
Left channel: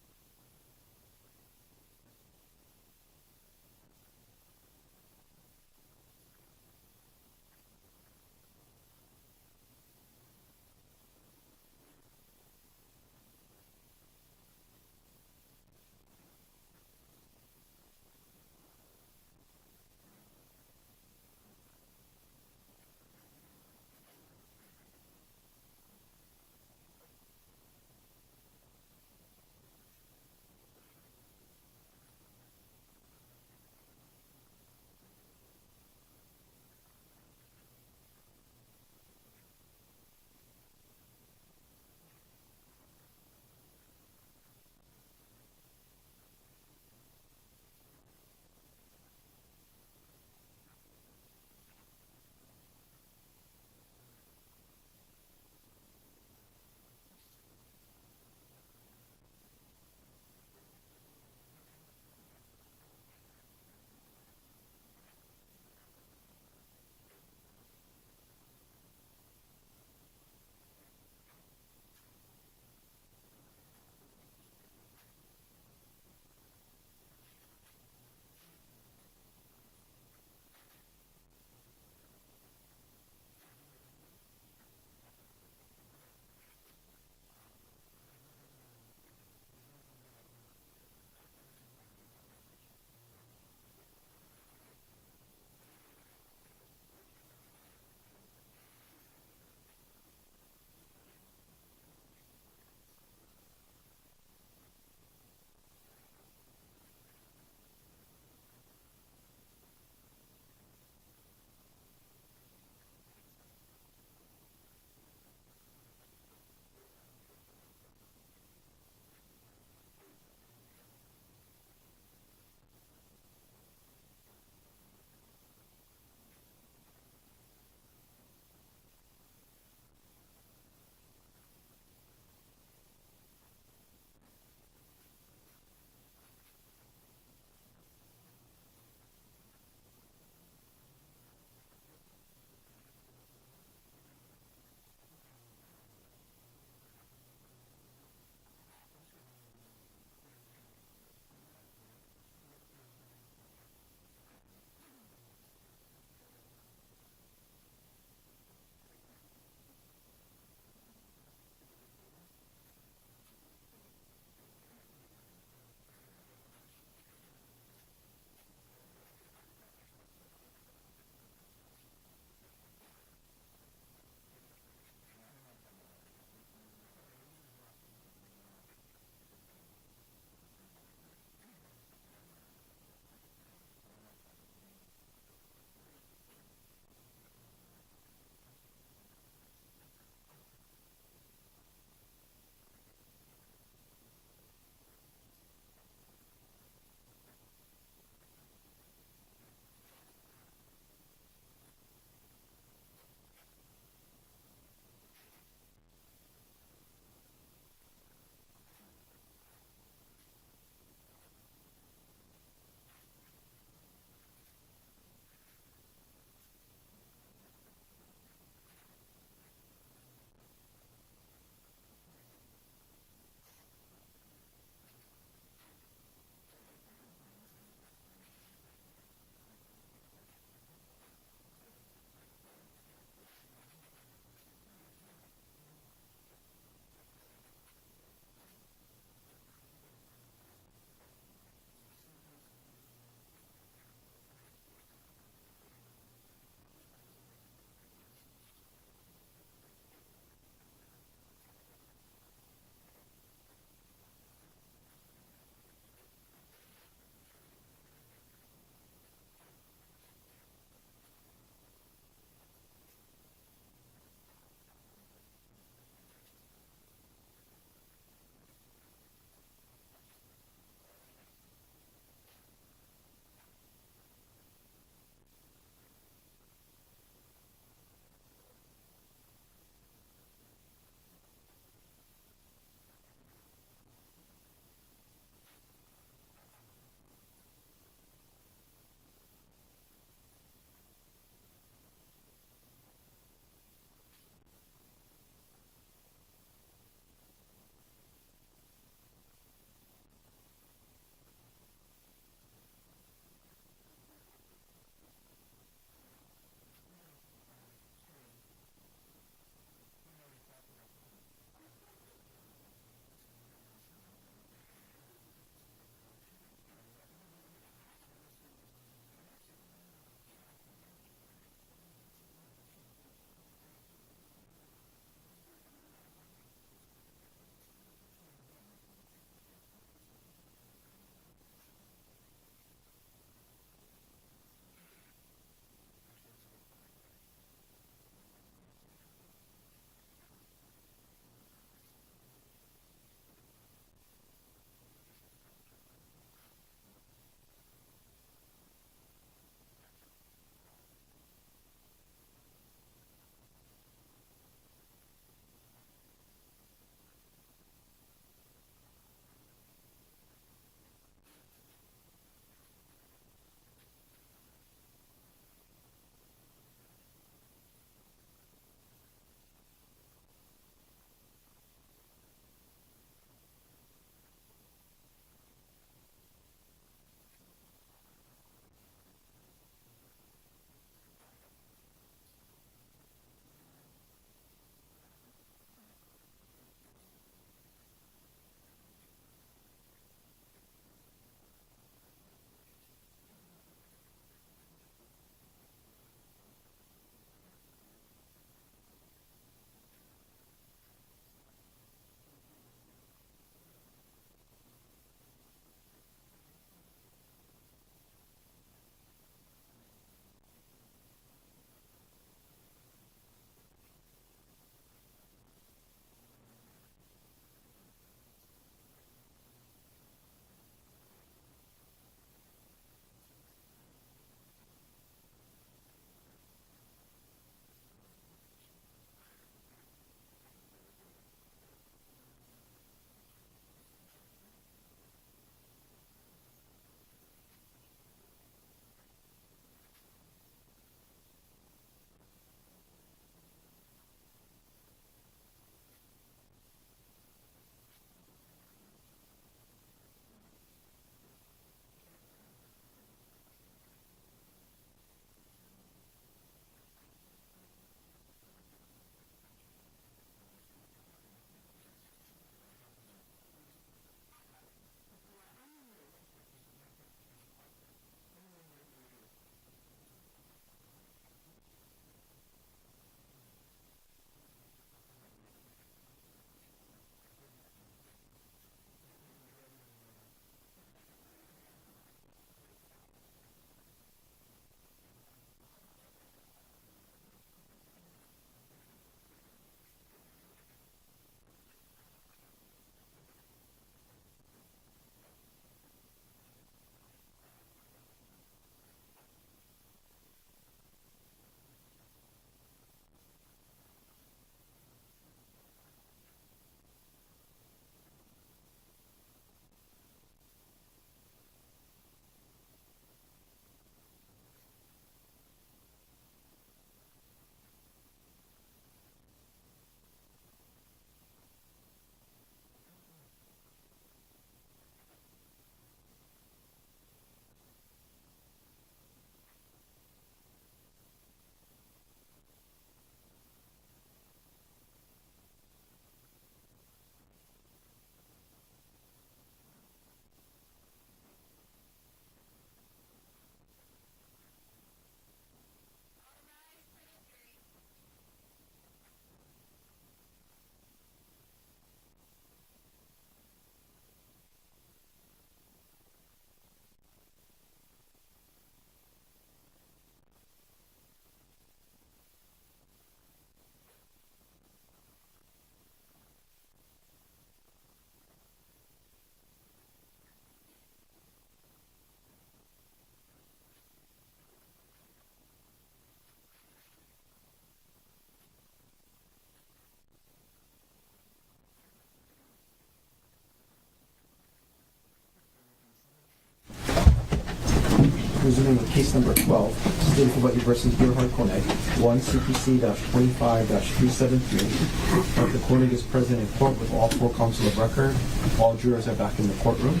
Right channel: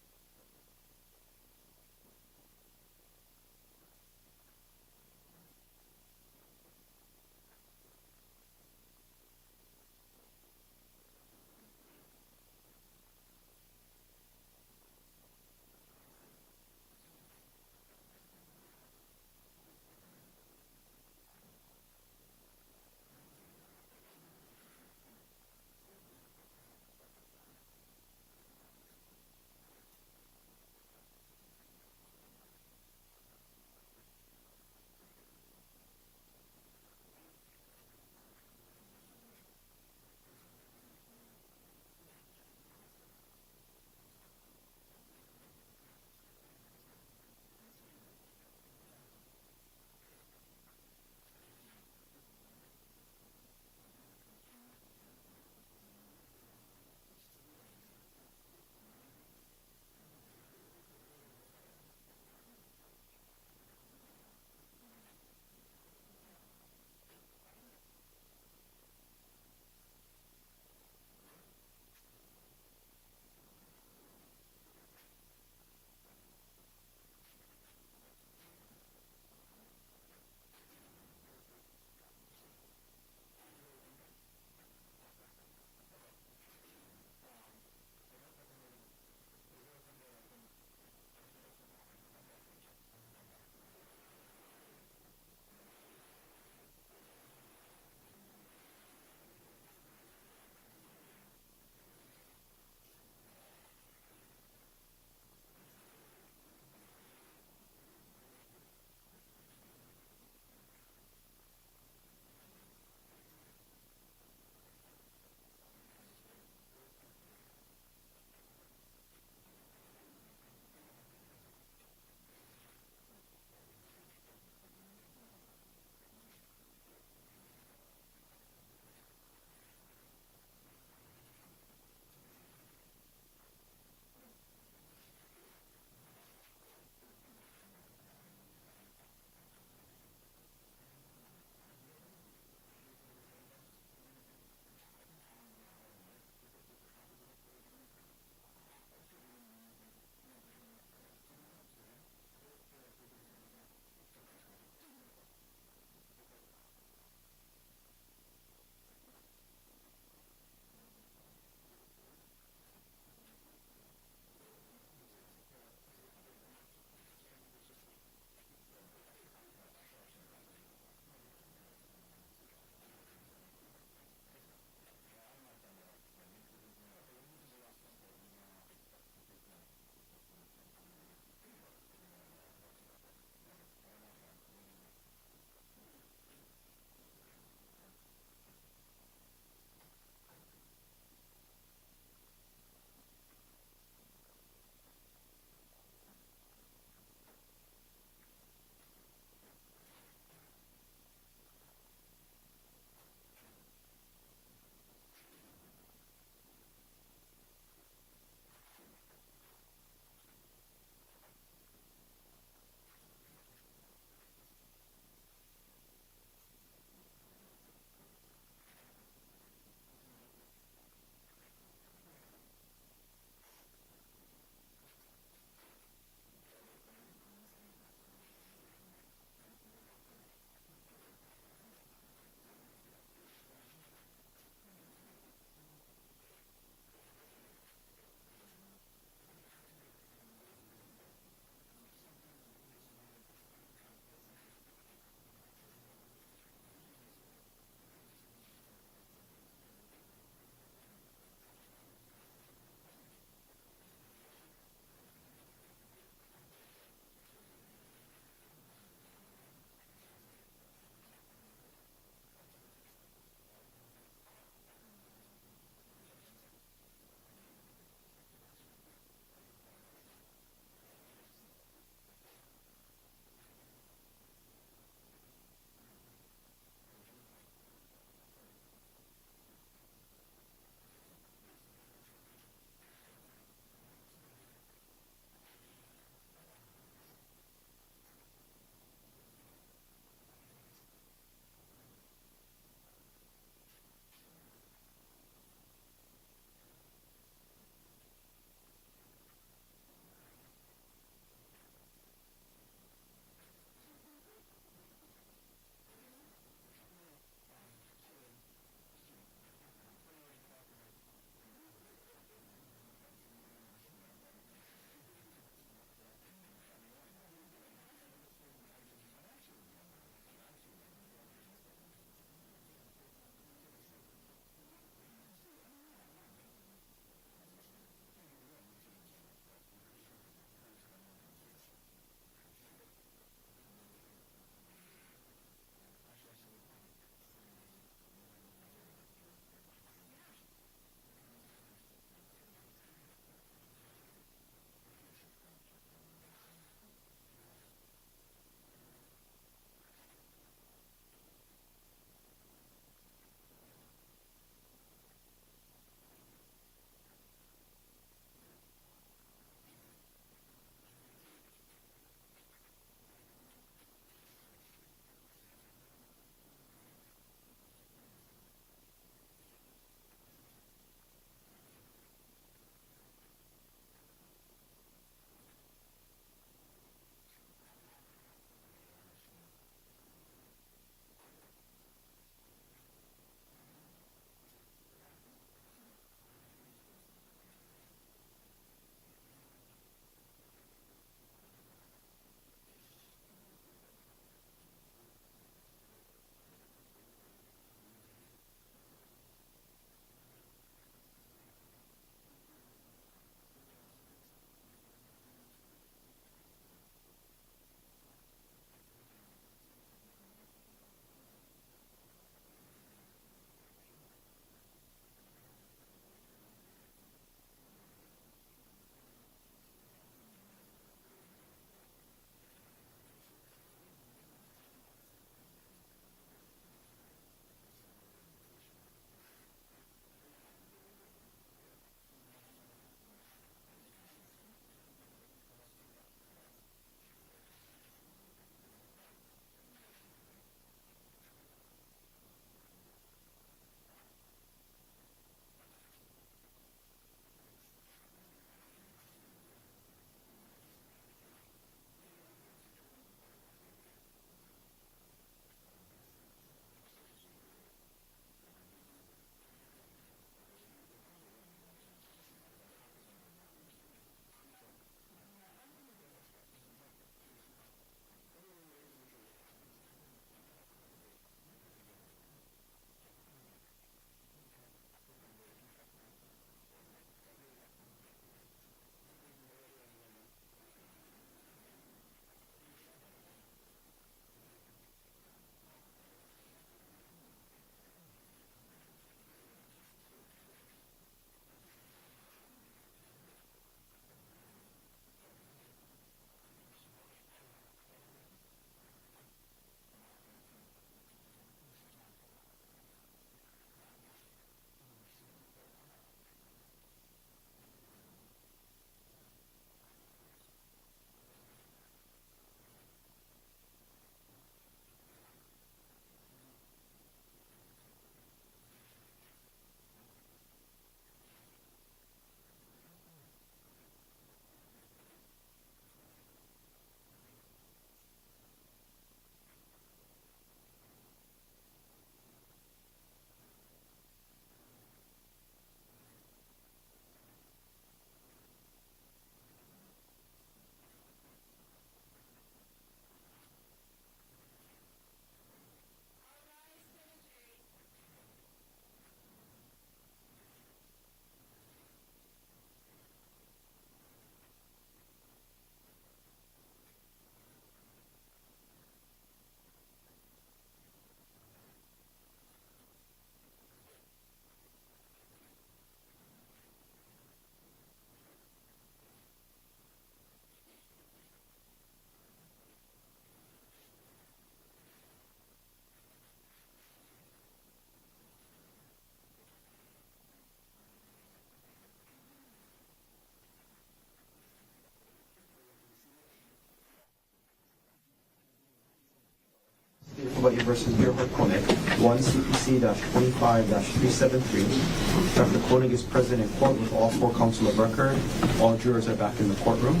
case number 12, State of Hawaii versus Gerhardt Konig, 1 CPC-25-373. Dr. Konig is present in court with all 4 counsel of record. All jurors are back in the courtroom.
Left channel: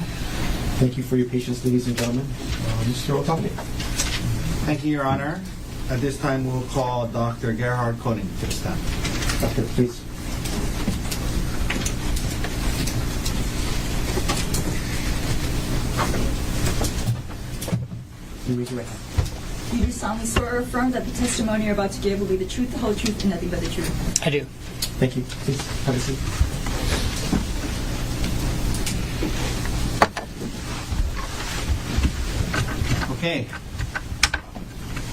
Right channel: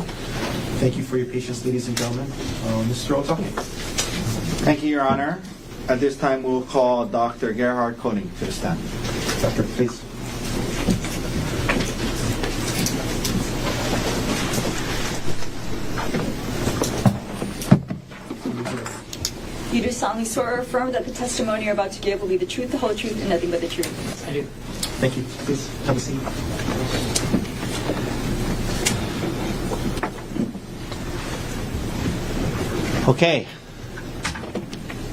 Thank you for your patience, ladies and gentlemen. Mr. Otake. Thank you, Your Honor. At this time, we'll call Dr. Gerhardt Konig to the stand. Doctor, please. You do solemnly swear or affirm that the testimony you're about to give will be the truth, the whole truth, and nothing but the truth. I do. Thank you. Please have a seat. Okay.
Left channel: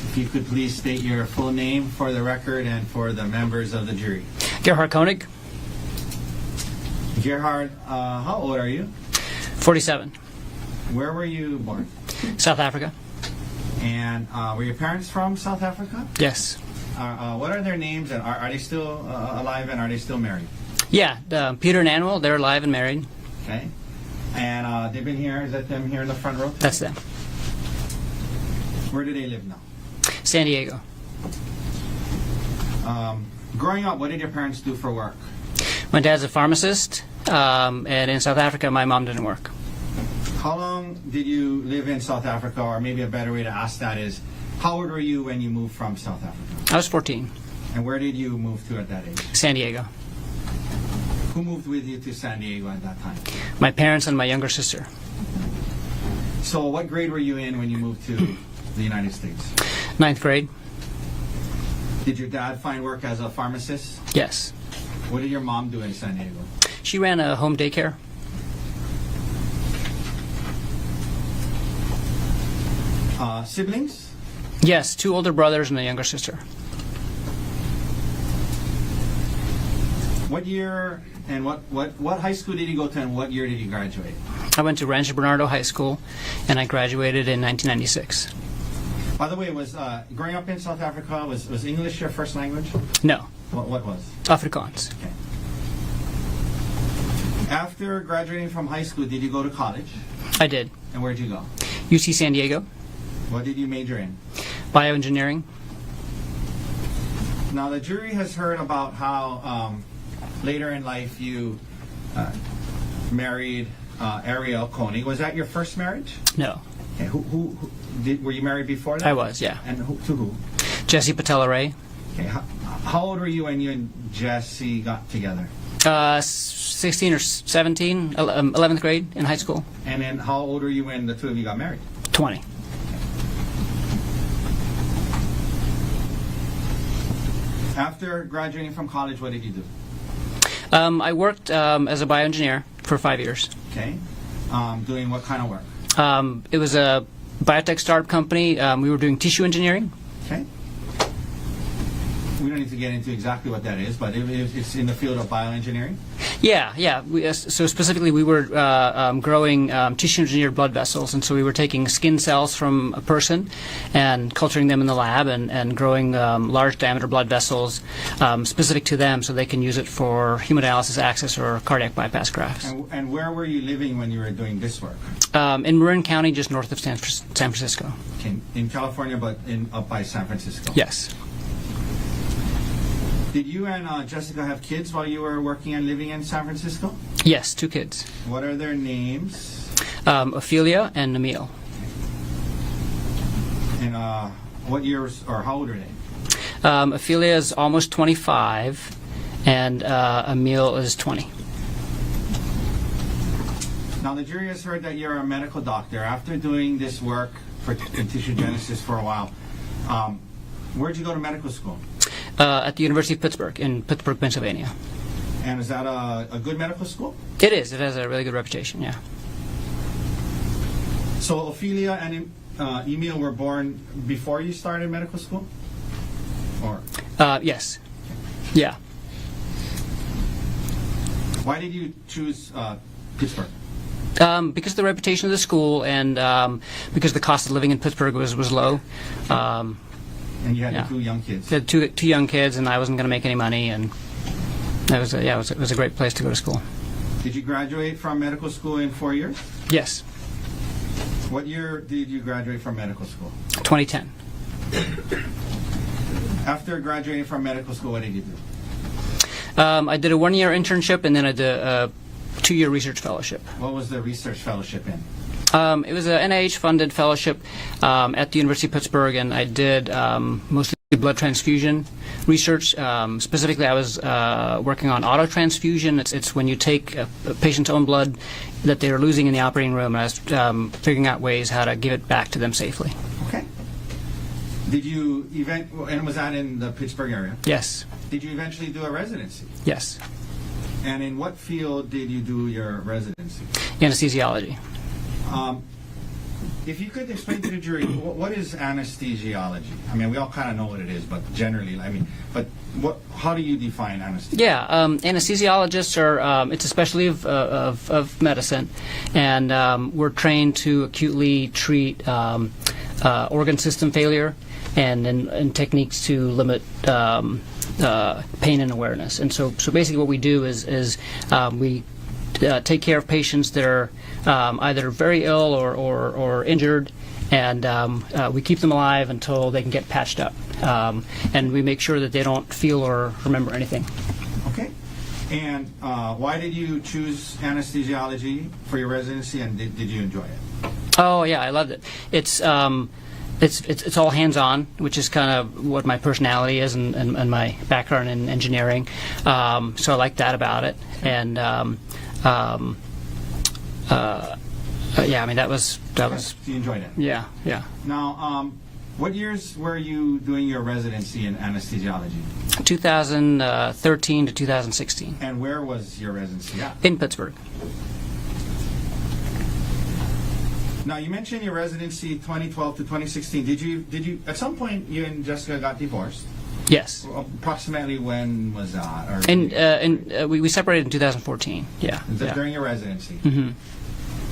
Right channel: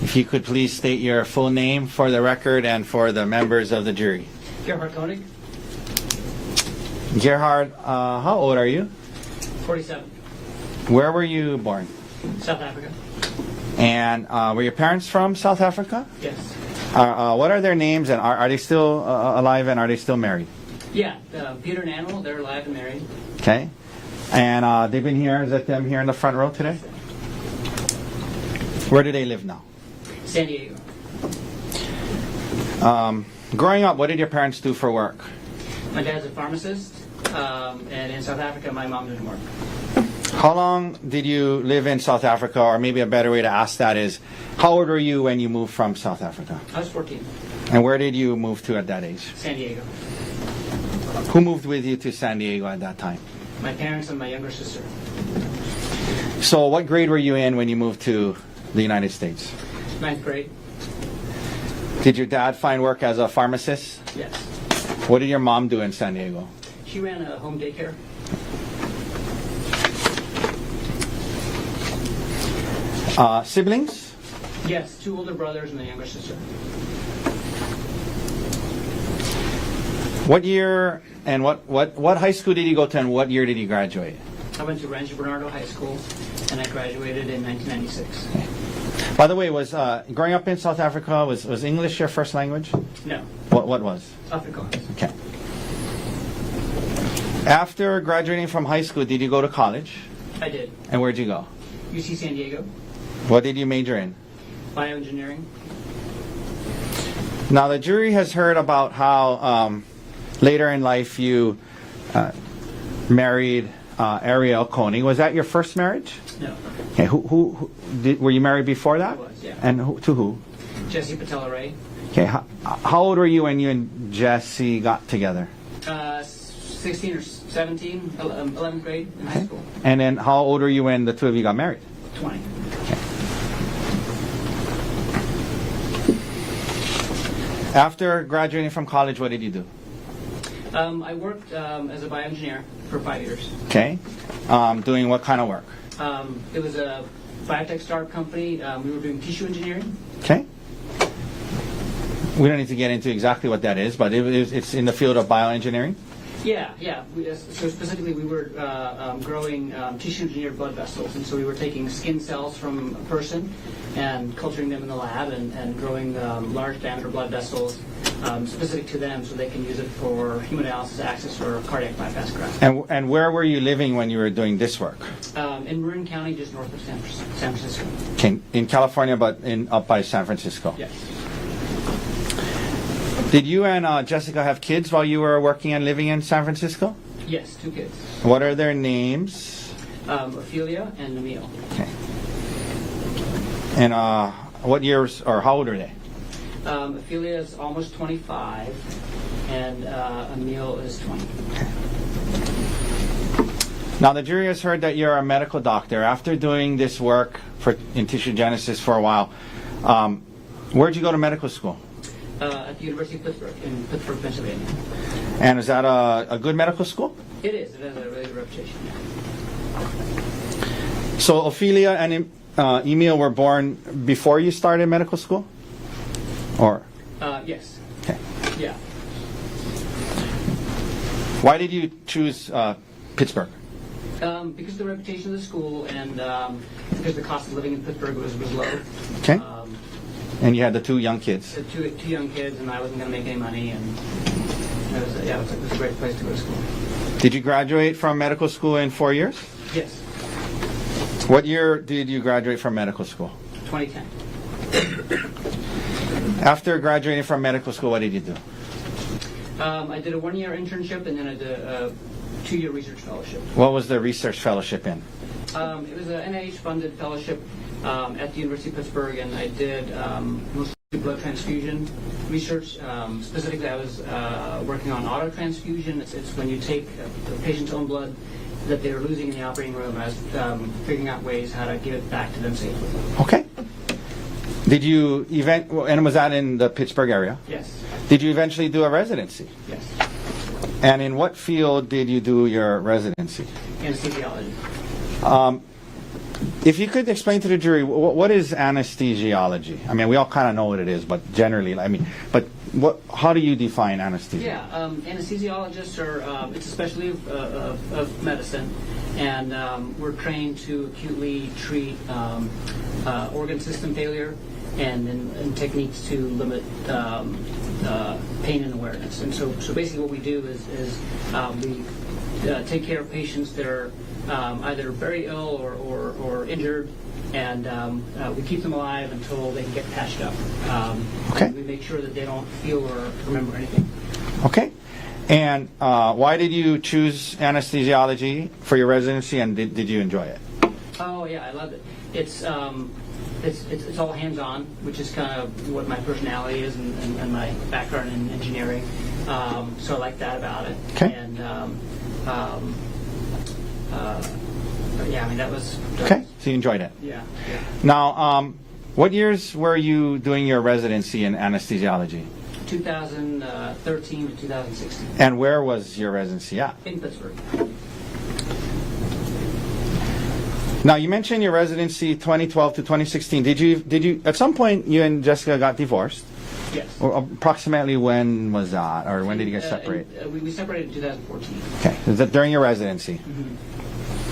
If you could please state your full name for the record and for the members of the jury. Gerhardt Konig, Gerhard, how old are you? 47, Where were you born? South Africa. And were your parents from South Africa? Yes. What are their names, and are they still alive, and are they still married? Yeah, Peter and Annual, they're alive and married. Okay. And they've been here, is that them here in the front row today? That's them. Where do they live now? San Diego. Growing up, what did your parents do for work? My dad's a pharmacist, and in South Africa, my mom didn't work. How long did you live in South Africa, or maybe a better way to ask that is, how old were you when you moved from South Africa? I was 14. And where did you move to at that age? San Diego. Who moved with you to San Diego at that time? My parents and my younger sister. So what grade were you in when you moved to the United States? 9th grade. Did your dad find work as a pharmacist? Yes. What did your mom do in San Diego? She ran a home daycare. Siblings? Yes, 2 older brothers and a younger sister. What year and what high school did you go to, and what year did you graduate? I went to Rancho Bernardo High School, and I graduated in 1996. By the way, was growing up in South Africa, was English your first language? No, What was? Afrikaans. Okay. After graduating from high school, did you go to college? I did. And where'd you go? UC San Diego, What did you major in? bioengineering. Now, the jury has heard about how later in life you married Ariel Konig. Was that your first marriage? No, Okay, were you married before that? I was, yeah. And to who? Jesse Patella Ray. Okay, how old were you when you and Jesse got together? 16 or 17, 11th grade in high school. And then how old were you when the two of you got married? 20. After graduating from college, what did you do? I worked as a bioengineer for 5 years. Okay. Doing what kind of work? It was a biotech startup company. We were doing tissue engineering. Okay. We don't need to get into exactly what that is, but it's in the field of bioengineering. Yeah. So specifically, we were growing tissue-engineered blood vessels, and so we were taking skin cells from a person and culturing them in the lab and growing large-diameter blood vessels specific to them, so they can use it for hemodialysis access or cardiac bypass grafts. And where were you living when you were doing this work? In Marin County, just north of San Francisco. Okay, in California, but up by San Francisco. Yes. Did you and Jessica have kids while you were working and living in San Francisco? Yes, 2 kids. What are their names? Ophelia and Emil. Okay. And what years, or how old are they? Ophelia is almost 25, and Emil is 20. Okay. Now, the jury has heard that you're a medical doctor. After doing this work in tissue genesis for a while, where'd you go to medical school? At the University of Pittsburgh, in Pittsburgh, Pennsylvania. And is that a good medical school? It is. It has a really good reputation, yeah. So Ophelia and Emil were born before you started medical school? Or? Yes. Okay. Yeah. Why did you choose Pittsburgh? Because of the reputation of the school and because the cost of living in Pittsburgh was low. Okay. And you had yeah. the 2 young kids. The two young kids, and I wasn't going to make any money, and it was a great place to go to school. Did you graduate from medical school in 4 years? Yes. What year did you graduate from medical school? 2010. After graduating from medical school, what did you do? I did a 1-year internship, and then I did a 2-year research fellowship. What was the research fellowship in? It was an NIH-funded fellowship at the University of Pittsburgh, and I did mostly blood transfusion research. Specifically, I was working on autotransfusion. It's when you take a patient's own blood that they're losing in the operating room, and I was figuring out ways how to give it back to them safely. Okay. Did you and was that in the Pittsburgh area? Yes. Did you eventually do a residency? Yes. And in what field did you do your residency? Anesthesiology. If you could explain to the jury, what is anesthesiology? I mean, we all kind of know what it is, but generally, how do you define anesthesia? Yeah, anesthesiologists are, it's a specialty of medicine, and we're trained to acutely treat organ system failure and techniques to limit pain and awareness. And so basically what we do is we take care of patients that are either very ill or injured, and we keep them alive until they can get patched up. And we make sure that they don't feel or remember anything. Okay. And why did you choose anesthesiology for your residency, and did you enjoy it? Oh yeah, I loved it. It's all hands-on, which is kind of what my personality is and my background in engineering. So I like that about it. Okay. And yeah, I mean that was. So you enjoyed it. Yeah. Now, what years were you doing your residency in anesthesiology? 2013 to 2016. And where was your residency at? In Pittsburgh. Now, you mentioned your residency 2012 to 2016. Did you at some point you and Jessica got divorced? Yes. Or approximately when was that? Or when did you separate? We separated in 2014. Yeah. Is that during your residency? Mm-hmm.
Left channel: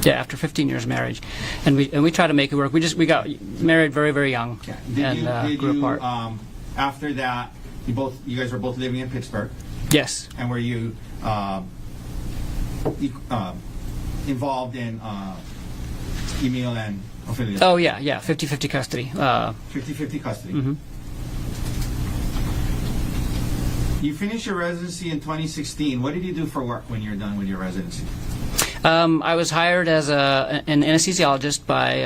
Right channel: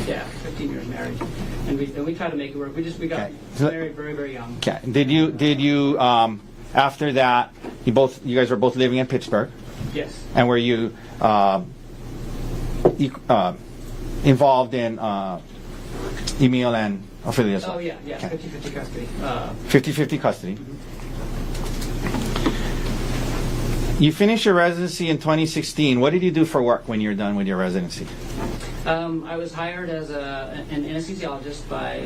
Yeah, after 15 years of marriage, and we tried to make it work. We got married very, very young. Okay. Did you after that you guys were both living in Pittsburgh? Yes. And were you involved in Emil and Ophelia? Oh yeah, 50-50 custody. 50-50 custody. Mm-hmm. You finished your residency in 2016. What did you do for work when you were done with your residency? I was hired as an anesthesiologist by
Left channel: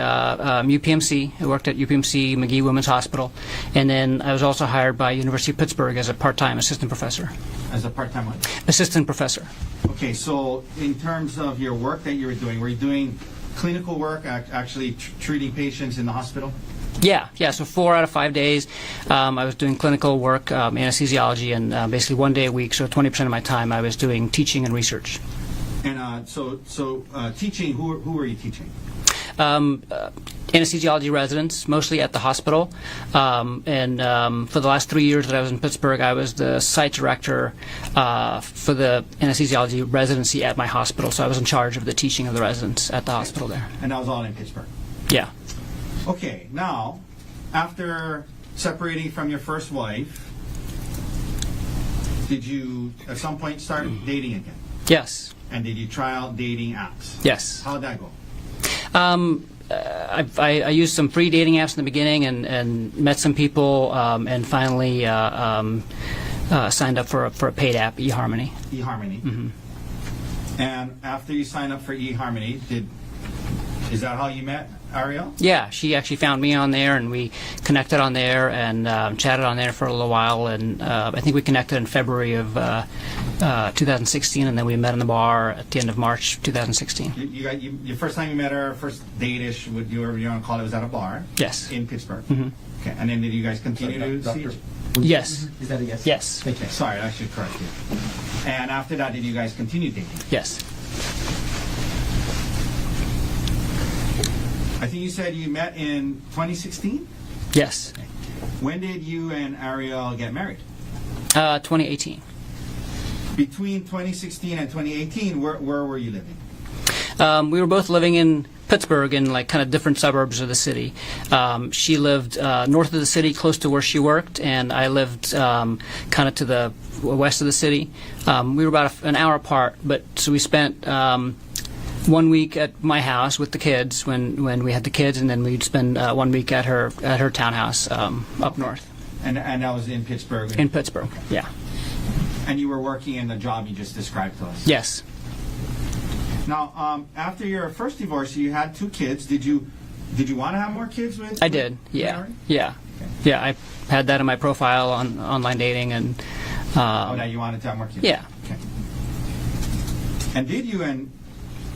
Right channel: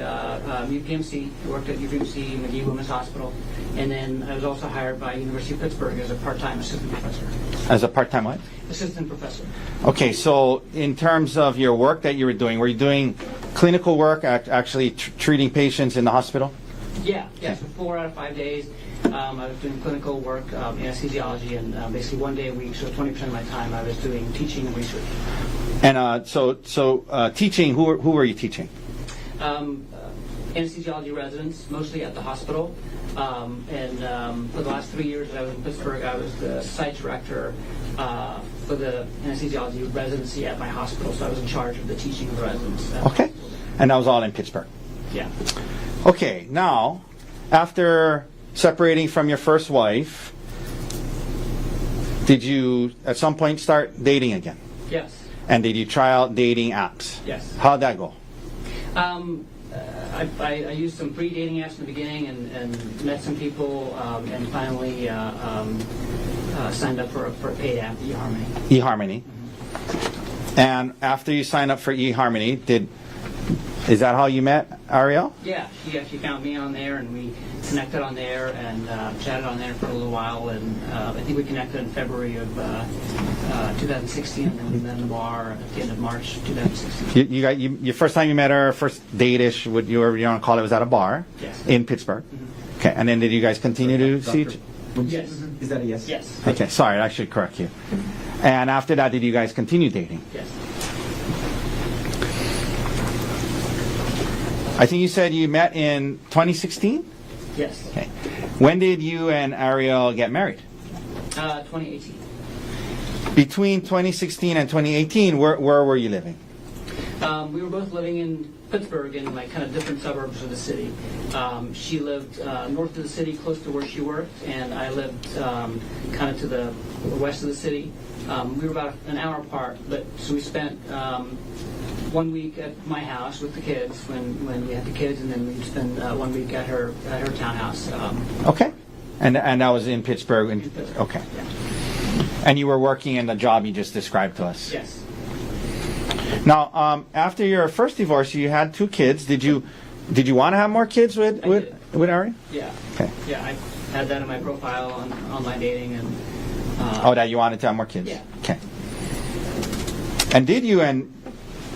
UPMC. I worked at UPMC McGee Women's Hospital, and then I was also hired by University of Pittsburgh as a part-time assistant professor. As a part-time what? Assistant professor. Okay, so in terms of your work that you were you doing clinical work, actually treating patients in the hospital? Yeah. So 4 out of 5 days, I was doing clinical work, anesthesiology, and basically 1 day a week. So 20% of my time I was doing teaching and research. And so teaching. Who were you teaching? Anesthesiology residents, mostly at the hospital. And for the last 3 years that I was in Pittsburgh, I was the site director for the anesthesiology residency at my hospital. So I was in charge of the teaching of the residents at the hospital there. And that was all in Pittsburgh? Yeah. Okay, now, after separating from your first wife, did you at some point start dating again? Yes. And did you try out dating apps? Yes. How'd that go? I used some free dating apps in the beginning and met some people and finally signed up for a paid app, eHarmony. eHarmony. Mm-hmm. And after you signed up for eHarmony, is that how you met Ariel? Yeah, she actually found me on there, and we connected on there and chatted on there for a little while. And I think we connected in February of 2016, and then we met in the bar at the end of March 2016. Your first time you met her, first date-ish, what you want to call it, was at a bar? Yes. In Pittsburgh? Mm-hmm. Okay, and then did you guys continue to see each? Yes. Is that a yes? Yes. Okay, sorry, I should correct you. And after that, did you guys continue dating? Yes. I think you said you met in 2016? Yes. Okay. When did you and Ariel get married? 2018. Between 2016 and 2018, where were you living? We were both living in Pittsburgh in like kind of different suburbs of the city. She lived north of the city, close to where she worked, and I lived kind of to the west of the city. We were about an hour apart, but so we spent 1 week at my house with the kids when we had the kids, and then we'd spend 1 week at her townhouse up Okay. north. And that was in Pittsburgh? In Pittsburgh. Okay. Yeah. And you were working in the job you just described to us? Yes. Now, after your first divorce, you had 2 kids. Did you want to have more kids with? I did. With Yeah. Ari? Yeah. Okay. Yeah. I had that in my profile on online dating, and That you wanted to have more kids? Yeah. Okay. And did you and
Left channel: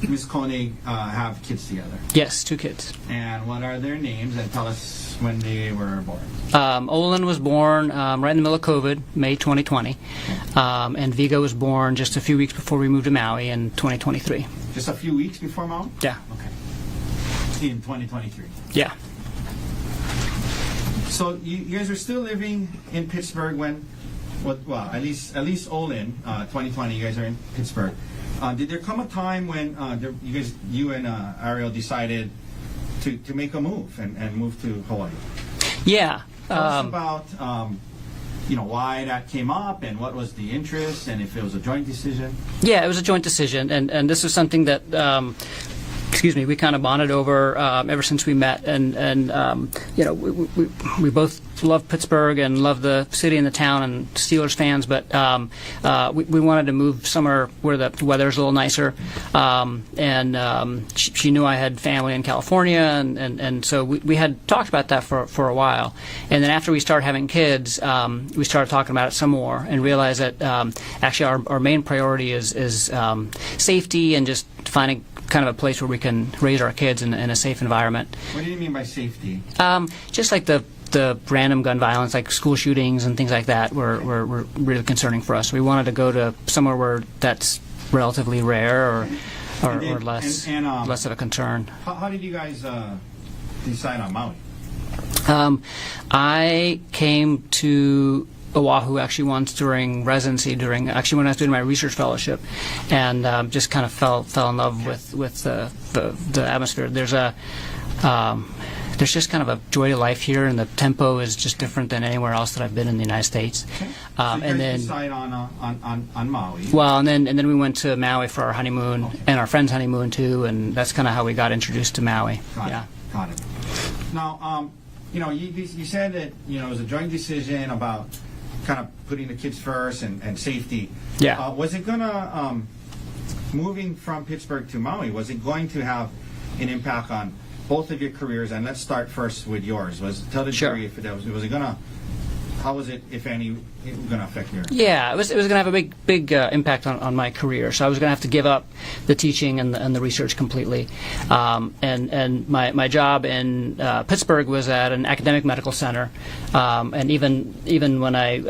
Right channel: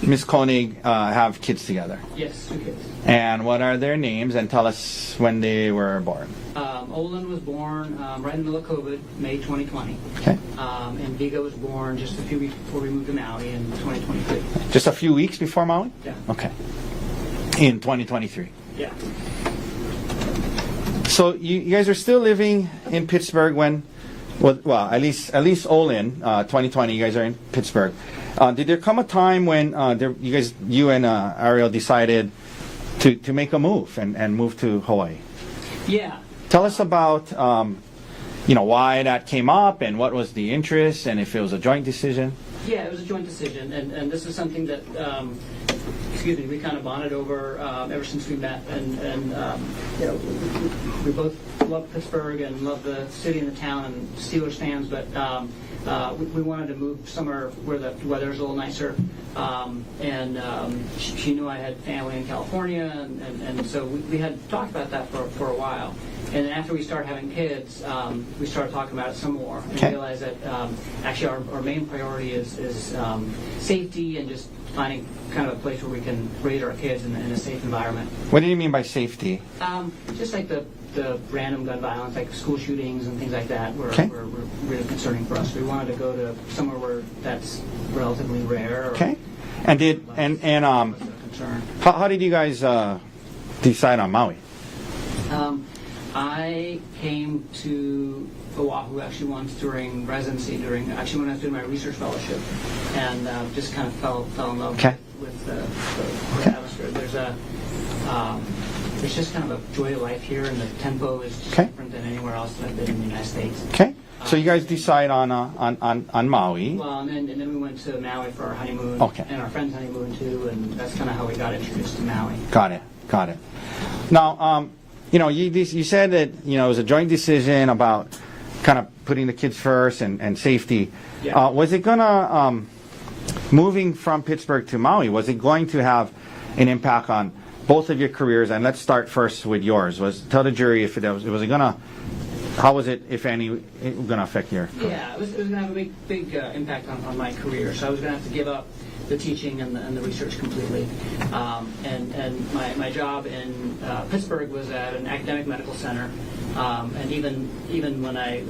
Miss Konig have kids together? yes, 2 kids. And what are their names? And tell us when they were born. Olin was born right in the middle of COVID, May 2020, Okay. and Vigo was born just a few weeks before we moved to Maui in 2023. Just a few weeks before Maui? Yeah. Okay. In 2023. Yeah. So you guys are still living in Pittsburgh when, well, at least Olin, 2020, you guys are in Pittsburgh. Did there come a time when you and Ariel decided to make a move and move to Hawaii? Yeah. Tell us about why that came up and what was the interest and if it was a joint decision. Yeah, it was a joint decision, and this was something that we kind of bonded over ever since we met, and we both love Pittsburgh and love the city and the town and Steelers fans, but we wanted to move somewhere where the weather's a little nicer, and she knew I had family in California, and so we had talked about that for a while, and then after we started having kids, we started talking about it some more and realized that actually our main priority is safety and just finding kind of a place where we can raise our kids in a safe environment. What do you mean by safety? Just like the random gun violence, like school shootings and things like that, were really concerning for us. We wanted to go to somewhere where that's relatively rare or less of a concern. How did you guys decide on Maui? I came to Oahu actually once during residency, when I was doing my research fellowship, and just kind of fell in love with the atmosphere. There's just kind of a joy to life here, and the tempo is just different than anywhere else that I've been in the United States. Okay. So you guys decide on Maui. Well, and then we went to Maui for our honeymoon, and our friend's honeymoon too, and that's kind of how we got introduced to Maui. Got it. Now, you said that it was a joint decision about kind of putting the kids first and safety. Yeah. Was it gonna moving from Pittsburgh to Maui? Was it going to have an impact on both of your careers? And let's start first with yours. Tell the jury if it was gonna. How was it, if any, going to affect your? Yeah, it was going to have a big impact on my career. So I was going to have to give up the teaching and the research completely. And my job in Pittsburgh was at an academic medical center. And even when I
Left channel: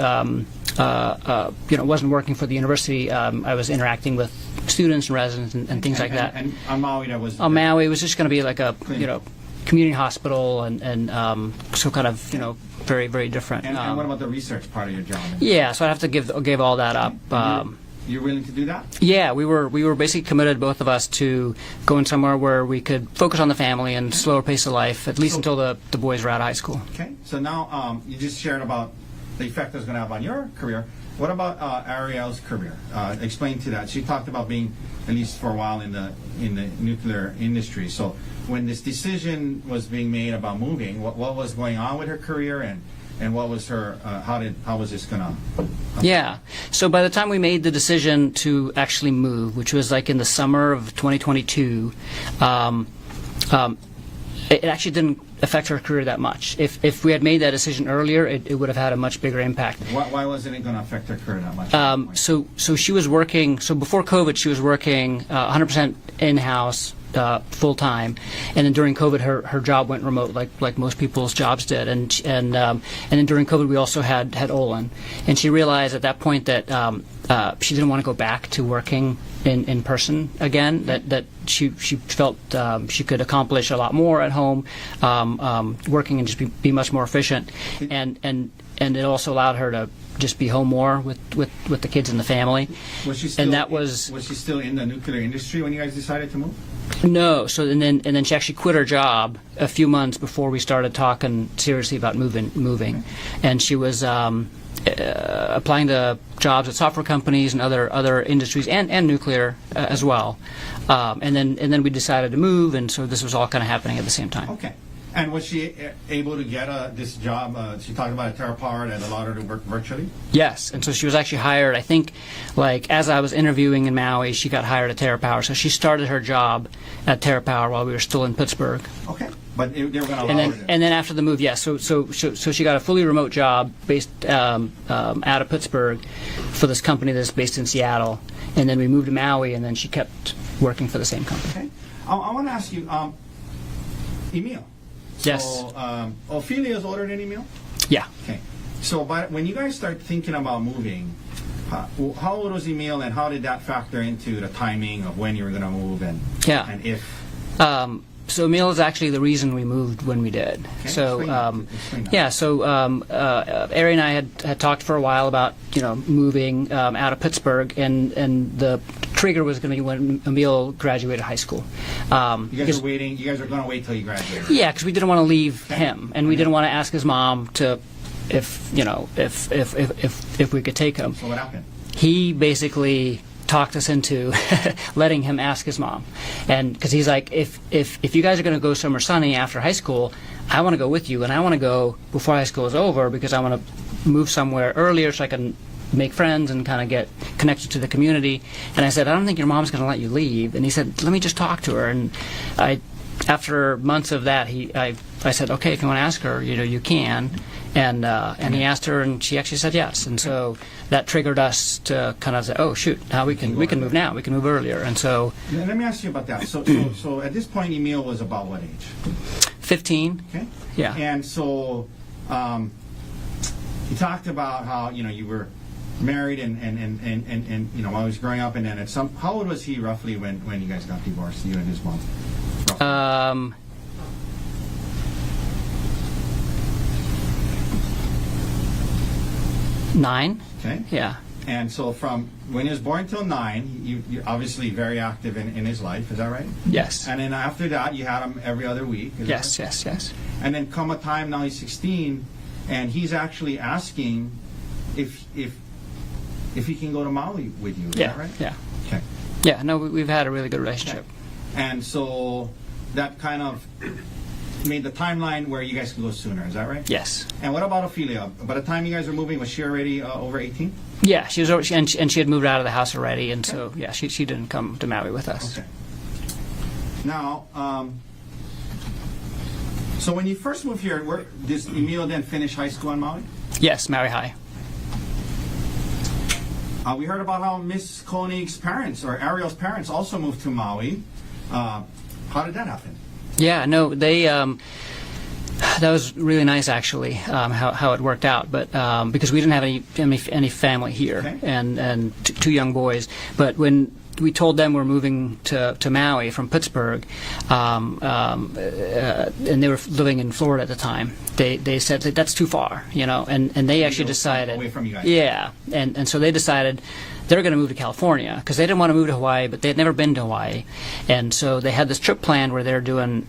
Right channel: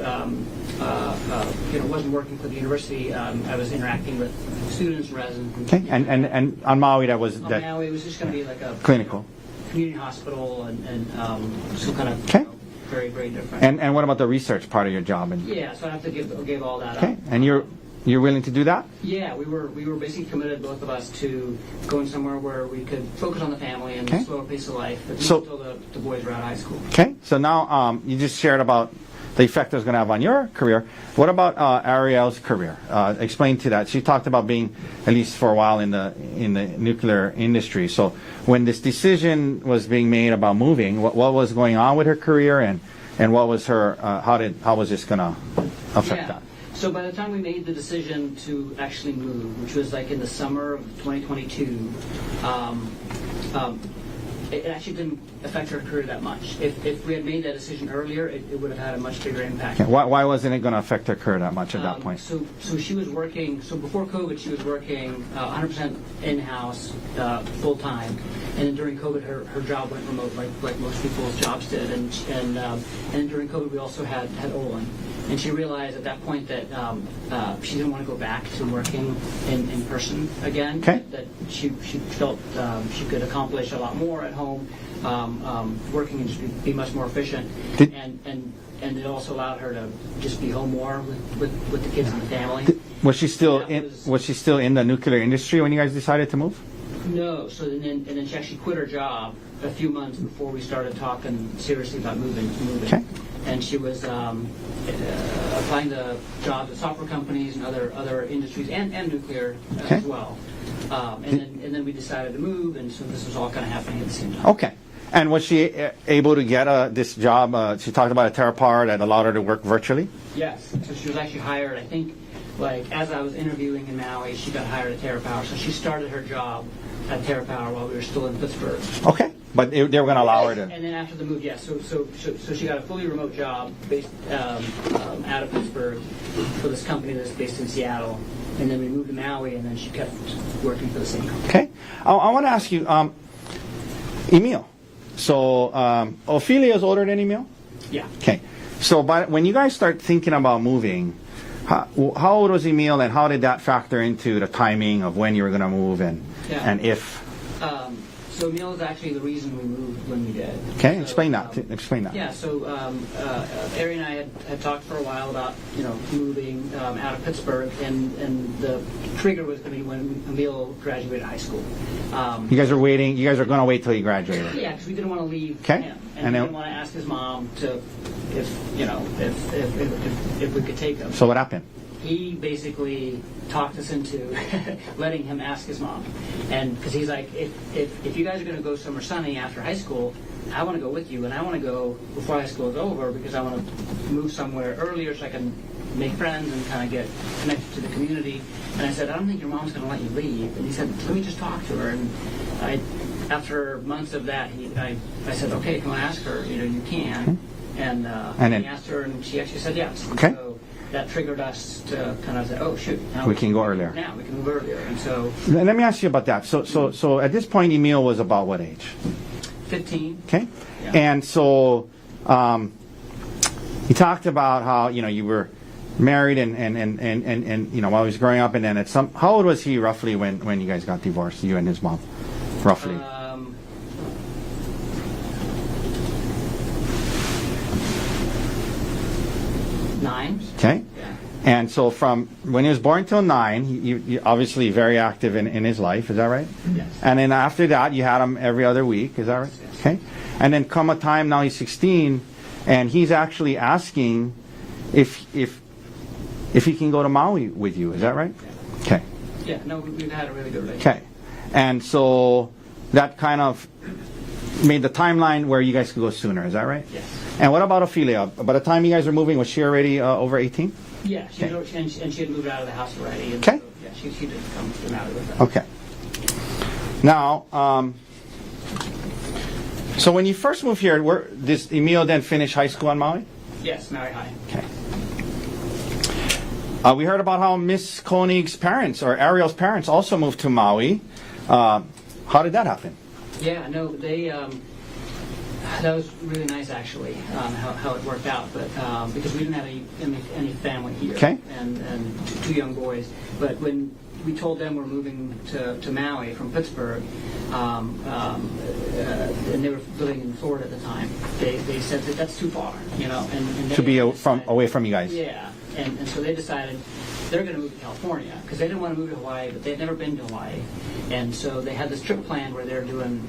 wasn't working for the university, I was interacting with students and residents and things like that. And on Maui, Maui, it was just going to be like a community hospital, and so kind of very, very different. And what about the research part of your job? Yeah, so I have to give all that up. And you're willing to do that? Yeah, we were basically committed, both of us, to going somewhere where we could focus on the family and slower pace of life, at least until the boys were out of high school. Okay, so now you just shared about the effect it's going to have on your career. What about Ariel's career? Explain to that. She talked about being, at least for a while, in the nuclear industry. So when this decision was being made about moving, what was going on with her career, and what was her? How was this going to affect her? So by the time we made the decision to actually move, which was like in the summer of 2022, it actually didn't affect her career that much. If we had made that decision earlier, it would have had a much bigger impact. Okay. Why wasn't it going to affect her career that much at that point? So she was working. So before COVID, she was working 100% in-house, full time, and then during COVID, her job went remote, like most people's jobs did. And then during COVID, we also had Olin, and she realized at that point that she didn't want to go back to working in person again. Okay. That she felt she could accomplish a lot more at home. Working and just be much more efficient, and it also allowed her to just be home more with the kids and the family. Was she still? Was she still in the nuclear industry when you guys decided to move? No. So and then she actually quit her job a few months before we started talking seriously about moving. Okay. And she was applying to jobs at software companies and other industries and nuclear as well. And then we decided to move, and so this was all kind of happening at the same time. Okay. And was she able to get this job? She talked about a TerraPower that allowed her to work virtually? Yes, and so she was actually hired, I think, like as I was interviewing in Maui, she got hired at TerraPower. So she started her job at TerraPower while we were still in Pittsburgh. Okay. But they were going to allow her to... And then after the move, yes. So she got a fully remote job based out of Pittsburgh for this company that's based in Seattle. And then we moved to Maui, and then she kept working for the same company. Okay. I want to ask you, Emil. So Ophelia is older than Emil? Yeah. Okay. So when you guys start thinking about moving, how old was Emil, and how did that factor into the timing of when you were going to move and if? So Emil is actually the reason we moved when we did. Okay, so, explain that. Yeah, so Ari and I had talked for a while about moving out of Pittsburgh, and the trigger was going to be when Emil graduated high school. You guys are waiting. You guys are going to wait till he graduated. Yeah, because we didn't want to leave him, and we didn't want to ask his mom to if we could take him. So what happened? He basically talked us into letting him ask his mom, and because he's like, if you guys are going to go somewhere sunny after high school, I want to go with you, and I want to go before high school is over because I want to move somewhere earlier so I can make friends and kind of get connected to the community. And I said, I don't think your mom's going to let you leave. And he said, let me just talk to her. And after months of that, I said, okay, if you want to ask her, you can. And he asked her, and she actually said yes. And so that triggered us to kind of say, oh shoot, now we can move now. We can move earlier. And so let me ask you about that. So at this point, Emil was about what age? 15. Okay. Yeah. And so you talked about how you were married and while he was growing up, and then how old was he roughly when you guys got divorced, you and his mom, roughly? 9. Okay. Yeah. And so from when he was born till 9, you obviously very active in his life. Is that right? Yes. And then after that, you had him every other week. Is that right? Yes. Okay. And then come a time now he's 16, and he's actually asking if he can go to Maui with you. Is that right? Yeah. Okay. Yeah. No, we've had a really good relationship. Okay. And so that kind of made the timeline where you guys could go sooner. Is that right? Yes. And what about Ophelia? By the time you guys were moving, was she already over 18? Yeah, she was over, and she had moved out of the house already, and Okay. so yeah, she didn't come to Maui with us. Okay. Now, so when you first moved here, did Emil then finish high school on Maui? Yes, Maui High. Okay. We heard about how Miss Konig's parents, or Ariel's parents, also moved to Maui. How did that happen? Yeah, no, they. That was really nice, actually, how it worked out. But because we didn't have any family here, and two young boys. But when we told them we're moving to Maui from Pittsburgh, and they were living in Florida at the time, they said that's too far, and they actually decided away from you guys. Yeah, and so they decided they were going to move to California because they didn't want to move to Hawaii, but they'd never been to Hawaii, and so they had this trip planned where they were going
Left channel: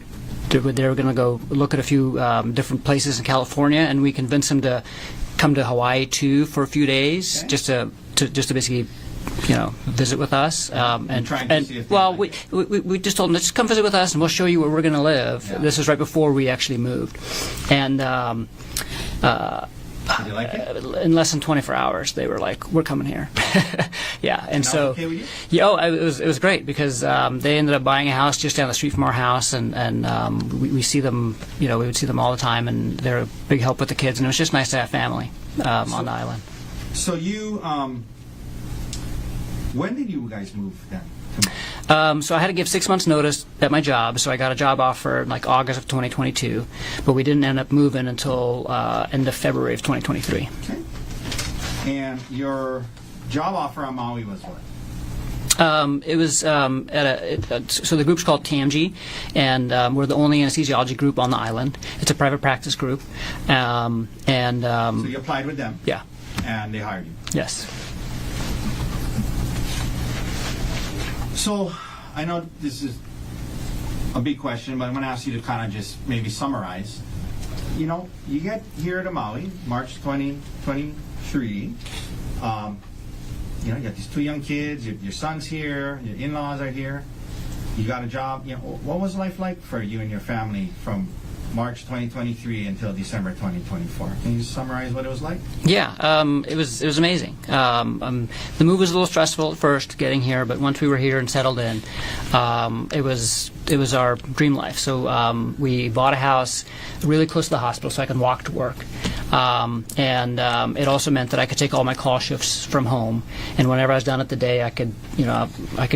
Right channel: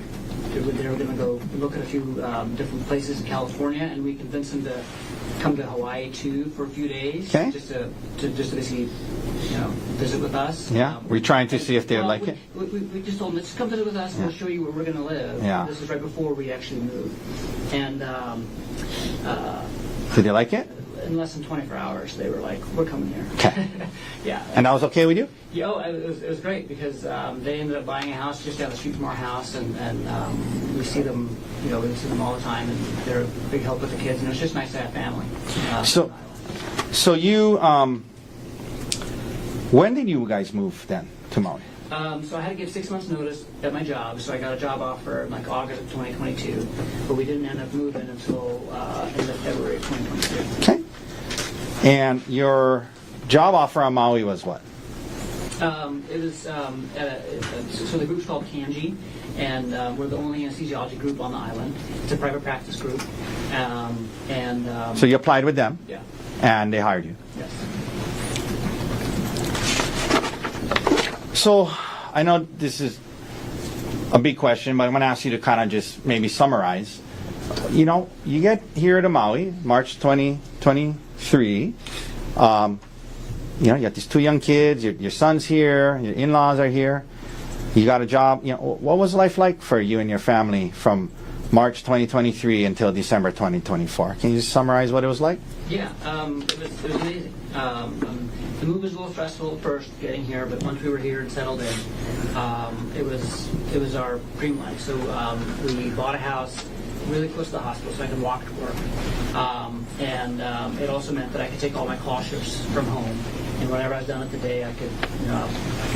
to go look at a few different places in California, and we convinced them to come to Hawaii too for a few days, just to basically visit with us. Yeah. We're trying to see if they like it. We just told them, just come visit with us and we'll show you where we're going to live. Yeah. This was right before we actually moved. And did they like it? In less than 24 hours, they were like, we're coming here. Yeah. And that was okay with you? Yeah, it was great because they ended up buying a house just down the street from our house, and we see them, we would see them all the time, and they're a big help with the kids, and it was just nice to have family on the island. So you, when did you guys move then to Maui? So I had to give 6 months notice at my job, so I got a job offer in like August of 2022, but we didn't end up moving until end of February of 2023. Okay. And your job offer on Maui was what? It was so the group's called TMG, and we're the only anesthesiology group on the island. It's a private practice group, so you applied with them? Yeah. And they hired you? Yes. So, I know this is a big question, but I'm going to ask you to kind of just maybe summarize. You get here to Maui, March 2023. You got these two young kids, your son's here, your in-laws are here. You got a job. You know, what was life like for you and your family from March 2023 until December 2024? Can you just summarize what it was like? Yeah, it was amazing. The move was a little stressful at first getting here, but once we were here and settled in, it was our dream life. So we bought a house really close to the hospital, so I could walk to work, and it also meant that I could take all my call shifts from home. And whenever I was done at the day, I could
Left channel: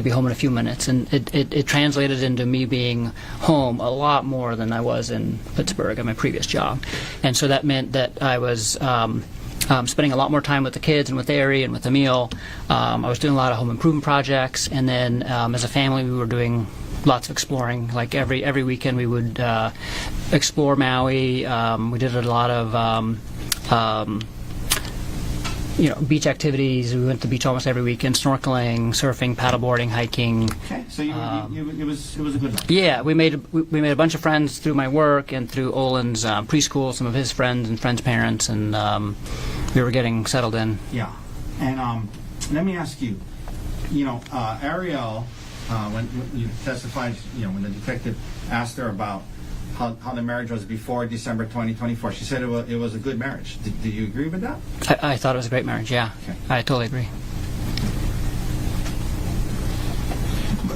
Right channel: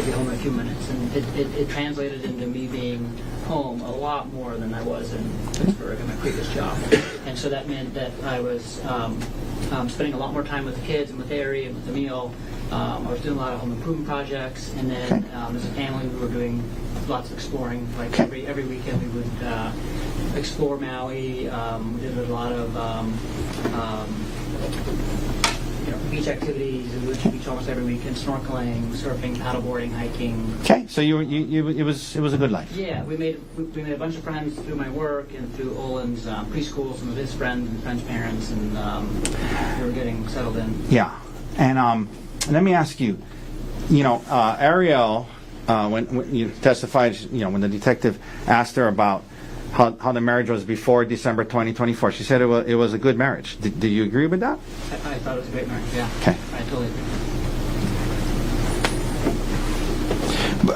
be home in a few minutes, and it translated into me being home a lot more than I was in Pittsburgh at my previous job. And so that meant that I was spending a lot more time with the kids and with Ari and with Emil. I was doing a lot of home improvement projects, and then as a family, we were doing lots of exploring. Like every weekend, we would explore Maui. We did a lot of beach activities. We went to the beach almost every weekend, snorkeling, surfing, paddleboarding, hiking. Okay, so it was a good life. Yeah, we made a bunch of friends through my work and through Olin's preschool, some of his friends and friends' parents, and we were getting settled in. Yeah, and let me ask you, Ariel, when you testified, when the detective asked her about how the marriage was before December 2024, she said it was a good marriage. Do you agree with that? I thought it was a great marriage, yeah. Okay. I totally agree.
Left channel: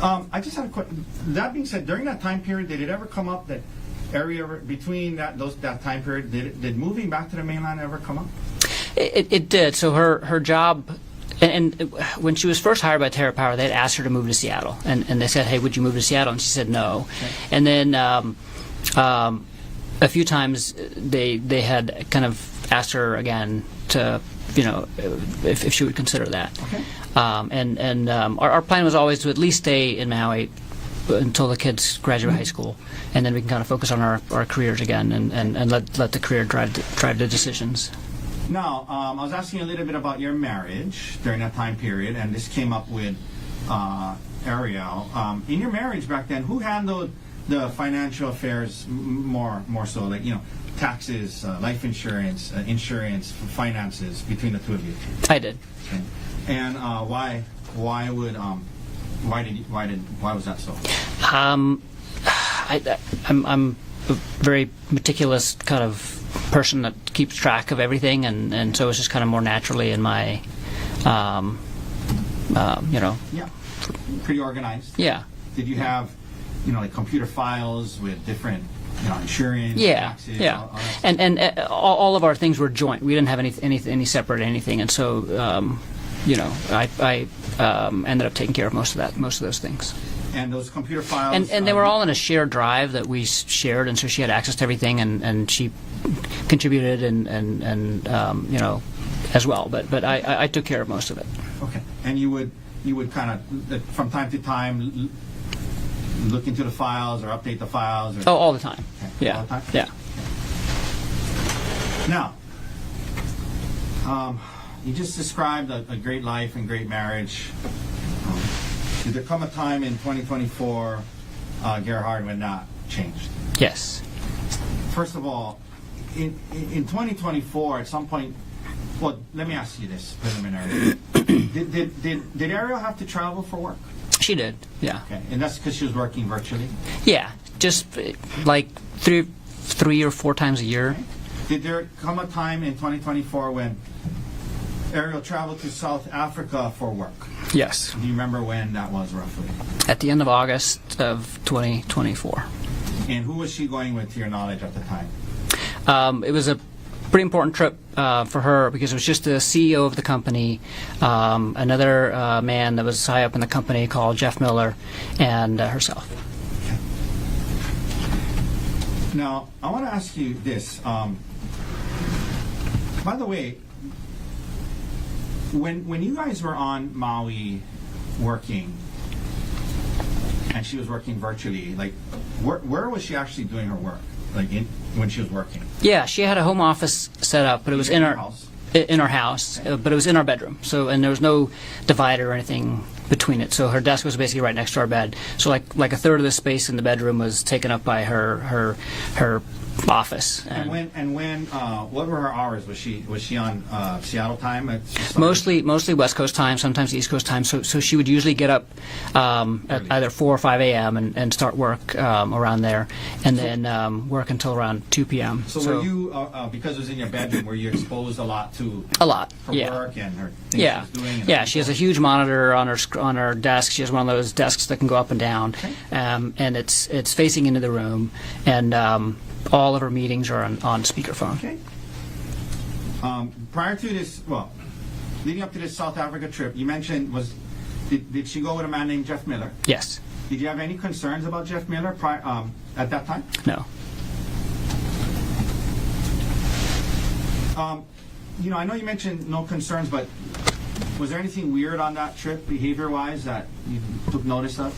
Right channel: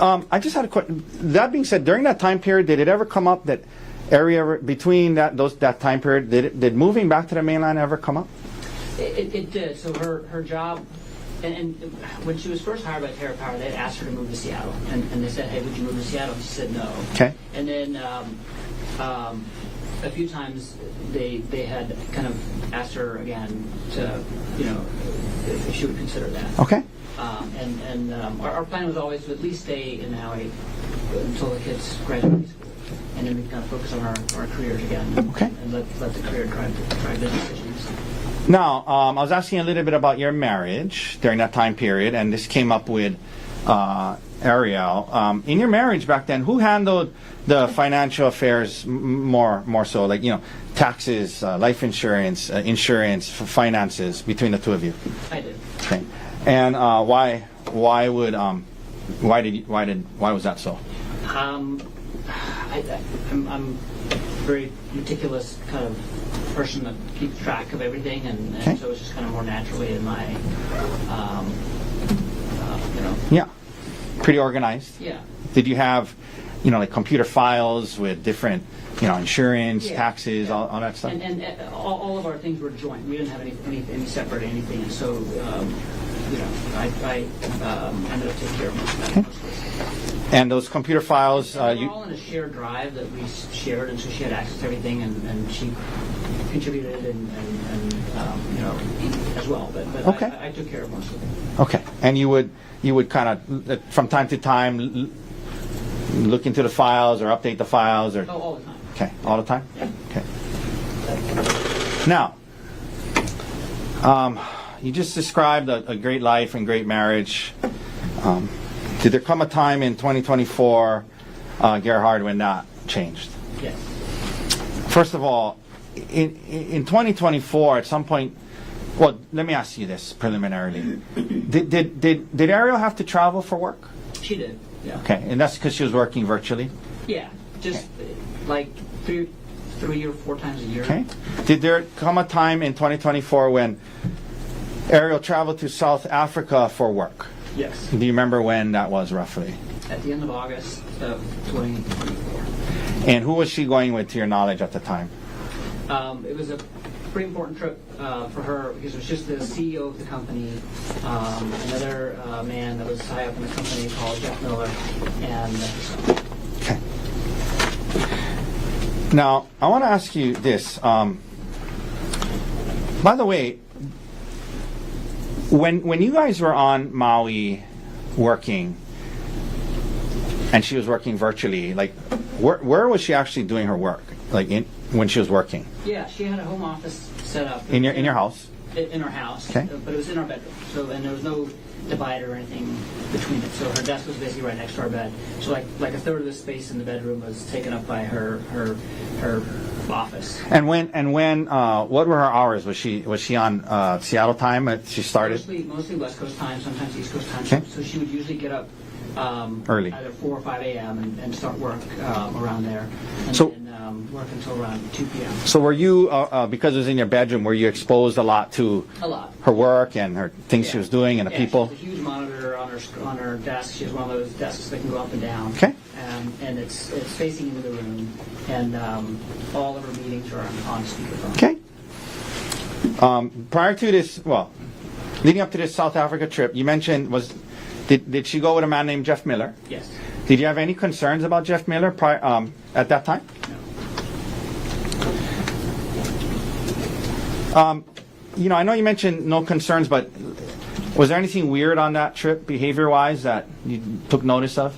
I just had a question. That being said, during that time period, did it ever come up that area between that time period, did moving back to the mainland ever come up? It did. So her job, and when she was first hired by Terra Power, they had asked her to move to Seattle, and they said, "Hey, would you move to Seattle?" And she said no. Okay. And then a few times they had kind of asked her again to, if she would consider that. Okay. And our plan was always to at least stay in Maui until the kids graduate high school, and then we can kind of focus on our careers again and let the career drive the decisions. Now, I was asking a little bit about your marriage during that time period, and this came up with Ariel. In your marriage back then, who handled the financial affairs more so, like taxes, life insurance, finances between the two of you? I did. Okay. And why was that so? I'm a very meticulous kind of person that keeps track of everything, and Okay. so it's just kind of more naturally in my, Yeah. Pretty organized. Yeah. Did you have, like computer files with different, insurance, Yeah, taxes, yeah. all that stuff? And all of our things were joint. We didn't have any separate anything, and so I ended up taking care of most of those things. And those computer files. And they were all in a shared drive that we shared, and so she had access to everything, and she contributed and as well. But Okay. I took care of most of it. Okay. And you would kind of from time to time look into the files or update the files or. Oh, all the time. Okay. Yeah. All the time. Yeah. Okay. Now, you just described a great life and great marriage. Did there come a time in 2024, Gerhardt, when that changed? Yes. First of all, in 2024, at some point, well, let me ask you this preliminary. Did Ariel have to travel for work? She did. Yeah. Okay, and that's because she was working virtually? Yeah. Just like three or four times a year. Okay. Did there come a time in 2024 when Ariel traveled to South Africa for work? Yes. Do you remember when that was roughly? At the end of August of 2024. And who was she going with, to your knowledge, at the time? It was a pretty important trip for her because it was just the CEO of the company, another man that was high up in the company called Jeff Miller, and herself. Okay. Now, I want to ask you this. By the way, when you guys were on Maui working, and she was working virtually, like, where was she actually doing her work? Like, when she was working? Yeah, she had a home office set up, but it In was your- in in our your house? In our house, Okay. but it was in our bedroom. So, and there was no divider or anything between it. So her desk was basically right next to our bed. So like a third of the space in the bedroom was taken up by her office. And when what were her hours? Was she on Seattle time? She started? Mostly West Coast time, sometimes East Coast time. So she would usually get up Early. either 4 or 5 a.m. and start work around there, and then work until around 2 p.m. So were you, because it was in your bedroom, were you exposed a lot to A lot. her yeah. work and her things she was doing and the Yeah, people? she has a huge monitor on her desk. She has one of those desks that can go up and down. Okay. And it's facing into the room, and all of her meetings are on speakerphone. Okay. Prior to this, leading up to this South Africa trip, you mentioned did she go with a man named Jeff Miller? Yes. Did you have any concerns about Jeff Miller at that time? No. I know you mentioned no concerns, but was there anything weird on that trip, behavior-wise, that you took notice of?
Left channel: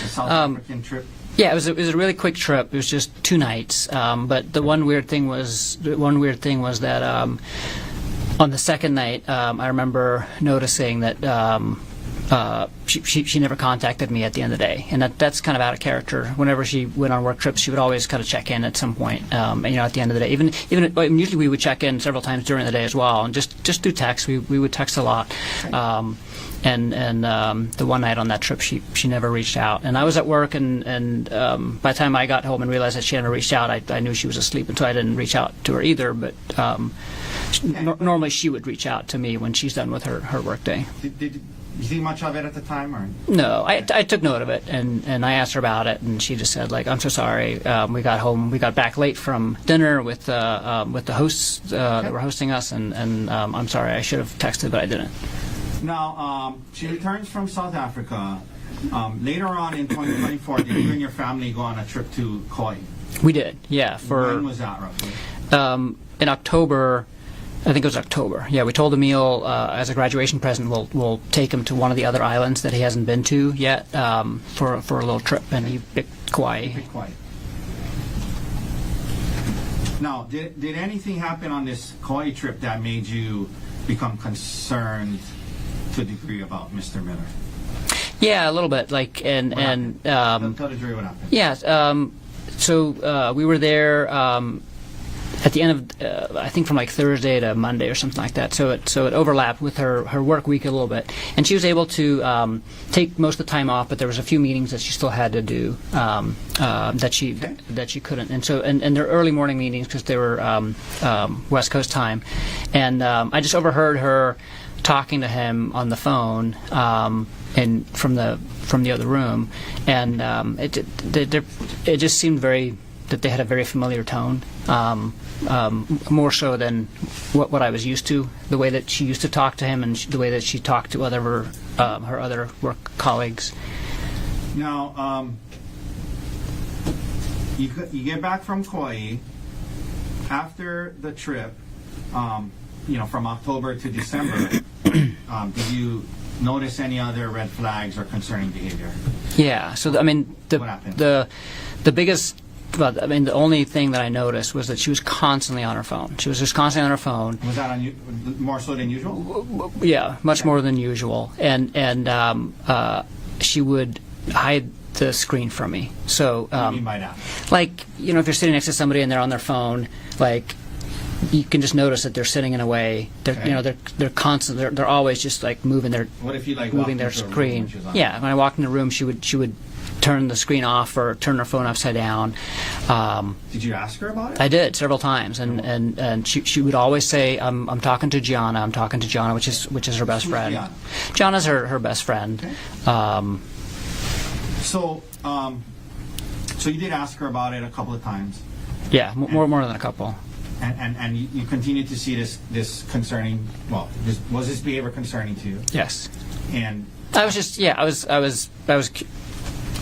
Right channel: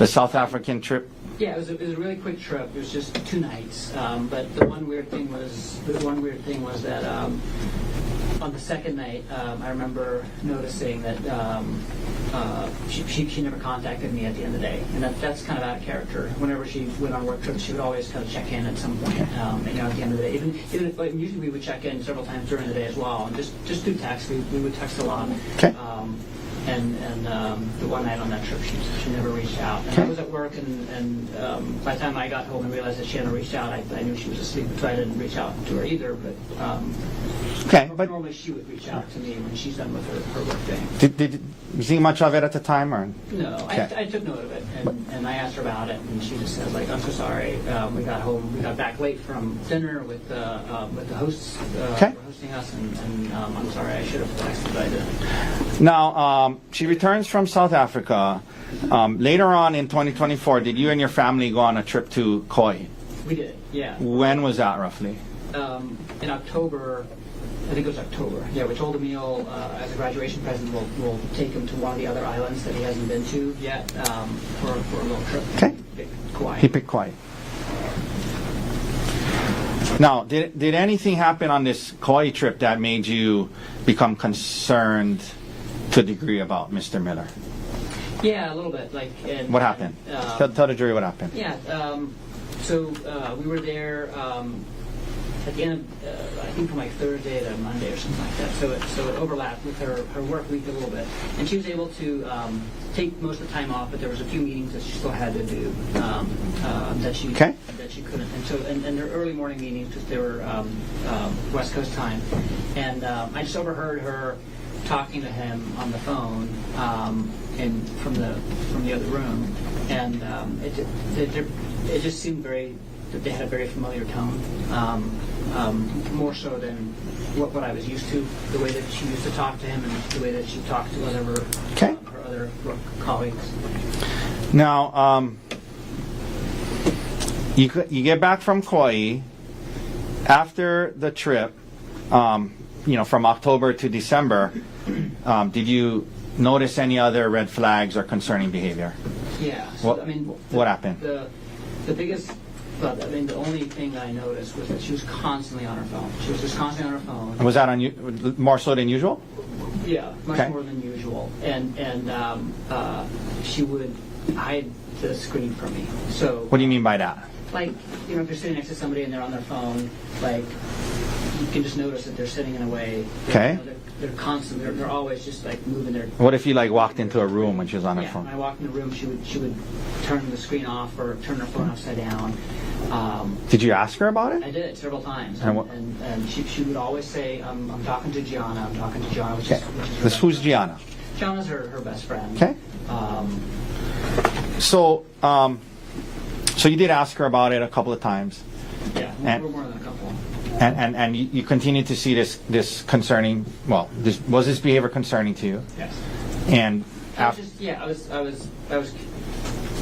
The South African trip? Yeah, it was a really quick trip. It was just 2 nights. But the one weird thing was that on the second night, I remember noticing that she never contacted me at the end of the day, and that's kind of out of character. Whenever she went on work trips, she would always kind of check in at some point. And, at the end of the day, even usually we would check in several times during the day as well, and just through text. We would text a lot. Okay. And the one night on that trip, she never reached out. And I was at work, and by the time I got home and realized that she hadn't reached out, I knew she was asleep, and so I didn't reach out to her either. But normally she would reach out to me when she's done with her work day. Did you think much of it at the time, or? No, Okay. I took note of it, and I asked her about it, and she just said, like, I'm so sorry. We got back late from dinner with the hosts that were hosting us, and I'm sorry, I should have texted, but I didn't. Now, she returns from South Africa. Later on in 2024, did you and your family go on a trip to Kauai? We did, yeah. When was that, roughly? In October. I think it was October. Yeah, we told Emil as a graduation present we'll take him to one of the other islands that he hasn't been to yet for a little trip, and he picked Kauai. He picked Kauai. Now, did anything happen on this Kauai trip that made you become concerned to a degree about Mr. Miller? Yeah, a little bit. What happened? Tell the jury what happened. Yeah. So we were there. At the end of, I think from like Thursday to Monday or something like that. So it overlapped with her work week a little bit, and she was able to take most of the time off. But there was a few meetings that she still had to do that she couldn't. And so and they're early morning meetings because they were West Coast time, and I just overheard her talking to him on the phone and from the other room, and it just seemed that they had a very familiar tone, more so than what I was used to, the way that she used to talk to him and the way that she talked to her other work colleagues. Now, you get back from Kauai. After the trip, from October to December, did you notice any other red flags or concerning behavior? Yeah. So what happened? The biggest. But the only thing that I noticed was that she was constantly on her phone. She was just constantly on her phone. Was that more so than usual? Yeah, much more than usual. And she would hide the screen from me. So what do you mean by that? Like, if you're sitting next to somebody and they're on their phone, like, you can just notice that they're sitting in a way. They're constant. They're always just like moving their. What if you walked into a room when she was on? Yeah, her phone? when I walked in the room, she would turn the screen off or turn her phone upside down. Did you ask her about it? I did several times, and she would always say, "I'm talking to Gianna. I'm talking to Gianna," which is her best who's friend. Gianna? Gianna's her best friend. Okay. So you did ask her about it a couple of times. Yeah, more than a couple. And you continue to see this concerning. Well, was this behavior concerning to you? Yes. And I was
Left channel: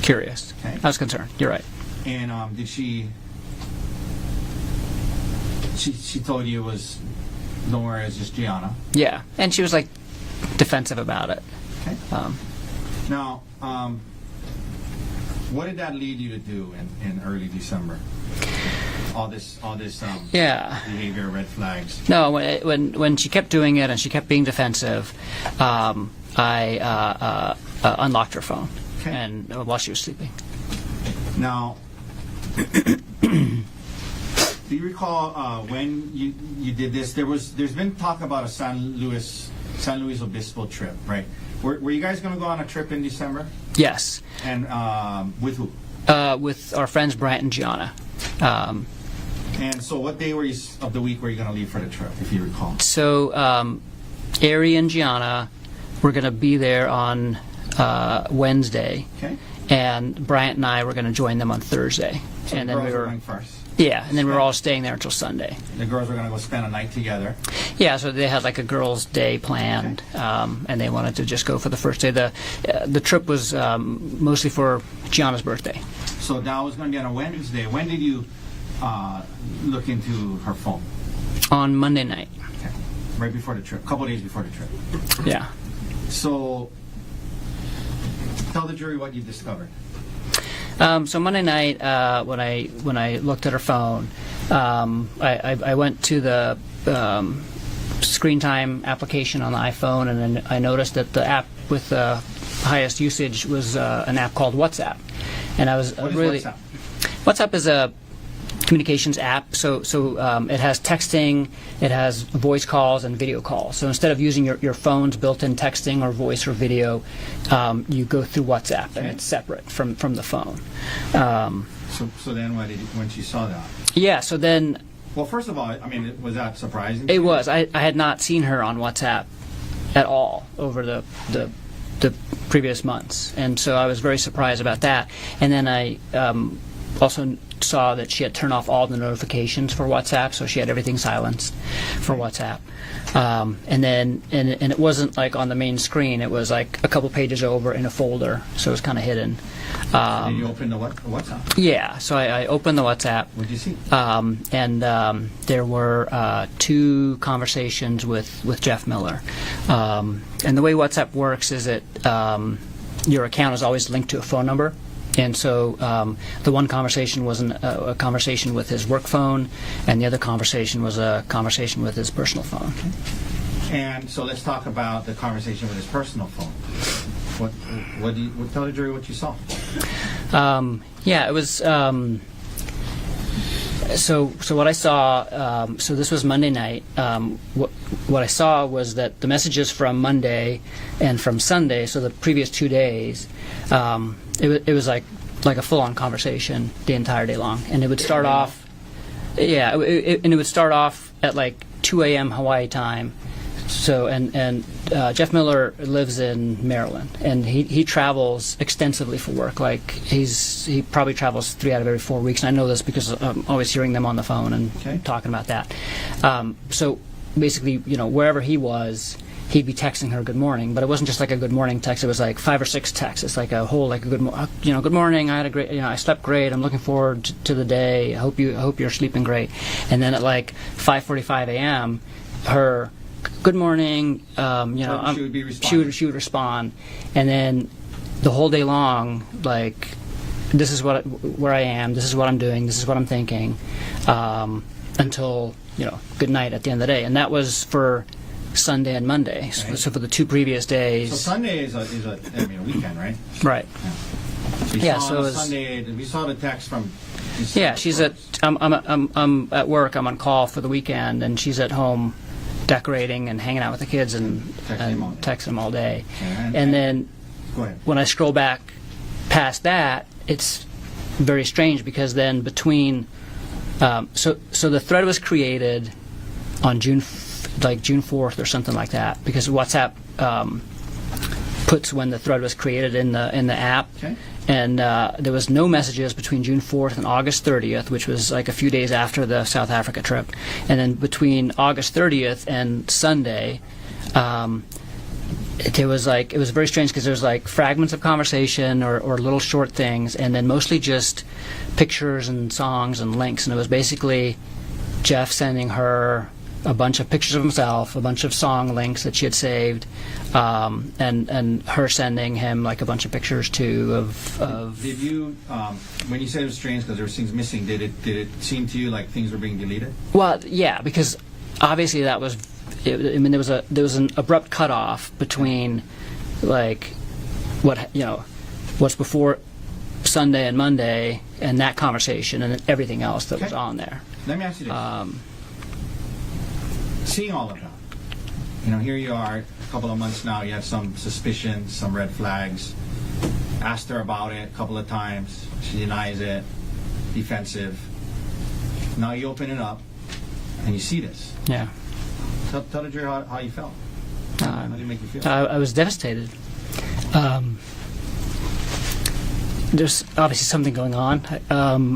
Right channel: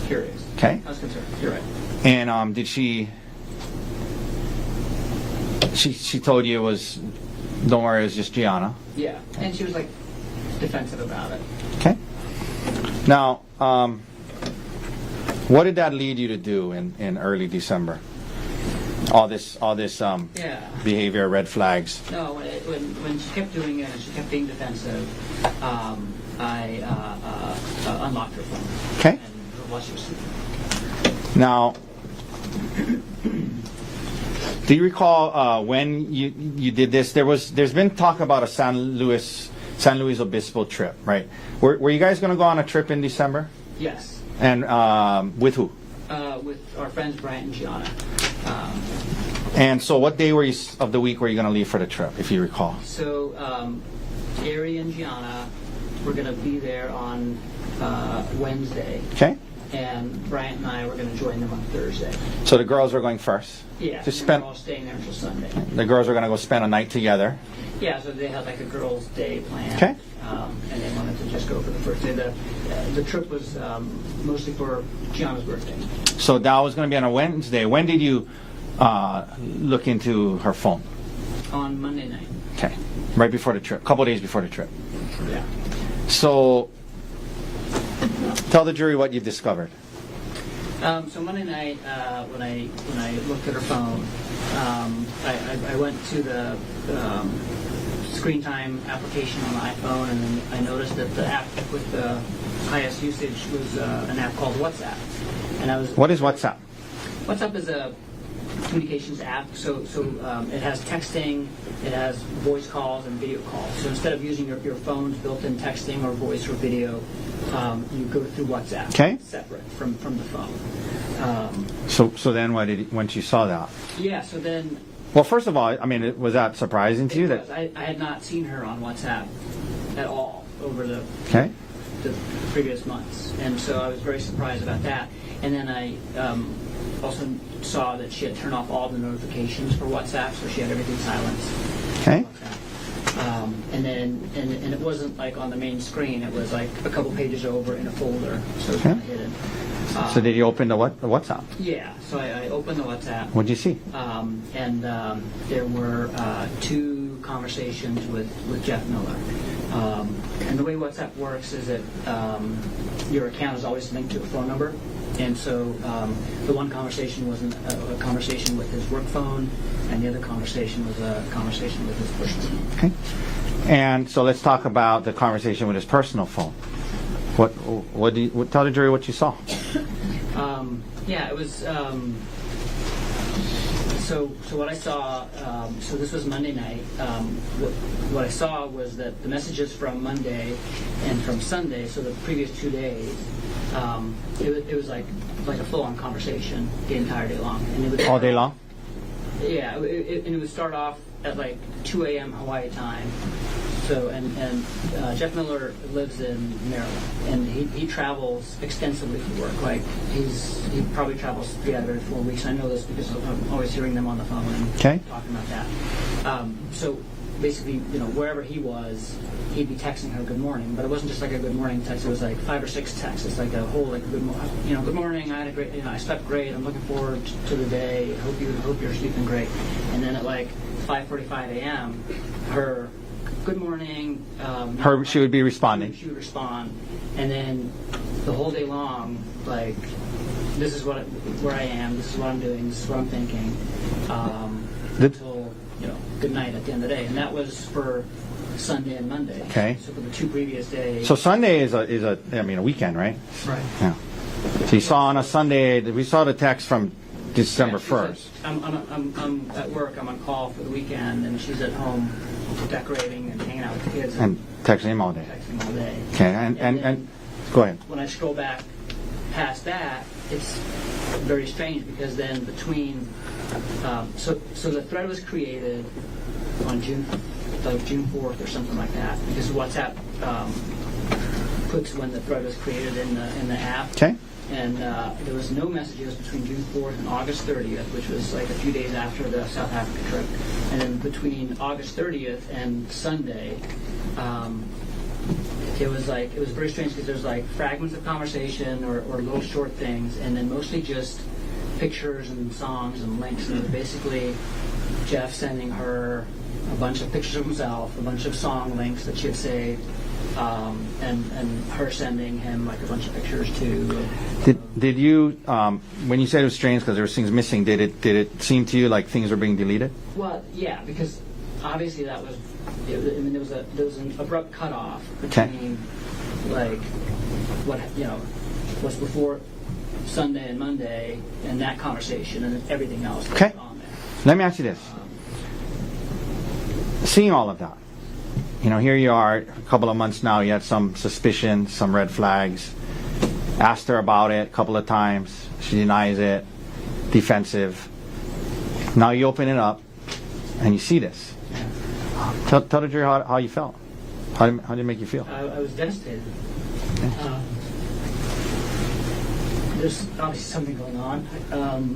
curious. Okay. I was concerned. You're right. And did she told you it was, don't worry, it was just Gianna? Yeah, and she was like defensive about it. Okay. Now, what did that lead you to do in early December? All this behavior, red flags. No, when she kept doing it and she kept being defensive, I unlocked her phone. Okay. And while she was sleeping. Now, Do you recall when you did this? There's been talk about a San Luis Obispo trip, right? Were you guys going to go on a trip in December? Yes. And with who? With our friends Brant and Gianna. And so what day of the week were you going to leave for the trip, if you recall? So Ari and Gianna were going to be there on Wednesday. Okay. And Bryant and I were going to join them on Thursday. So the And then girls we were going first? Yeah, To and then we're spend- all staying there until Sunday. The girls were going to go spend a night together. Yeah, so they had like a girls' day planned, and they wanted to just go for the first day. The trip was mostly for Gianna's birthday. So that was going to be on a Wednesday. When did you look into her phone? On Monday night. Okay. Right before the trip, a couple days before the trip. Yeah. So tell the jury what you've discovered. So Monday night, when I looked at her phone, I went to the screen time application on the iPhone, and then I noticed that the app with the highest usage was an app called WhatsApp. And I was What is WhatsApp? WhatsApp is a communications app. So it has texting, it has voice calls and video calls. So instead of using your phone's built-in texting or voice or video, you go through WhatsApp. Okay. It's separate from the phone. So then when she saw that? Yeah. So then Well, first of all, I mean, was that surprising to it you? was. I had not seen her on WhatsApp at all over the previous months, and so I was very surprised about that. And then I also saw that she had turned off all the notifications for WhatsApp, so she had everything silenced for Okay. WhatsApp. And then it wasn't like on the main screen; it was like a couple pages over in a folder, so it was kind of hidden. So did you open the WhatsApp? Yeah, so I opened the WhatsApp. What did you see? And there were 2 conversations with Jeff Miller. And the way WhatsApp works is that your account is always linked to a phone number. And so the one conversation was a conversation with his work phone, and the other conversation was a conversation with his personal phone. Okay. And so let's talk about the conversation with his personal phone. Tell the jury what you saw. Yeah, it was. So what I saw. So this was Monday night. What I saw was that the messages from Monday and from Sunday, so the previous 2 days, it was like a full-on conversation the entire day long, and it would start day long? off. Yeah, and it would start off at like 2 a.m. Hawaii time. So and Jeff Miller lives in Maryland, and he travels extensively for work. Like he probably travels 3 out of every 4 weeks, and I know this because I'm always hearing them on the phone and talking about that. So basically, wherever he was, he'd be texting her good morning, but it wasn't just like a good morning text. It was like 5 or 6 texts. It's like a whole good morning. I had a great, I slept great. I'm looking forward to the day. I hope you're sleeping great. And then at like 5:45 a.m., her good morning. She would be responding. She would respond, and then the whole day long, like, this is where I am. This is what I'm doing. This is what I'm thinking, until good night at the end of the day. And that was for Sunday and Monday. Okay. So for the 2 previous days. So Sunday is a weekend, right? Right. Yeah. So you Yeah, saw so on it a was- Sunday. We saw the text from December 1st. Yeah, she's I'm at work. I'm on call for the weekend, and she's at home decorating and hanging out with the kids and texting him all day. Texting him all day. Okay. And then go ahead. when I scroll back past that, it's very strange because then between so the thread was created on June 4th or something like that, because WhatsApp puts when the thread was created in the app. Okay. And there was no messages between June 4th and August 30th, which was like a few days after the South Africa trip. And then between August 30th and Sunday, it was very strange because there was like fragments of conversation or little short things, and then mostly just pictures and songs and links. And it was basically Jeff sending her a bunch of pictures of himself, a bunch of song links that she had saved, and her sending him like a bunch of pictures too of Did you, when you said it was strange because there were things missing, did it seem to you like things were being deleted? Well, yeah, because obviously that was. There was an abrupt cutoff between like what's before Sunday and Monday, and that conversation, and everything else that was on there. Let me ask you this. Seeing all of that, here you are, a couple of months now, you had some suspicion, some red flags. Asked her about it a couple of times. She denies it. Defensive. Now you open it up, and you see this. Yeah. Tell the jury how you felt. How did it make you feel? I was devastated. There's obviously something going on,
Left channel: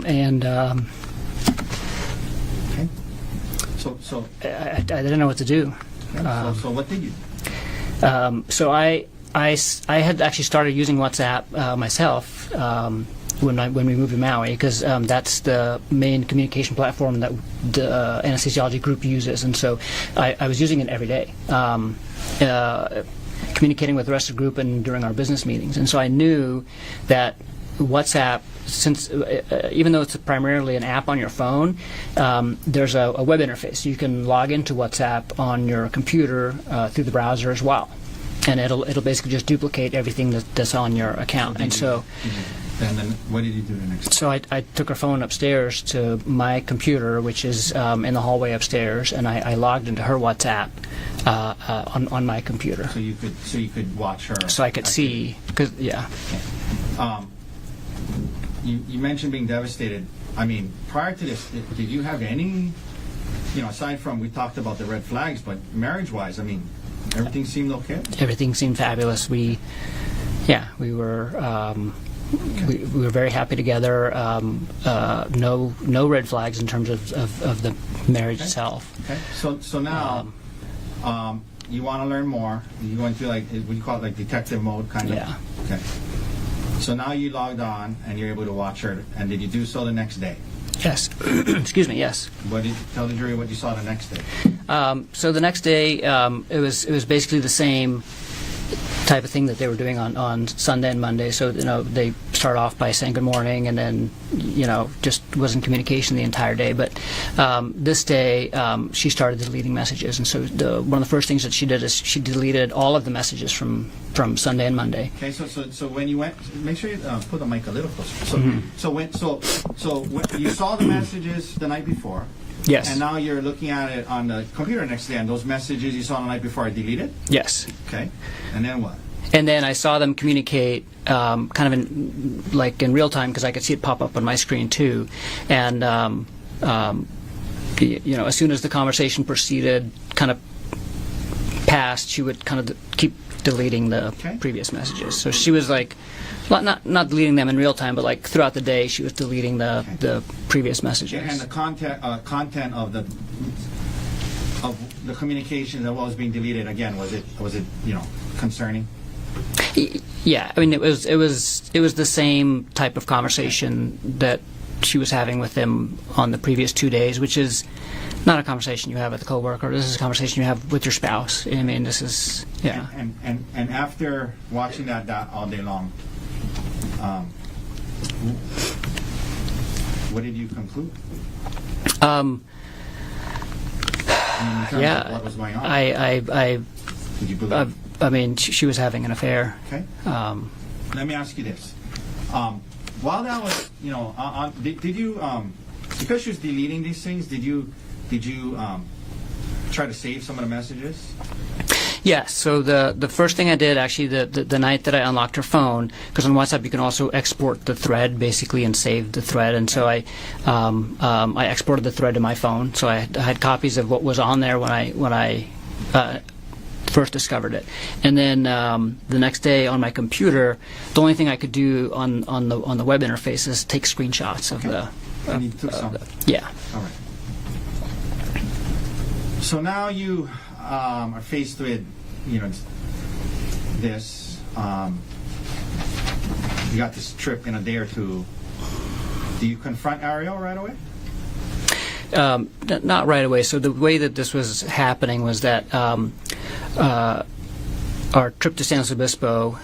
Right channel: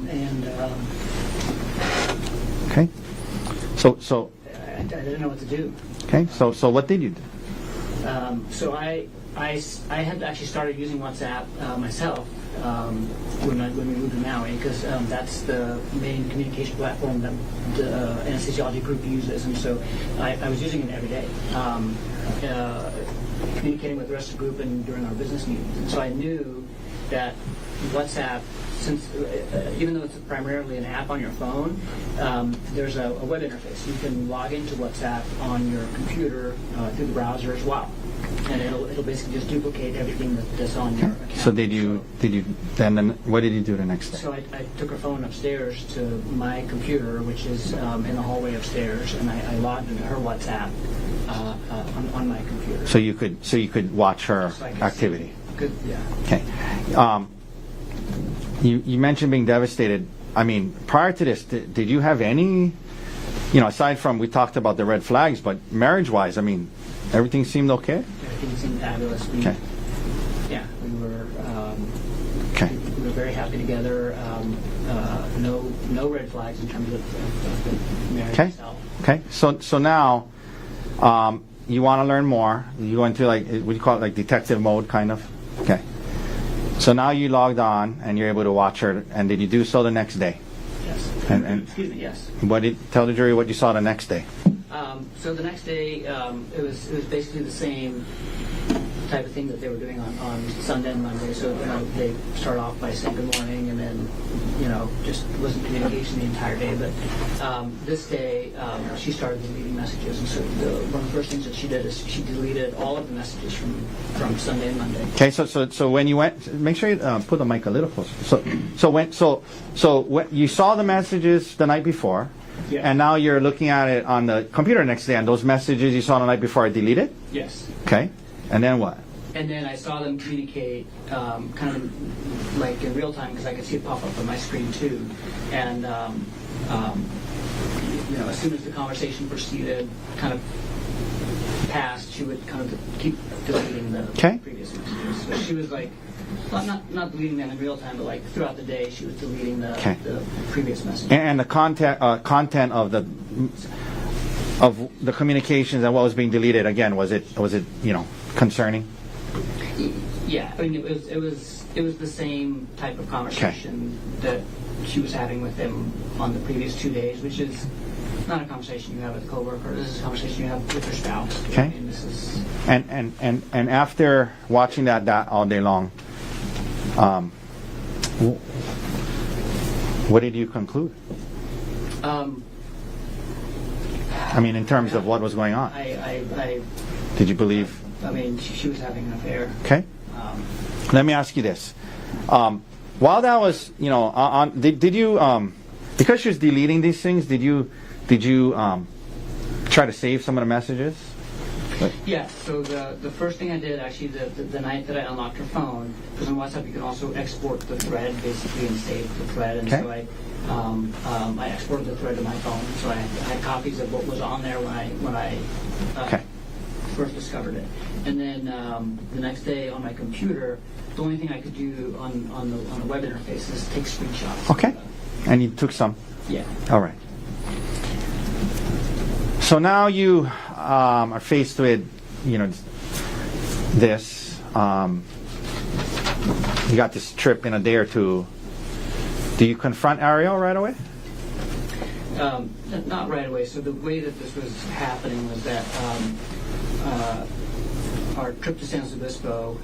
and Okay. So I didn't know what to do. okay. So what did you do? So I had actually started using WhatsApp myself when we moved to Maui, because that's the main communication platform that the anesthesiology group uses, and so I was using it every day, communicating with the rest of the group and during our business meetings. And so I knew that WhatsApp, since even though it's primarily an app on your phone, there's a web interface. You can log into WhatsApp on your computer through the browser as well, and it'll basically just duplicate everything that's on your account. So then what did you do the next day? So I took her phone upstairs to my computer, which is in the hallway upstairs, and I logged into her WhatsApp on my computer. So you could watch her. So I could activity. see, because Okay. You mentioned being devastated. I mean, prior to this, did you have any, aside from, we talked about the red flags, but marriage-wise, I mean, everything seemed okay? everything seemed fabulous. We were we were very happy together. No red flags in terms of the marriage itself. Okay. So now, you want to learn more. You go into what do you call it, like detective mode, kind of? Yeah. Okay. So now you logged on and you're able to watch her. And did you do so the next day? Yes. Excuse me. Yes. Tell the jury what you saw the next day? So the next day, it was basically the same type of thing that they were doing on Sunday and Monday. So they start off by saying good morning, and then just was in communication the entire day. But this day, she started deleting messages, and so one of the first things that she did is she deleted all of the messages from Sunday and Monday. Okay. So when you went, make sure you put the mic a little closer. So when you saw the messages the night before. Yes. And now you're looking at it on the computer next day, and those messages you saw the night before are deleted? Yes. Okay. And then what? And then I saw them communicate kind of in real time, because I could see it pop up on my screen too. And as soon as the conversation proceeded, kind of passed, she would kind of keep deleting the previous messages. So she was like, not deleting them in real time, but like throughout the day, she was deleting the previous messages. And the content of the communications and what was being deleted, again, was it concerning? Yeah, I mean, it was the same type of conversation that she was having with them on the previous 2 days, which is not a conversation you have with a coworker. This is a conversation you have with your spouse. I mean, this is. Yeah. And after watching that all day long, what did you conclude? I mean, in terms of what was going on. Did you believe? I mean, she was having an affair. Okay. Let me ask you this: while that was, did you, because she was deleting these things, did you try to save some of the messages? Yes. So the first thing I did, actually, the night that I unlocked her phone, because on WhatsApp you can also export the thread basically and save the thread, and so I exported the thread to my phone. So I had copies of what was on there when I first discovered it, and then the next day on my computer, the only thing I could do on the web interface is take screenshots. Okay. And you took some. Yeah. All right. So now you are faced with, this. You got this trip in a day or two. Do you confront Ariel right away? Not right away. So the way that this was happening was that our trip to San Luis Obispo,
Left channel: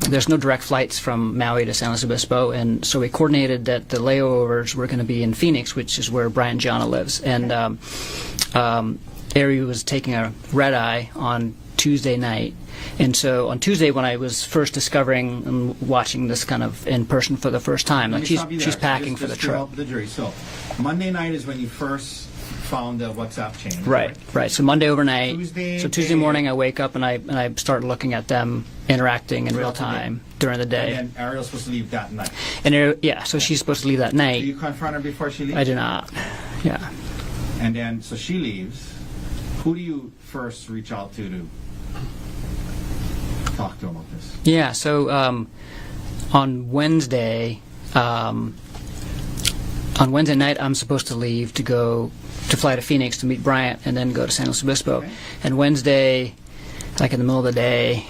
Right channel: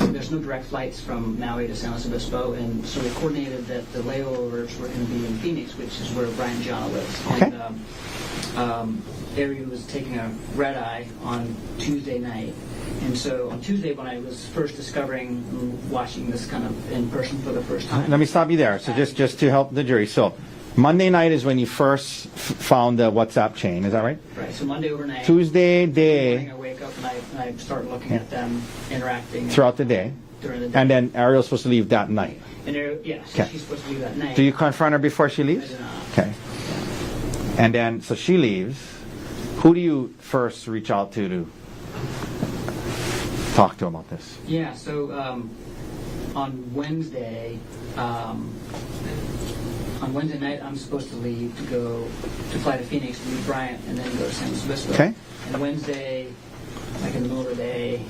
there's no direct flights from Maui to San Luis Obispo, and so we coordinated that the layovers were going to be in Phoenix, which is where Brian Gianna lives. Okay. Ari was taking a red eye on Tuesday night. And so on Tuesday, when I was first discovering and watching this kind of in person for the first time, Let me she's- stop you there. she's packing for Just the to trip. help the jury. So Monday night is when you first found the WhatsApp chain, is that Right, right. So Monday overnight. Tuesday So Tuesday day. morning, I wake up and I start looking at them interacting in Throughout real the day. time during the day. And then Ariel's supposed to leave that night. And yeah, so she's supposed to leave that night. Do you confront her before she leaves? I do not. Okay. Yeah. And then, so she leaves. Who do you first reach out to talk to about this? Yeah. So on Wednesday night, I'm supposed to leave to go to fly to Phoenix to meet Bryant and then go to San Luis Obispo. Okay. And Wednesday, like in the middle of the day,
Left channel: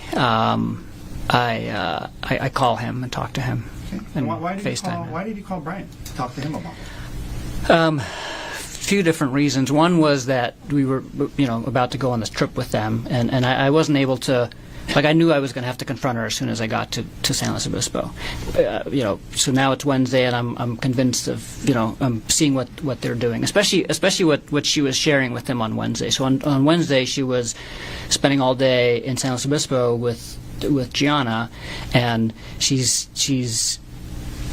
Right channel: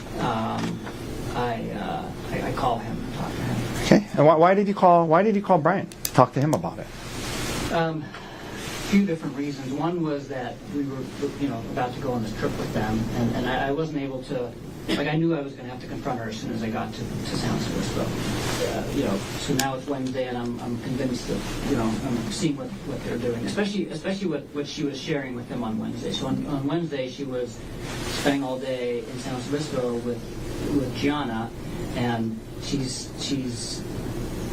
I call him and talk to him. Okay. And why did you call? FaceTime. Why did you call Brian? Talk to him about it. Few different reasons. One was that we were, about to go on this trip with them, and I wasn't able to. Like, I knew I was going to have to confront her as soon as I got to San Luis Obispo. So now it's Wednesday, and I'm convinced of, I'm seeing what they're doing, especially what she was sharing with them on Wednesday. So on Wednesday, she was spending all day in San Luis Obispo with Gianna, and she's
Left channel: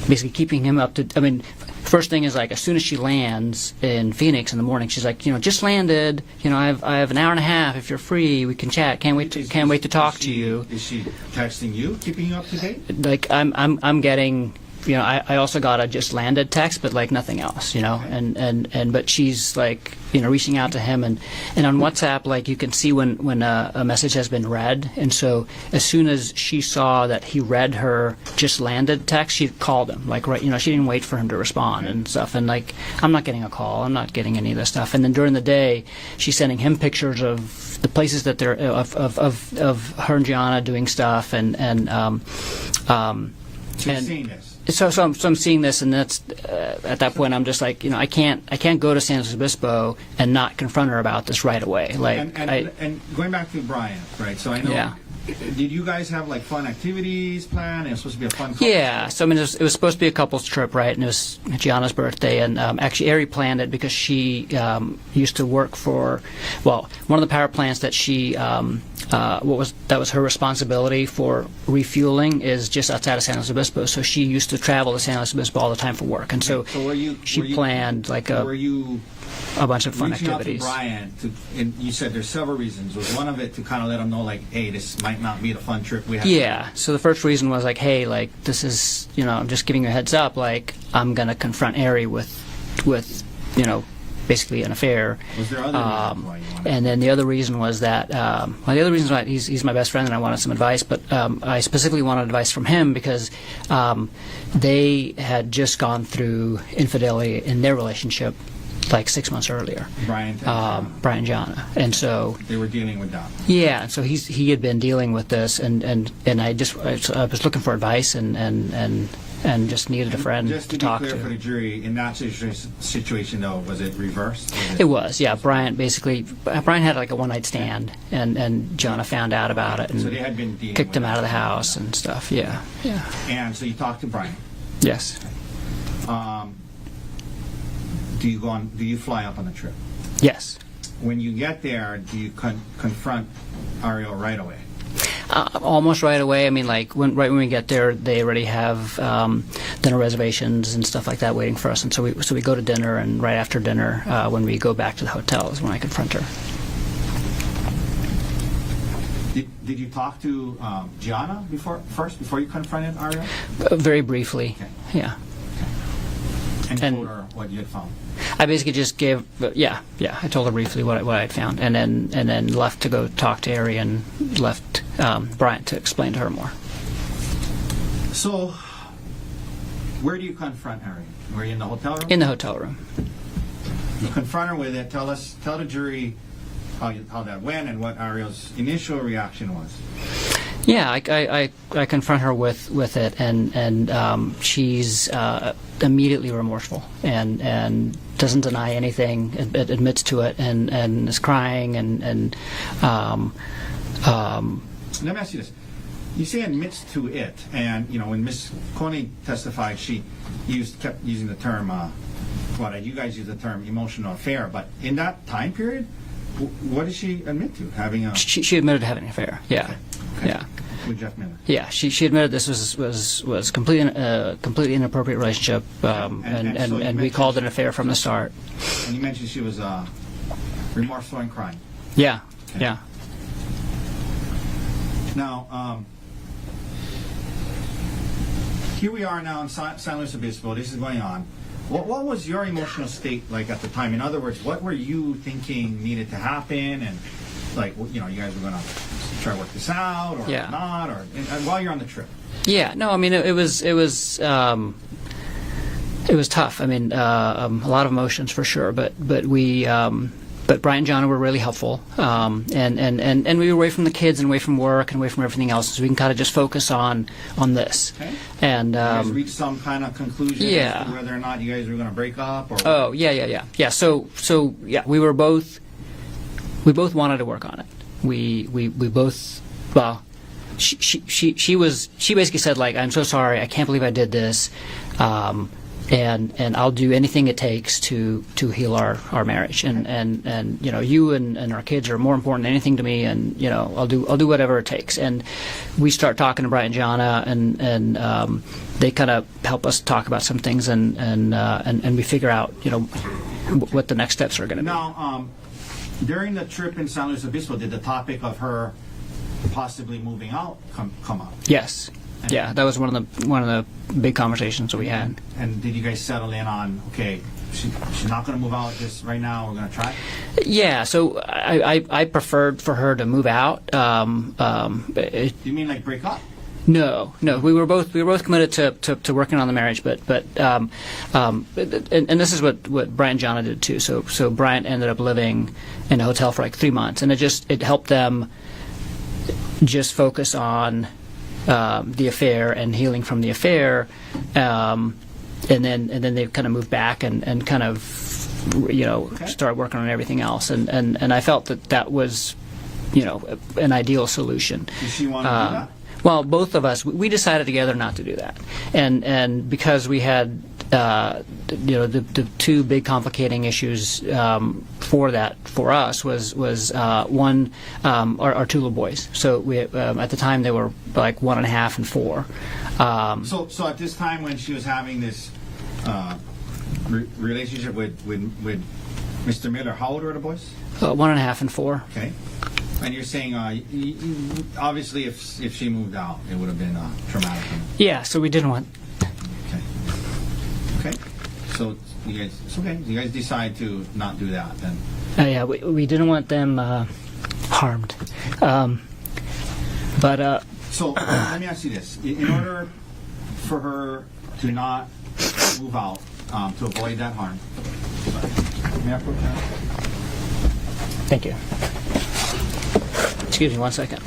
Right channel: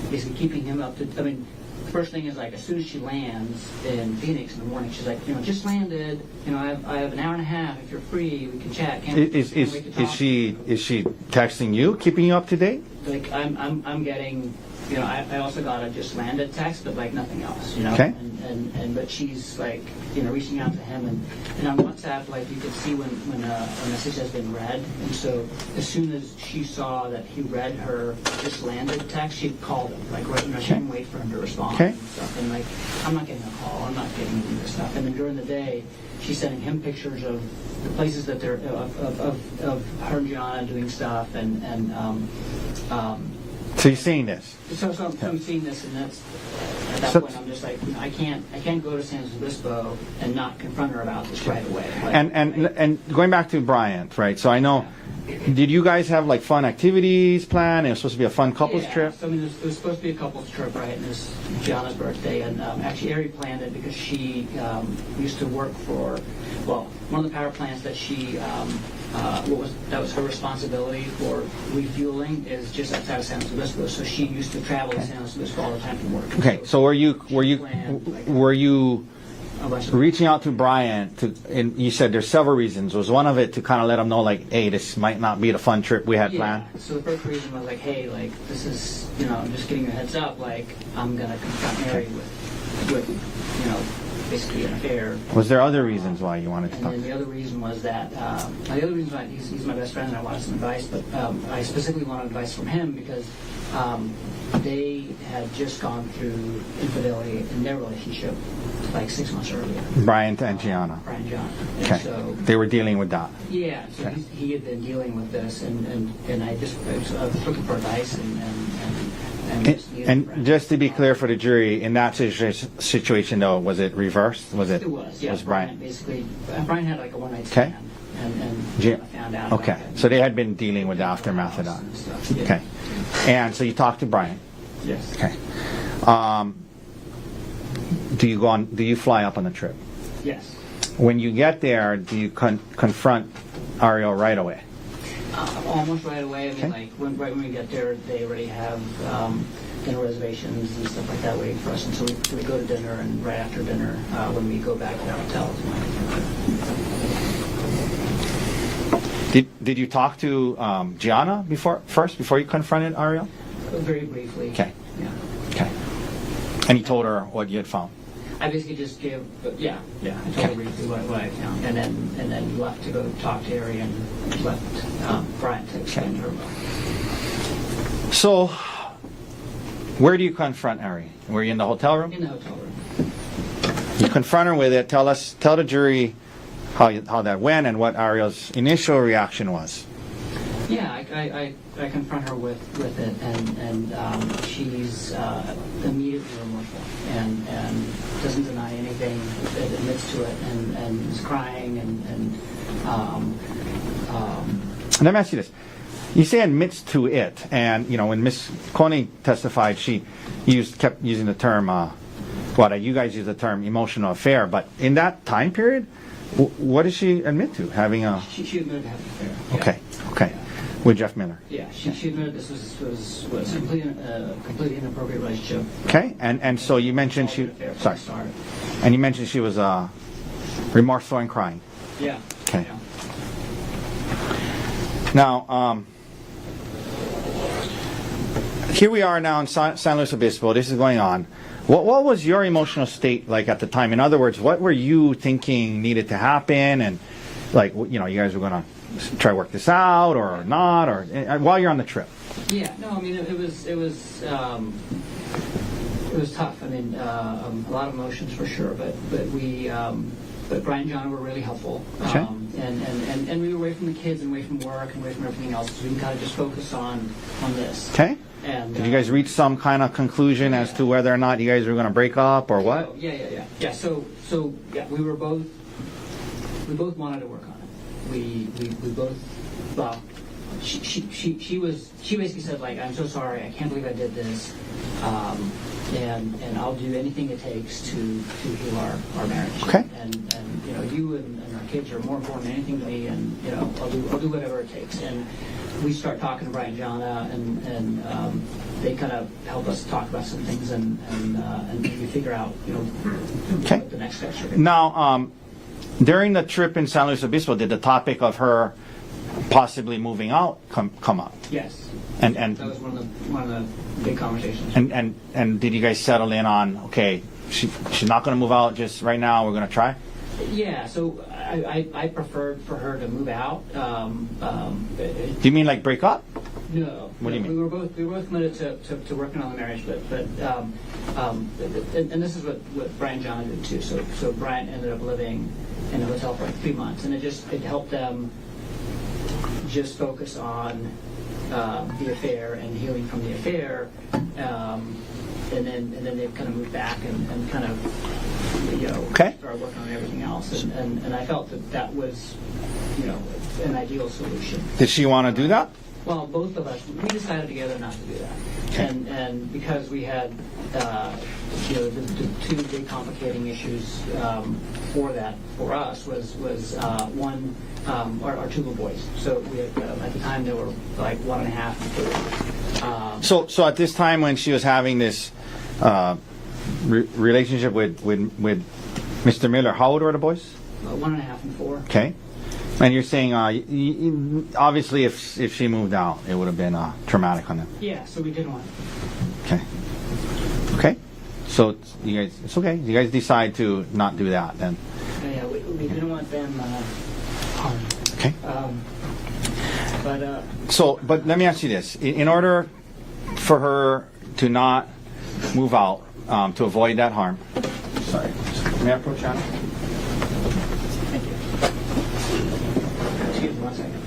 basically keeping him up to. I mean, first thing is, like, as soon as she lands in Phoenix in the morning, she's like, just landed. I have an hour and a half. If you're free, we can chat. Can't wait to talk to you. Is she texting you, keeping you up to date? Like, I'm getting. I also got a just landed text, but like nothing else. Okay. And but she's like, reaching out to him, and on WhatsApp, like, you can see when a message has been read, and so as soon as she saw that he read her just landed text, she called him, like, right, she didn't wait for him to respond and stuff, and like, I'm not getting a call, I'm not getting any of this stuff, and then during the day, she's sending him pictures of the places that they're of her and Gianna doing stuff, So you're seeing this. So I'm seeing this, and that's at that point I'm just like, I can't go to San Luis Obispo and not confront her about this right away. Like, And going back to Bryant, right? So I know. Yeah. Did you guys have like fun activities planned? It was supposed to be a fun couples yeah. trip. So I mean, it was supposed to be a couples trip, right? And it was Gianna's birthday, and actually Ari planned it because she used to work for, one of the power plants that she. That was her responsibility for refueling is just outside of San Luis Obispo. So she used to travel to San Luis Obispo all the time for work, and Okay. So were you planned like were you a bunch of fun reaching out to activities. Bryant and you said there's several reasons. Was one of it to kind of let him know, like, hey, this might not be the fun trip we had Yeah. planned? So the first reason was like, hey, like, this is, I'm just giving you a heads up. Like, I'm gonna confront Ari with, basically an affair. Was there other reasons why you wanted? And then the other reason was that the other reason why he's my best friend and I wanted some advice, but I specifically wanted advice from him because they had just gone through infidelity in their relationship like 6 months earlier. Brian and Gianna. Brian and Gianna. And Okay. so they were dealing with that. yeah, so he had been dealing with this, and I was looking for advice and just needed a friend. Just to be talk clear for the jury, in that situation though, was it reversed? It was, yeah. Brian had like a one-night stand, and Gianna found out about it. And So they had been dealing kicked with him out of the that house after and that. stuff. Yeah. Okay. Yeah. And so you talked to Brian. Yes. Okay. Do you fly up on the trip? Yes. When you get there, do you confront Ariel right away? Almost right away. I mean, like right when we get there, they already have dinner reservations and stuff like that waiting for us. And so we go to dinner, and right after dinner, when we go back to the hotel, is when I confront her. Did you talk to Gianna before you confronted Ariel? Very briefly. Okay. Yeah. Okay. And you told her what you had found. I basically just gave, I told her briefly what I found, and then left to go talk to Ari and left Bryant to explain to her more. So, where do you confront Ari? Were you in the hotel room? In the hotel room. You confront her with it. Tell the jury how that went and what Ariel's initial reaction was. Yeah, I confront her with it, and she's immediately remorseful and doesn't deny anything, admits to it, and is crying and let me ask you this. You say admits to it, and when Ms. Konig testified, she kept using the term, you guys use the term emotional affair, but in that time period, What did she admit to? Having a... She admitted to having an affair. Yeah. Okay. Yeah. With Jeff Miller. Yeah, she admitted this was completely inappropriate relationship. Okay, and so you we mentioned called it she- an affair from the start. And you mentioned she was remorseful and crying. Yeah, Okay. yeah. Now, here we are now in San Luis Obispo. This is going on. What was your emotional state like at the time? In other words, what were you thinking needed to happen? And like, you know, you guys were going to try to work this out or Yeah. not, or while you're on the trip? Yeah, no, I mean it was tough. I mean a lot of emotions for sure, but Brian and John were really helpful, and we were away from the kids and away from work and away from everything else, so we can kind of just focus on this. Okay. And Did you guys reach some kind of conclusion as to yeah. whether or not you guys were going to break up or what? Oh yeah. So yeah, we both wanted to work on it. We both well. She basically said, like, I'm so sorry, I can't believe I did this, and I'll do anything it takes to heal our marriage. Okay. And you know, you and our kids are more important than anything to me, and you know, I'll do whatever it takes. And we start talking to Brian and Jana, and they kind of help us talk about some things, and we figure out, you know, what the next steps are going to be. Now, during the trip in San Luis Obispo, did the topic of her possibly moving out come up? Yes. And- Yeah, and- that was one of the big conversations we had. And did you guys settle in on, okay, she's not going to move out just right now, we're going to try? Yeah, so I preferred for her to move out. Do you mean like break up? No, we were both committed to working on the marriage, but and this is what Brian and Jana did too. So Brian ended up living in a hotel for like 3 months, and it helped them just focus on the affair and healing from the affair, and then they kind of moved back and kind of, you know, start working on everything else, and I felt that was, you know, an ideal solution. Did she want to do that? Well, both of us, we decided together not to do that, and because we had, you know, the two big complicating issues for us was one, our two little boys. So we at the time they were like 1.5 and 4. So at this time when she was having this relationship with Mr. Miller, how old were the boys? 1.5 and 4. Okay. And you're saying, obviously, if she moved out, it would have been traumatic on her. Yeah, so we didn't want. Okay. So you guys, it's okay. You guys decide to not do that then. Yeah, we didn't want them harmed. Okay. But but let me ask you this: in order for her to not move out, to avoid that harm. Sorry. May I approach Johnny? thank you. Excuse me 1 second.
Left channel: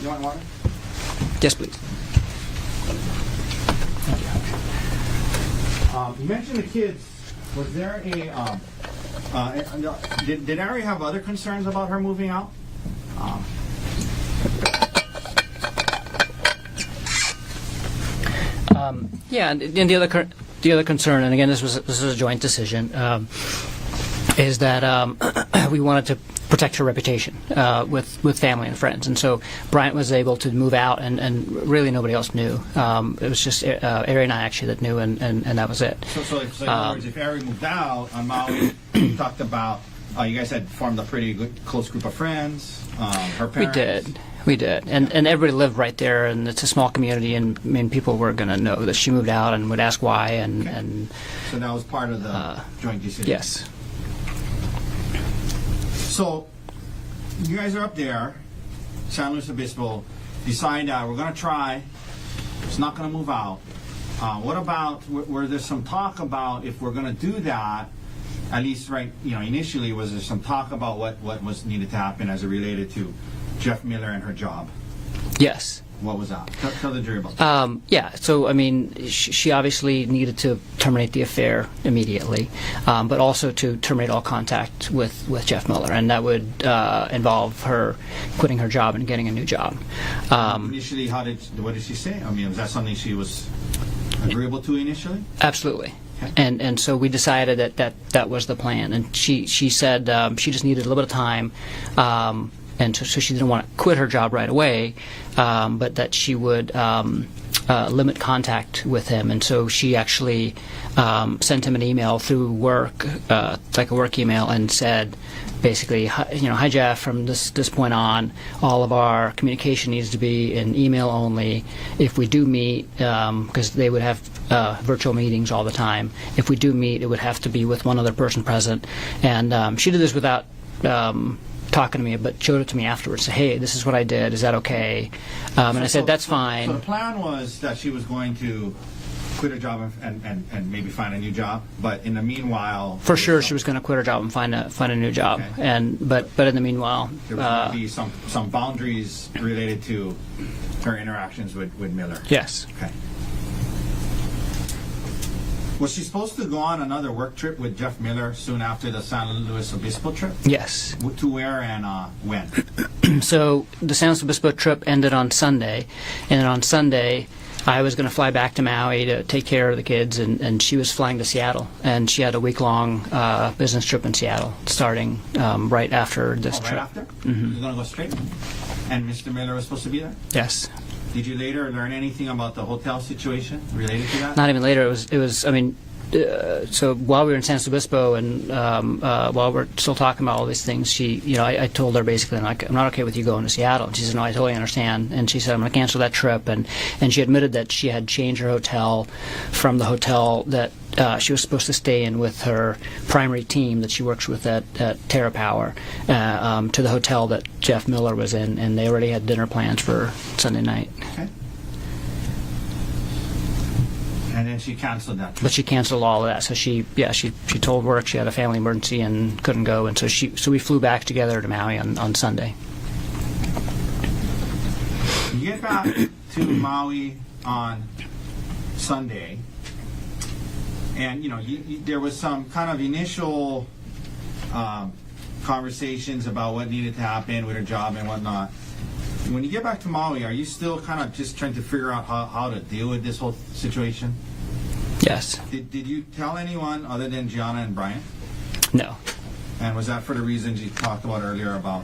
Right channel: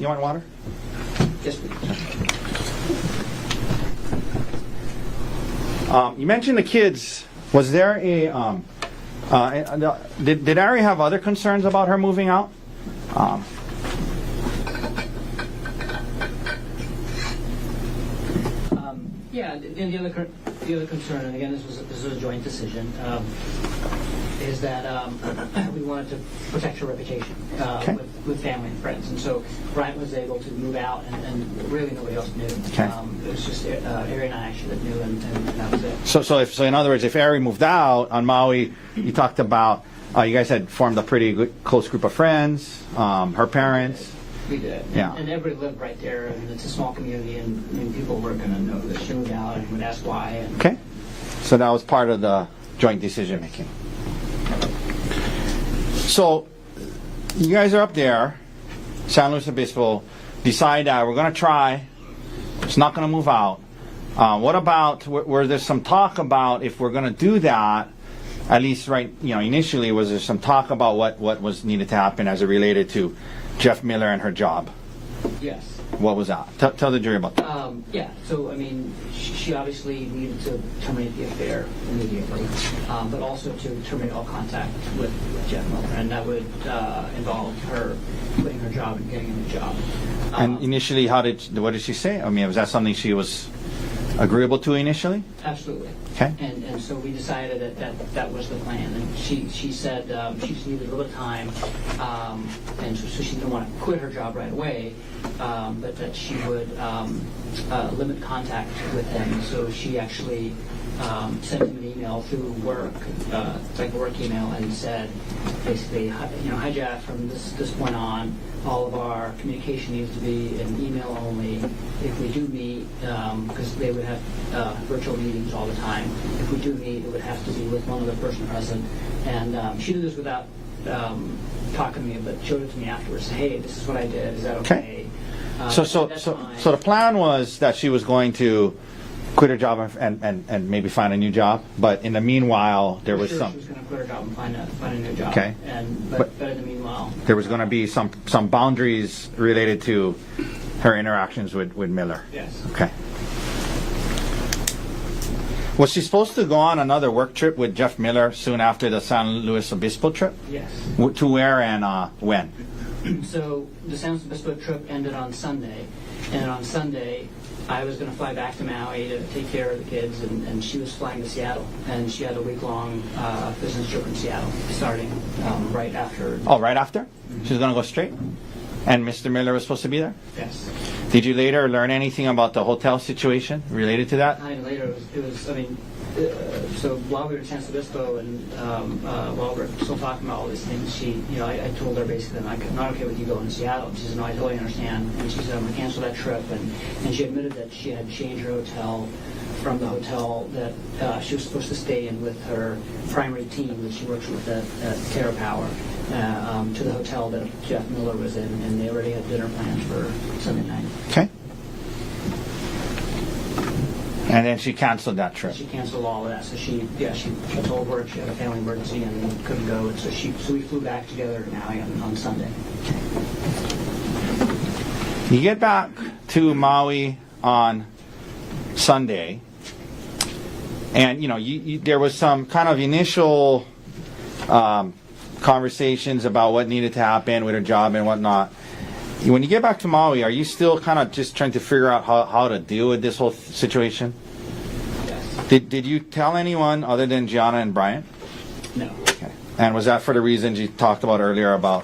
You want water? Yes, please. You mentioned the kids. Was there a? Did Ari have other concerns about her moving out? Yeah, and the other concern, and again, this was a joint decision, is that we wanted to protect her reputation with family and friends, and so Bryant was able to move out, and really nobody else knew. It was just Ari and I actually that knew, and that was it. So in other words, if Ari moved out on Maui, you talked about you guys had formed a pretty good close group of friends. Her parents. We did, and everybody lived right there, and it's a small community, and I mean, people were going to know that she moved out and would ask why, and so that was part of the joint decision. yes. So you guys are up there, San Luis Obispo, decide we're going to try. It's not going to move out. What about, were there some talk about if we're going to do that, at least initially, was there some talk about what was needed to happen as it related to Jeff Miller and her job? Yes. What was that? Tell the jury about that. Yeah, so I mean, she obviously needed to terminate the affair immediately, but also to terminate all contact with Jeff Miller, and that would involve her quitting her job and getting a new job. And initially, what did she say? I mean, was that something she was agreeable to initially? Absolutely. Okay. And so we decided that was the plan, and she said she just needed a little bit of time, and so she didn't want to quit her job right away, but that she would limit contact with him, and so she actually sent him an email through work, like a work email, and said basically, hi Jeff, from this point on, all of our communication needs to be in email only. If we do meet, because they would have virtual meetings all the time, if we do meet, it would have to be with one other person present. And she did this without talking to me, but showed it to me afterwards. Said, hey, this is what I did. Is that okay? I said, that's fine. So the plan was that she was going to quit her job and maybe find a new job, but in the meanwhile, for sure she was going to quit her job and find a new job. Okay. But in the meanwhile, there was going to be some boundaries related to her interactions with Miller. Yes. Okay. Was she supposed to go on another work trip with Jeff Miller soon after the San Luis Obispo trip? Yes. To where and when? So the San Luis Obispo trip ended on Sunday, and then on Sunday I was going to fly back to Maui to take care of the kids, and she was flying to Seattle, and she had a week-long business trip in Seattle starting right after this Oh, right trip. after? Mm-hmm. She was going to go straight? And Mr. Miller was supposed to be there? Yes. Did you later learn anything about the hotel situation related to that? Not even later. It was. I mean, so while we were in San Luis Obispo and while we're still talking about all these things, she, I told her basically, I'm not okay with you going to Seattle. And she said, no, I totally understand. And she said, I'm going to cancel that trip. And she admitted that she had changed her hotel from the hotel that she was supposed to stay in with her primary team that she works with at Terra Power to the hotel that Jeff Miller was in, and they already had dinner plans for Sunday night. Okay. And then she canceled that trip. But she canceled all of that. So she told work she had a family emergency and couldn't go, and so we flew back together to Maui on Sunday. You get back to Maui on Sunday, and there was some kind of initial conversations about what needed to happen with her job and whatnot. When you get back to Maui, are you still kind of just trying to figure out how to deal with this whole situation? Yes. Did you tell anyone other than Gianna and Brian? No. Okay. And was that for the reasons you talked about earlier about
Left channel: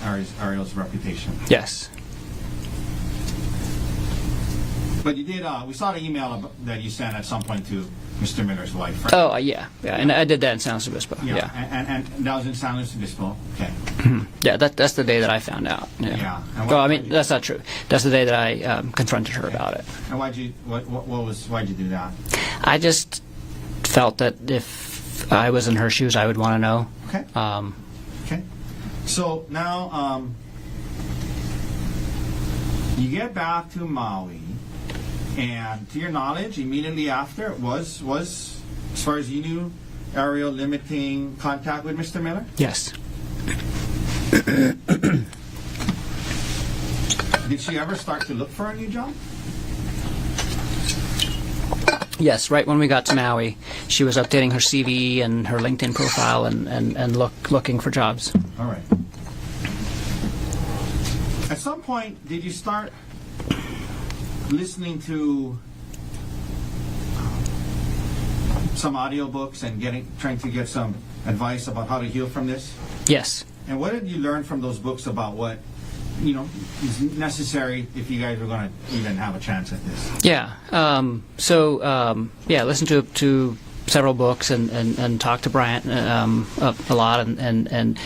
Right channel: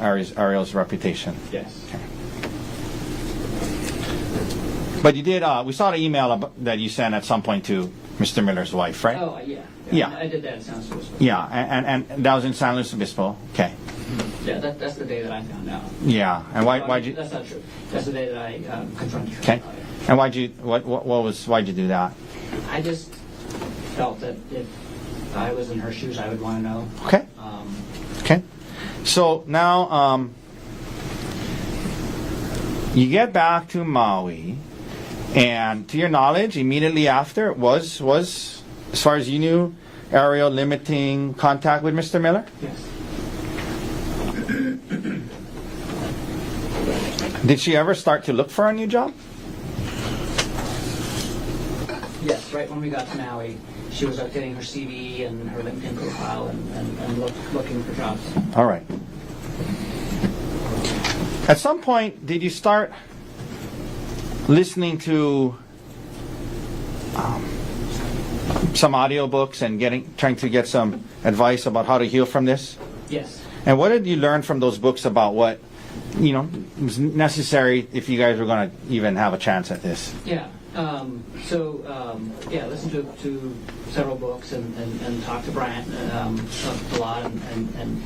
Ariel's reputation? Yes. Okay. But you did, we saw the email that you sent at some point to Mr. Miller's wife, right? Oh, yeah. And I did that in San Luis Obispo. Yeah. And that was in San Luis Obispo. Okay. Yeah, that's the day that I found out. Yeah. And that's not true. That's the day that I confronted her about it. And why'd you do that? I just felt that if I was in her shoes, I would want to know. Okay. Okay. So now you get back to Maui, and to your knowledge, immediately after was as far as you knew, Ariel limiting contact with Mr. Miller? Yes. Did she ever start to look for a new job? Yes, right when we got to Maui, she was updating her CV and her LinkedIn profile and looking for jobs. All right. At some point, did you start listening to some audiobooks and trying to get some advice about how to heal from this? Yes. And what did you learn from those books about what was necessary if you guys were going to even have a chance at this? Yeah. Listen to several books and talk to Bryant a lot, and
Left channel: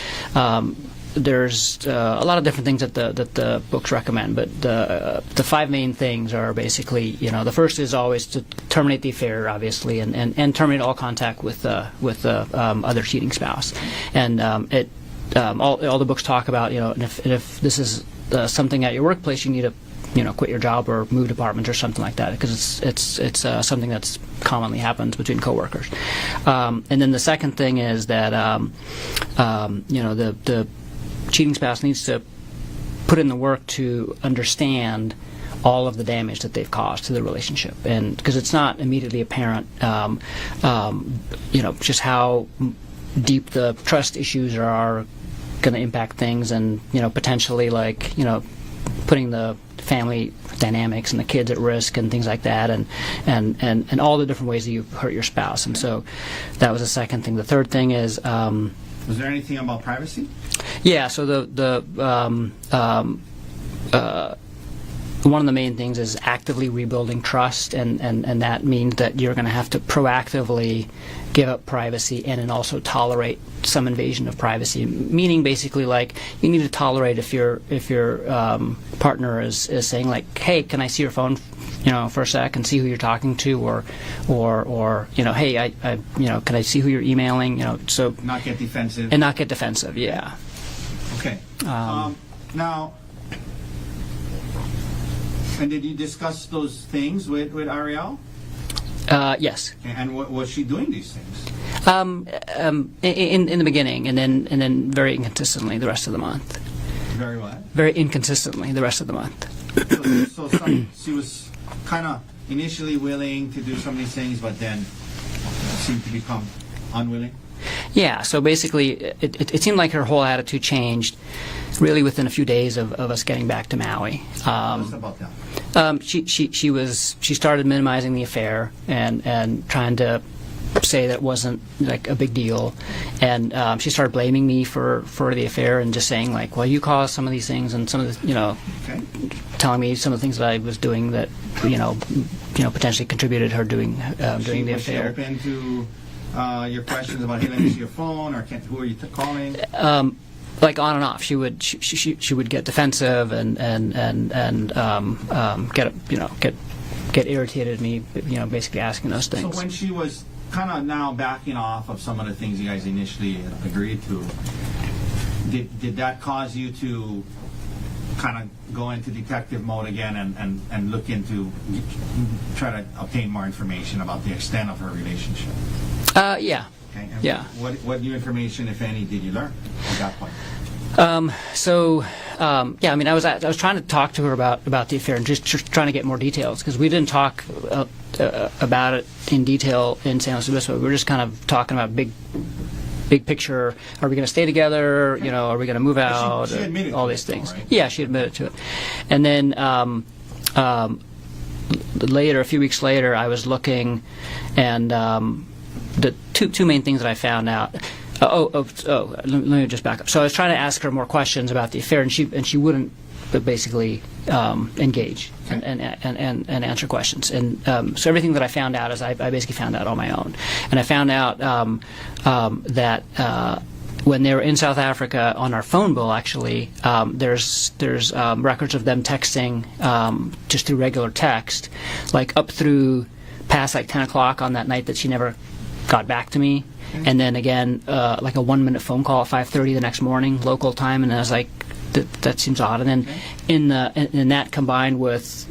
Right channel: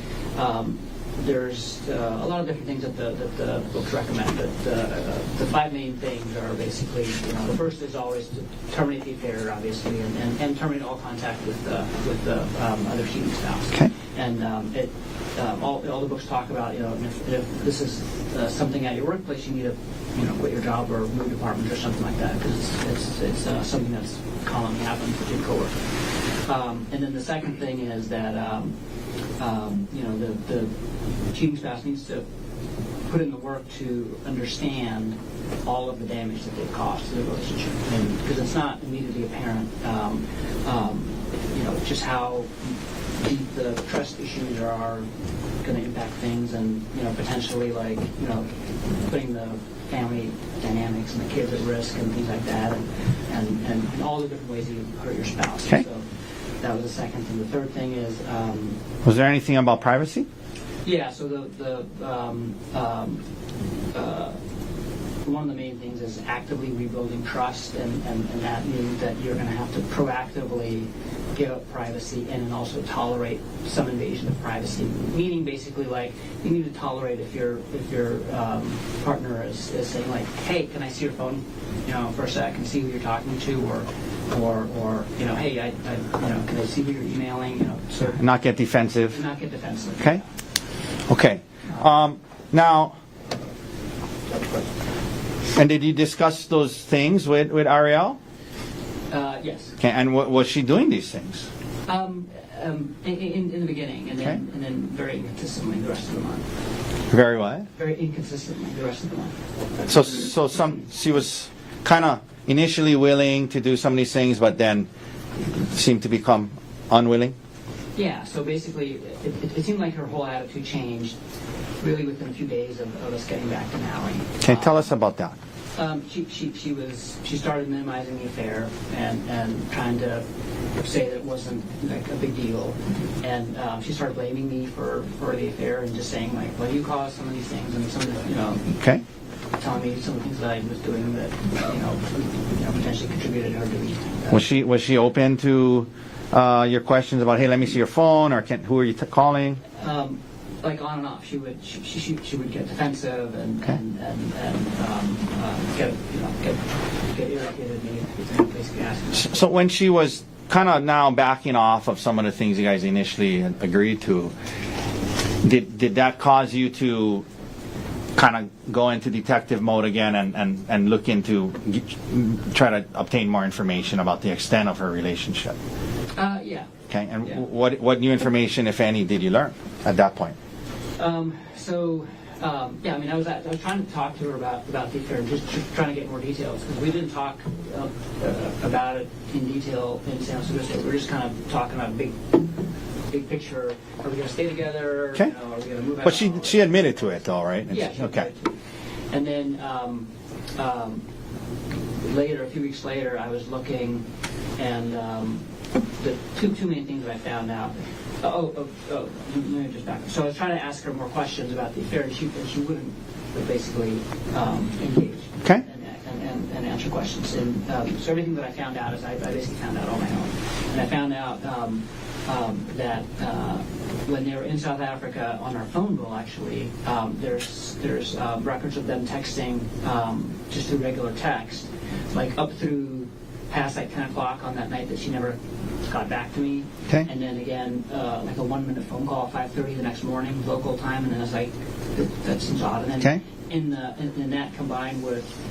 there's a lot of different things that the books recommend, but the five main things are basically, the first is always to terminate the affair, obviously, and terminate all contact with the other cheating spouse. Okay. And all the books talk about, if this is something at your workplace, you need to quit your job or move departments or something like that, because it's something that's commonly happens between coworkers. And then the second thing is that the cheating spouse needs to put in the work to understand all of the damage that they've caused to the relationship, and because it's not immediately apparent, just how deep the trust issues are going to impact things, and potentially putting the family dynamics and the kids at risk and things like that, and all the different ways that you hurt your spouse. Okay. And so that was the second thing. The third thing is, Was there anything about privacy? yeah. So one of the main things is actively rebuilding trust, and that means that you're going to have to proactively give up privacy and then also tolerate some invasion of privacy. Meaning, basically, like, you need to tolerate if your partner is saying, like, hey, can I see your phone, for a sec and see who you're talking to, or hey, can I see who you're emailing, so Not get defensive. and not get defensive. Okay. Yeah. Okay. Now, and did you discuss those things with Ariel? Yes. Okay. And was she doing these things? In the beginning, and then very inconsistently the rest of the month. Very what? Very inconsistently the rest of the month. So she was kind of initially willing to do some of these things, but then seemed to become unwilling. Yeah. So basically, it seemed like her whole attitude changed really within a few days of us getting back to Maui. Okay, tell us about that. She started minimizing the affair and trying to say that it wasn't like a big deal, and she started blaming me for the affair and just saying, like, well, you caused some of these things, and some of the Okay. telling me some of the things that I was doing that potentially contributed to her doing. Was doing the she affair. open to your questions about, hey, let me see your phone, or who are you calling? Like, on and off, she would get defensive and get irritated at me, basically asking those things. So when she was kind of now backing off of some of the things you guys initially agreed to, did that cause you to kind of go into detective mode again and look into, try to obtain more information about the extent of her relationship? Yeah. Okay. And Yeah. what new information, if any, did you learn at that point? I mean, I was trying to talk to her about the affair, just trying to get more details, because we didn't talk about it in detail in San Luis Obispo. We were just kind of talking about big picture. Are we going to stay together? Okay. Are we going to move out? But she admitted all to these it, though, things. right? Yeah, she admitted to it. And then later, a few weeks later, I was looking, and the two main things that I found out. Let me just back up. So I was trying to ask her more questions about the affair, and she wouldn't basically engage Okay. and answer questions. And so everything that I found out is I basically found out on my own. And I found out that when they were in South Africa, on our phone bill, actually, there's records of them texting just through regular text, like up through past like 10 o'clock on that night that she never got back to me. Okay. And then again, like a 1-minute phone call at 5:30 the next morning, local time, and I was like, that seems odd. And then Okay. in that combined with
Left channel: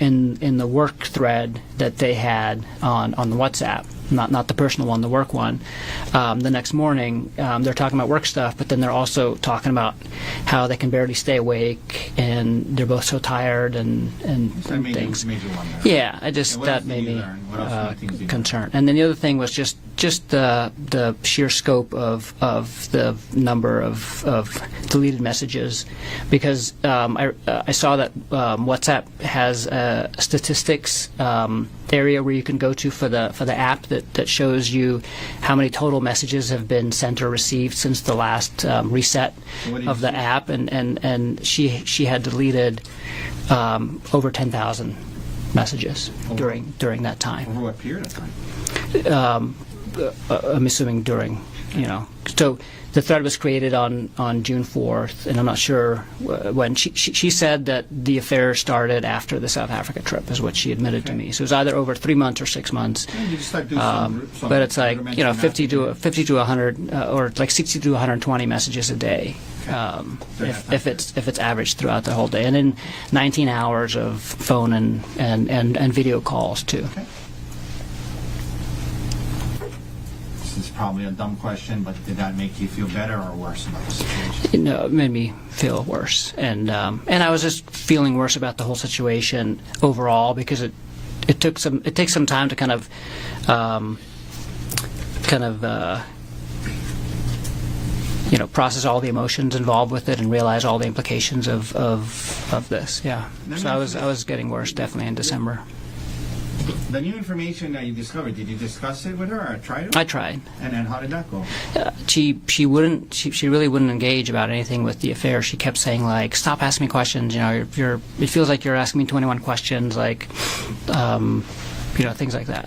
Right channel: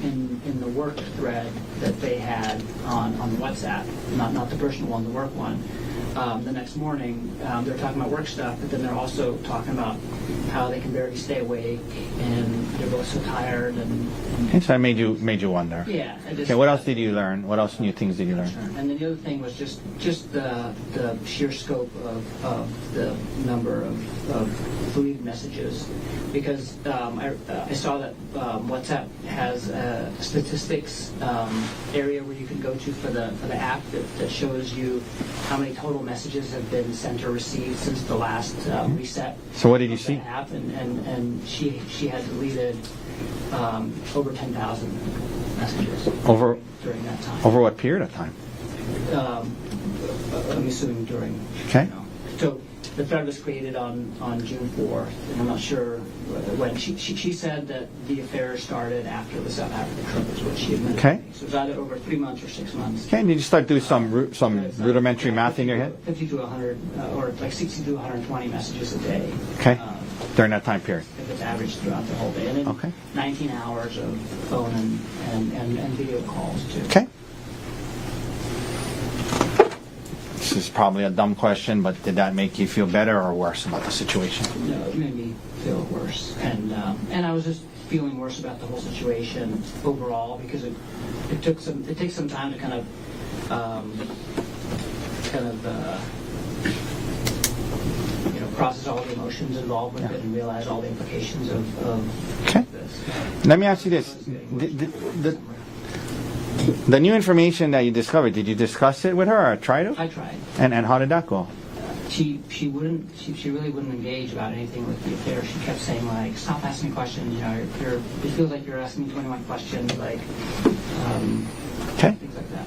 in the work thread that they had on the WhatsApp, not the personal one, the work one, the next morning they're talking about work stuff, but then they're also talking about how they can barely stay awake and they're both so tired and So that made things. you wonder. Yeah, I just. Okay, what that else did made you me, learn? What else new things did you learn? concern. And then the other thing was just the sheer scope of the number of deleted messages, because I saw that WhatsApp has a statistics area where you can go to for the app that shows you how many total messages have been sent or received since the last reset So what did of you the see? app, and she had deleted over 10,000 messages Over- during that time. Over what period of time? I'm assuming during, Okay. So the thread was created on June 4th, and I'm not sure when. She said that the affair started after the South Africa trip, is what she admitted Okay. to me. So it was either over 3 months or 6 months. Okay, you just start doing some But it's like, rudimentary math 50 in your head. to 100, or like 60 to 120 messages a day. Okay. During that time if it's averaged throughout the whole day, and then Okay. 19 hours of phone and video calls too. Okay. This is probably a dumb question, but did that make you feel better or worse about the situation? It made me feel worse, and I was just feeling worse about the whole situation overall because it takes some time to kind of process all the emotions involved with it and realize all the implications of this. Yeah. Let me So ask you this. I was getting worse definitely in December. The new information that you discovered, did you discuss it with her or try to? I tried. And how did that go? She really wouldn't engage about anything with the affair. She kept saying like, "Stop asking me questions. You know, it feels like you're asking me 21 questions." Like, things like that.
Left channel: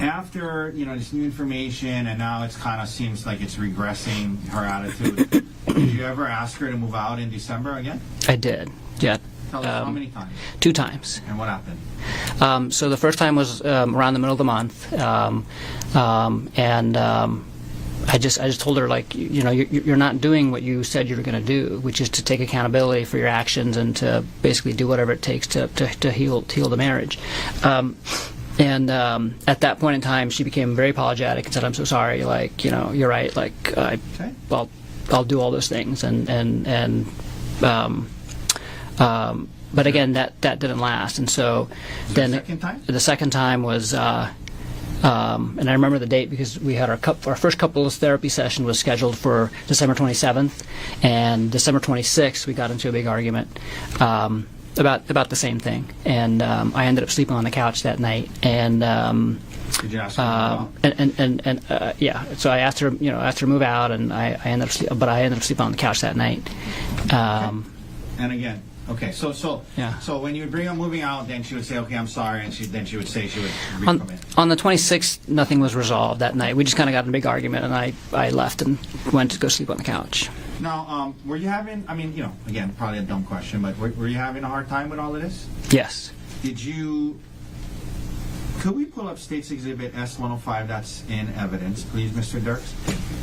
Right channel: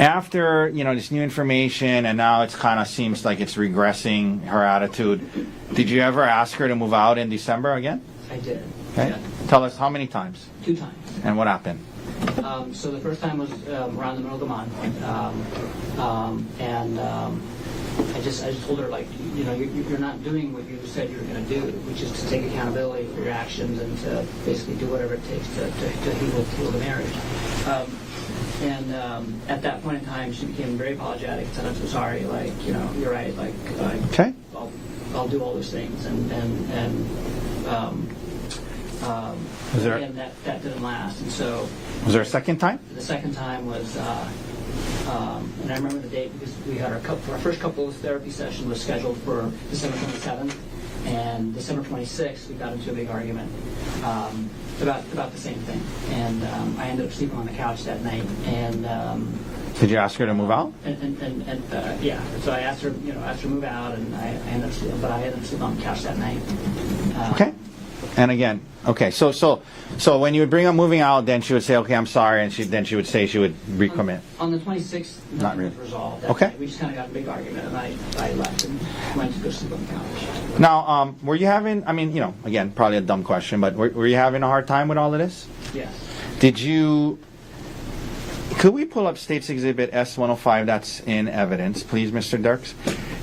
After this new information, and now it kind of seems like it's regressing her attitude. Did you ever ask her to move out in December again? I did. Okay. Yeah. Tell us how many times 2 times. and what happened. So the first time was around the middle of the month, I just told her like, you're not doing what you said you were going to do, which is to take accountability for your actions and to basically do whatever it takes to heal the marriage. At that point in time, she became very apologetic and said, "I'm so sorry. Like, you're right. Like, Okay. well, I'll do all those things." But again, that didn't last, and so. Was there a then second time? The second time was, and I remember the date because we had our first couples therapy session was scheduled for December 27th, and December 26th we got into a big argument about the same thing, and I ended up sleeping on the couch that night, and. Did you ask her to move out? Yeah, so I asked her to move out, and I ended up sleeping on the couch that night. Okay. And again, okay, so Yeah. when you would bring up moving out, then she would say, "Okay, I'm sorry," and then she would say she would recommit. On the 26th, nothing was resolved that Okay. night. We just kind of got in a big argument, and I left and went to go sleep on the couch. Now, were you having? I mean, again, probably a dumb question, but were you having a hard time with all of this? Yes. Did you? Could we pull up State's Exhibit S-105 that's in evidence, please, Mr. Dirks?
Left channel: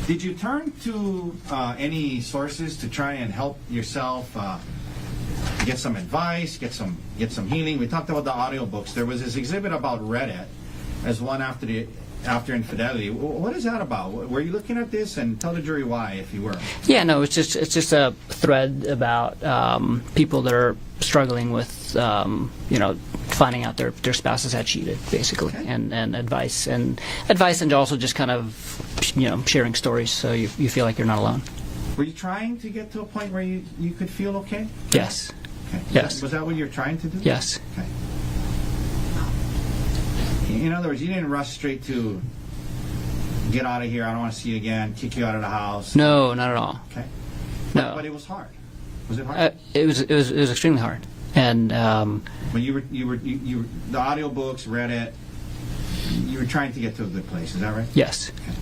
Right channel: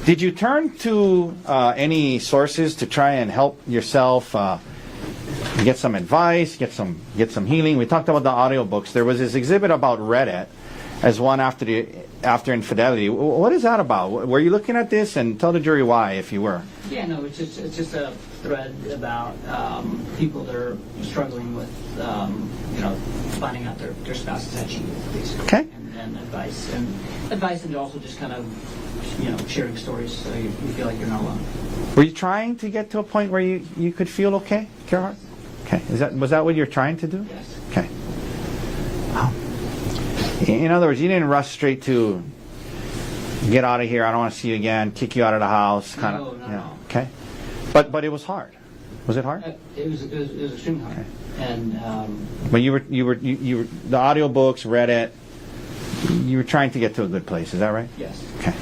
Did you turn to any sources to try and help yourself get some advice, get some healing? We talked about the audiobooks. There was this exhibit about Reddit as one after infidelity. What is that about? Were you looking at this? And tell the jury why, if you were. Yeah, no, it's just a thread about people that are struggling with finding out their spouses had cheated, basically, Okay. and advice and also just kind of sharing stories so you feel like you're not alone. Were you trying to get to a point where you could feel okay? Yes. Okay. Yes. Was that what you're trying to do? Yes. Okay. Wow. In other words, you didn't rush straight to get out of here, I don't want to see you again, kick you out of the house. No, not at all. Okay. No. But it was hard. Was it hard? It was extremely hard, and But you were the audiobooks, Reddit, you were trying to get to a good place, is that right? yes. Okay,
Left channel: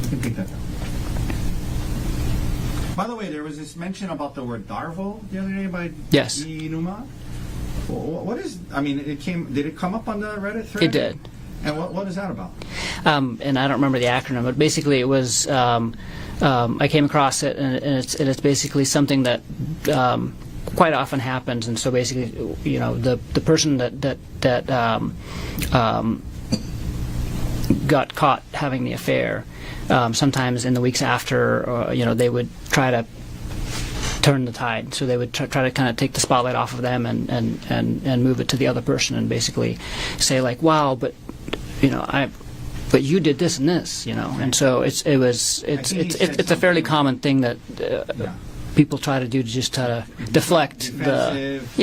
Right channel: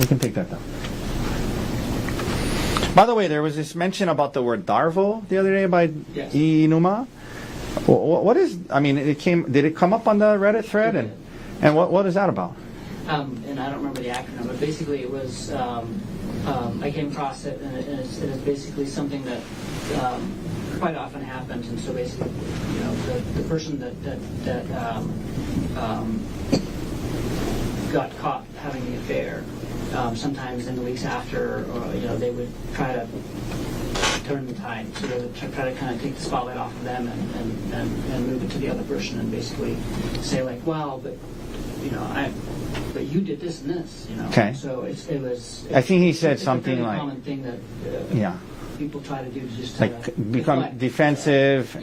we can take that down. By the way, there was this mention about the word Darvo the other day by Yes. Inuma. What is? I mean, did it come up on the Reddit thread? It did. And what is that about? And I don't remember the acronym, but basically it was. I came across it, and it's basically something that quite often happens. And so basically, the person that got caught having the affair, sometimes in the weeks after, they would try to turn the tide. So they would try to kind of take the spotlight off of them and move it to the other person, and basically say like, "Wow, but but you did this and this," Okay. And so it's a fairly like- common thing that people try to do just to deflect defensive.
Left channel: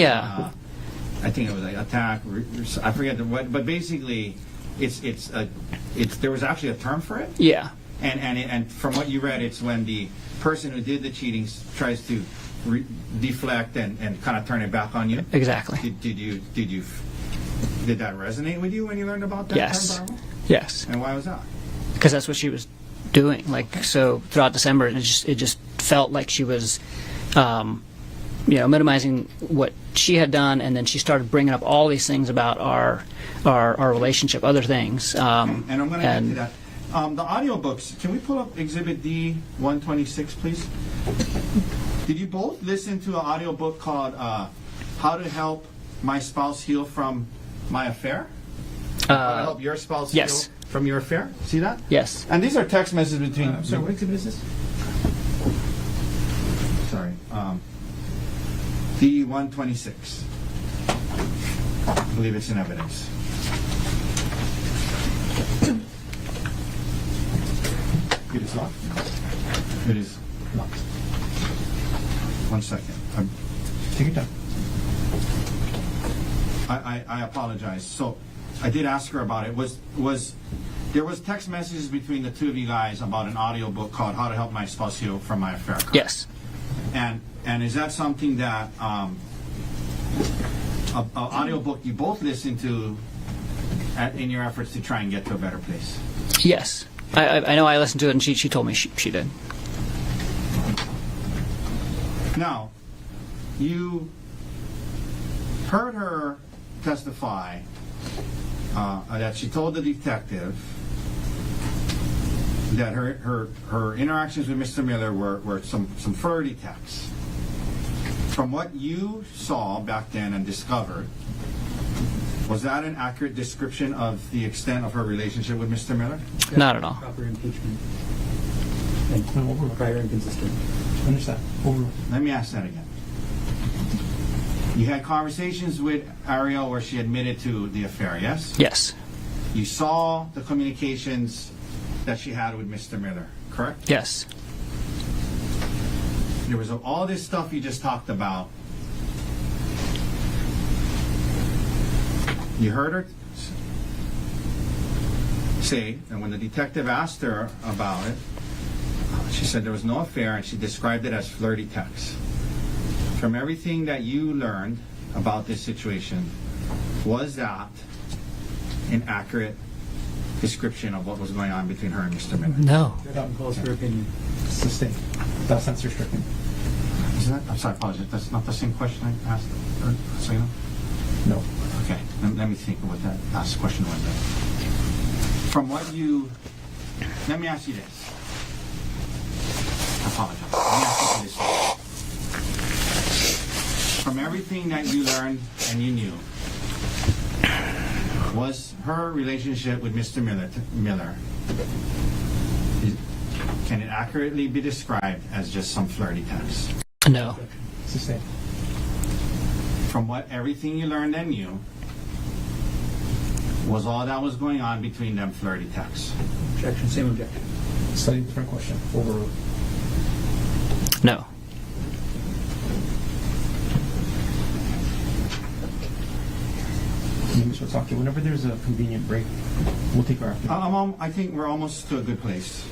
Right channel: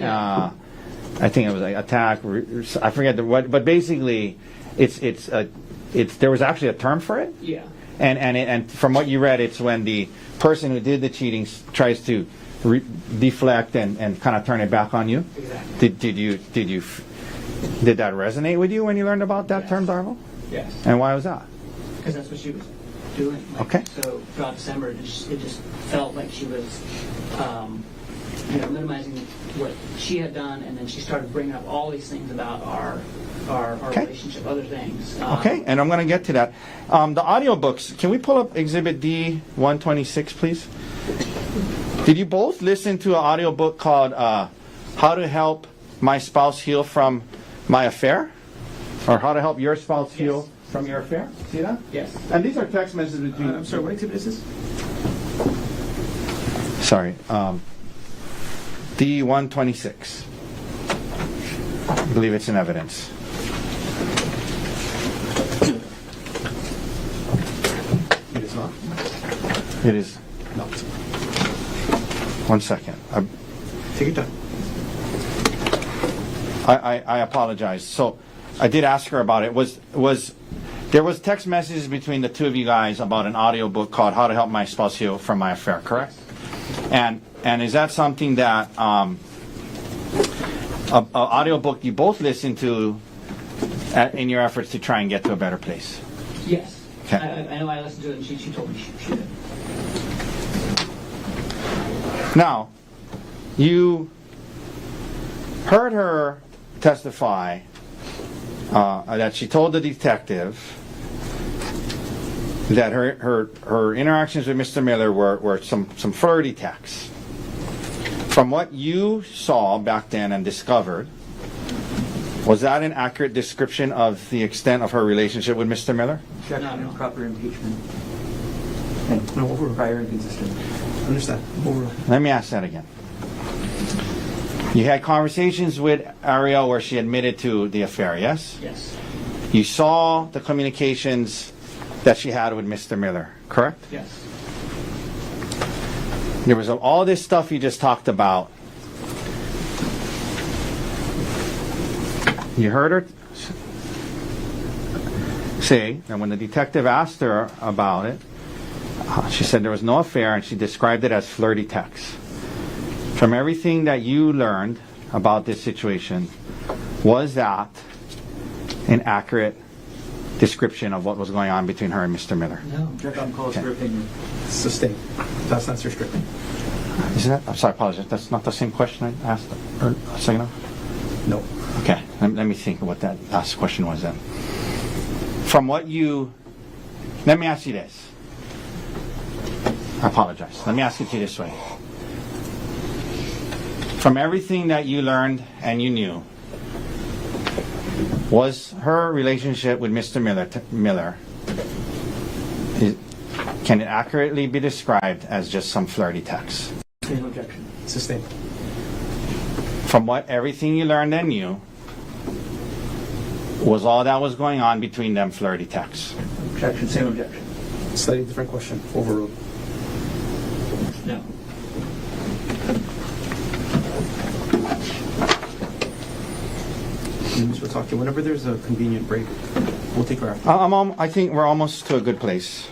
I think it was like attack. I forget what, but basically, it's there was actually a term for it. Yeah. And from what you read, it's when the person who did the cheating tries to deflect and kind of turn it back on you. Exactly. Did that resonate with you when you learned about that Yes. term, Darvo? Yes. And why was that? Because that's what she was doing. Okay. So throughout December, it just felt like she was, minimizing what she had done, and then she started bringing up all these things about our relationship, other things. Okay, and I'm going to get to that. The audiobooks, can we pull up Exhibit D-126, please? Did you both listen to an audiobook called How to Help My Spouse Heal from My Affair? Or how to help your spouse yes. heal from your affair? See that? Yes. And these are text messages between. I'm sorry, what exhibit is this? Sorry. D126. I believe it's in evidence. It is not. It is. No. 1 second. Take your time. I apologize. So I did ask her about it. There was text messages between the two of you guys about an audio book called How to Help My Spouse Heal from My Affair, correct? Yes. And is that something that a audio book you both listen to in your efforts to try and get to a better place? Yes. Okay. I know I listened to it, and she told me she did. Now, you heard her testify that she told the detective that her interactions with Mr. Miller were some flirty texts. From what you saw back then and discovered, was that an accurate description of the extent of her relationship with Mr. Miller? Not at all. Proper impeachment. No, overruled. Prior inconsistent. Understand. Overruled. Let me ask that again. You had conversations with Ariel where she admitted to the affair, yes? Yes. You saw the communications that she had with Mr. Miller, correct? Yes. There was all this stuff you just talked about. You heard her say that when the detective asked her about it, she said there was no affair, and she described it as flirty texts. From everything that you learned about this situation, was that an accurate description of what was going on between her and Mr. Miller? No. Calls for opinion. Sustained. That's not restricting. Isn't that? I'm sorry, I apologize. That's not the same question I asked a second ago? No. Okay, let me think of what that last question was then. From what you, let me ask you this. I apologize. Let me ask you this way. From everything that you learned and you knew, was her relationship with Mr. Miller, can it accurately be described as just some flirty text? No. Objection. Sustained. From what everything you learned and knew, was all that was going on between them flirty texts? Objection. Same objection. Slightly different question. Overruled. No. Mr. Otake, whenever there's a convenient break, we'll take our after. I think we're almost to a good place.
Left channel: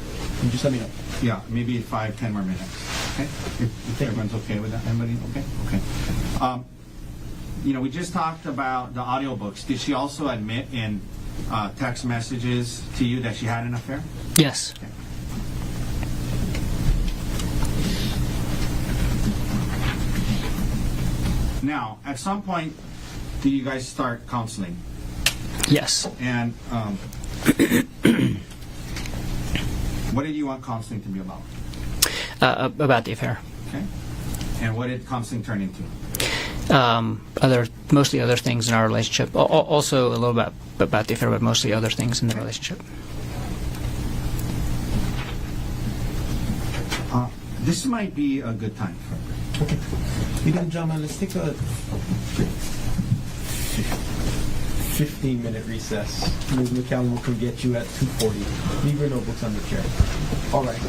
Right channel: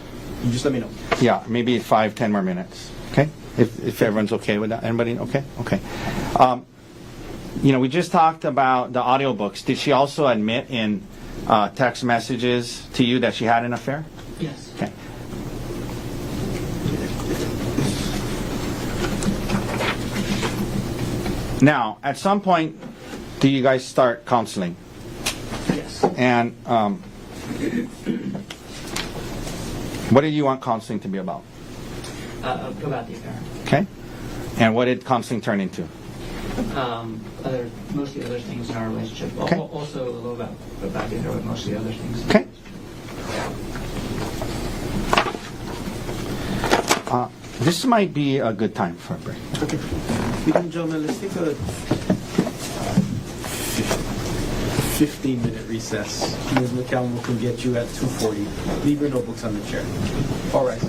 You just let me know. Yeah, maybe 5-10 more minutes. Okay, if everyone's okay with that. Anybody? Okay. Okay. We just talked about the audiobooks. Did she also admit in text messages to you that she had an affair? Yes. Okay. Now, at some point, do you guys start counseling? Yes. And what did you want counseling to be about? About the affair. Okay. And what did counseling turn into? Mostly other things in our relationship. Okay. Also a little bit about the affair, but mostly other things in the Okay. relationship. This might be a good time for a break. Okay. Ladies and gentlemen, let's take a 15-minute recess. Ms. McCallum will come get you at 2:40. Leave your notebooks on the chair. All right.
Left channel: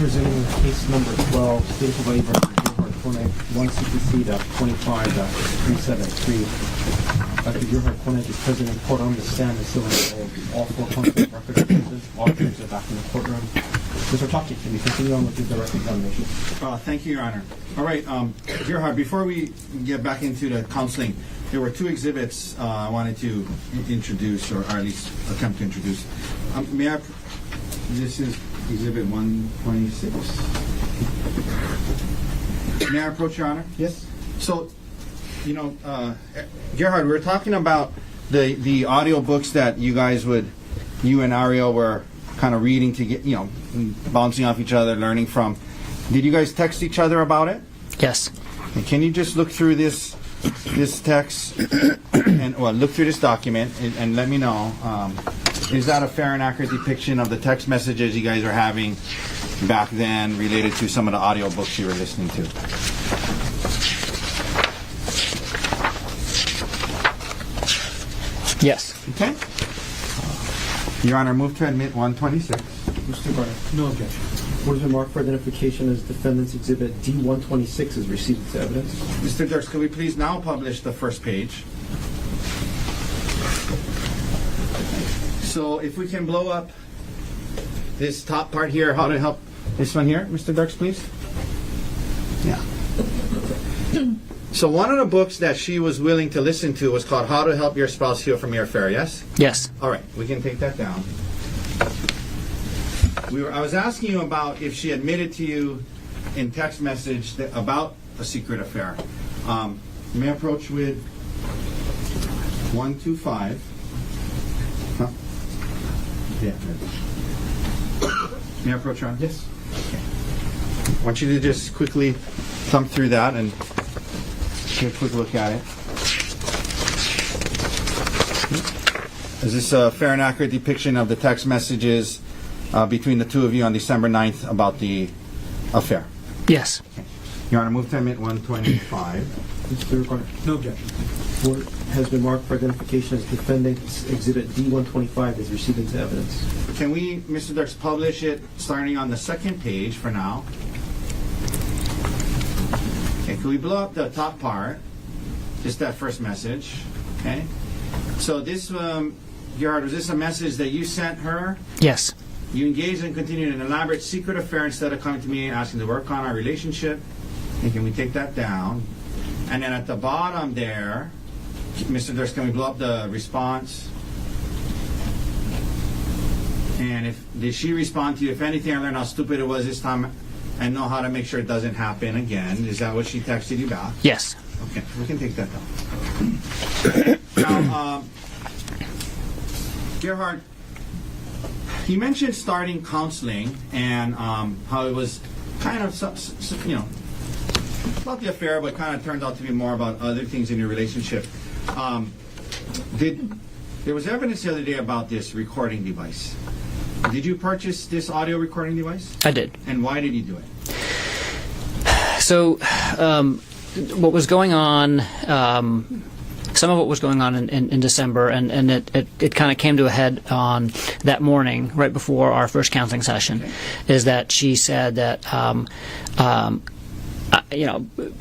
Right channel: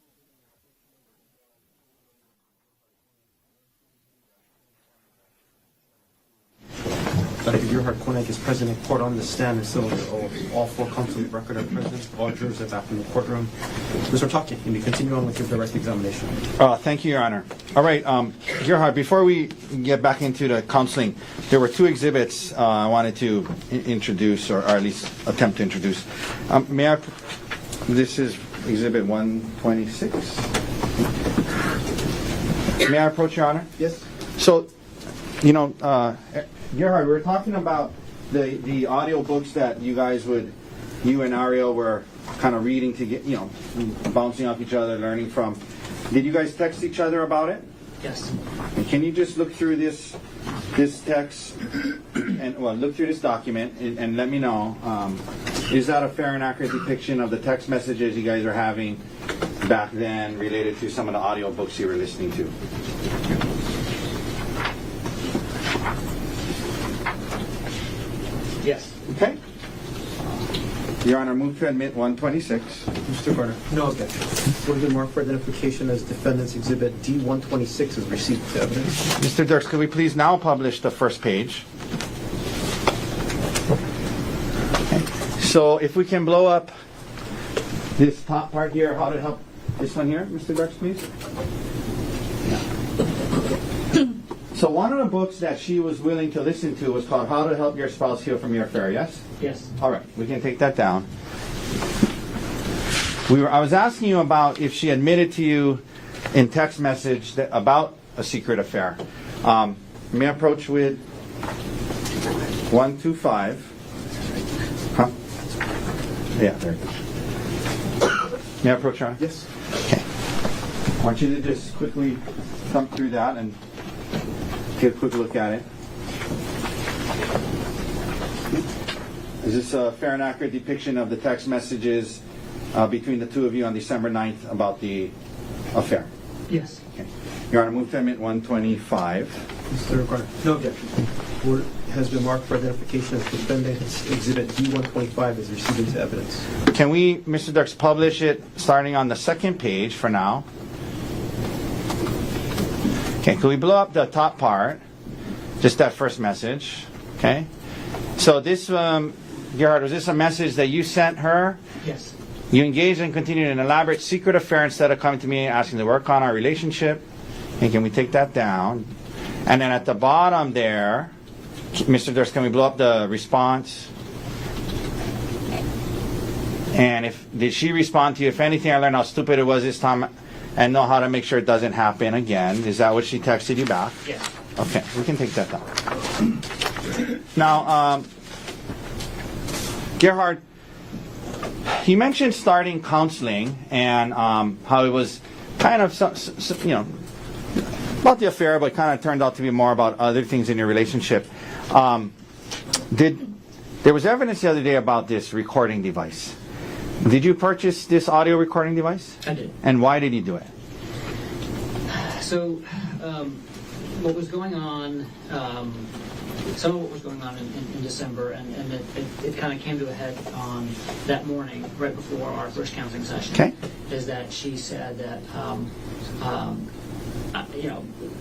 Presenting case number 12, State of Hawaii versus Gerhardt Konig, 1 CPC.25.373. Dr. Gerhardt Konig is present in court on the stand and still in the oath. All four counsel of record are present. All jurors are back in the courtroom. Mr. Taki, can you continue on with the direct examination? Thank you, Your Honor. All right, Gerhardt, before we get back into the counseling, there were two exhibits I wanted to introduce, or at least attempt to introduce. This is Exhibit 126. May I approach, Your Honor? Yes. So, Gerhardt, we were talking about the audio books that you and Ariel were kind of reading to get, bouncing off each other, learning from. Did you guys text each other about it? Yes. And can you just look through this text and look through this document and let me know, is that a fair and accurate depiction of the text messages you guys are having back then related to some of the audio books you were listening to? Yes. Okay. Your Honor, move to admit 126. Mr. Carter. No objection. Would be marked for identification as Defendant's Exhibit D-126 is received as evidence. Mr. Dirks, could we please now publish the first page? Okay. So if we can blow up this top part here, how to help this one here, Mr. Dirks, please? Yeah. So one of the books that she was willing to listen to was called How to Help Your Spouse Heal from Your Affair, yes? Yes. All right, we can take that down. I was asking you about if she admitted to you in text message about a secret affair. May I approach with 125? Huh? Yeah, there. May I approach, Ron? Yes. Okay. I want you to just quickly thumb through that and take a quick look at it. Is this a fair and accurate depiction of the text messages between the two of you on December 9th about the affair? Yes. Okay. Your Honor, move to admit 125. Mr. Carter. No objection. Word has been marked for identification as Defendant's Exhibit D-125 is received as evidence. Can we, Mr. Dirks, publish it starting on the second page for now? Okay, can we blow up the top part? Just that first message. Okay. So this, Gerhardt, was this a message that you sent her? Yes. You engaged and continued an elaborate secret affair instead of coming to me and asking to work on our relationship. And can we take that down? And then at the bottom there, Mr. Dirks, can we blow up the response? And did she respond to you? If anything, I learned how stupid it was this time and know how to make sure it doesn't happen again. Is that what she texted you back? Yes. Okay, we can take that down. Now, Gerhardt, he mentioned starting counseling and how it was kind of, about the affair, but kind of turned out to be more about other things in your relationship. There was evidence the other day about this recording device. Did you purchase this audio recording device? I did. And why did you do it? So, what was going on, some of what was going on in December, and it kind of came to a head on that morning, right before our first counseling session, Okay. is that she said that,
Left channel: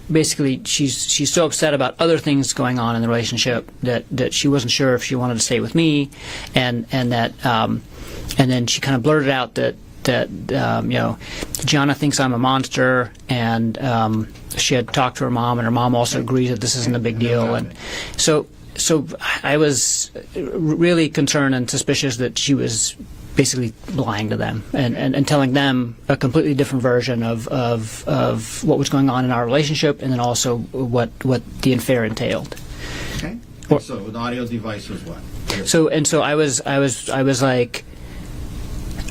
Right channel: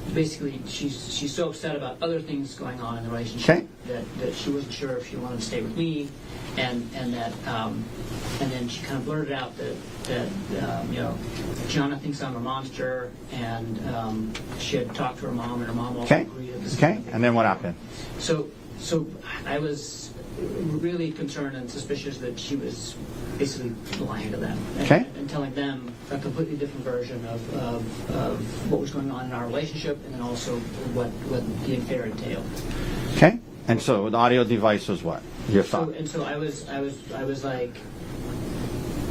basically she's so upset about other things going on in the relationship that she wasn't sure if she wanted to stay with me, and that, and then she kind of blurted out that Gianna thinks I'm a monster, and she had talked to her mom, and her mom also agrees that this isn't a big And then deal. what And so I was really concerned and suspicious that she was basically lying to them and telling them a completely different version of what was going on in our relationship, and then also what the affair entailed. Okay. And so the audio device was what? So I was like,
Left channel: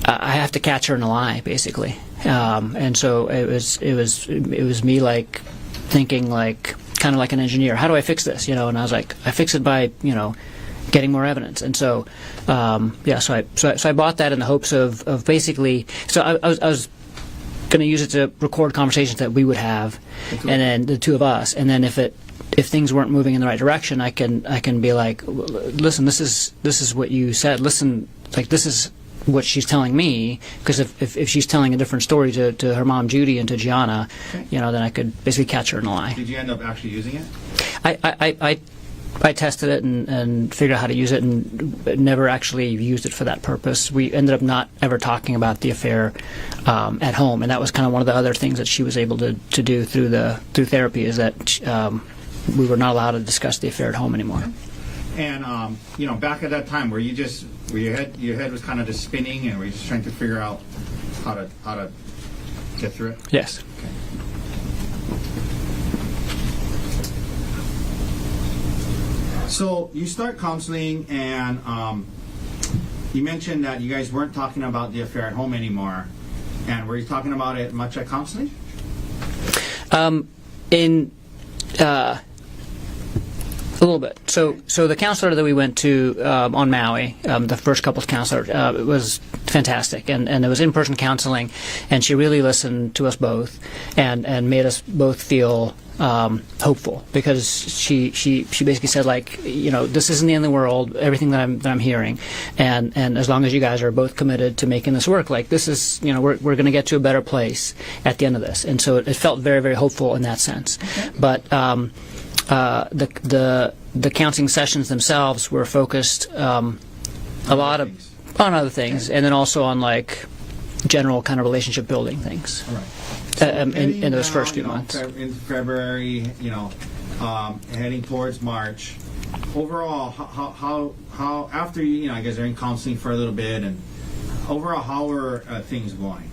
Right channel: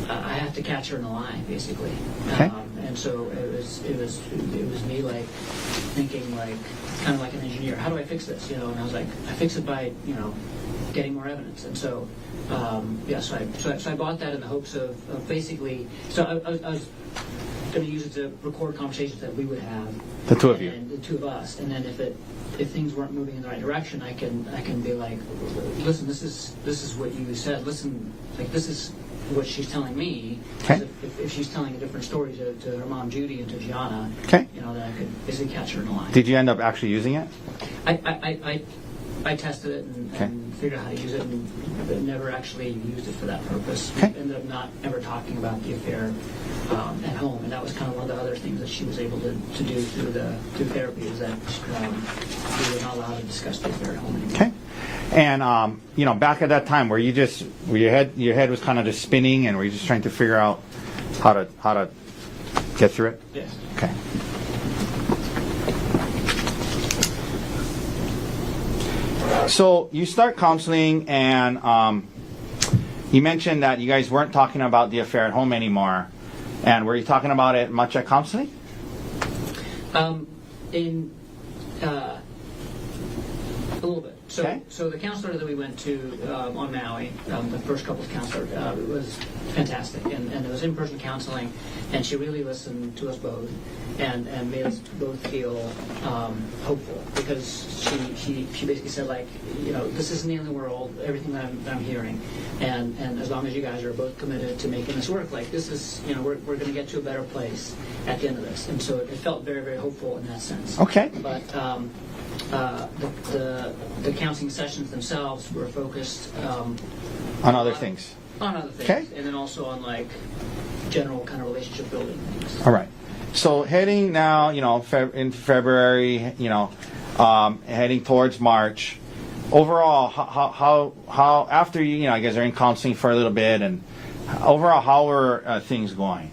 I have to catch her in a lie, basically. And so it was me like thinking like kind of like an engineer. How do I fix this? And I was like, I fix it by getting more evidence. And so so I bought that in the hopes of basically. So I was going to use it to record conversations that we would have, and then the two of us. And then if things weren't moving in the right direction, I can be like, listen, this is what you said. Listen, like this is what she's telling me, because Okay. if she's telling a different story to her mom Judy and to Gianna, Okay. then I could basically catch her in a lie. Did you end up actually using it? I tested it and figured out how to use it, and never actually used it for that purpose. We Okay. ended up not ever talking about the affair at home, and that was kind of one of the other things that she was able to do through therapy, is that we were not allowed to discuss the affair at home anymore. Okay. And back at that time, were your head was kind of just spinning, and were you just trying to figure out how to get through it? Yes. Okay. So you start counseling, and you mentioned that you guys weren't talking about the affair at home anymore. And were you talking about it much at counseling? A little bit. Okay. So the counselor that we went to on Maui, the first couples counselor, was fantastic, and it was in-person counseling, and she really listened to us both, and made us both feel hopeful, because she basically said, like, this isn't the end of the world, everything that I'm hearing, and as long as you guys are both committed to making this work, like, this is, we're going to get to a better place at the end of this, and so it felt very, very hopeful in that sense. Okay. But the counseling sessions themselves were focused on other things, Okay. and then also on, like, general kind of relationship building things. All right. So heading in those now, first few months. in February, heading towards March. Overall, how after you guys are in counseling for a little bit, and overall, how were things going?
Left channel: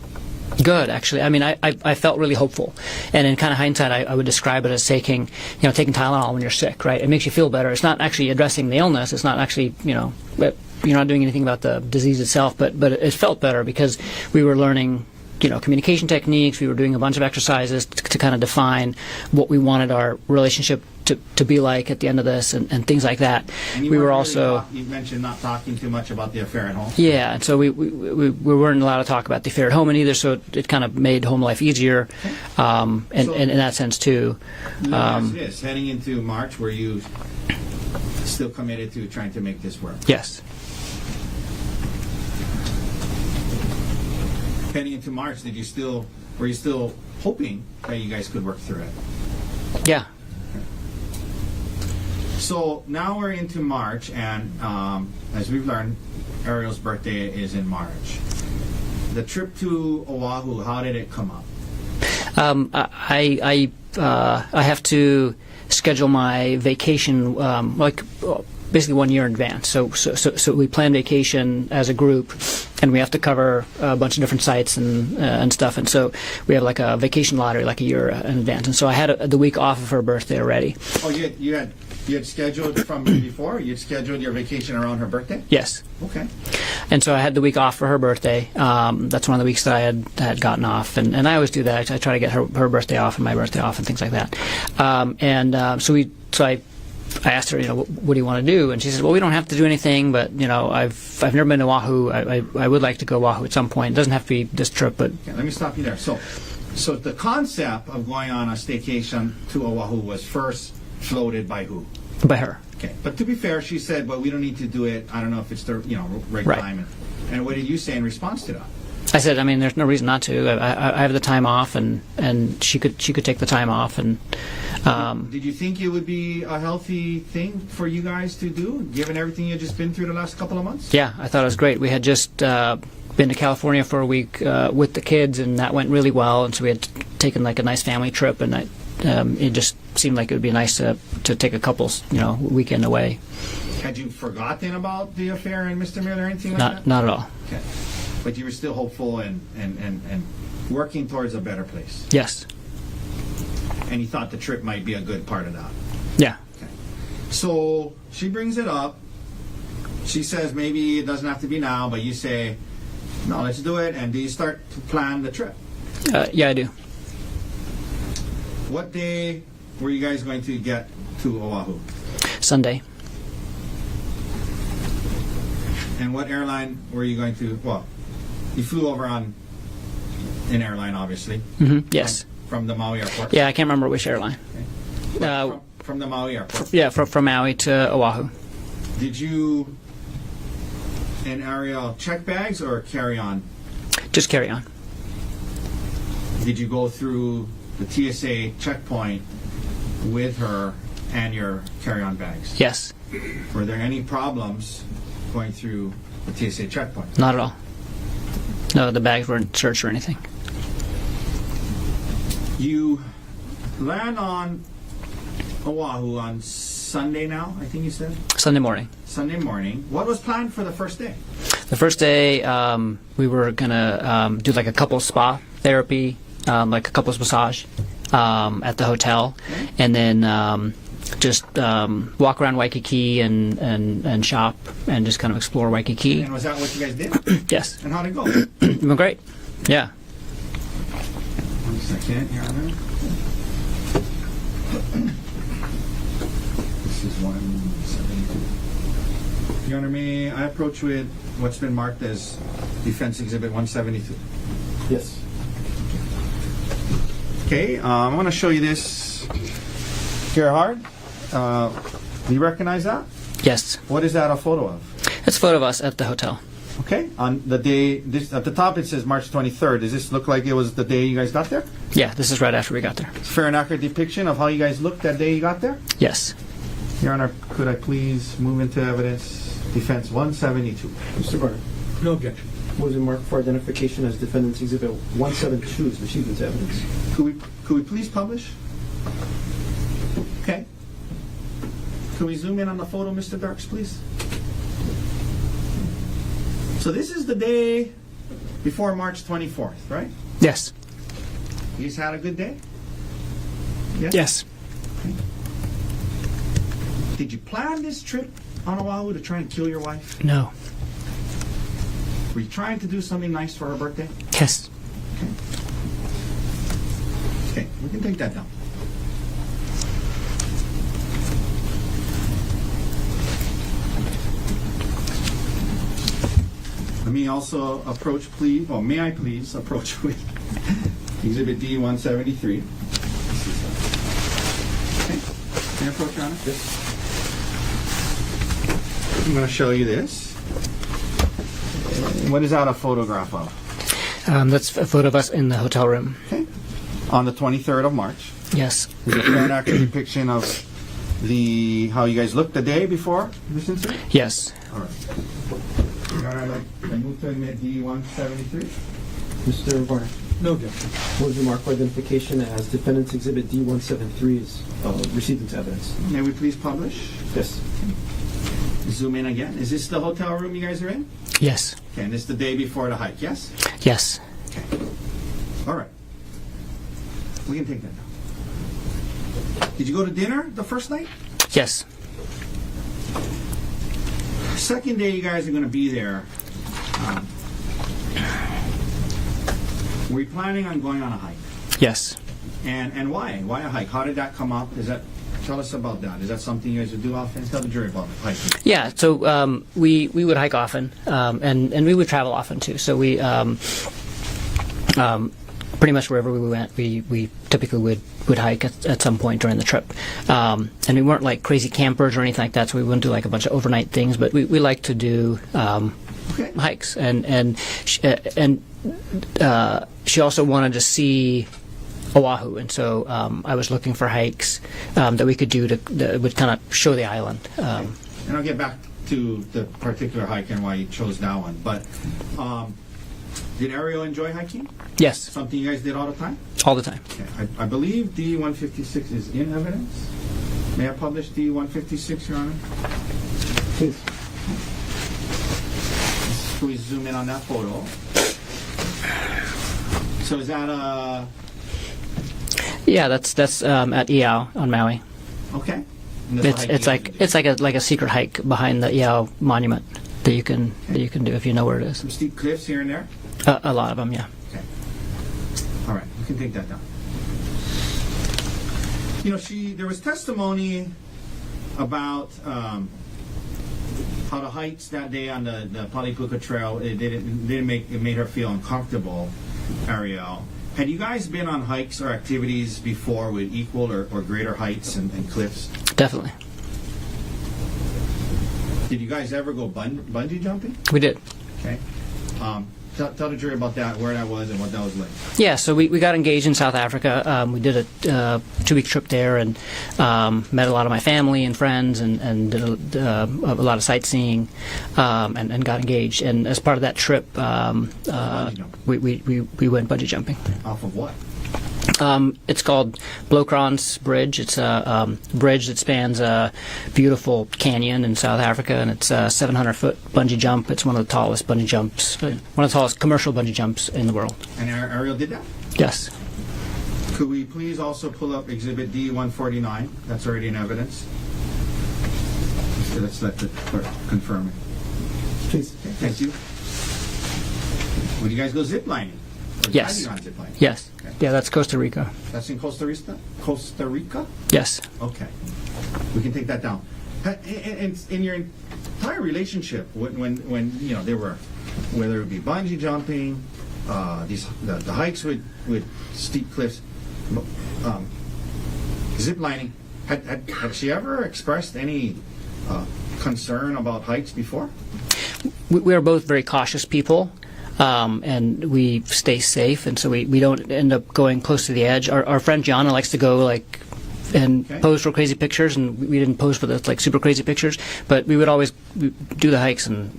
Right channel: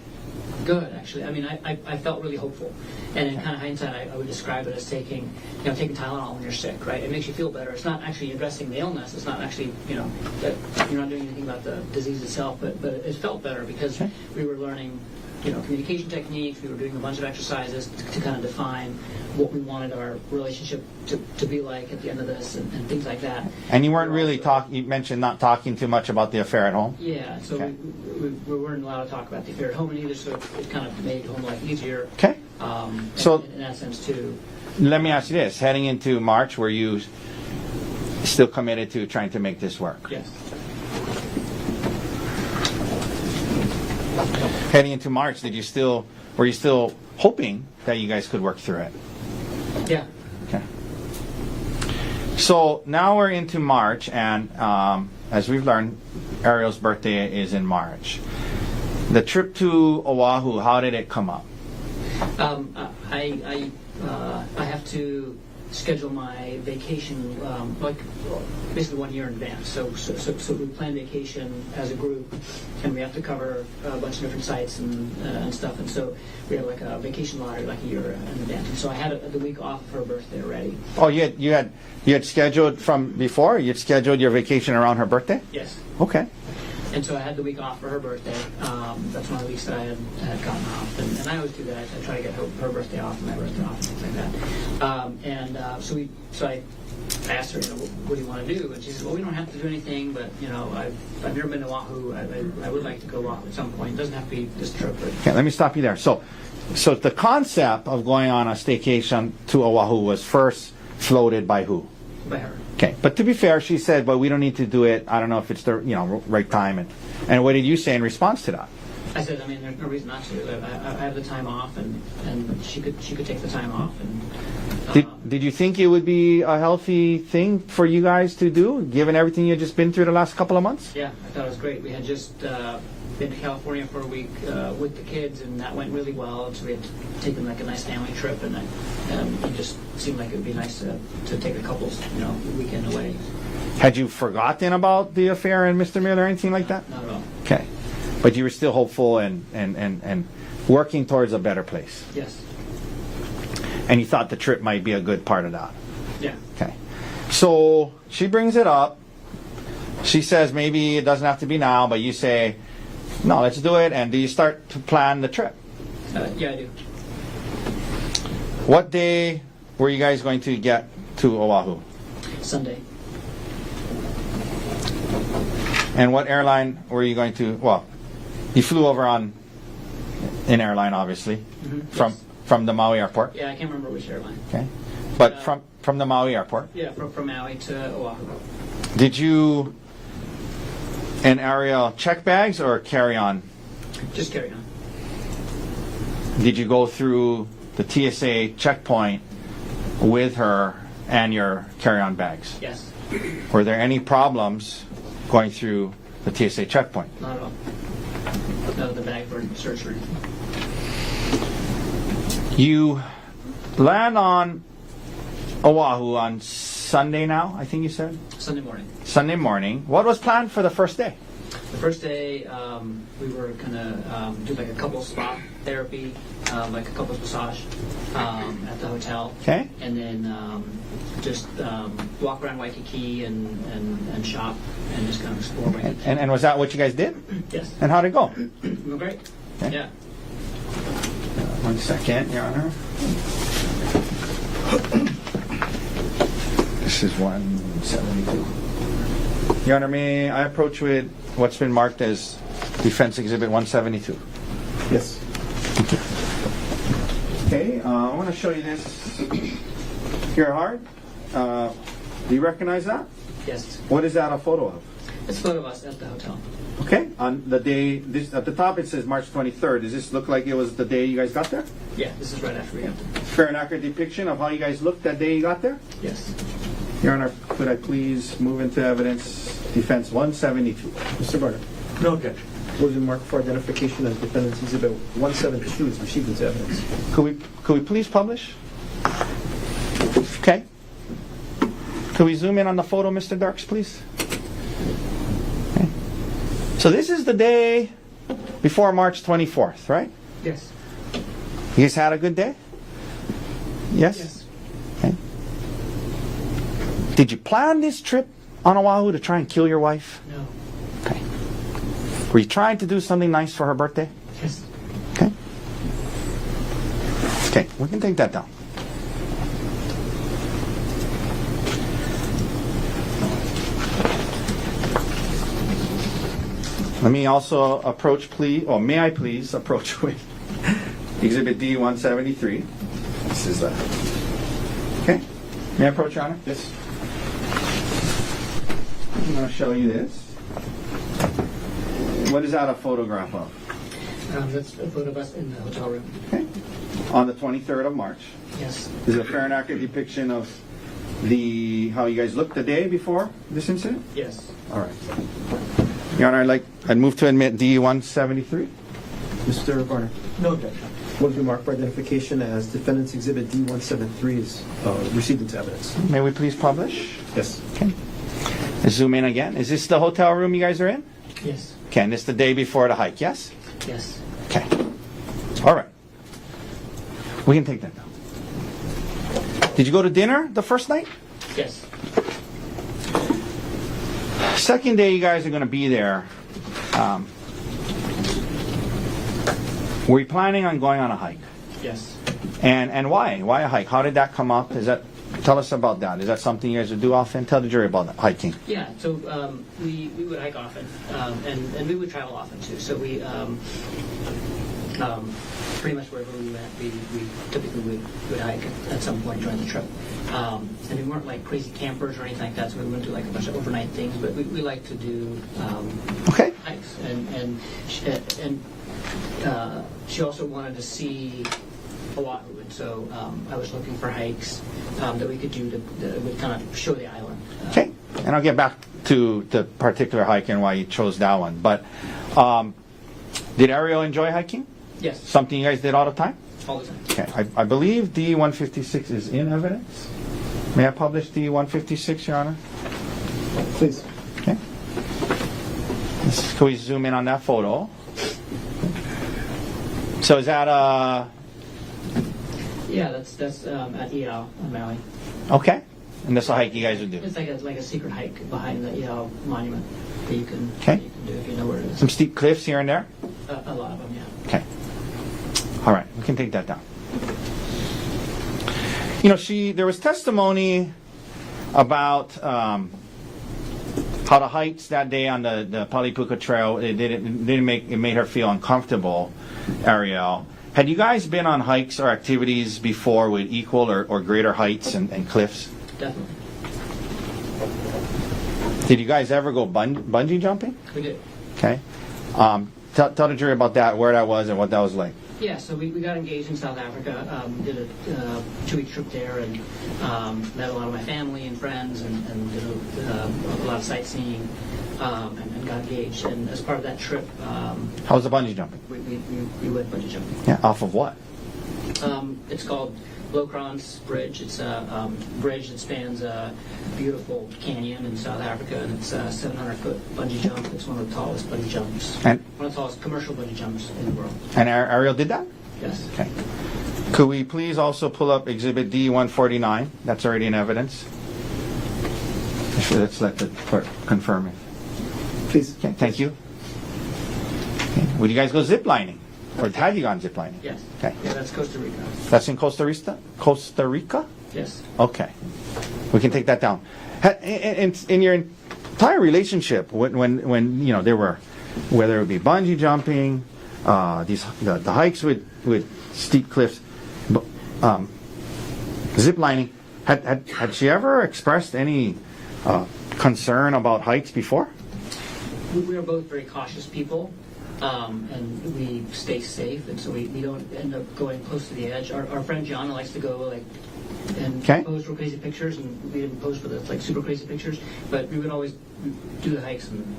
Good, actually. I mean, I felt really hopeful, and in kind of hindsight, I would describe it as taking Tylenol when you're sick, right? It makes you feel better. It's not actually addressing the illness. It's not actually, you're not doing anything about the disease itself, but it felt better because we were learning, communication techniques. We were doing a bunch of exercises to kind of define what we wanted our relationship to be like at the end of this, and things like that. And you we weren't were really also, you mentioned not talking too much about the affair at home. yeah, and so we weren't allowed to talk about the affair at home either, so it kind of made home life easier. Okay. And in that sense too. Let me ask you this: heading into March, were you still committed to trying to make this work? Yes. Heading into March, were you still hoping that you guys could work through it? Yeah. Okay. So now we're into March, and as we've learned, Ariel's birthday is in March. The trip to Oahu, how did it come up? I have to schedule my vacation basically 1 year in advance. So we plan vacation as a group, and we have to cover a bunch of different sites and stuff. And so we have like a vacation lottery like a year in advance. And so I had the week off of her birthday already. Oh, you had scheduled from before? You'd scheduled your vacation around her birthday? Yes. Okay. And so I had the week off for her birthday. That's one of the weeks that I had gotten off, and I always do that. I try to get her birthday off and my birthday off and things like that. So I asked her, what do you want to do? And she says, well, we don't have to do anything, but I've never been to Oahu. I would like to go Oahu at some point. It doesn't have to be this trip, but Okay, let me stop you there. So the concept of going on a staycation to Oahu was first floated by who? by her. Okay, but to be fair, she said, "Well, we don't need to do it. I don't know if it's the right time." And what did you say in response to that? I said, I mean, there's no reason not to. I have the time off, and she could take the time off, and. Did you think it would be a healthy thing for you guys to do, given everything you've just been through the last couple of months? Yeah, I thought it was great. We had just been to California for a week with the kids, and that went really well. And so we had taken like a nice family trip, and it just seemed like it would be nice to take a couple's weekend away. Had you forgotten about the affair and Mr. Miller or anything like that? Not at all. Okay, but you were still hopeful and working towards a better place. Yes. And you thought the trip might be a good part of that. Yeah. Okay. So she brings it up. She says maybe it doesn't have to be now, but you say, no, let's do it. And do you start to plan the trip? Yeah, I do. What day were you guys going to get to Oahu? Sunday. And what airline were you going to? Well, you flew over on an airline, obviously. Mm-hmm. Yes. From the Maui airport? Yeah, I can't remember which airline. Okay. But from the Maui airport? Yeah, from Maui to Oahu. Did you And Ariel, check bags or carry on? Just carry on. Did you go through the TSA checkpoint with her and your carry-on bags? Yes. Were there any problems going through the TSA checkpoint? Not at all. No, the bags weren't searched or anything. You land on Oahu on Sunday now, I think you said? Sunday morning. Sunday morning. What was planned for the first day? The first day, we were gonna do like a couples spa therapy, like a couples massage at the hotel. Okay. And then just walk around Waikiki and shop and just kind of explore Waikiki. And was that what you guys did? Yes. And how'd it go? It went great. Yeah. 1 second, Your Honor. This is 172. Your Honor, may I approach with what's been marked as Defense Exhibit 172? Yes. Okay, I want to show you this. Gerhardt, you recognize that? Yes. What is that a photo of? It's a photo of us at the hotel. Okay, on the day, this at the top it says March 23rd. Does this look like it was the day you guys got there? Yeah, this is right after we got there. Fair and accurate depiction of how you guys looked that day you got there? Yes. Your Honor, could I please move into evidence Defense 172? Mr. Barnett, No objection. was it marked for identification as Defendant's Exhibit 172 is received into evidence? Could we please publish? Okay. Could we zoom in on the photo, Mr. Darks, please? Okay. So this is the day before March 24th, right? Yes. You guys had a good day? Yes? Yes. Okay. Did you plan this trip on Oahu to try and kill your wife? No. Okay. Were you trying to do something nice for her birthday? Yes. Okay. Okay, we can take that down. Let me also approach, please, or may I please approach with Exhibit D 173. This is okay. May I approach, Your Honor? Yes. I'm going to show you this. What is that a photograph of? That's a photo of us in the hotel room. Okay. On the 23rd of March. Yes. Is it a fair and accurate depiction of how you guys looked the day before this incident? Yes. All right. Your Honor, I'd move to admit D 173. Mr. Barnett, No objection. was it marked for identification as Defendant's Exhibit D 173 is received into evidence? May we please publish? Yes. Okay. Let's zoom in again. Is this the hotel room you guys are in? Yes. Okay, and it's the day before the hike, yes? Yes. Okay. All right. We can take that down. Did you go to dinner the first night? Yes. Second day you guys are going to be there. Were you planning on going on a hike? Yes. And why? Why a hike? How did that come up? Tell us about that. Is that something you guys would do often? Tell the jury about that, hiking. Yeah, so we would hike often, and we would travel often too. So we pretty much wherever we went, we typically would hike at some point during the trip. And we weren't like crazy campers or anything like that, so we wouldn't do like a bunch of overnight things. But we like to do hikes, and she also wanted to see Oahu, and so I was looking for hikes that we could do that would kind of show the island. Okay, and I'll get back to the particular hike and why you chose that one. But did Ariel enjoy hiking? Yes. Something you guys did all the time? All the time. Okay, I believe D-156 is in evidence. May I publish D-156, Your Honor? Please. Okay. Can we zoom in on that photo? So is that Yeah, that's at Iao on Maui. okay? And that's a hike you It's guys like would do. it's like a secret hike behind the Iao monument that you can do if you know where it is. Some steep cliffs here and there? A lot of them, yeah. Okay. All right, we can take that down. You know, there was testimony about how the hikes that day on the Palipuka Trail, it made her feel uncomfortable, Ariel. Had you guys been on hikes or activities before with equal or greater heights and cliffs? Definitely. Did you guys ever go bungee jumping? We did. Okay. Tell the jury about that, where that was, and what that was like. Yeah, so we got engaged in South Africa. We did a 2-week trip there and met a lot of my family and friends and did a lot of sightseeing and got engaged. And as part of that trip, How was the bungee jumping? we went bungee jumping. Yeah. Off of what? It's called Blokran's Bridge. It's a bridge that spans a beautiful canyon in South Africa, and it's a 700-foot bungee jump. It's one of the tallest bungee jumps, And- one of the tallest commercial bungee jumps in the world. And Ariel did that? Yes. Okay. Could we please also pull up Exhibit D-149? That's already in evidence. Sure, let's let the clerk confirm it. Please. Okay, thank you. Would you guys go zip lining? Or Yes. have you gone zip lining? Yes. Okay. Yeah, that's Costa Rica. That's in Costa Rica? Costa Rica? Yes. Okay. We can take that down. In your entire relationship, when you know, there were, whether it would be bungee jumping, the hikes with steep cliffs, zip lining, had she ever expressed any concern about hikes before? We are both very cautious people, and we stay safe, and so we don't end up going close to the edge. Our friend Gianna likes to go and Okay. pose for crazy pictures, and we didn't pose for the super crazy pictures, but we would always do the hikes and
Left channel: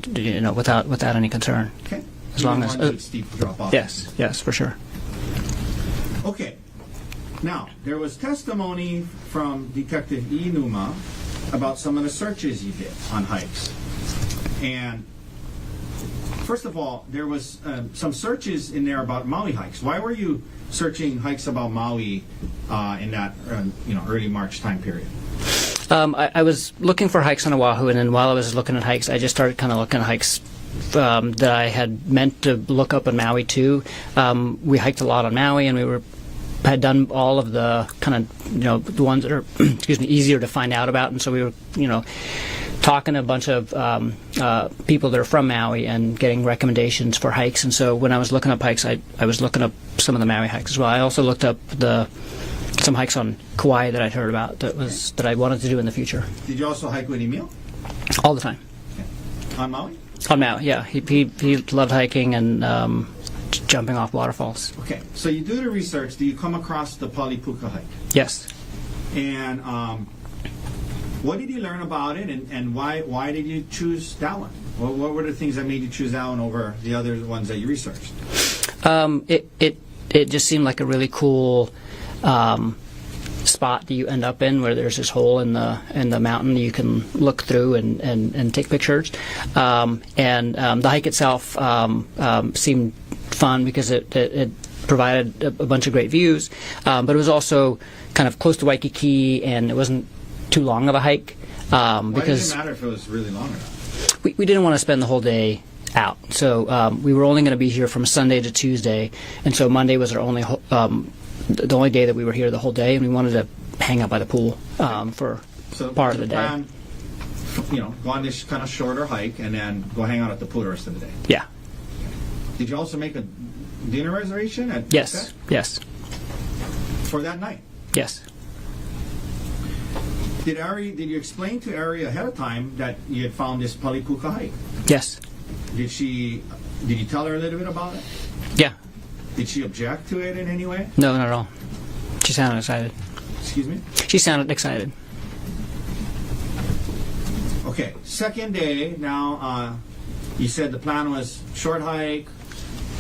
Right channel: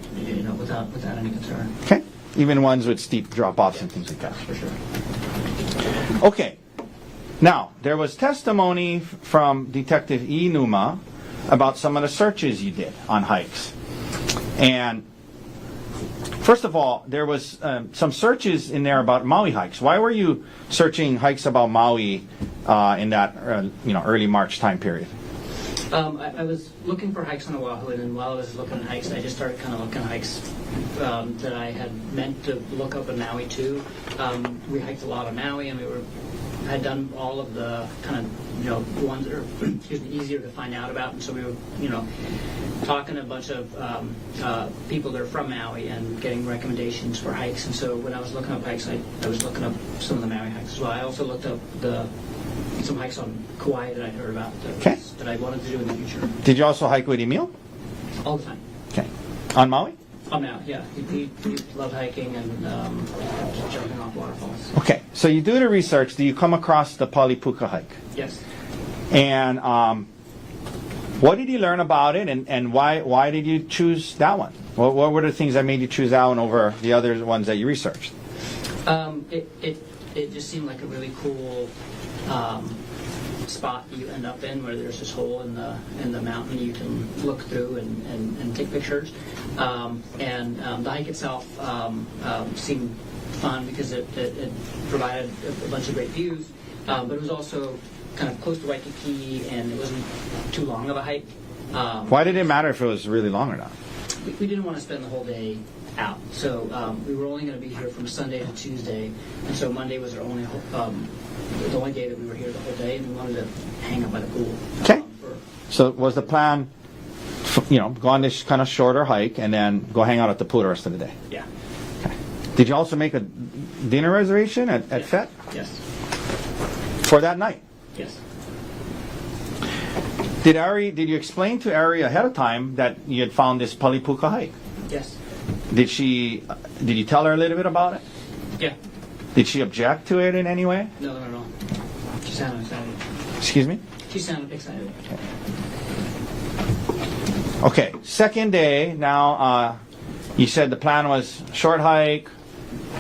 without any concern. Okay. As Even long as- ones with steep drop-offs? and Yes, things. yes, for sure. Okay. Now, there was testimony from Detective E. Numa about some of the searches you did on hikes. And first of all, there was some searches in there about Maui hikes. Why were you searching hikes about Maui in that early March time period? I was looking for hikes on Oahu, and then while I was looking at hikes, I just started kind of looking at hikes that I had meant to look up in Maui too. We hiked a lot on Maui, and we had done all of the kind of the ones that are easier to find out about, and so we were talking to a bunch of people that are from Maui and getting recommendations for hikes. And so when I was looking up hikes, I was looking up some of the Maui hikes as well. I also looked up some hikes on Kauai that I'd heard about that I wanted to do in the future. Did you also hike with Emil? All the time. Okay. On Maui? On Maui, yeah. He loved hiking and jumping off waterfalls. Okay. So you do the research. Do you come across the Palipuka hike? Yes. And what did you learn about it, and why did you choose that one? What were the things that made you choose that one over the other ones that you researched? It just seemed like a really cool spot that you end up in, where there's this hole in the mountain you can look through and take pictures. The hike itself seemed fun because it provided a bunch of great views, but it was also kind of close to Waikiki, and it wasn't too long of a hike. Why did it matter if it was really long or not? We didn't want to spend the whole day out, so we were only going to be here from Sunday to Tuesday, and so Monday was our only the only day that we were here the whole day, and we wanted to hang out by the pool for So part was of the the plan, go on this kind of shorter hike and then go hang out at the pool the rest of the day? Yeah. Did you also make a dinner reservation at Yes. Set Yes. for that night? Yes. Did you explain to Ari ahead of time that you had found this Palipuka hike? Yes. Did you tell her a little bit about it? Yeah. Did she object to it in any way? No, not at all. She sounded excited. Excuse me? She sounded excited. Okay, second day. Now, you said the plan was short hike,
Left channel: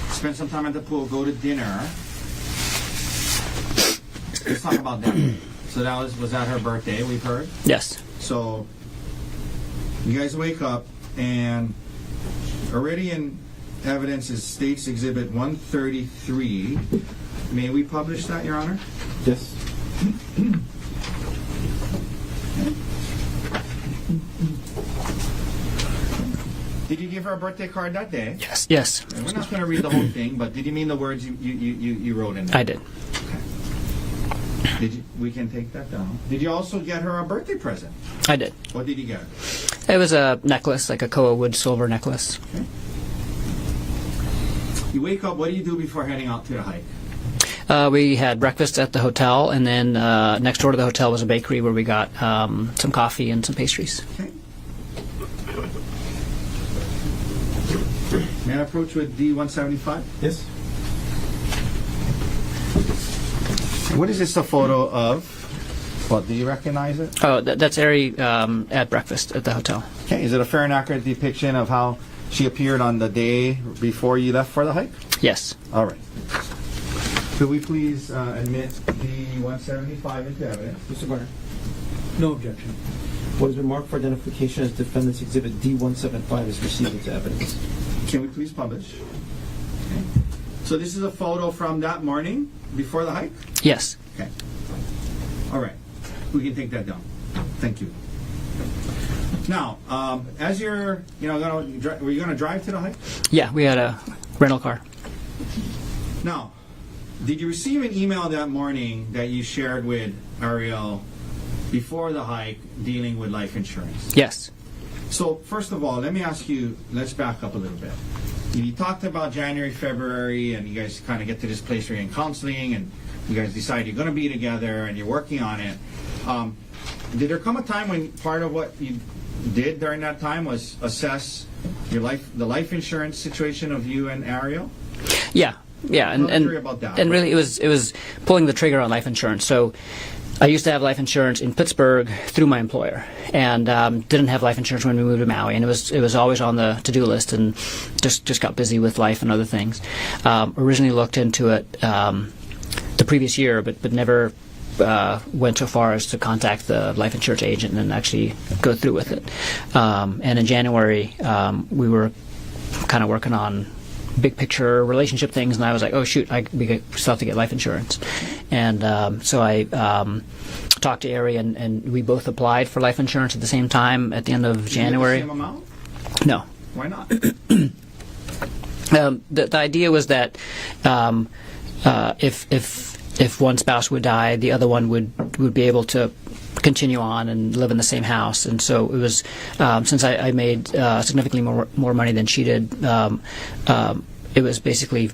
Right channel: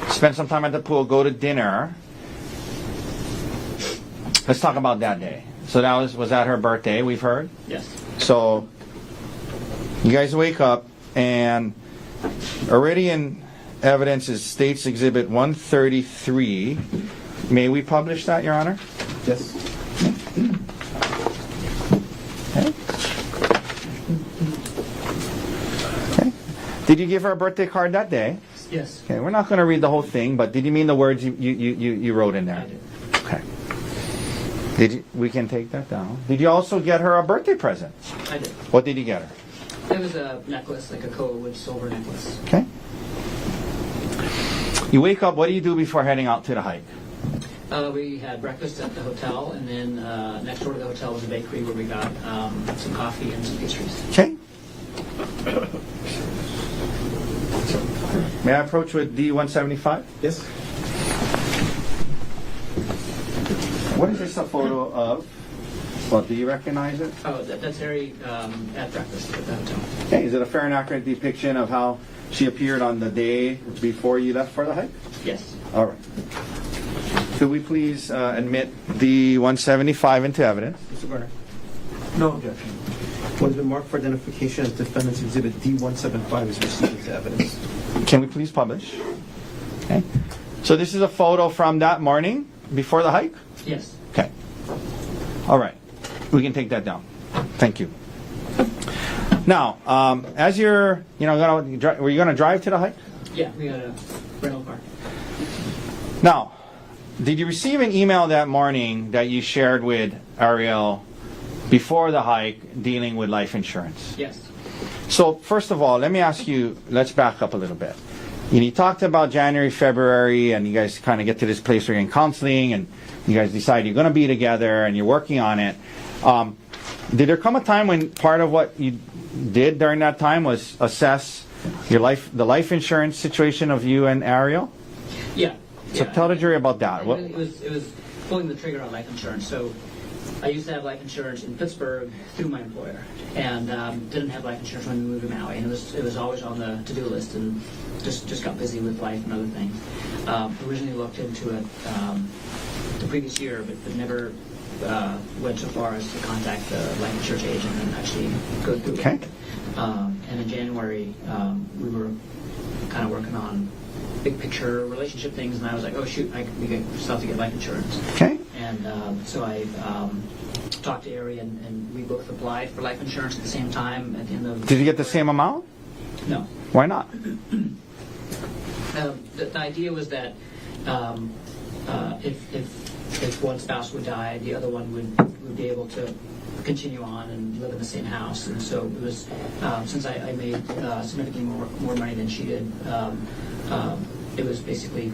spend some time at the pool, go to dinner. Let's talk about that day. So that was that her birthday, we've heard? Yes. So you guys wake up, and already in evidence is State's Exhibit 133. May we publish that, Your Honor? Yes. Okay. Okay. Did you give her a birthday card that day? Yes. Yes. Okay, we're not going to read the whole thing, but did you mean the words you wrote in there? I did. Okay. We can take that down. Did you also get her a birthday present? I did. What did you get her? It was a necklace, like a Koa wood silver necklace. Okay. You wake up, what do you do before heading out to the hike? We had breakfast at the hotel, and then next door to the hotel was a bakery where we got some coffee and some pastries. Okay. May I approach with D175? Yes? What is this a photo of? Well, do you recognize it? Oh, that's Ari at breakfast at the hotel. Okay, is it a fair and accurate depiction of how she appeared on the day before you left for the hike? Yes. All right. Could we please admit D175 into evidence? Mr. Garner, No objection. what has been marked for identification as Defendant's Exhibit D175 is received into evidence. Can we please publish? Okay. So this is a photo from that morning before the hike? Yes. Okay. All right. We can take that down. Thank you. Now, as you're, were you going to drive to the hike? Yeah, we had a rental car. Now, did you receive an email that morning that you shared with Ariel before the hike dealing with life insurance? Yes. So, first of all, let me ask you, let's back up a little bit. You talked about January, February, and you guys kind of get to this place where you're in counseling, and you guys decide you're going to be together, and you're working on it. Did there come a time when part of what you did during that time was assess the life insurance situation of you and Ariel? Yeah. Yeah. So tell the jury about that. And really, it was pulling the trigger on life insurance. So I used to have life insurance in Pittsburgh through my employer, and didn't have life insurance when we moved to Maui, and it was always on the to-do list, and just got busy with life and other things. Originally looked into it the previous year, but never went so far as to contact the life insurance agent and actually go through with it. And in January, we were kind of working on big picture relationship things, and I was like, oh shoot, we still have to get life insurance. Okay. And so I talked to Ari, and we both applied for life insurance at the same time at the end of Did January. you get the same amount? No. Why not? The idea was that if one spouse would die, the other one would be able to continue on and live in the same house. And so it was, since I made significantly more money than she did, it was basically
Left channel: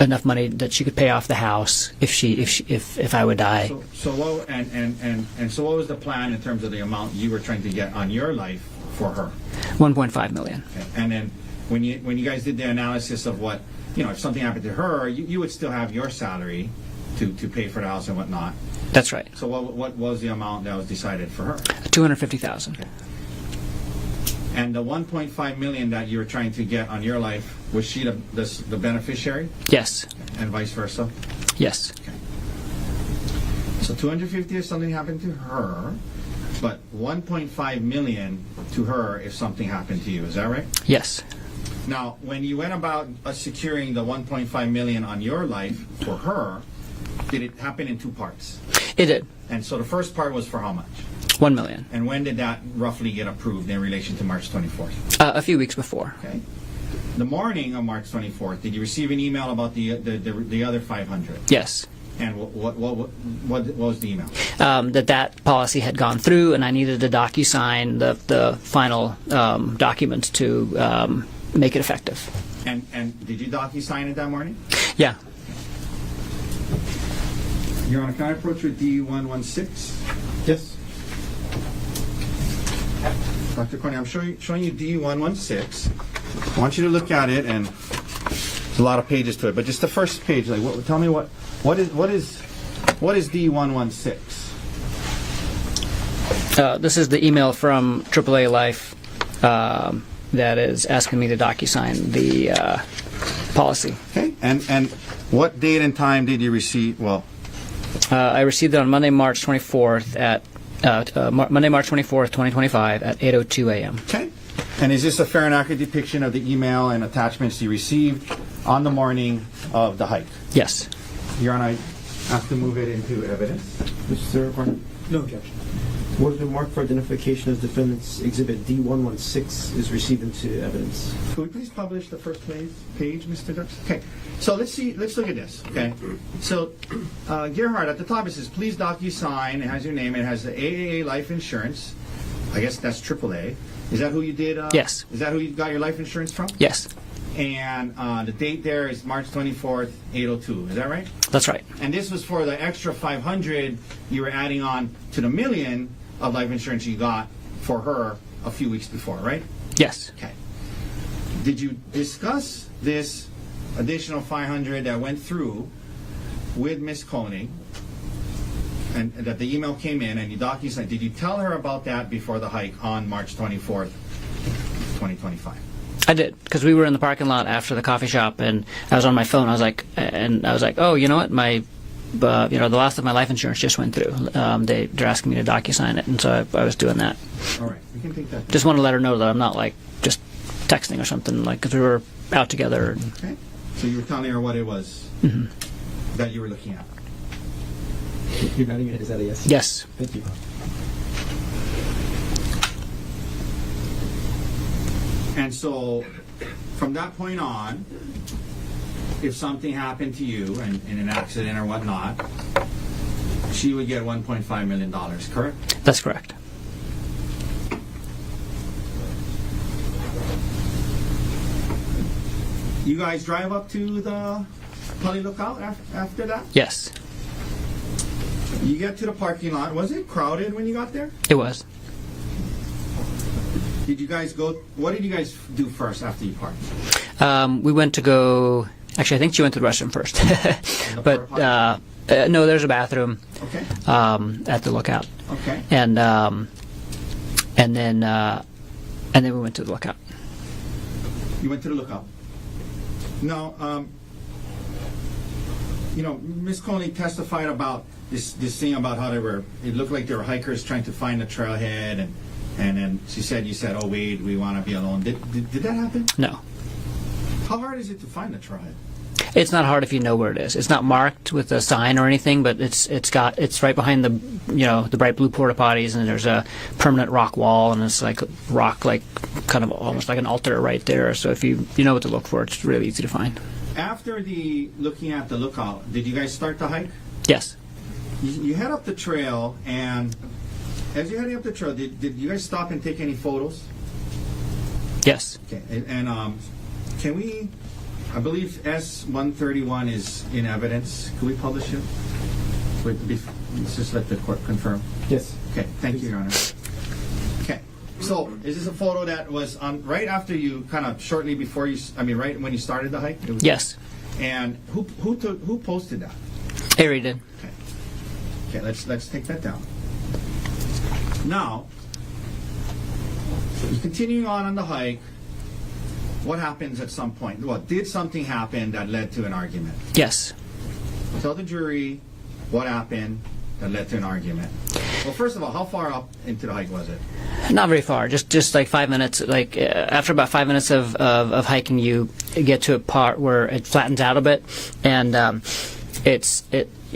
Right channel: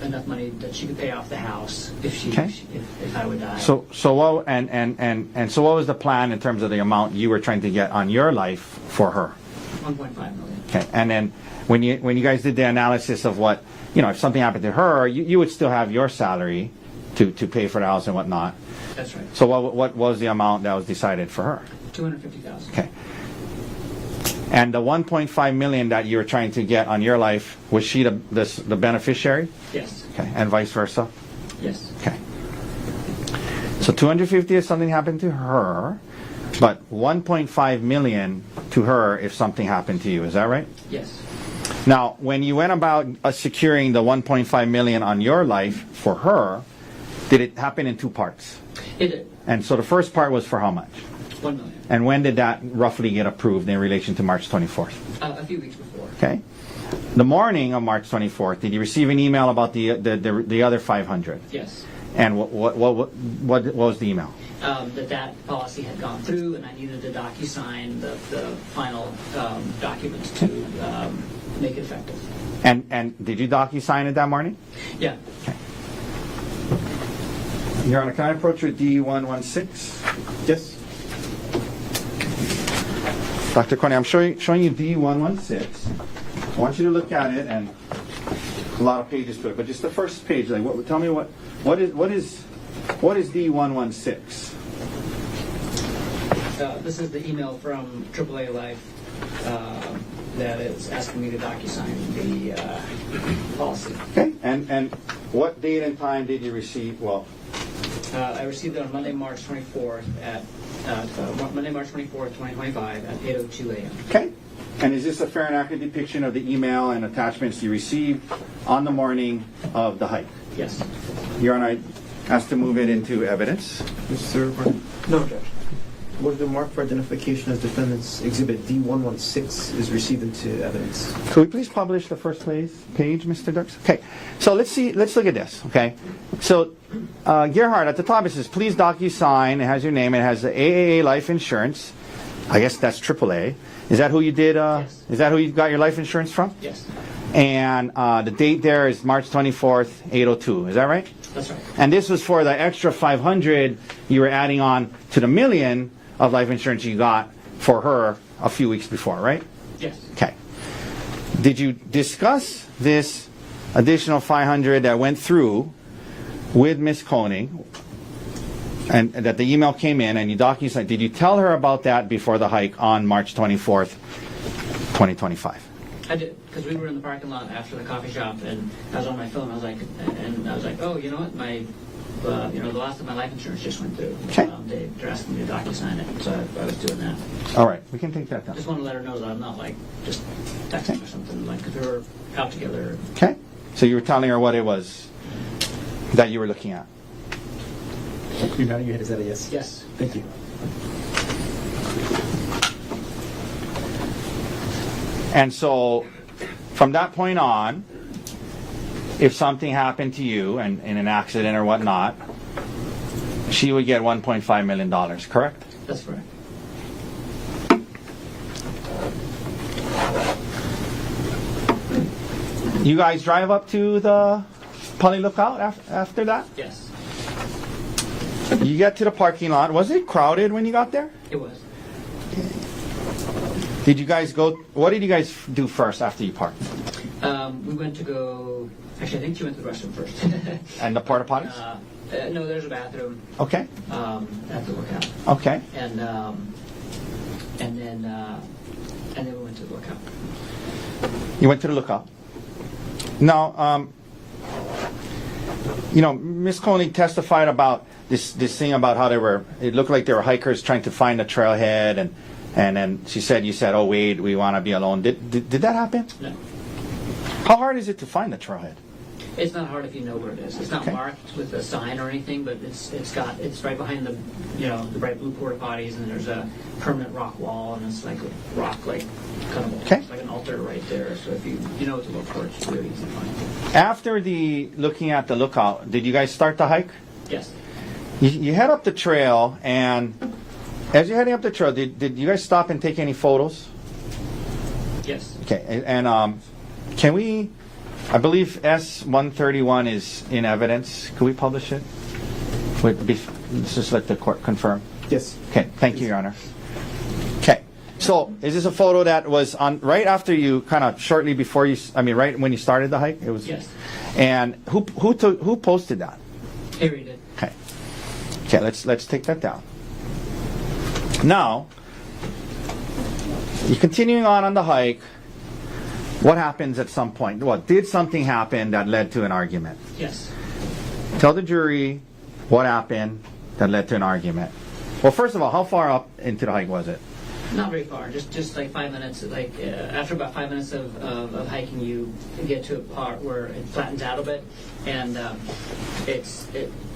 enough money that she could pay off the house if I would die. So what was the plan in terms of the amount you were trying to get on your life for her? $1.5 million. Okay. And then when you guys did the analysis of what, if something happened to her, you would still have your salary to pay for the house and whatnot. That's right. So what was the amount that was decided for her? $250,000. Okay. And the $1.5 million that you were trying to get on your life, was she the beneficiary? Yes. Okay. And vice versa? Yes. Okay. So $250,000 if something happened to her, but $1.5 million to her if something happened to you. Is that right? Yes. Now, when you went about securing the $1.5 million on your life for her, did it happen in two parts? It did. And so the first part was for how much? $1 million. And when did that roughly get approved in relation to March 24th? A few weeks before. Okay. The morning of March 24th, did you receive an email about the other 500? Yes. And what was the email? That policy had gone through, and I needed to DocuSign the final document to make it effective. And did you DocuSign it that morning? Yeah. Okay. Your Honor, can I approach with D116? Yes? Dr. Konig, I'm showing you D116. I want you to look at it, and there's a lot of pages to it, but just the first page. Tell me what is D116? This is the email from AAA Life that is asking me to DocuSign the policy. Okay. And what date and time did you receive? Well, I received it on Monday, March 24th at Monday, March 24th, 2025 at 8:02 a.m. Okay. And is this a fair and accurate depiction of the email and attachments you received on the morning of the hike? Yes. Your Honor, I ask to move it into evidence. Mr. Garner, No objection. what has been marked for identification as Defendant's Exhibit D116 is received into evidence. Could we please publish the first page, Mr. Dirks? Okay, so let's look at this, okay? So, Gerhardt, at the top it says, please DocuSign, it has your name, it has the AAA life insurance. I guess that's AAA. Is that who you did? Yes. Is that who you got your life insurance from? Yes. And the date there is March 24th, 8:02, is that right? That's right. And this was for the extra 500 you were adding on to the $1 million of life insurance you got for her a few weeks before, right? Yes. Okay. Did you discuss this additional 500 that went through with Ms. Konig, and that the email came in and you DocuSign? Did you tell her about that before the hike on March 24th, 2025? I did, because we were in the parking lot after the coffee shop, and I was on my phone. I was like, oh, you know what, the last of my life insurance just went through. They're asking me to DocuSign it, and so I was doing that. All right, we can take that down. Just want to let her know that I'm not like just texting or something, like, because we were out together. Okay, so you were telling her what it was that you were looking at. You're nodding your head. Is that a yes? Yes. Thank you. And so, from that point on, if something happened to you and in an accident or whatnot, she would get $1.5 million, correct? That's correct. You guys drive up to the Poly Lookout after that? Yes, You get to the parking lot. Was it crowded when you got there? it was. Did you guys go? What did you guys do first after you parked? We went to go. Actually, I think she went to the restroom first. And the porta potties? No, there's a bathroom Okay. at the Lookout, Okay. and then we went to the Lookout. You went to the Lookout. Now, Ms. Konig testified about this thing about how it looked like they were hikers trying to find a trailhead, and then you said, oh wait, we want to be alone. Did that happen? No, How hard is it to find a trailhead? it's not hard if you know where it is. It's not marked with a sign or anything, but it's right behind the bright blue porta potties, and there's a permanent rock wall, and it's like rock, like kind of almost like an altar right there. So if you know what to look for, it's really easy to find. After looking at the Lookout, did you guys start the hike? Yes. You head up the trail, and as you're heading up the trail, did you guys stop and take any photos? Yes. Okay, and can we? I believe S-131 is in evidence. Can we publish it? Let's just let the court confirm. Yes. Okay, thank you, Your Honor. Okay, so is this a photo that was on right after you, kind of shortly before you? I mean, right when you started the hike? It was. Yes. And who posted that? Harry did. Okay. Okay, let's take that down. Now, you're continuing on the hike. What happens at some point? Did something happen that led to an argument? Yes. Tell the jury what happened that led to an argument. Well, first of all, how far up into the hike was it? Not very far. Just like 5 minutes. Like after about 5 minutes of hiking, you get to a part where it flattens out a bit, and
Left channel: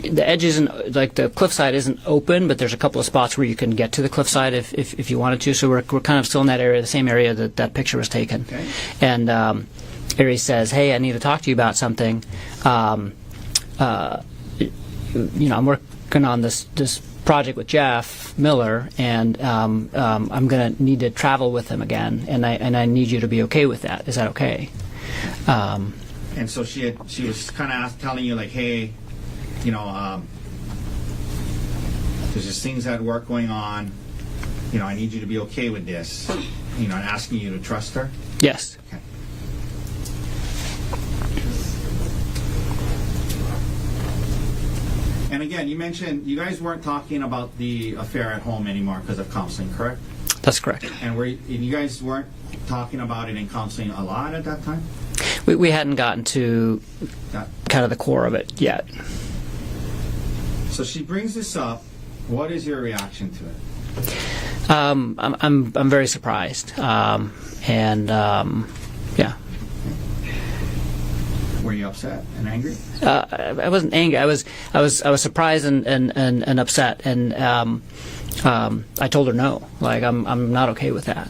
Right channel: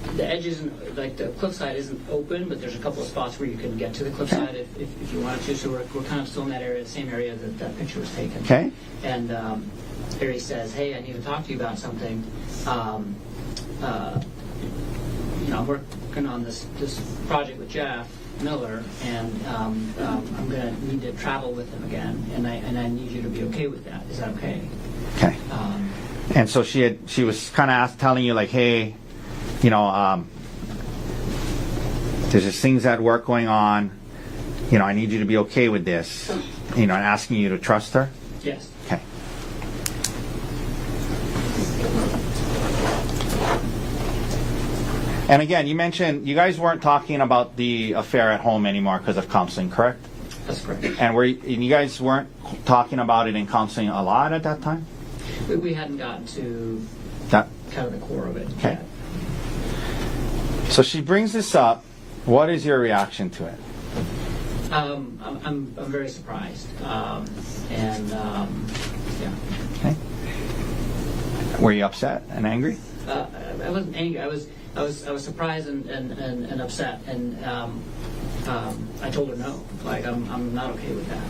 the edge isn't, like, the cliffside isn't open, but there's a couple of spots where you can get to the cliffside if you wanted to. So we're kind of still in that area, the same area that picture was taken. Okay. And Ari says, "Hey, I need to talk to you about something. I'm working on this project with Jeff Miller, and I'm going to need to travel with him again, and I need you to be okay with that. Is that okay?" Okay. And so she was kind of telling you, like, hey, there's just things at work going on. I need you to be okay with this. And asking you to trust her. Yes. Okay. And again, you mentioned you guys weren't talking about the affair at home anymore because of counseling, correct? That's correct. And you guys weren't talking about it in counseling a lot at that time? We hadn't gotten to That. kind of the core of it yet. So she brings this up. What is your reaction to it? I'm very surprised, yeah. Okay. Were you upset and angry? I wasn't angry. I was surprised and upset, and I told her no. Like, I'm not okay with that.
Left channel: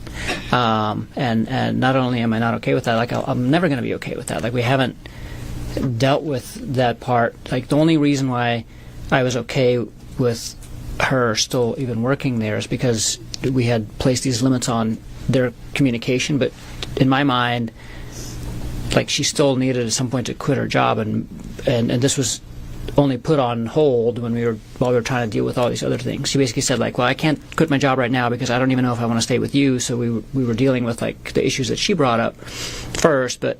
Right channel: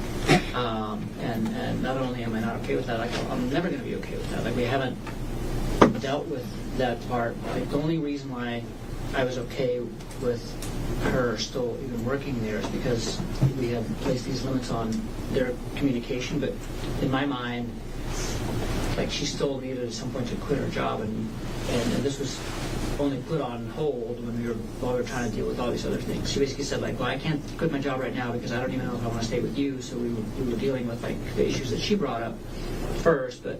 And not only am I not okay with that, like, I'm never going to be okay with that. Like, we haven't dealt with that part. Like, the only reason why I was okay with her still even working there is because we had placed these limits on their communication. But in my mind, like, she still needed at some point to quit her job, and this was only put on hold while we were trying to deal with all these other things. She basically said like, well, I can't quit my job right now because I don't even know if I want to stay with you. So we were dealing with like the issues that she brought up first, but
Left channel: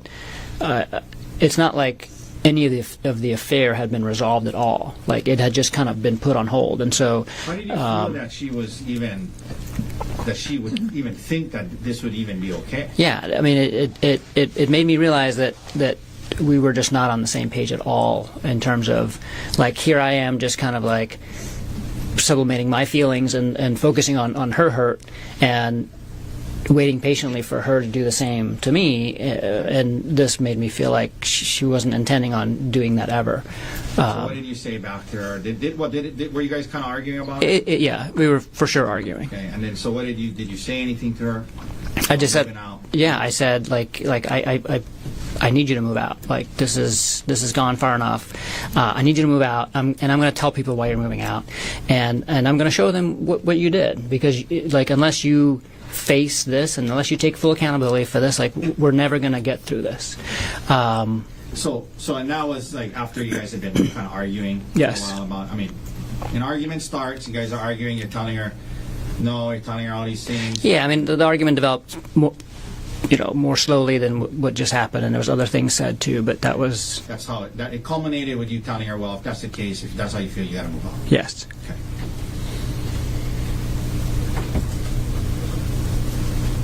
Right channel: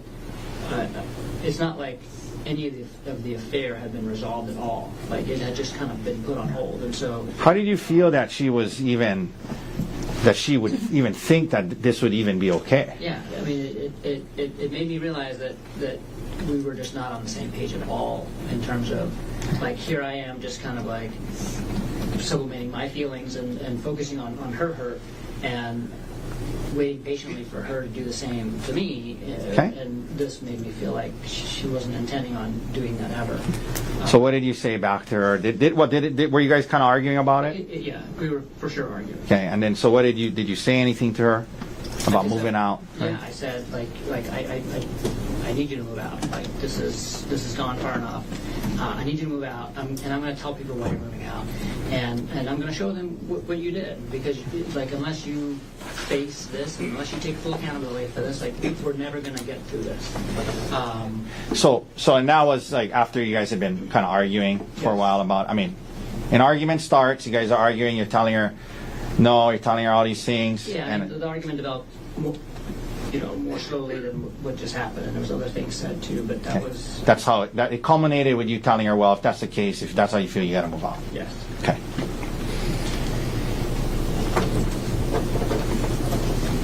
it's not like any of the affair had been resolved at all. Like it had just kind of been put on hold. And so How did you feel that she would even think that this would even be okay? yeah, I mean, it made me realize that we were just not on the same page at all in terms of, like, here I am just kind of like sublimating my feelings and focusing on her hurt and waiting patiently for her to do the same to me. And this made me feel like she wasn't intending on doing that ever. So what did you say back to her? Were you guys kind of arguing about it? Yeah, we were for sure arguing. Okay, and then so what did you say anything to her? I just said, moving out? yeah, I said like I need you to move out. Like this is gone far enough. I need you to move out, and I'm going to tell people why you're moving out, and I'm going to show them what you did, because like unless you face this and unless you take full accountability for this, like we're never going to get through this. So and that was like after you guys had been kind of arguing for Yes. a while about. I mean, an argument starts. You guys are arguing. You're telling her no. You're telling her all these things. Yeah, I mean the argument developed more slowly than what just happened, and there was other things said too. But That's how it culminated with you telling her, well, if that's the case, if that's how you feel, you got to move on. yes. Okay.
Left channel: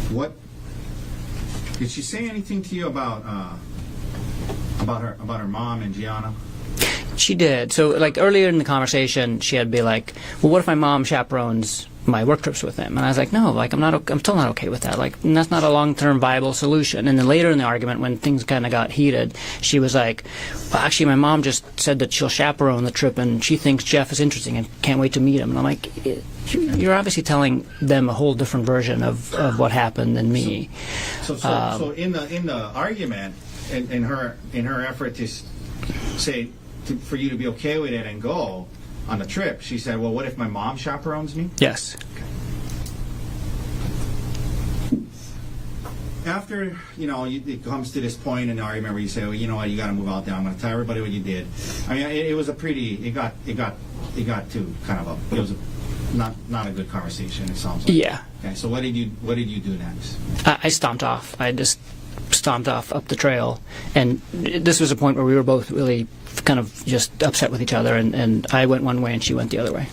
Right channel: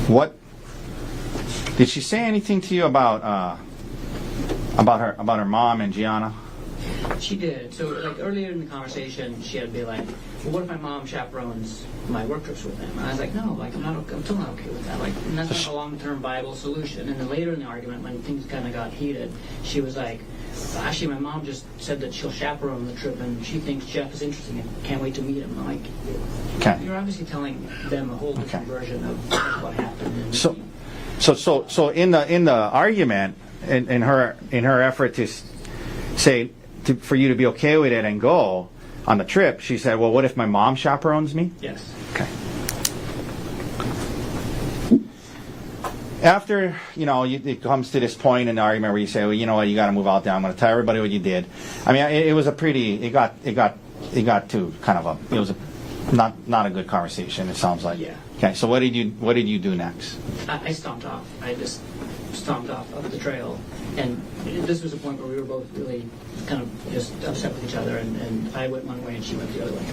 What did she say anything to you about her mom and Gianna? She did. So, like, earlier in the conversation, she had be like, well, what if my mom chaperones my work trips with him? And I was like, no, like, I'm still not okay with that. Like, and that's not a long-term viable solution. And then later in the argument, when things kind of got heated, she was like, well, actually, my mom just said that she'll chaperone the trip, and she thinks Jeff is interesting and can't wait to meet him. And I'm like, you're obviously telling them a whole different version of what happened than me. So in the argument, in her effort to say for you to be okay with it and go on the trip, she said, well, what if my mom chaperones me? Yes. Okay. After, it comes to this point in the argument where you say, well, you know what, you got to move out there. I'm going to tell everybody what you did. I mean, it was a pretty, it got to kind of it was not a good conversation, it sounds like. Yeah. Okay, so what did you do next? I stomped off. I just stomped off up the trail. And this was a point where we were both really kind of just upset with each other, and I went one way and she went the other way.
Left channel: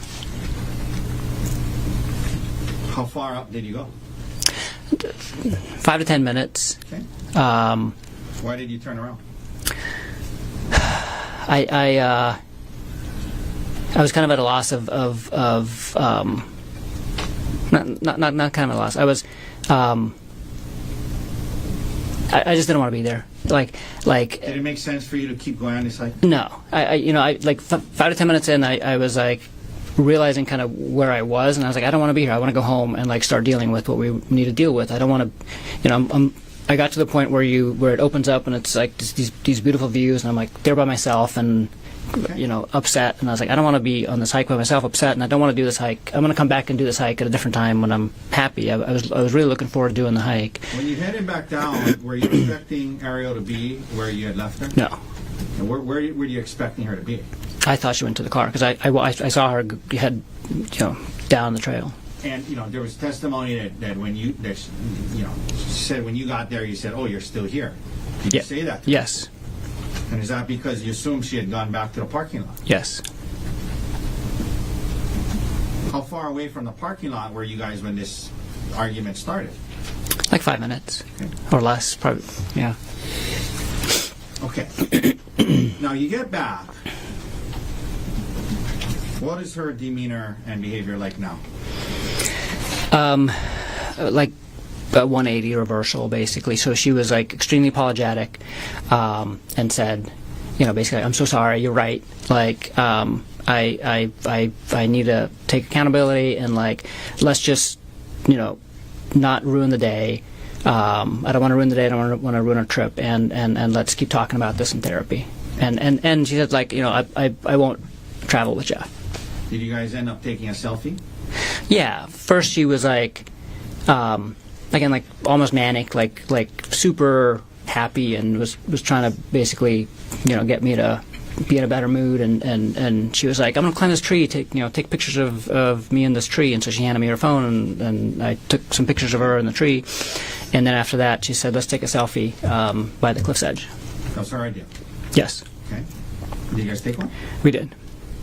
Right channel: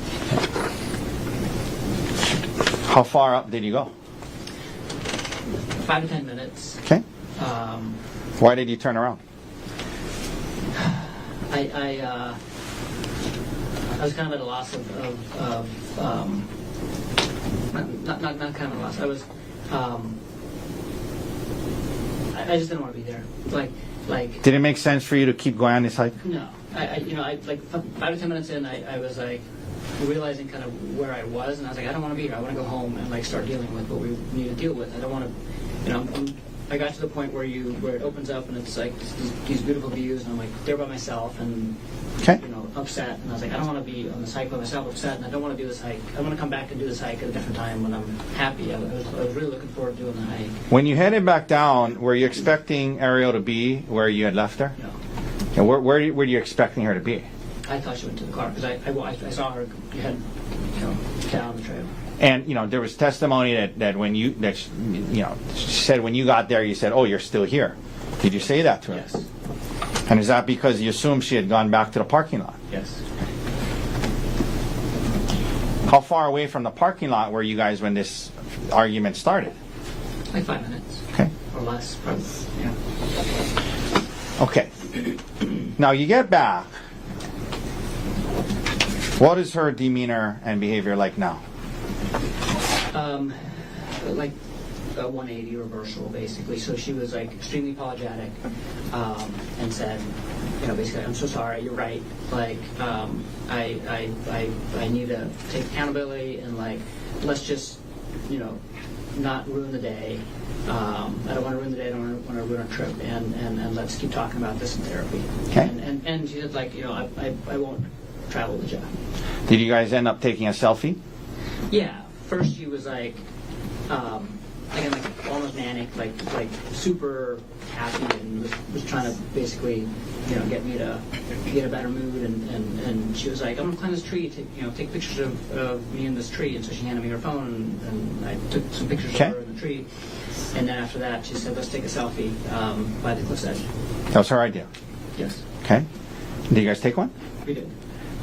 How far up did you go? 5 to 10 minutes. Okay. Why did you turn around? I was kind of at a loss of not kind of a loss. I was I just didn't want to be there. Like. Did it make sense for you to keep going on this hike? No. I like 5 to 10 minutes in, I was like realizing kind of where I was, and I was like, I don't want to be here. I want to go home and like start dealing with what we need to deal with. I don't want to, I got to the point where it opens up and it's like these beautiful views, and I'm like there by myself and upset, and I was like, I don't want to be on this hike by myself, upset, and I don't want to do this hike. I'm going to come back and do this hike at a different time when I'm happy. I was really looking forward to doing the hike. When you headed back down, were you expecting Ariel to be where you had left her? No. And where were you expecting her to be? I thought she went to the car because I saw her head down the trail. And there was testimony that she said when you got there, you said, "Oh, you're still here." Did you say that to her? Yes. And is that because you assumed she had gone back to the parking lot? Yes. How far away from the parking lot were you guys when this argument started? Like 5 minutes. Okay. Or less, probably. Yeah. Okay. Now you get back. What is her demeanor and behavior like now? Like a 180 reversal, basically. So she was like extremely apologetic, and said, basically, I'm so sorry. You're right. Like, I need to take accountability and like, let's just, not ruin the day. I don't want to ruin the day. I don't want to ruin our trip. And let's keep talking about this in therapy. Okay. And she said like, I won't travel with Jeff. Did you guys end up taking a selfie? Yeah. First she was like, again, like almost manic, like super happy, and was trying to basically, get me to be in a better mood, and she was like, I'm gonna climb this tree, take pictures of me in this tree. And so she handed me her phone, and I took some pictures of her in the tree. And then after that, she said, let's take a selfie by the cliff's edge. That was her idea. Yes, Okay. Did you guys take one? we did.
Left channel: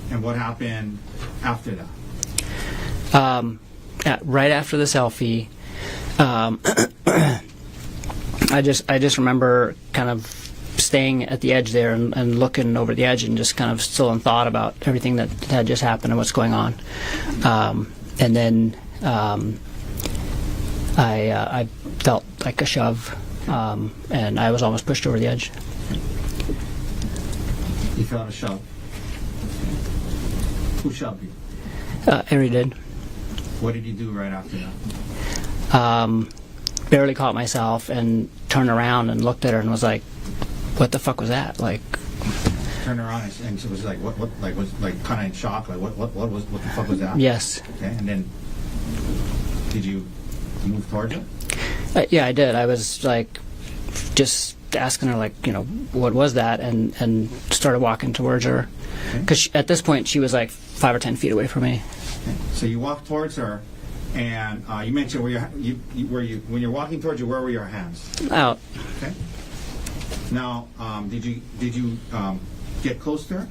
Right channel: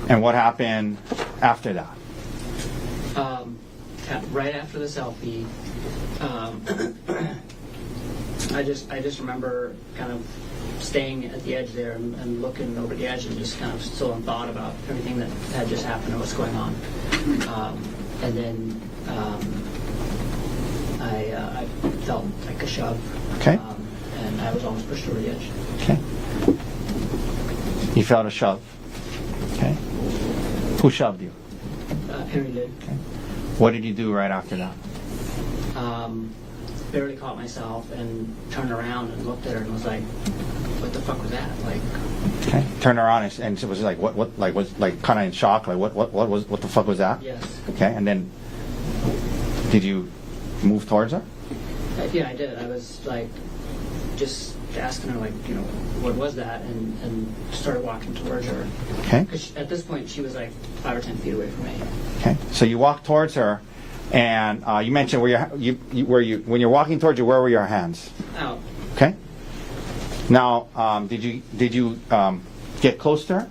And what happened after that? Right after the selfie, I just remember kind of staying at the edge there and looking over the edge and just kind of still in thought about everything that had just happened and what's going on. And then I felt like a shove, Okay. and I was almost pushed over the edge. Okay. You felt a shove. Okay. Who shoved you? Ari did. What did you do right after that? Barely caught myself and turned around and looked at her and was like, what the fuck was that? Like, Okay. Turn around and was like what like was like kind of in shock, like what the fuck was that? yes. Okay. And then did you move towards her? Yeah, I did. I was like, just asking her, like, what was that? And started walking towards her. Okay. Because at this point, she was like 5 or 10 feet away from me. Okay. So you walk towards her, and you mentioned when you're walking towards her, where were your hands? Out. Okay. Now, did you get close to her?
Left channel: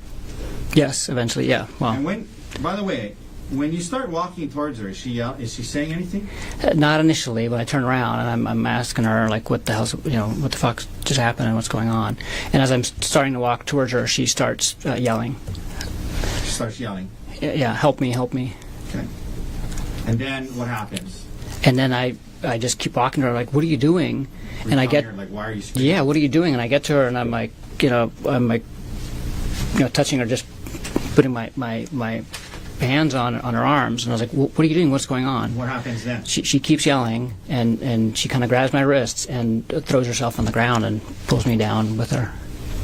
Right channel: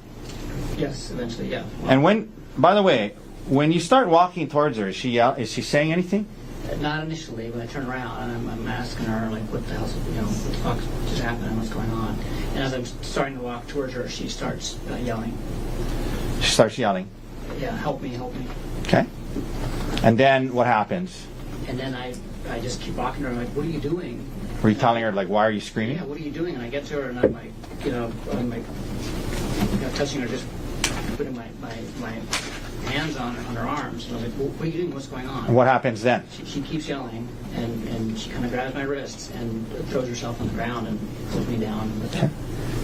Yes, eventually, yeah. Well, And by the way, when you start walking towards her, is she saying anything? not initially, but I turn around and I'm asking her, like, what the hell's, what the fuck just happened and what's going on? And as I'm starting to walk towards her, she starts yelling. She starts yelling. Yeah, help me, help me. Okay. And then what happens? And then I just keep walking to her, like, what are you doing? Were you And I telling get, her, like, why are you screaming? yeah, what are you doing? And I get to her and I'm like, touching her, just putting my hands on her arms, and I was like, what are you doing? What's going on? And what happens then? She keeps yelling, and she kind of grabs my wrists and throws herself on the ground and pulls me down with her.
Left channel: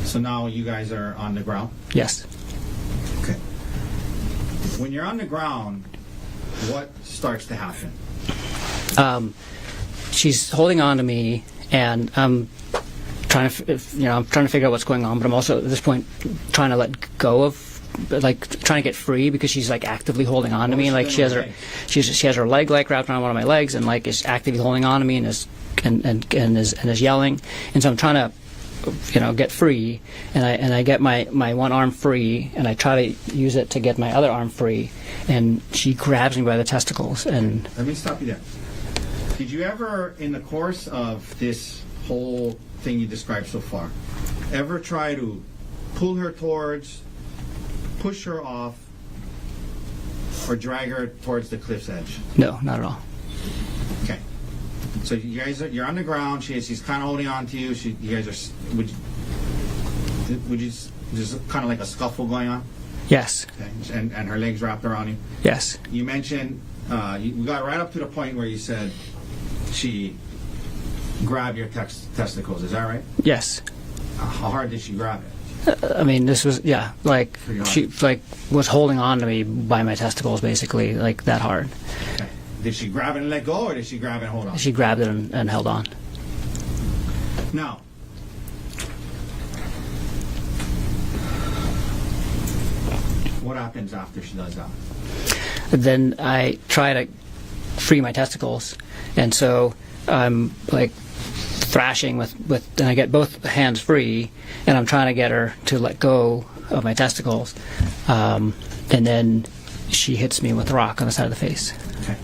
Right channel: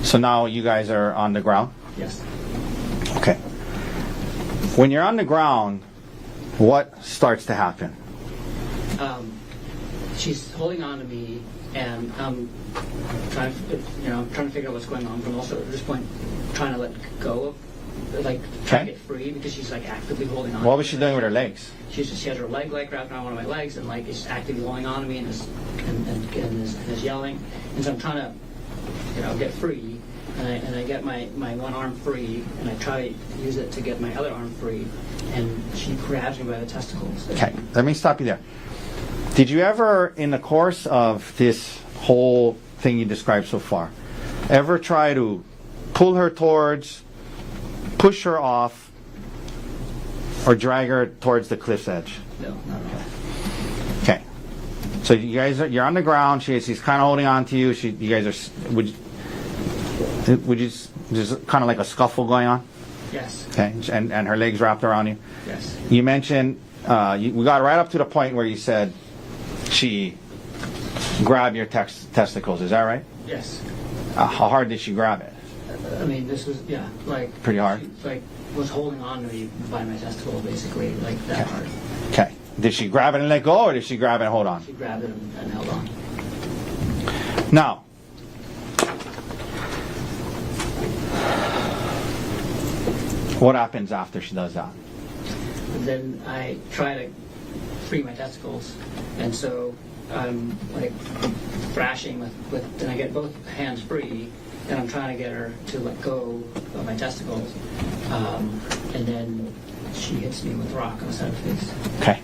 So now you guys are on the ground? Yes. Okay. When you're on the ground, what starts to happen? She's holding on to me, and I'm trying to figure out what's going on, but I'm also at this point trying to let go of, like, trying to get free, because she's like actively holding on to me. Like, she has her leg like wrapped around one of my legs and like is actively holding on to me and is yelling. And so I'm trying to get free, and I get my one arm free, and I try to use it to get my other arm free, and she grabs me by the testicles. Okay, And let me stop you there. Did you ever, in the course of this whole thing you described so far, ever try to pull her towards, push her off, or drag her towards the cliff's edge? No, not at all. Okay. So you're on the ground. She's kind of holding on to you. You guys are. Would you just kind of like a scuffle going on? Yes. Okay. And her legs wrapped around you. Yes. You mentioned we got right up to the point where you said she grabbed your testicles. Is that right? Yes. How hard did she grab it? I mean, this was, like, Pretty hard. she was holding on to me by my testicles, basically, like that hard. Okay. Did she grab it and let go, or did she grab it and hold on? She grabbed it and held on. Now, what happens after she does that? Then I try to free my testicles, and so I'm like thrashing with and I get both hands free, and I'm trying to get her to let go of my testicles, and then she hits me with a rock on the side of the face. Okay.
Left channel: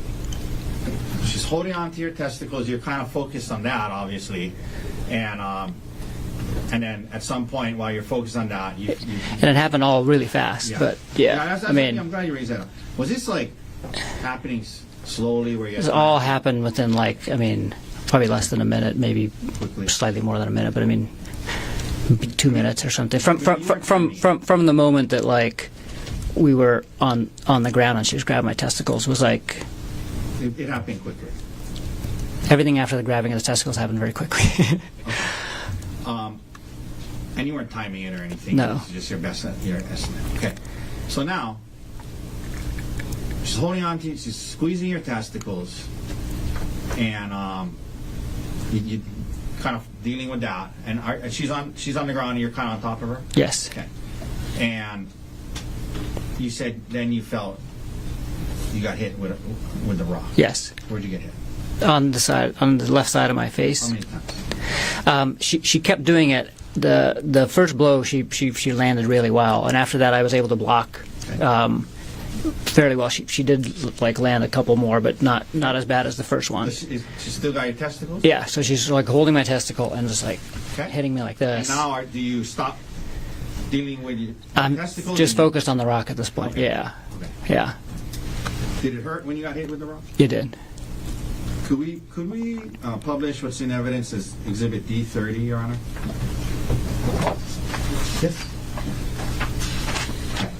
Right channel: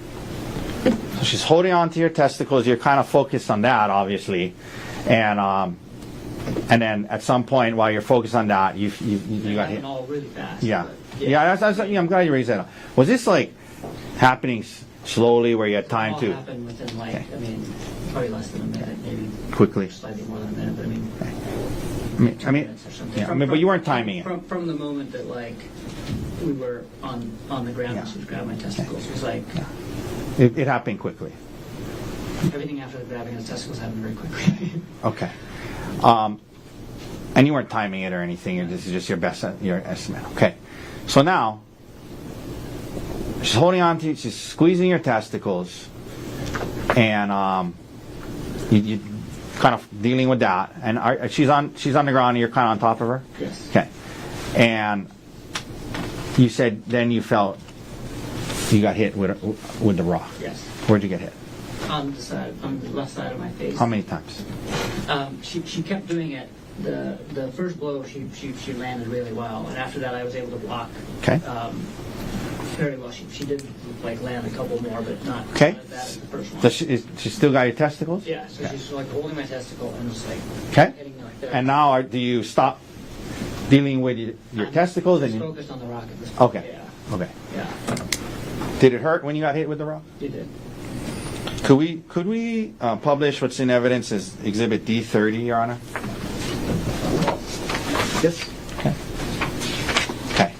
So she's holding on to your testicles. You're kind of focused on that, obviously, and then at some point while you're focused on that, you And it happened all really fast. Yeah. But That's I mean, I'm glad you raised that up. Was this like happening slowly, where you had it time all to happened within I mean, probably less than a minute, maybe quickly? slightly more than a minute, but I mean, 2 I mean, minutes or something. yeah, but you weren't timing it. From the moment that like we were on the ground and she was grabbing my testicles was like It happened quickly. everything after the grabbing of the testicles happened very quickly. Okay. And you weren't timing it or anything. No. This is just your estimate. Okay. So now, she's holding on to you, she's squeezing your testicles, and you kind of dealing with that. And she's on the ground, and you're kind of on top of her. Yes. Okay. And you said then you felt you got hit with the rock. Yes. Where'd you get hit? On the left side of my face. How many times? She kept doing it. The first blow she landed really well, and after that I was able to block Okay. fairly well. She did like land a couple more, but not as bad as the first one. Does she still got your testicles? Yeah, so she's like holding my testicle and just like hitting me like this. And now do you stop dealing with your I'm testicles? just and you- focused on the rock at this point. Okay. Yeah, Okay. yeah, Did it hurt when you got hit with the rock? you did. Could we publish what's in evidence as Exhibit D30, Your Honor? Yes. Okay. Okay.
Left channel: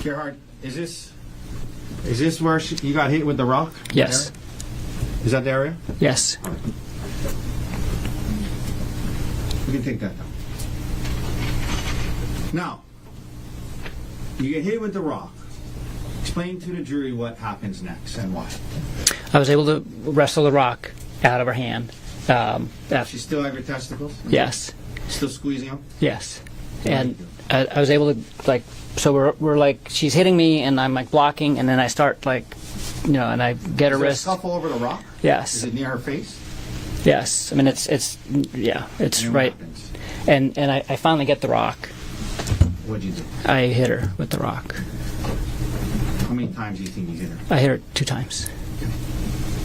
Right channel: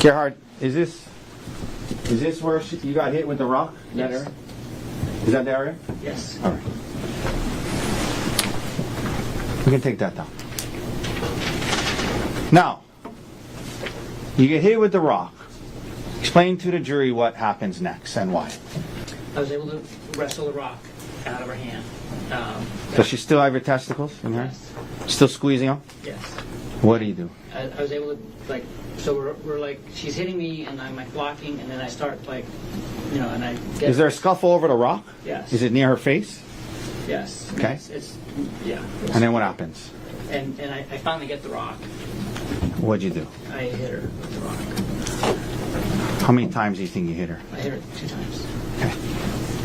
Gerhardt, is this where you got hit with the rock? Yes. That area? Is that the area? Yes. All right. We can take that down. Now, you get hit with the rock. Explain to the jury what happens next and why. I was able to wrestle the rock out of her hand. Does she still have your testicles? Yes. Still squeezing them? Yes. What And do you do? I was able to like. So we're like she's hitting me and I'm like blocking and then I start like, and I get Is her there a wrist. scuffle over the rock? Yes. Is it near her face? Yes. I mean Okay. it's And then what right. happens? And I finally get the rock. What'd you do? I hit her with the rock. How many times do you think you hit her? I hit her 2 times. Okay.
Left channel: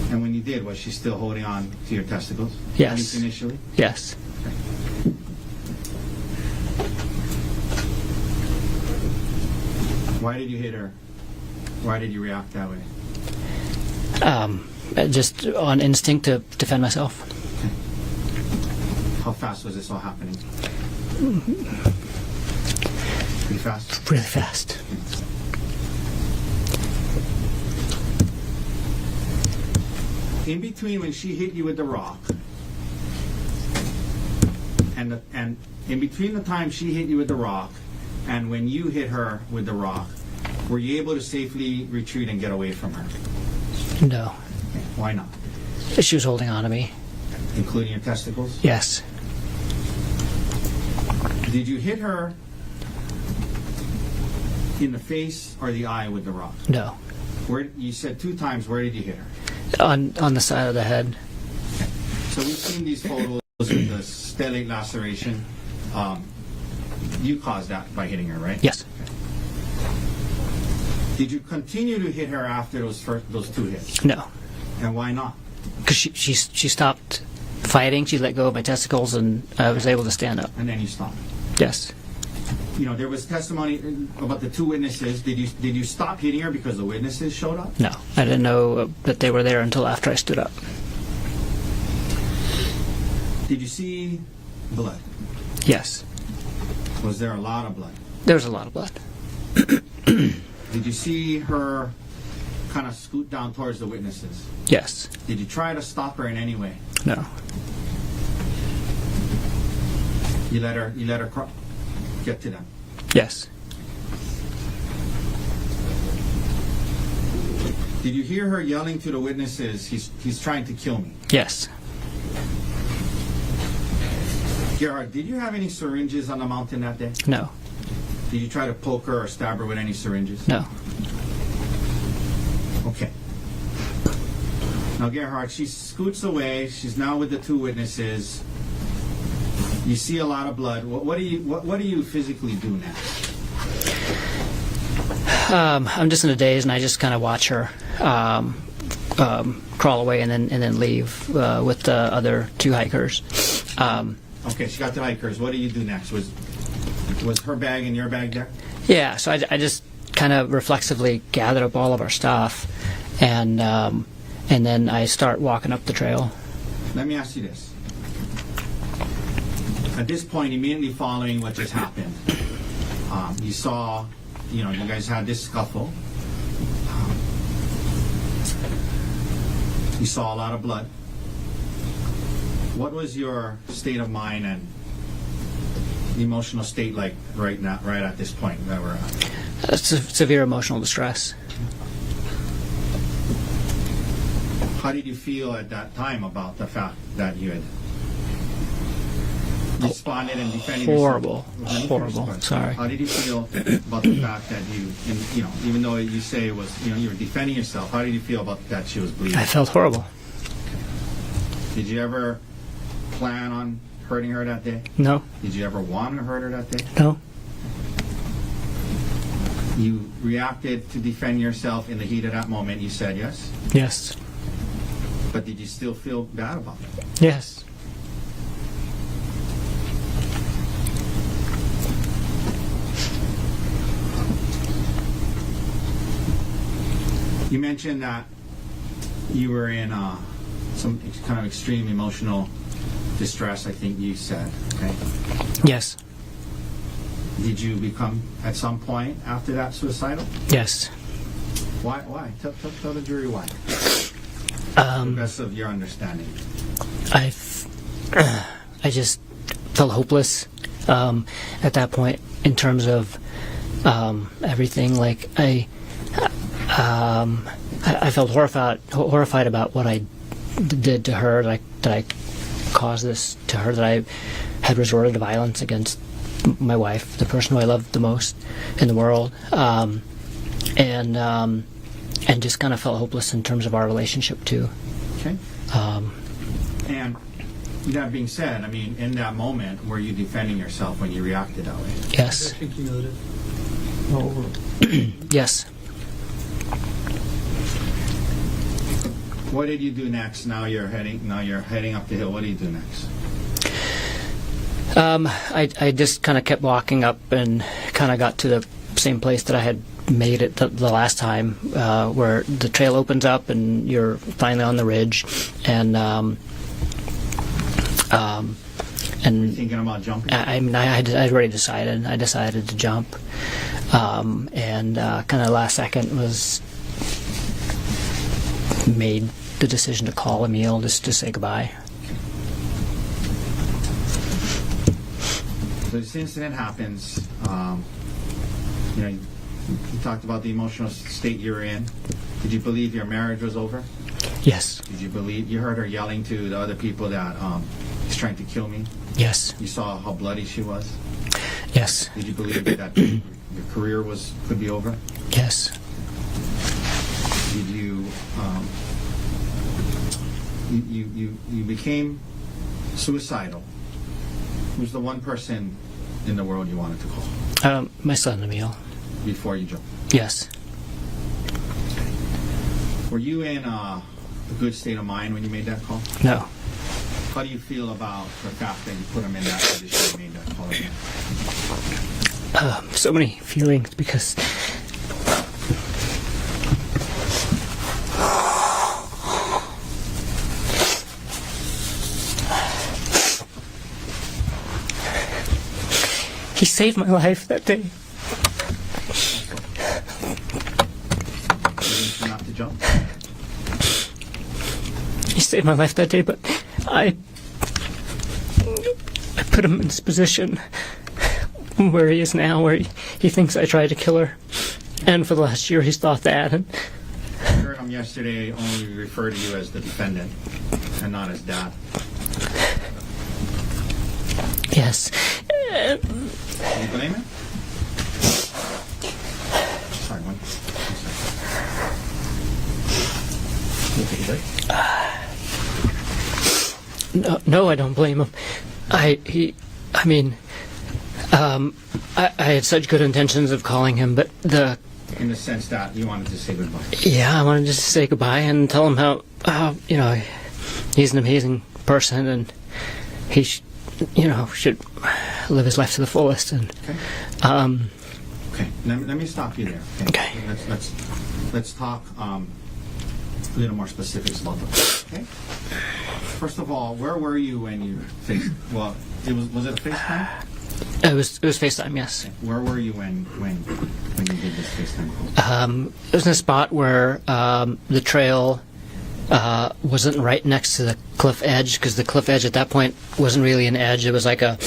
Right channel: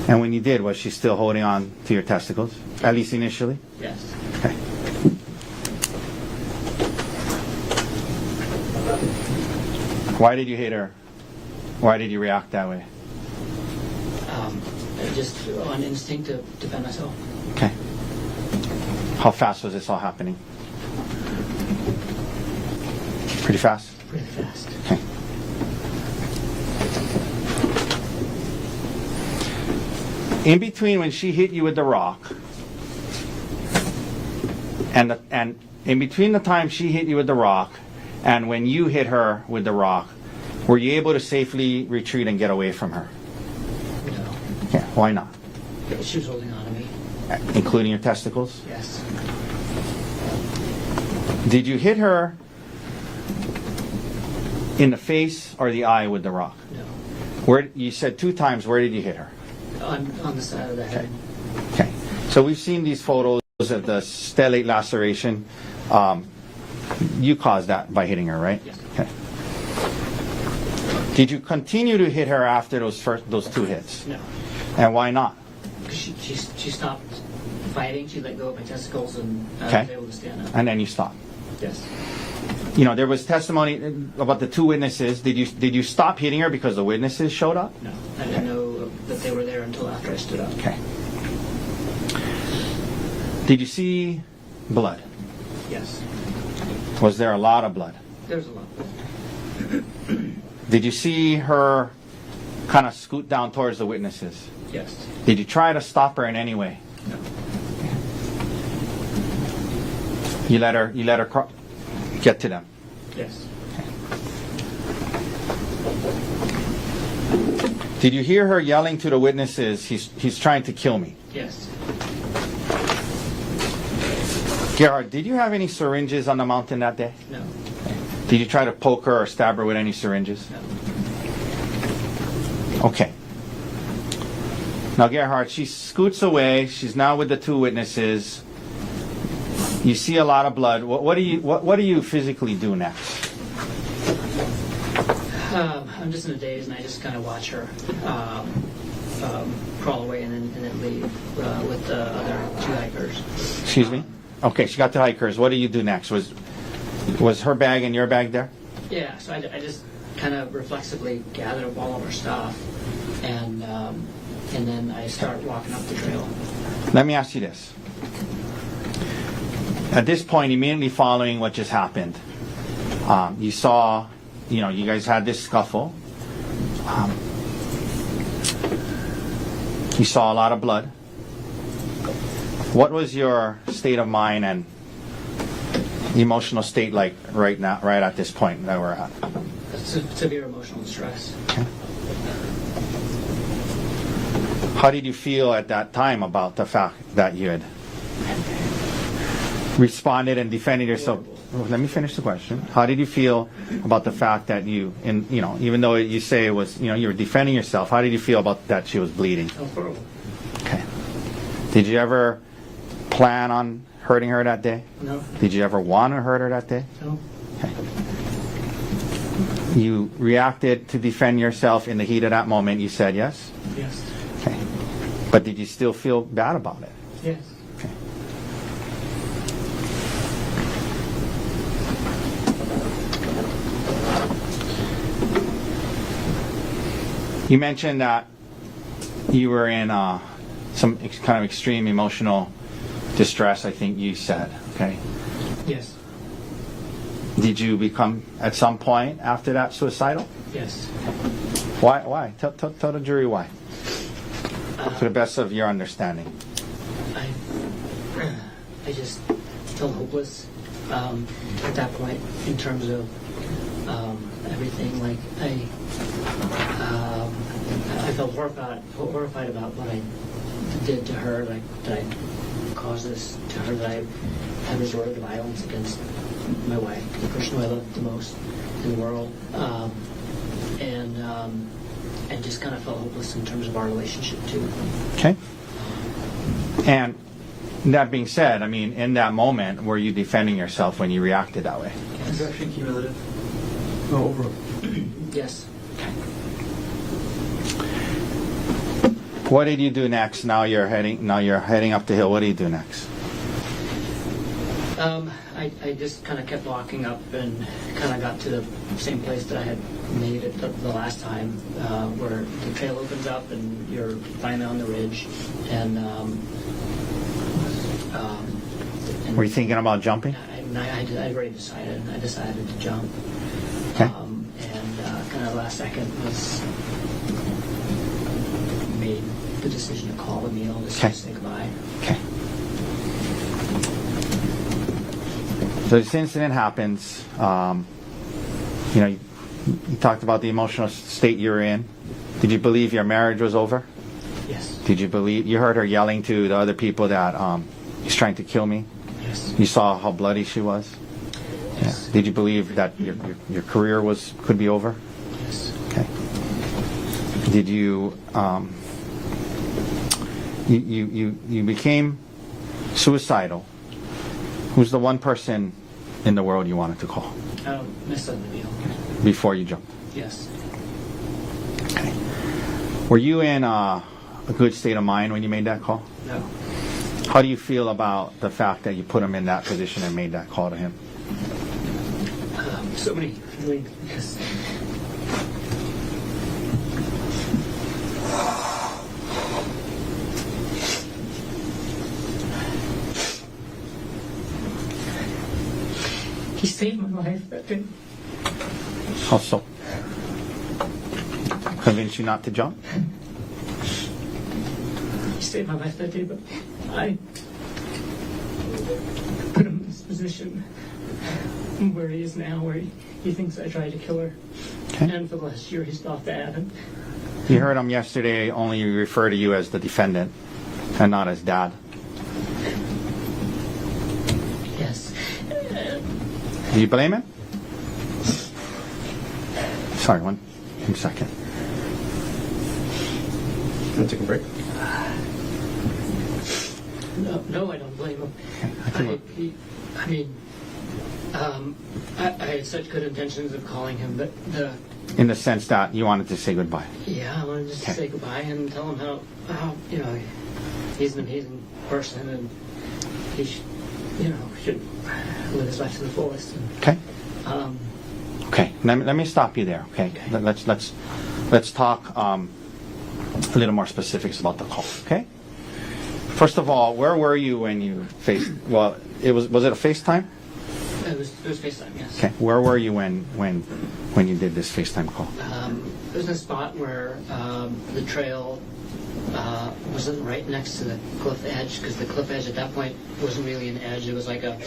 And when you did, was she still holding on to your testicles? Yes. At least initially? Yes. Okay. Why did you hit her? Why did you react that way? Just on instinct to defend myself. Okay. How fast was this all happening? Pretty fast? Really fast. Okay. In between when she hit you with the rock and in between the time she hit you with the rock and when you hit her with the rock, were you able to safely retreat and get away from her? No. Yeah, why not? She was holding on to me. Including your testicles? Yes. Did you hit her in the face or the eye with the rock? No. Where you said 2 times, where did you hit her? On the side of the head. Okay. So we've seen these photos of the stellate laceration. You caused that by hitting her, right? Yes. Okay. Did you continue to hit her after those 2 hits? No. And why not? Because she stopped fighting. She let go of my testicles and I was Okay. able to stand up. And then you stopped. Yes. There was testimony about the 2 witnesses. Did you stop hitting her because the witnesses showed up? No. I didn't know that they were there until after I stood up. Okay. Did you see blood? Yes. Was there a lot of blood? There was a lot of blood. Did you see her kind of scoot down towards the witnesses? Yes. Did you try to stop her in any way? No. You let her get to them. Yes. Did you hear her yelling to the witnesses, he's trying to kill me? Yes. Gerhardt, did you have any syringes on the mountain that day? No. Did you try to poke her or stab her with any syringes? No. Okay. Now, Gerhardt, she scoots away. She's now with the 2 witnesses. You see a lot of blood. What do you physically do next? I'm just in a daze and I just kind of watch her crawl away and then leave with the other 2 hikers. Excuse me? Okay, she got the hikers. What do you do next? Was her bag and your bag there? Yeah, so I just kind of reflexively gathered up all of our stuff and then I start walking up the trail. Let me ask you this. At this point, immediately following what just happened, you saw, you guys had this scuffle. You saw a lot of blood. What was your state of mind and emotional state like right now, right at this point that we're at? Severe emotional distress. How did you feel at that time about the fact that you had responded and defended Horrible. yourself. Let me finish the Horrible. question. Sorry. How did you feel about the fact that you, and even though you say it was, you were defending yourself, how did you feel about that she was bleeding? I felt horrible. Okay. Did you ever plan on hurting her that day? No. Did you ever want to hurt her that day? No. Okay. You reacted to defend yourself in the heat of that moment. You said yes? Yes. Okay. But did you still feel bad about it? Yes. Okay. You mentioned that you were in some kind of extreme emotional distress, I think you said. Okay. Yes. Did you become, at some point after that, suicidal? Yes. Why? Why? Tell the jury why. To the best of your understanding. I just felt hopeless at that point in terms of everything. Like I felt horrified about what I did to her. Like that I caused this to her. That I had resorted to violence against my wife, the person who I loved the most in the world, and just kind of felt hopeless in terms of our relationship too. Okay. And that being said, I mean, in that moment, were you defending yourself when you reacted that way? Yes. Cumulative. No, overall. Yes. What did you do next? Now you're heading up the hill. What do you do next? I just kind of kept walking up and kind of got to the same place that I had made it the last time, where the trail opens up and you're finally on the ridge, and Were you thinking about jumping? I'd already decided. I decided to jump, and kind of last second was made the decision to call Emil just to say goodbye. Okay. So this incident happens. You talked about the emotional state you were in. Did you believe your marriage was over? Yes. Did you believe you heard her yelling to the other people that he's trying to kill me? Yes. You saw how bloody she was? Yes. Did you believe that your career could be over? Yes. Okay. Did you you became suicidal? Who's the one person in the world you wanted to call My son Emil. before you jumped? Yes. Okay. Were you in a good state of mind when you made that call? No. How do you feel about the fact that you put him in that position and made that call to him? So many feelings because he saved my life that day. How so? Convinced you not to jump? He saved my life that day, but I put him in this position where he is now, where he thinks I tried to kill her. Okay. And for the last year, he's thought that. And you heard him yesterday only refer to you as the defendant and not as dad. Yes. Do you blame him? Sorry, 1 second. We'll take a break. No, I don't blame him. I had such good intentions of calling him, but in the sense that you wanted to say goodbye. Yeah, I wanted to say goodbye and tell him how he's an amazing person and he should live his life to the fullest. And okay. Okay. Let me stop you there. Okay. Let's talk a little more specifics about that. Okay. First of all, where were you when you faced? Well, was it a FaceTime? It was FaceTime, yes. Okay. Where were you when you did this FaceTime call? It was in a spot where the trail wasn't right next to the cliff edge, because the cliff edge at that point wasn't really an edge. It was like a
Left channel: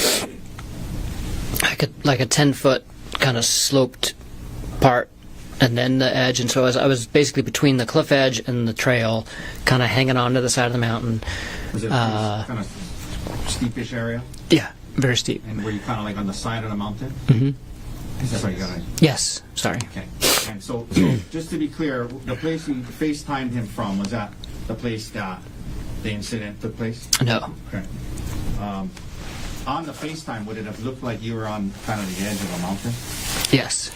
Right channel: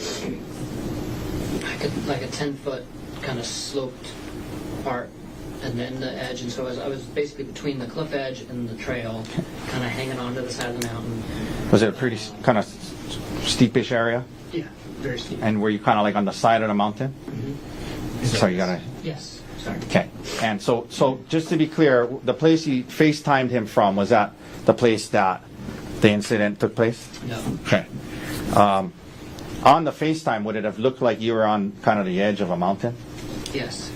10-foot kind of sloped part, and then the edge. And so I was basically between the cliff edge and the trail, kind of hanging on to the side of the mountain. Was it a pretty kind of steepish area? Yeah. Very steep. And were you kind of like on the side of the mountain? Mm-hmm. Sorry, you gotta. Yes. Sorry. Okay. And so just to be clear, the place you FaceTimed him from, was that the place that the incident took place? No. Okay. On the FaceTime, would it have looked like you were on kind of the edge of a mountain? Yes.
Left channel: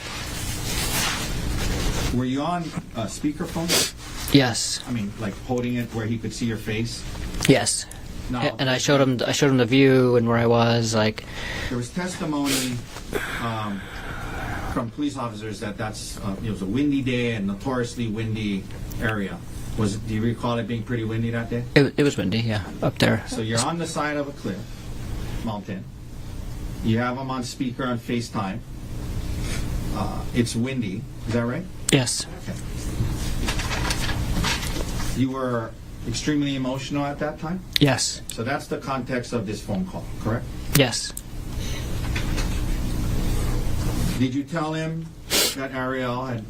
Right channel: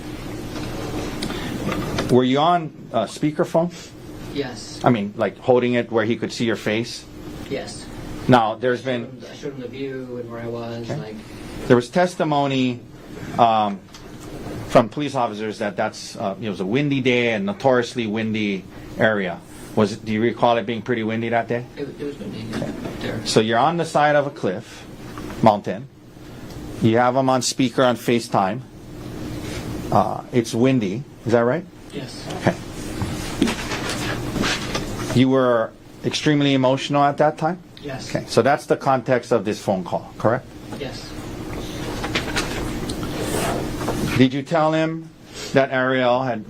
Were you on speakerphone? Yes. I mean, like holding it where he could see your face? Yes. Now, And I showed him the view and where I was. Like, there was testimony from police officers that it was a windy day and notoriously windy area. Do you recall it being pretty windy that day? it was windy. Yeah, up there. So you're on the side of a cliff, mountain. You have him on speaker on FaceTime. It's windy. Is that right? Yes. Okay. You were extremely emotional at that time? Yes. Okay. So that's the context of this phone call, correct? Yes. Did you tell him that Ariel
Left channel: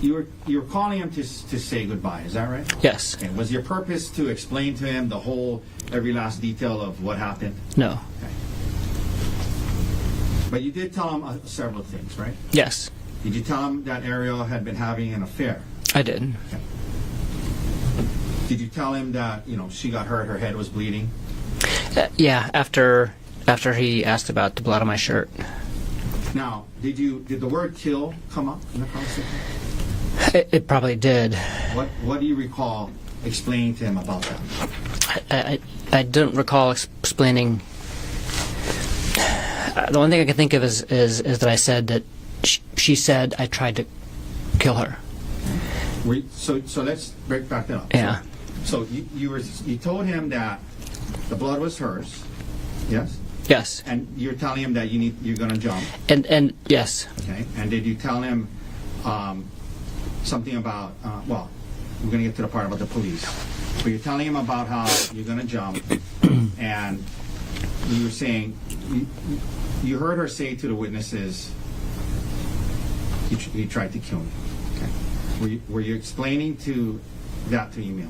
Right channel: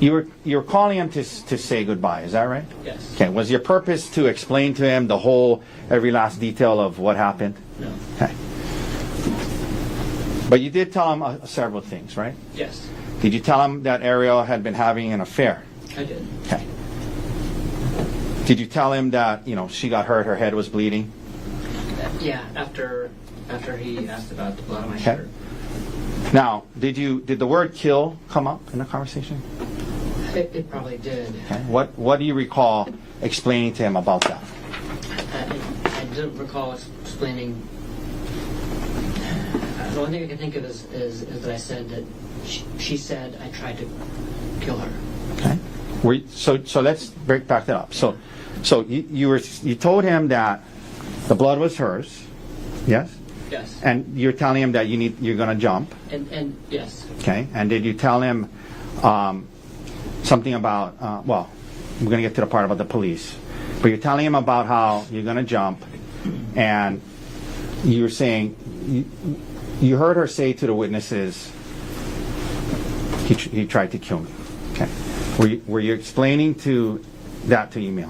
you were calling him to say goodbye, is that right? Yes. Okay. Was your purpose to explain to him every last detail of what happened? No. Okay. But you did tell him several things, right? Yes. Did you tell him that Ariel had been having an affair? I did. Okay. Did you tell him that, she got hurt, her head was bleeding? Yeah. After he asked about the blood on my shirt. Now, did the word kill come up in the conversation? It probably did. What do you recall explaining to him about that? I don't recall explaining. The only thing I can think of is that I said that she said I tried to kill her. Okay. So let's break back that up. Yeah. So you told him that the blood was hers, yes? Yes. And you're telling him that you're going to jump. And yes. Okay. And did you tell him something about? We're going to get to the part about the police. But you're telling him about how you're going to jump, and you're saying you heard her say to the witnesses, he tried to kill me. Okay. Were you explaining that to Emil?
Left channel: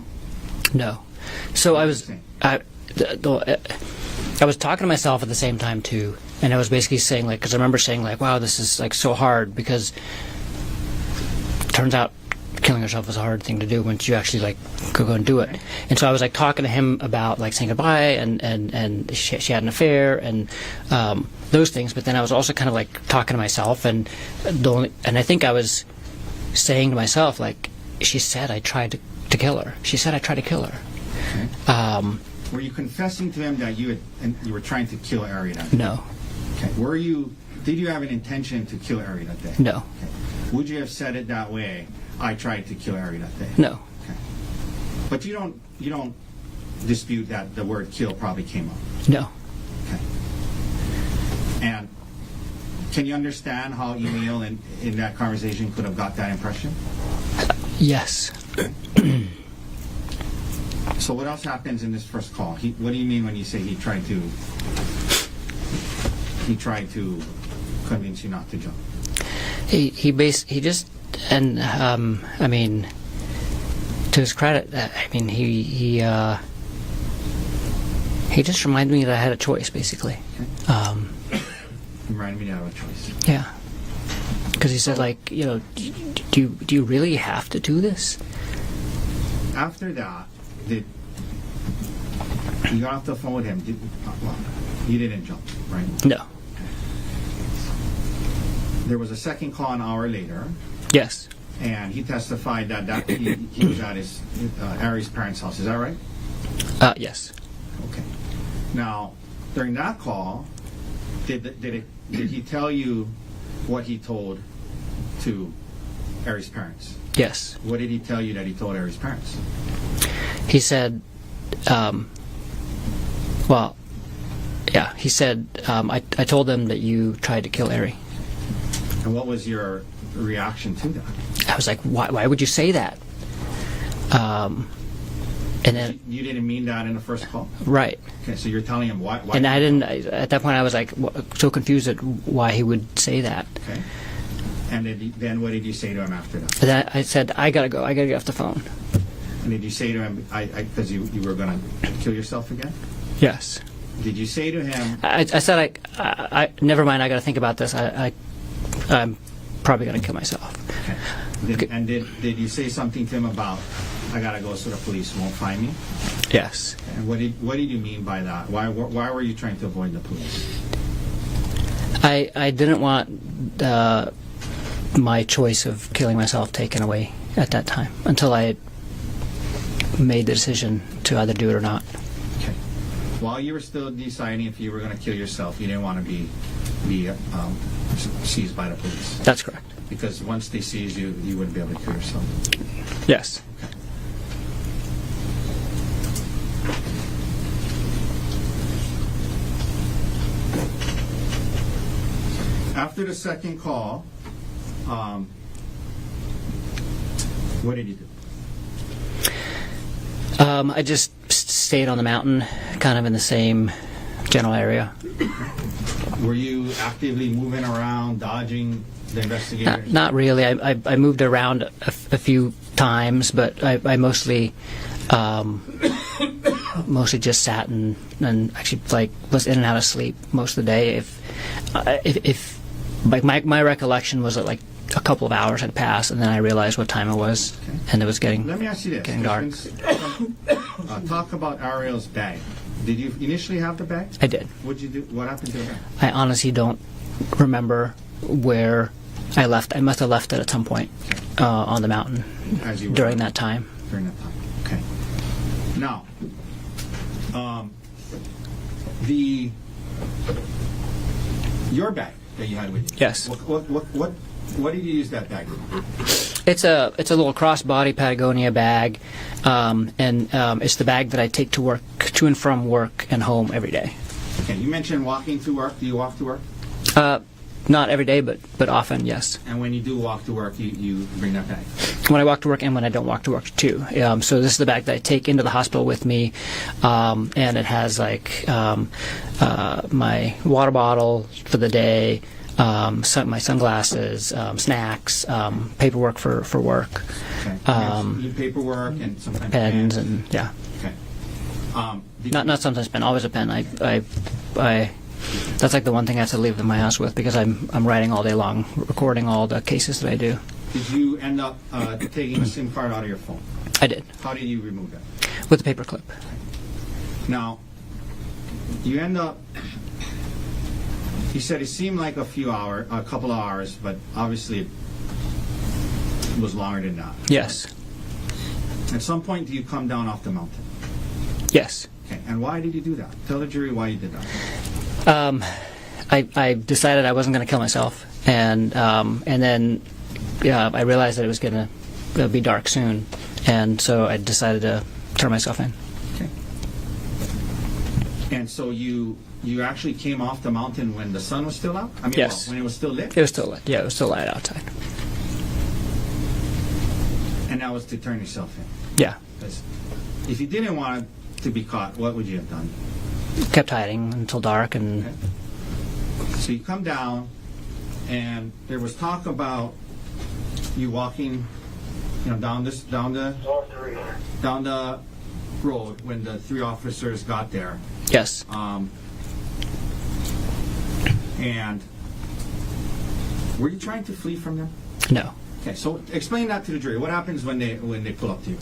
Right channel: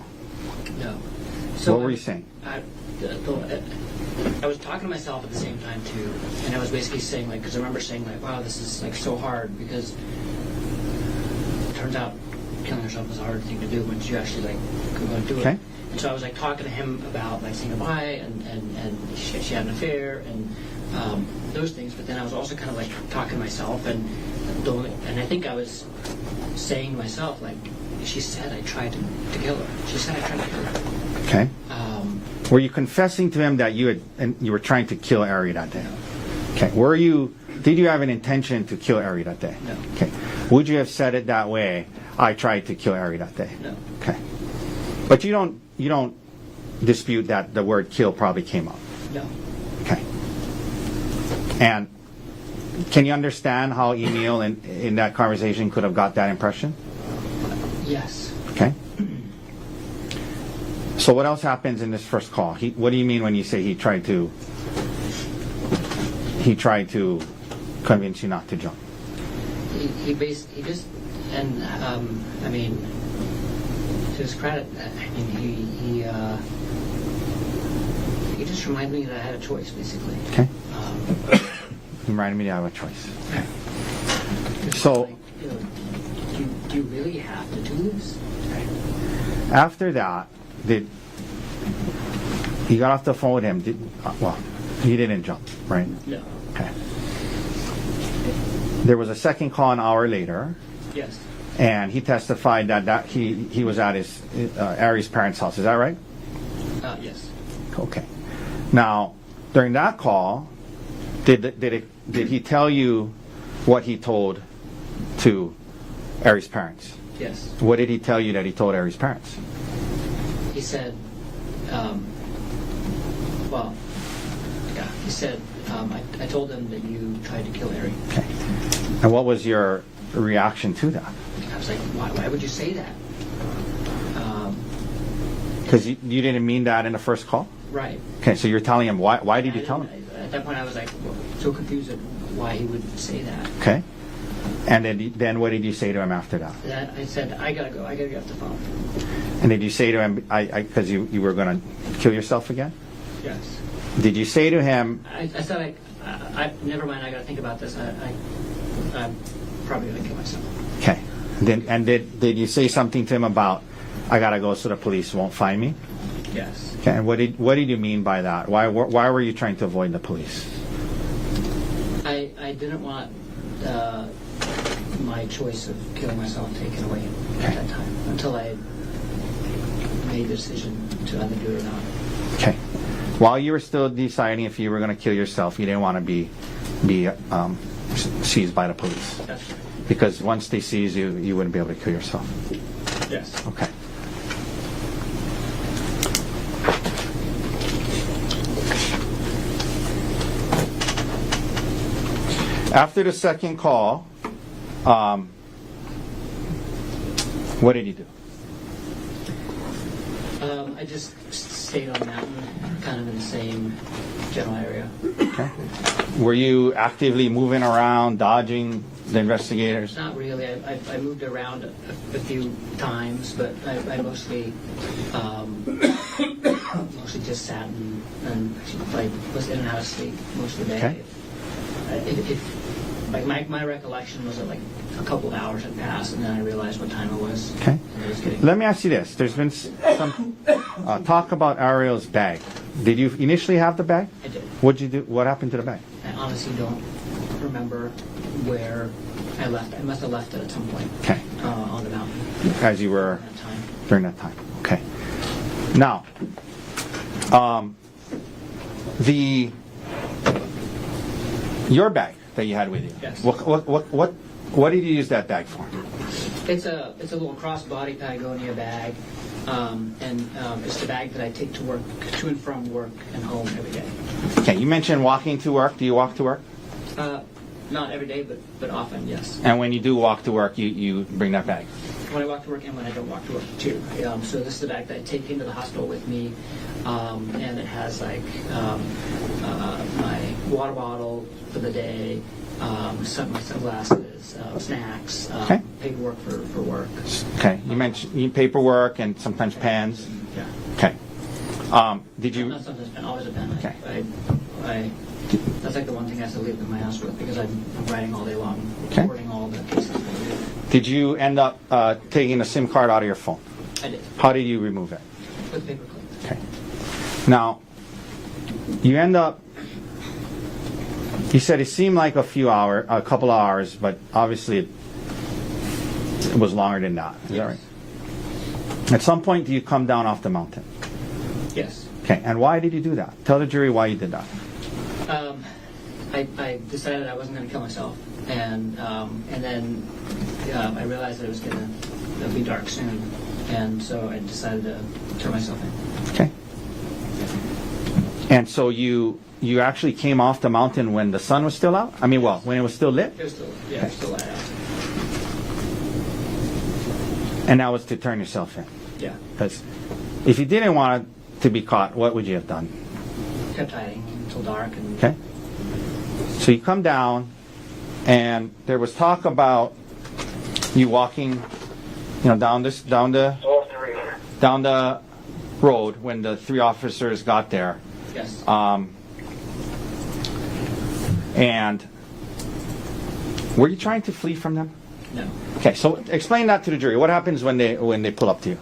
No. So What I were was you saying? I was talking to myself at the same time too, and I was basically saying because I remember saying wow, this is so hard, because it turns out killing yourself is a hard thing to do once you actually go and do it. Okay. And so I was talking to him about saying goodbye and she had an affair and those things, but then I was also kind of talking to myself and I think I was saying to myself she said I tried to kill her. She said I tried to kill her. Okay. Were you confessing to him that you were trying to kill Ari that day? No. Okay. Did you have an intention to kill Ari that day? No. Okay. Would you have said it that way? I tried to kill Ari that day. No. Okay. But you don't dispute that the word kill probably came up. No. Okay. And can you understand how Emil in that conversation could have got that impression? Yes. Okay. So what else happens in this first call? What do you mean when you say he tried to convince you not to jump? He just and I mean, to his credit, I mean he just reminded me that I had a choice, basically. Okay. He reminded me to have a choice. Yeah. Because he said do you really have to do this? After that, he got off the phone with him. He didn't jump, right? No. Okay. There was a second call an hour later, Yes. and he testified that he was at his Ari's parents' house. Is that right? Yes. Okay. Now, during that call, did he tell you what he told to Ari's parents? Yes. What did he tell you that he told Ari's parents? He said, he said, I told them that you tried to kill Ari. Okay. And what was your reaction to that? I was like, why would you say that? Because you didn't mean that in the first call? Right. Okay, so you're telling him why And did I you didn't, tell him? at that point I was so confused at why he would say that. Okay. And then what did you say to him after that? And then I said, I gotta go, I gotta get off the phone. And did you say to him, because you were going to kill yourself again? Yes. Did you say to him, I said, I never mind, I got to think about this. I'm probably going to kill myself. okay, did you say something to him about, I got to go so the police won't find me? Yes. Okay, and what did you mean by that? Why were you trying to avoid the police? I didn't want my choice of killing myself taken away at that time until I made the decision to either do it or not. Okay. While you were still deciding if you were going to kill yourself, you didn't want to be seized by the police. That's correct. Because once they seize you, you wouldn't be able to kill yourself. Yes. Okay. After the second call, what did you do? I just stayed on the mountain, kind of in the same general area. Were you actively moving around, dodging the investigators? Not really. I moved around a few times, but I mostly just sat and actually was in and out of sleep most of the day. If my recollection was that a couple of hours had passed, and then I realized what time it was, Okay. and it was getting. Let me ask you this. getting There's dark. been some talk about Ariel's bag. Did you initially have the bag? I did. What'd you do? What happened to the bag? I honestly don't remember where I left. I must have left it at some point Okay. on the mountain As you were during that time. During that time. Okay. Now, your bag that you had with you. Yes. What did you use that bag for? It's a little crossbody Patagonia bag, and it's the bag that I take to and from work and home every day. Okay. You mentioned walking to work. Do you walk to work? Not every day, but often, yes. And when you do walk to work, you bring that bag. When I walk to work and when I don't walk to work too. So this is the bag that I take into the hospital with me, and it has my water bottle for the day, my sunglasses, snacks, Okay. paperwork for work. Okay. You mentioned you need paperwork and sometimes pens. and yeah. Okay. Not sometimes pen, always a pen. I that's the one thing I have to leave in my house with because I'm writing all day long, recording all the cases that I do. Did you end up taking a SIM card out of your phone? I did. How did you remove it? With a paper clip. Okay. Now, you end up. You said it seemed like a couple of hours, but obviously it was longer than that. Yes. Right? At some point, do you come down off the mountain? Yes. Okay. And why did you do that? Tell the jury why you did that. I decided I wasn't going to kill myself, and then I realized that it was going to be dark soon, and so I decided to turn myself in. Okay. And so you actually came off the mountain when the sun was still out? I mean, Yes. when it was still lit? It was still lit. Yeah, it was still light outside. And that was to turn yourself in. Yeah. Because if you didn't want to be caught, what would you have done? Kept hiding until dark, and Okay. So you come down, and there was talk about you walking, down the road when the three officers got there. yes. And were you trying to flee from them? No. Okay, so explain that to the jury. What happens when they pull up to you?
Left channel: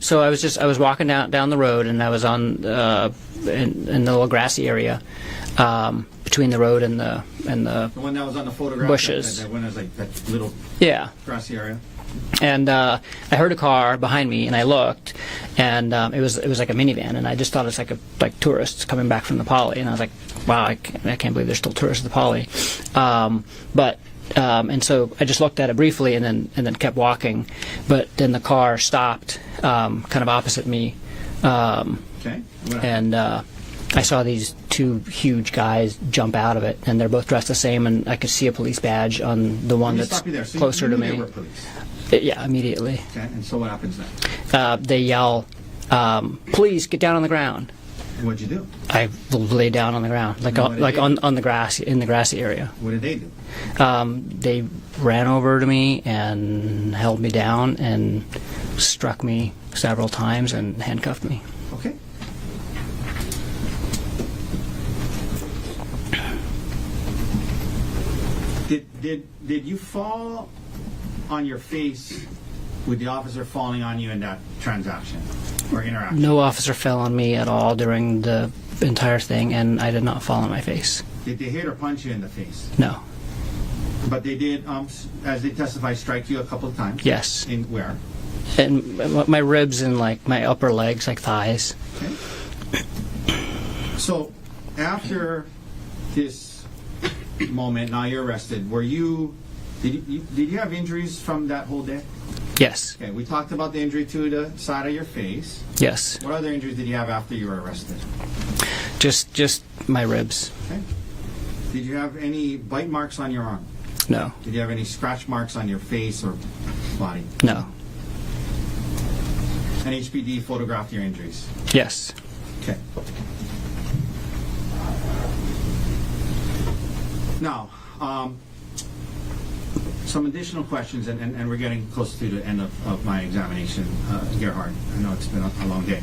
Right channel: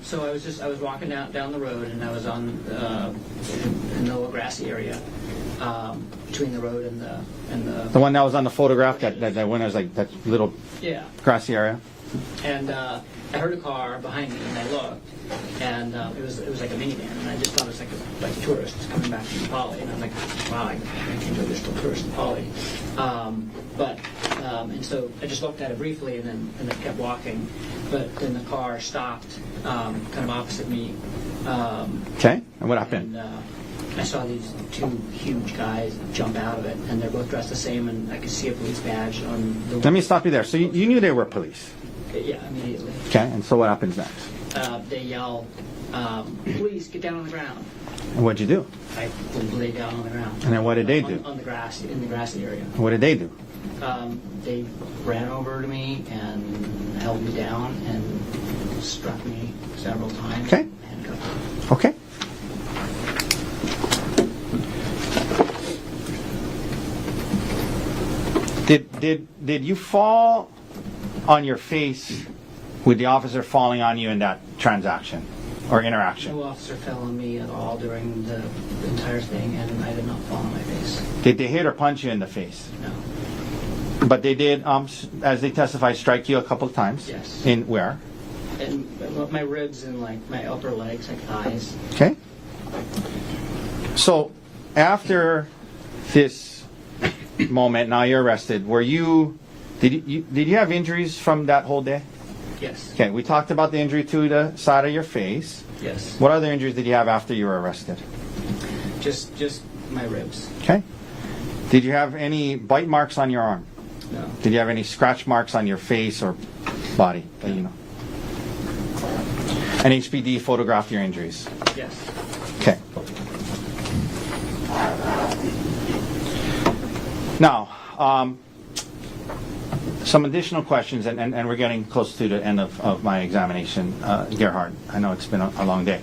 So I was walking down the road, and I was on in the little grassy area between the road and the The one that was on the photograph, bushes. that one was like that little Yeah. grassy area. And I heard a car behind me, and I looked, and it was like a minivan, and I just thought it was like tourists coming back from the Poly, and I was like, wow, I can't believe there's still tourists at the Poly. And so I just looked at it briefly, and then kept walking, but then the car stopped, kind of opposite me, Okay, and what happened? and I saw these two huge guys jump out of it, and they're both dressed the same, and I could see a police badge on the one. Let me that's stop you there. So closer you knew to they me. were police. Yeah, immediately. Okay, and so what happens then? They yell, "Please get down on the ground." And what'd you do? I lay down on the ground, And then what did they do? on the grass, in the grassy area. What did they do? They ran over to me and held me down and struck me several times Okay. and handcuffed me. Okay. did you fall on your face with the officer falling on you in that transaction or interaction? No officer fell on me at all during the entire thing, and I did not fall on my face. Did they hit or punch you in the face? No. But they did, as they testified, strike you a couple of times? Yes. In where? And my ribs and like my upper legs, like thighs. Okay. So after this moment, now you're arrested. Did you have injuries from that whole day? Yes. Okay, we talked about the injury to the side of your face. Yes. What other injuries did you have after you were arrested? Just my ribs. Okay. Did you have any bite marks on your arm? No. Did you have any scratch marks on your face or body? No. And HPD photographed your injuries? Yes. Okay. Now, some additional questions, and we're getting close to the end of my examination, Gerhardt. I know it's been a long day.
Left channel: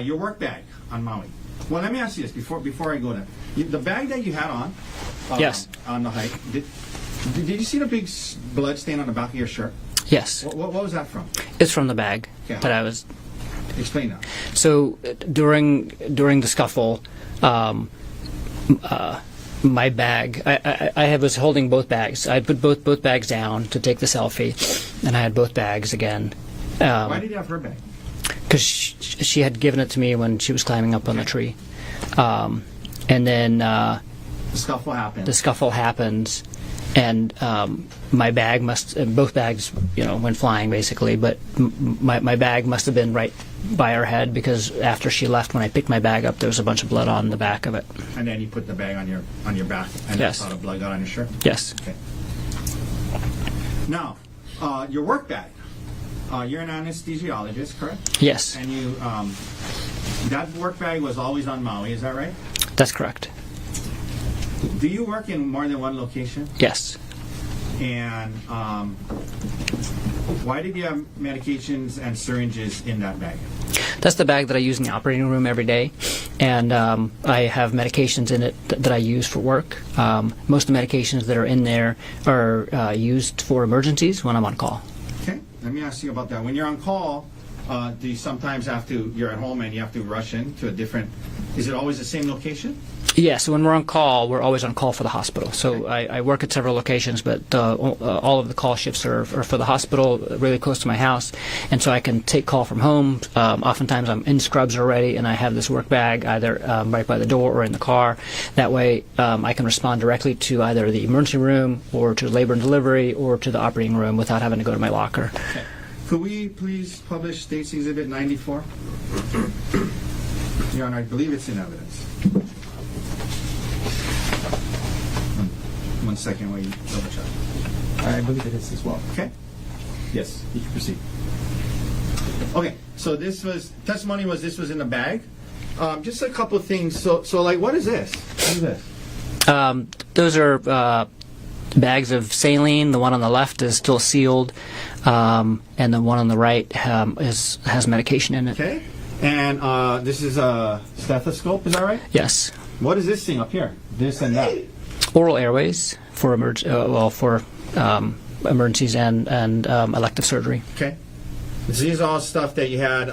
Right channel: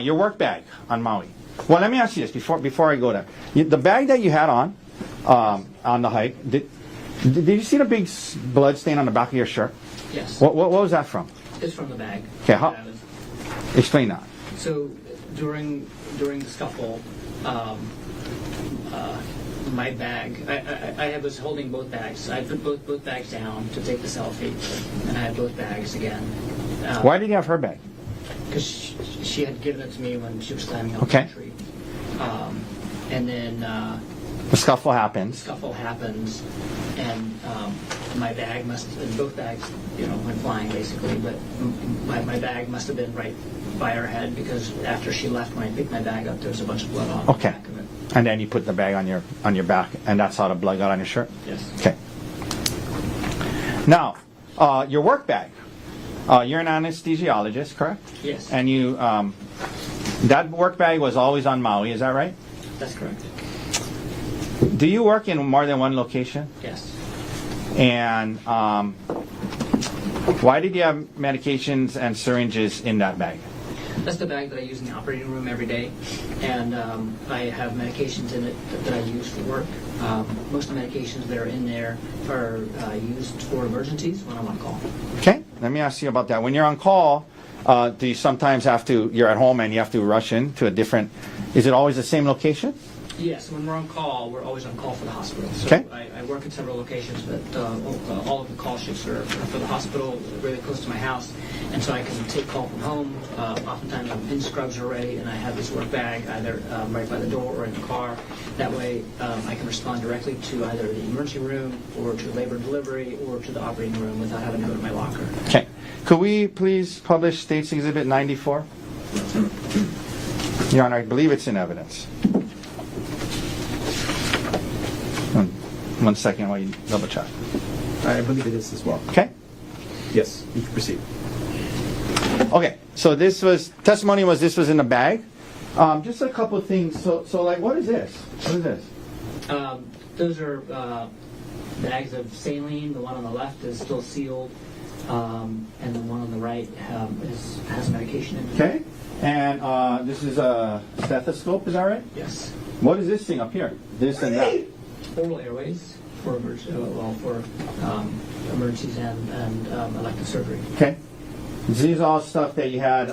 Your work bag on Maui. Well, let me ask you this before I go there. The bag that you had on, Yes. on the hike, did you see the big blood stain on the back of your shirt? Yes. What was that from? It's from the bag Okay, that I was. Explain that. So during the scuffle, my bag, I was holding both bags. I put both bags down to take the selfie, and I had both bags again. Why did you have her bag? Because she had given it to me when she was climbing up on Okay. the tree. And then The scuffle happened. the scuffle happens, and my bag both bags, went flying basically, but my bag must have been right by her head, because after she left, when I picked my bag up, there was a bunch of blood on the Okay. back of it. And then you put the bag on your back, and that's Yes. how the blood got on your shirt? Yes. Okay. Now, your work bag. You're an anesthesiologist, correct? Yes. And you, that work bag was always on Maui, is that right? That's correct. Do you work in more than one location? Yes. And why did you have medications and syringes in that bag? That's the bag that I use in the operating room every day, and I have medications in it that I use for work. Most of the medications that are in there are used for emergencies when I'm on call. Okay, let me ask you about that. When you're on call, do you sometimes you're at home and you have to rush in to a different, is it always the same location? Yes, when we're on call, we're always on call for the hospital. So Okay. I work at several locations, but all of the call shifts are for the hospital, really close to my house, and so I can take call from home. Oftentimes I'm in scrubs already, and I have this work bag either right by the door or in the car. That way I can respond directly to either the emergency room or to labor and delivery or to the operating room without having to go to my locker. Okay. Could we please publish State's Exhibit 94? Your Honor, I believe it's in evidence. One second while you double check. I believe it is as well. Okay? Yes, you can proceed. Okay, so this was in a bag. Just a couple of things. So like, what is this? What is this? Those are bags of saline. The one on the left is still sealed, and the one on the right has medication in it. Okay. And this is a stethoscope, is that right? Yes. What is this thing up here? This and that. Oral airways for emergencies and elective surgery. Okay. These are all stuff that you had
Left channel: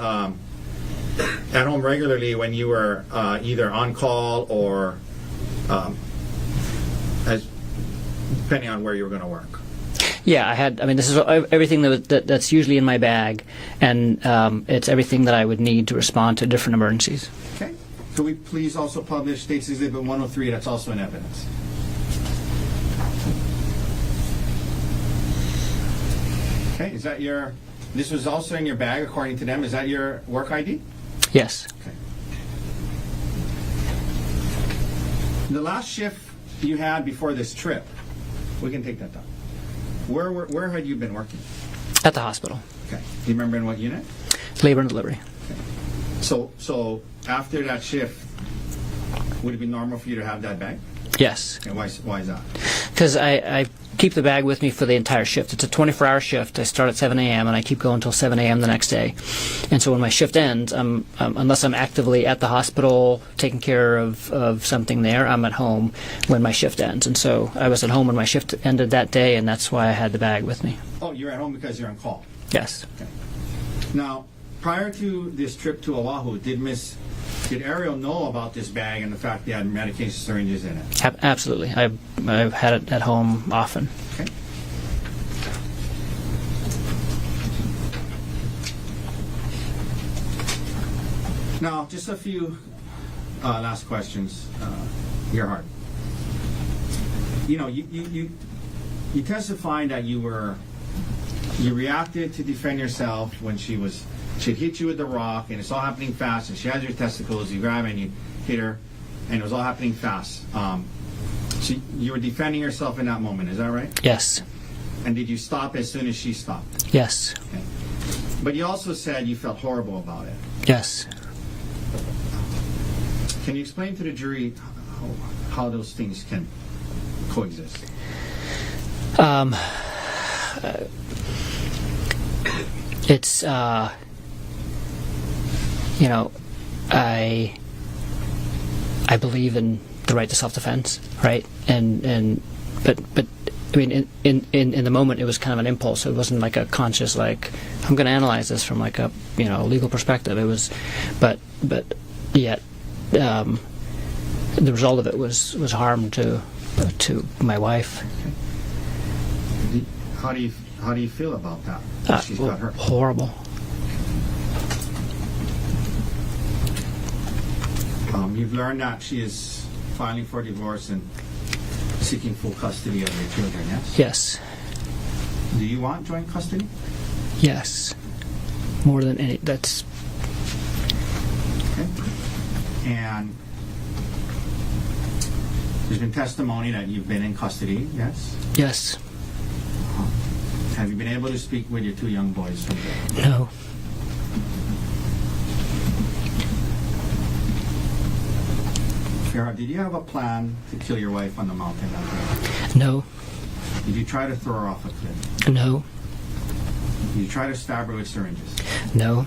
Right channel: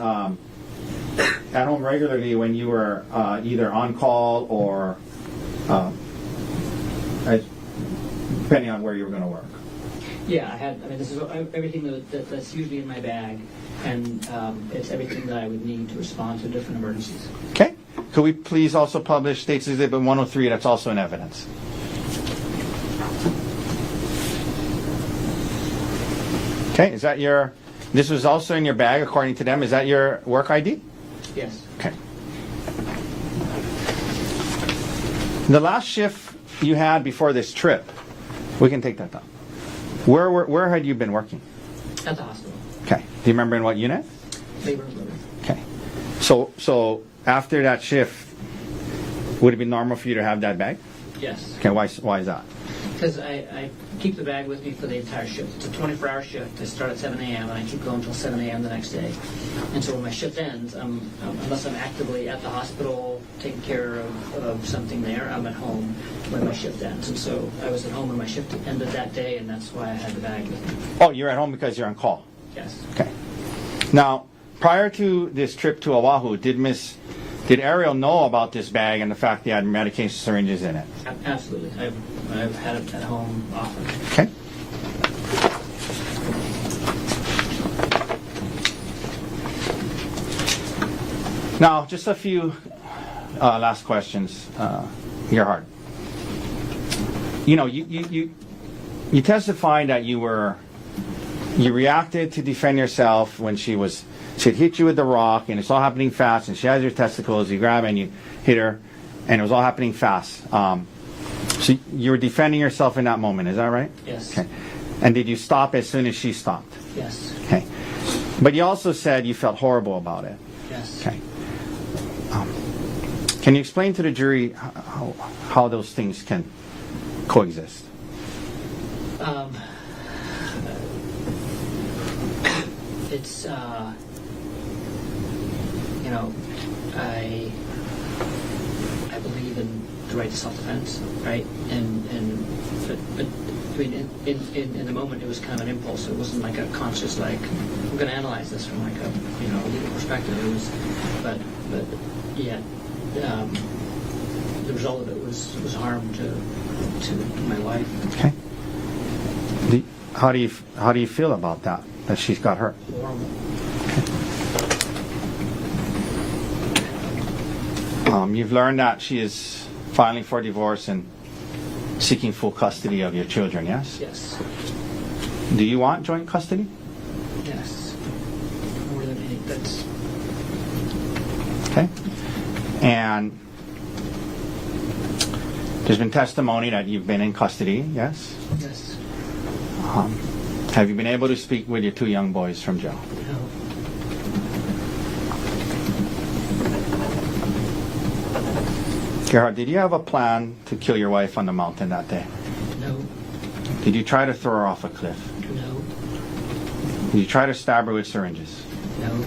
at home regularly when you were either on call or depending on where you were going to work. Yeah, this is everything that's usually in my bag, and it's everything that I would need to respond to different emergencies. Okay. Could we please also publish State's Exhibit 103 that's also in evidence? Okay, this was also in your bag according to them. Is that your work ID? Yes. Okay. The last shift you had before this trip, we can take that down. Where had you been working? At the hospital. Okay. Do you remember in what unit? Labor and delivery. Okay. So after that shift, would it be normal for you to have that bag? Yes. Okay. Why is that? Because I keep the bag with me for the entire shift. It's a 24-hour shift. I start at 7 a.m. and I keep going until 7 a.m. the next day. And so when my shift ends, unless I'm actively at the hospital taking care of something there, I'm at home when my shift ends. And so I was at home when my shift ended that day, and that's why I had the bag with me. Oh, you're at home because you're on call. Yes. Okay. Now, prior to this trip to Oahu, did Ariel know about this bag and the fact that you had medication syringes in it? Absolutely. I've had it at home often. Okay. Now, just a few last questions, Gerhardt. You know, you testified that you reacted to defend yourself when she hit you with the rock, and it's all happening fast, and she has your testicles, you grab it and you hit her, and it was all happening fast. So you were defending yourself in that moment, is that right? Yes. Okay. And did you stop as soon as she stopped? Yes. Okay. But you also said you felt horrible about it. Yes. Okay. Can you explain to the jury how those things can coexist? It's you know, I believe in the right to self-defense, right? But I mean, in the moment, it was kind of an impulse. It wasn't like a conscious, like, I'm going to analyze this from like a legal perspective. It was, but yet the result of it was harm to my wife. Okay. How do you feel about that? That she's got hurt? Horrible. You've learned that she is filing for divorce and seeking full custody of your children, yes? Yes. Do you want joint custody? Yes. More than any. That's okay. And there's been testimony that you've been in custody, yes? Yes. Have you been able to speak with your two young boys from jail? No. Gerhardt, did you have a plan to kill your wife on the mountain that day? No. Did you try to throw her off a cliff? No. Did you try to stab her with syringes? No.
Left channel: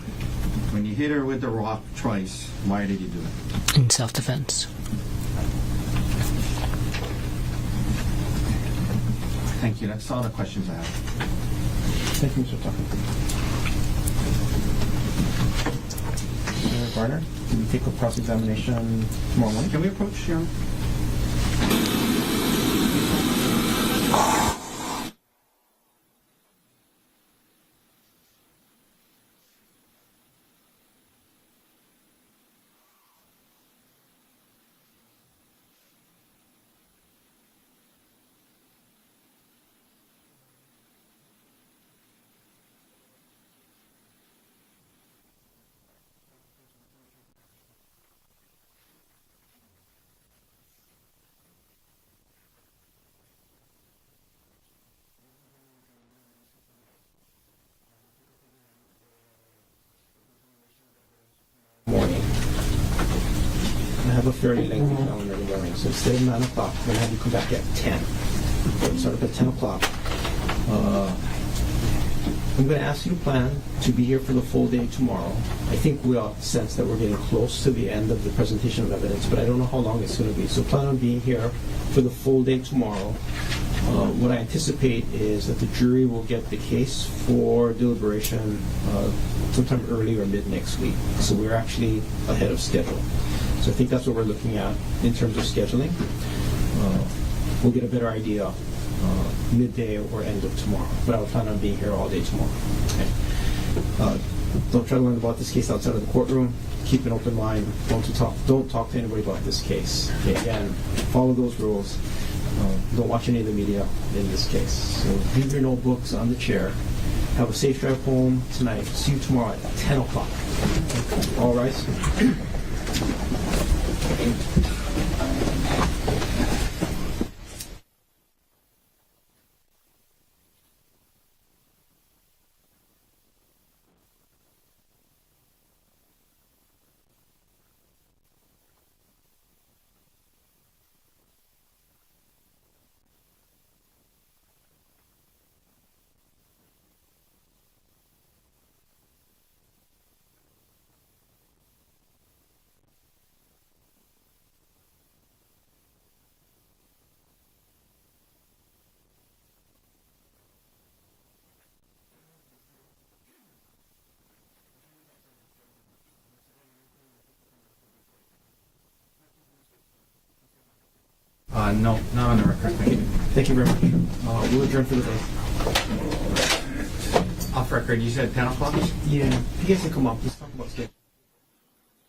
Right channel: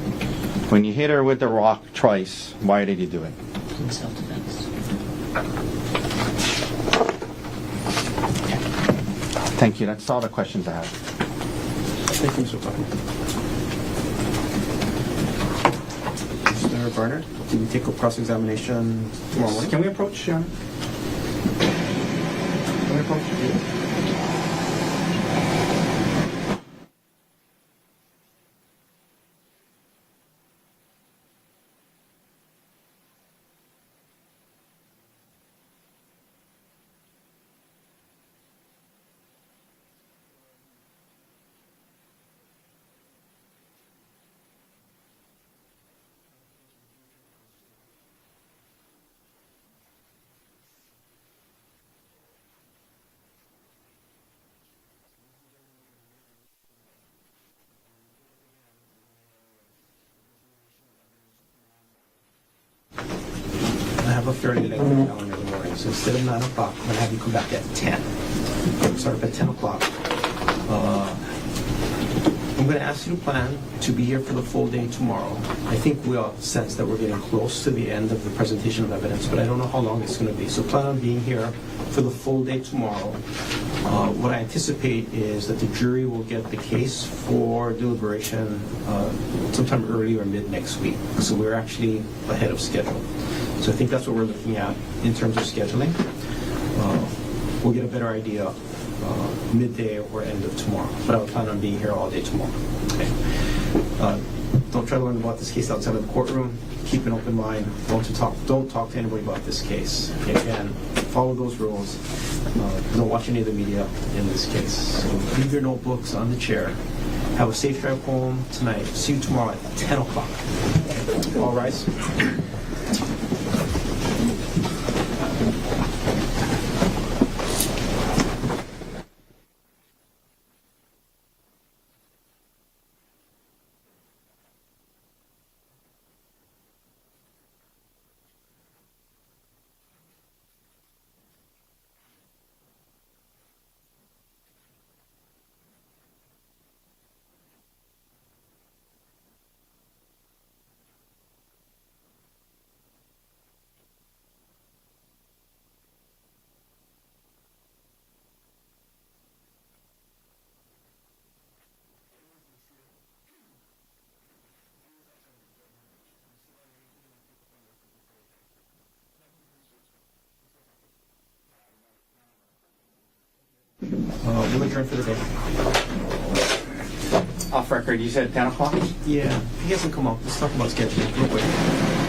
When you hit her with the rock twice, why did you do it? In self-defense. Okay. Thank you. That's all the questions I have. Thank you, Mr. Tucker. Mr. Barnard, can we take a cross-examination tomorrow morning? Can we approach Sharon? Morning. I have a fairly lengthy calendar in the morning, so instead of 9 o'clock, I'm going to have you come back at 10. Start up at 10 o'clock. I'm going to ask you to plan to be here for the full day tomorrow. I think we all sense that we're getting close to the end of the presentation of evidence, but I don't know how long it's going to be. So plan on being here for the full day tomorrow. What I anticipate is that the jury will get the case for deliberation sometime early or mid next week. So we're actually ahead of schedule. So I think that's what we're looking at in terms of scheduling. We'll get a better idea midday or end of tomorrow. But I will plan on being here all day tomorrow. Okay. Don't try to learn about this case outside of the courtroom. Keep an open mind. Don't talk to anybody about this case. Okay, again, follow those rules. Don't watch any of the media in this case. So leave your notebooks on the chair. Have a safe drive home tonight. See you tomorrow at 10 o'clock. All rise. No, not on the record. Thank you. Thank you very much. We'll adjourn for the day. Off record, you said 10 o'clock? Yeah, if you guys can come up, let's talk about scheduling real quick.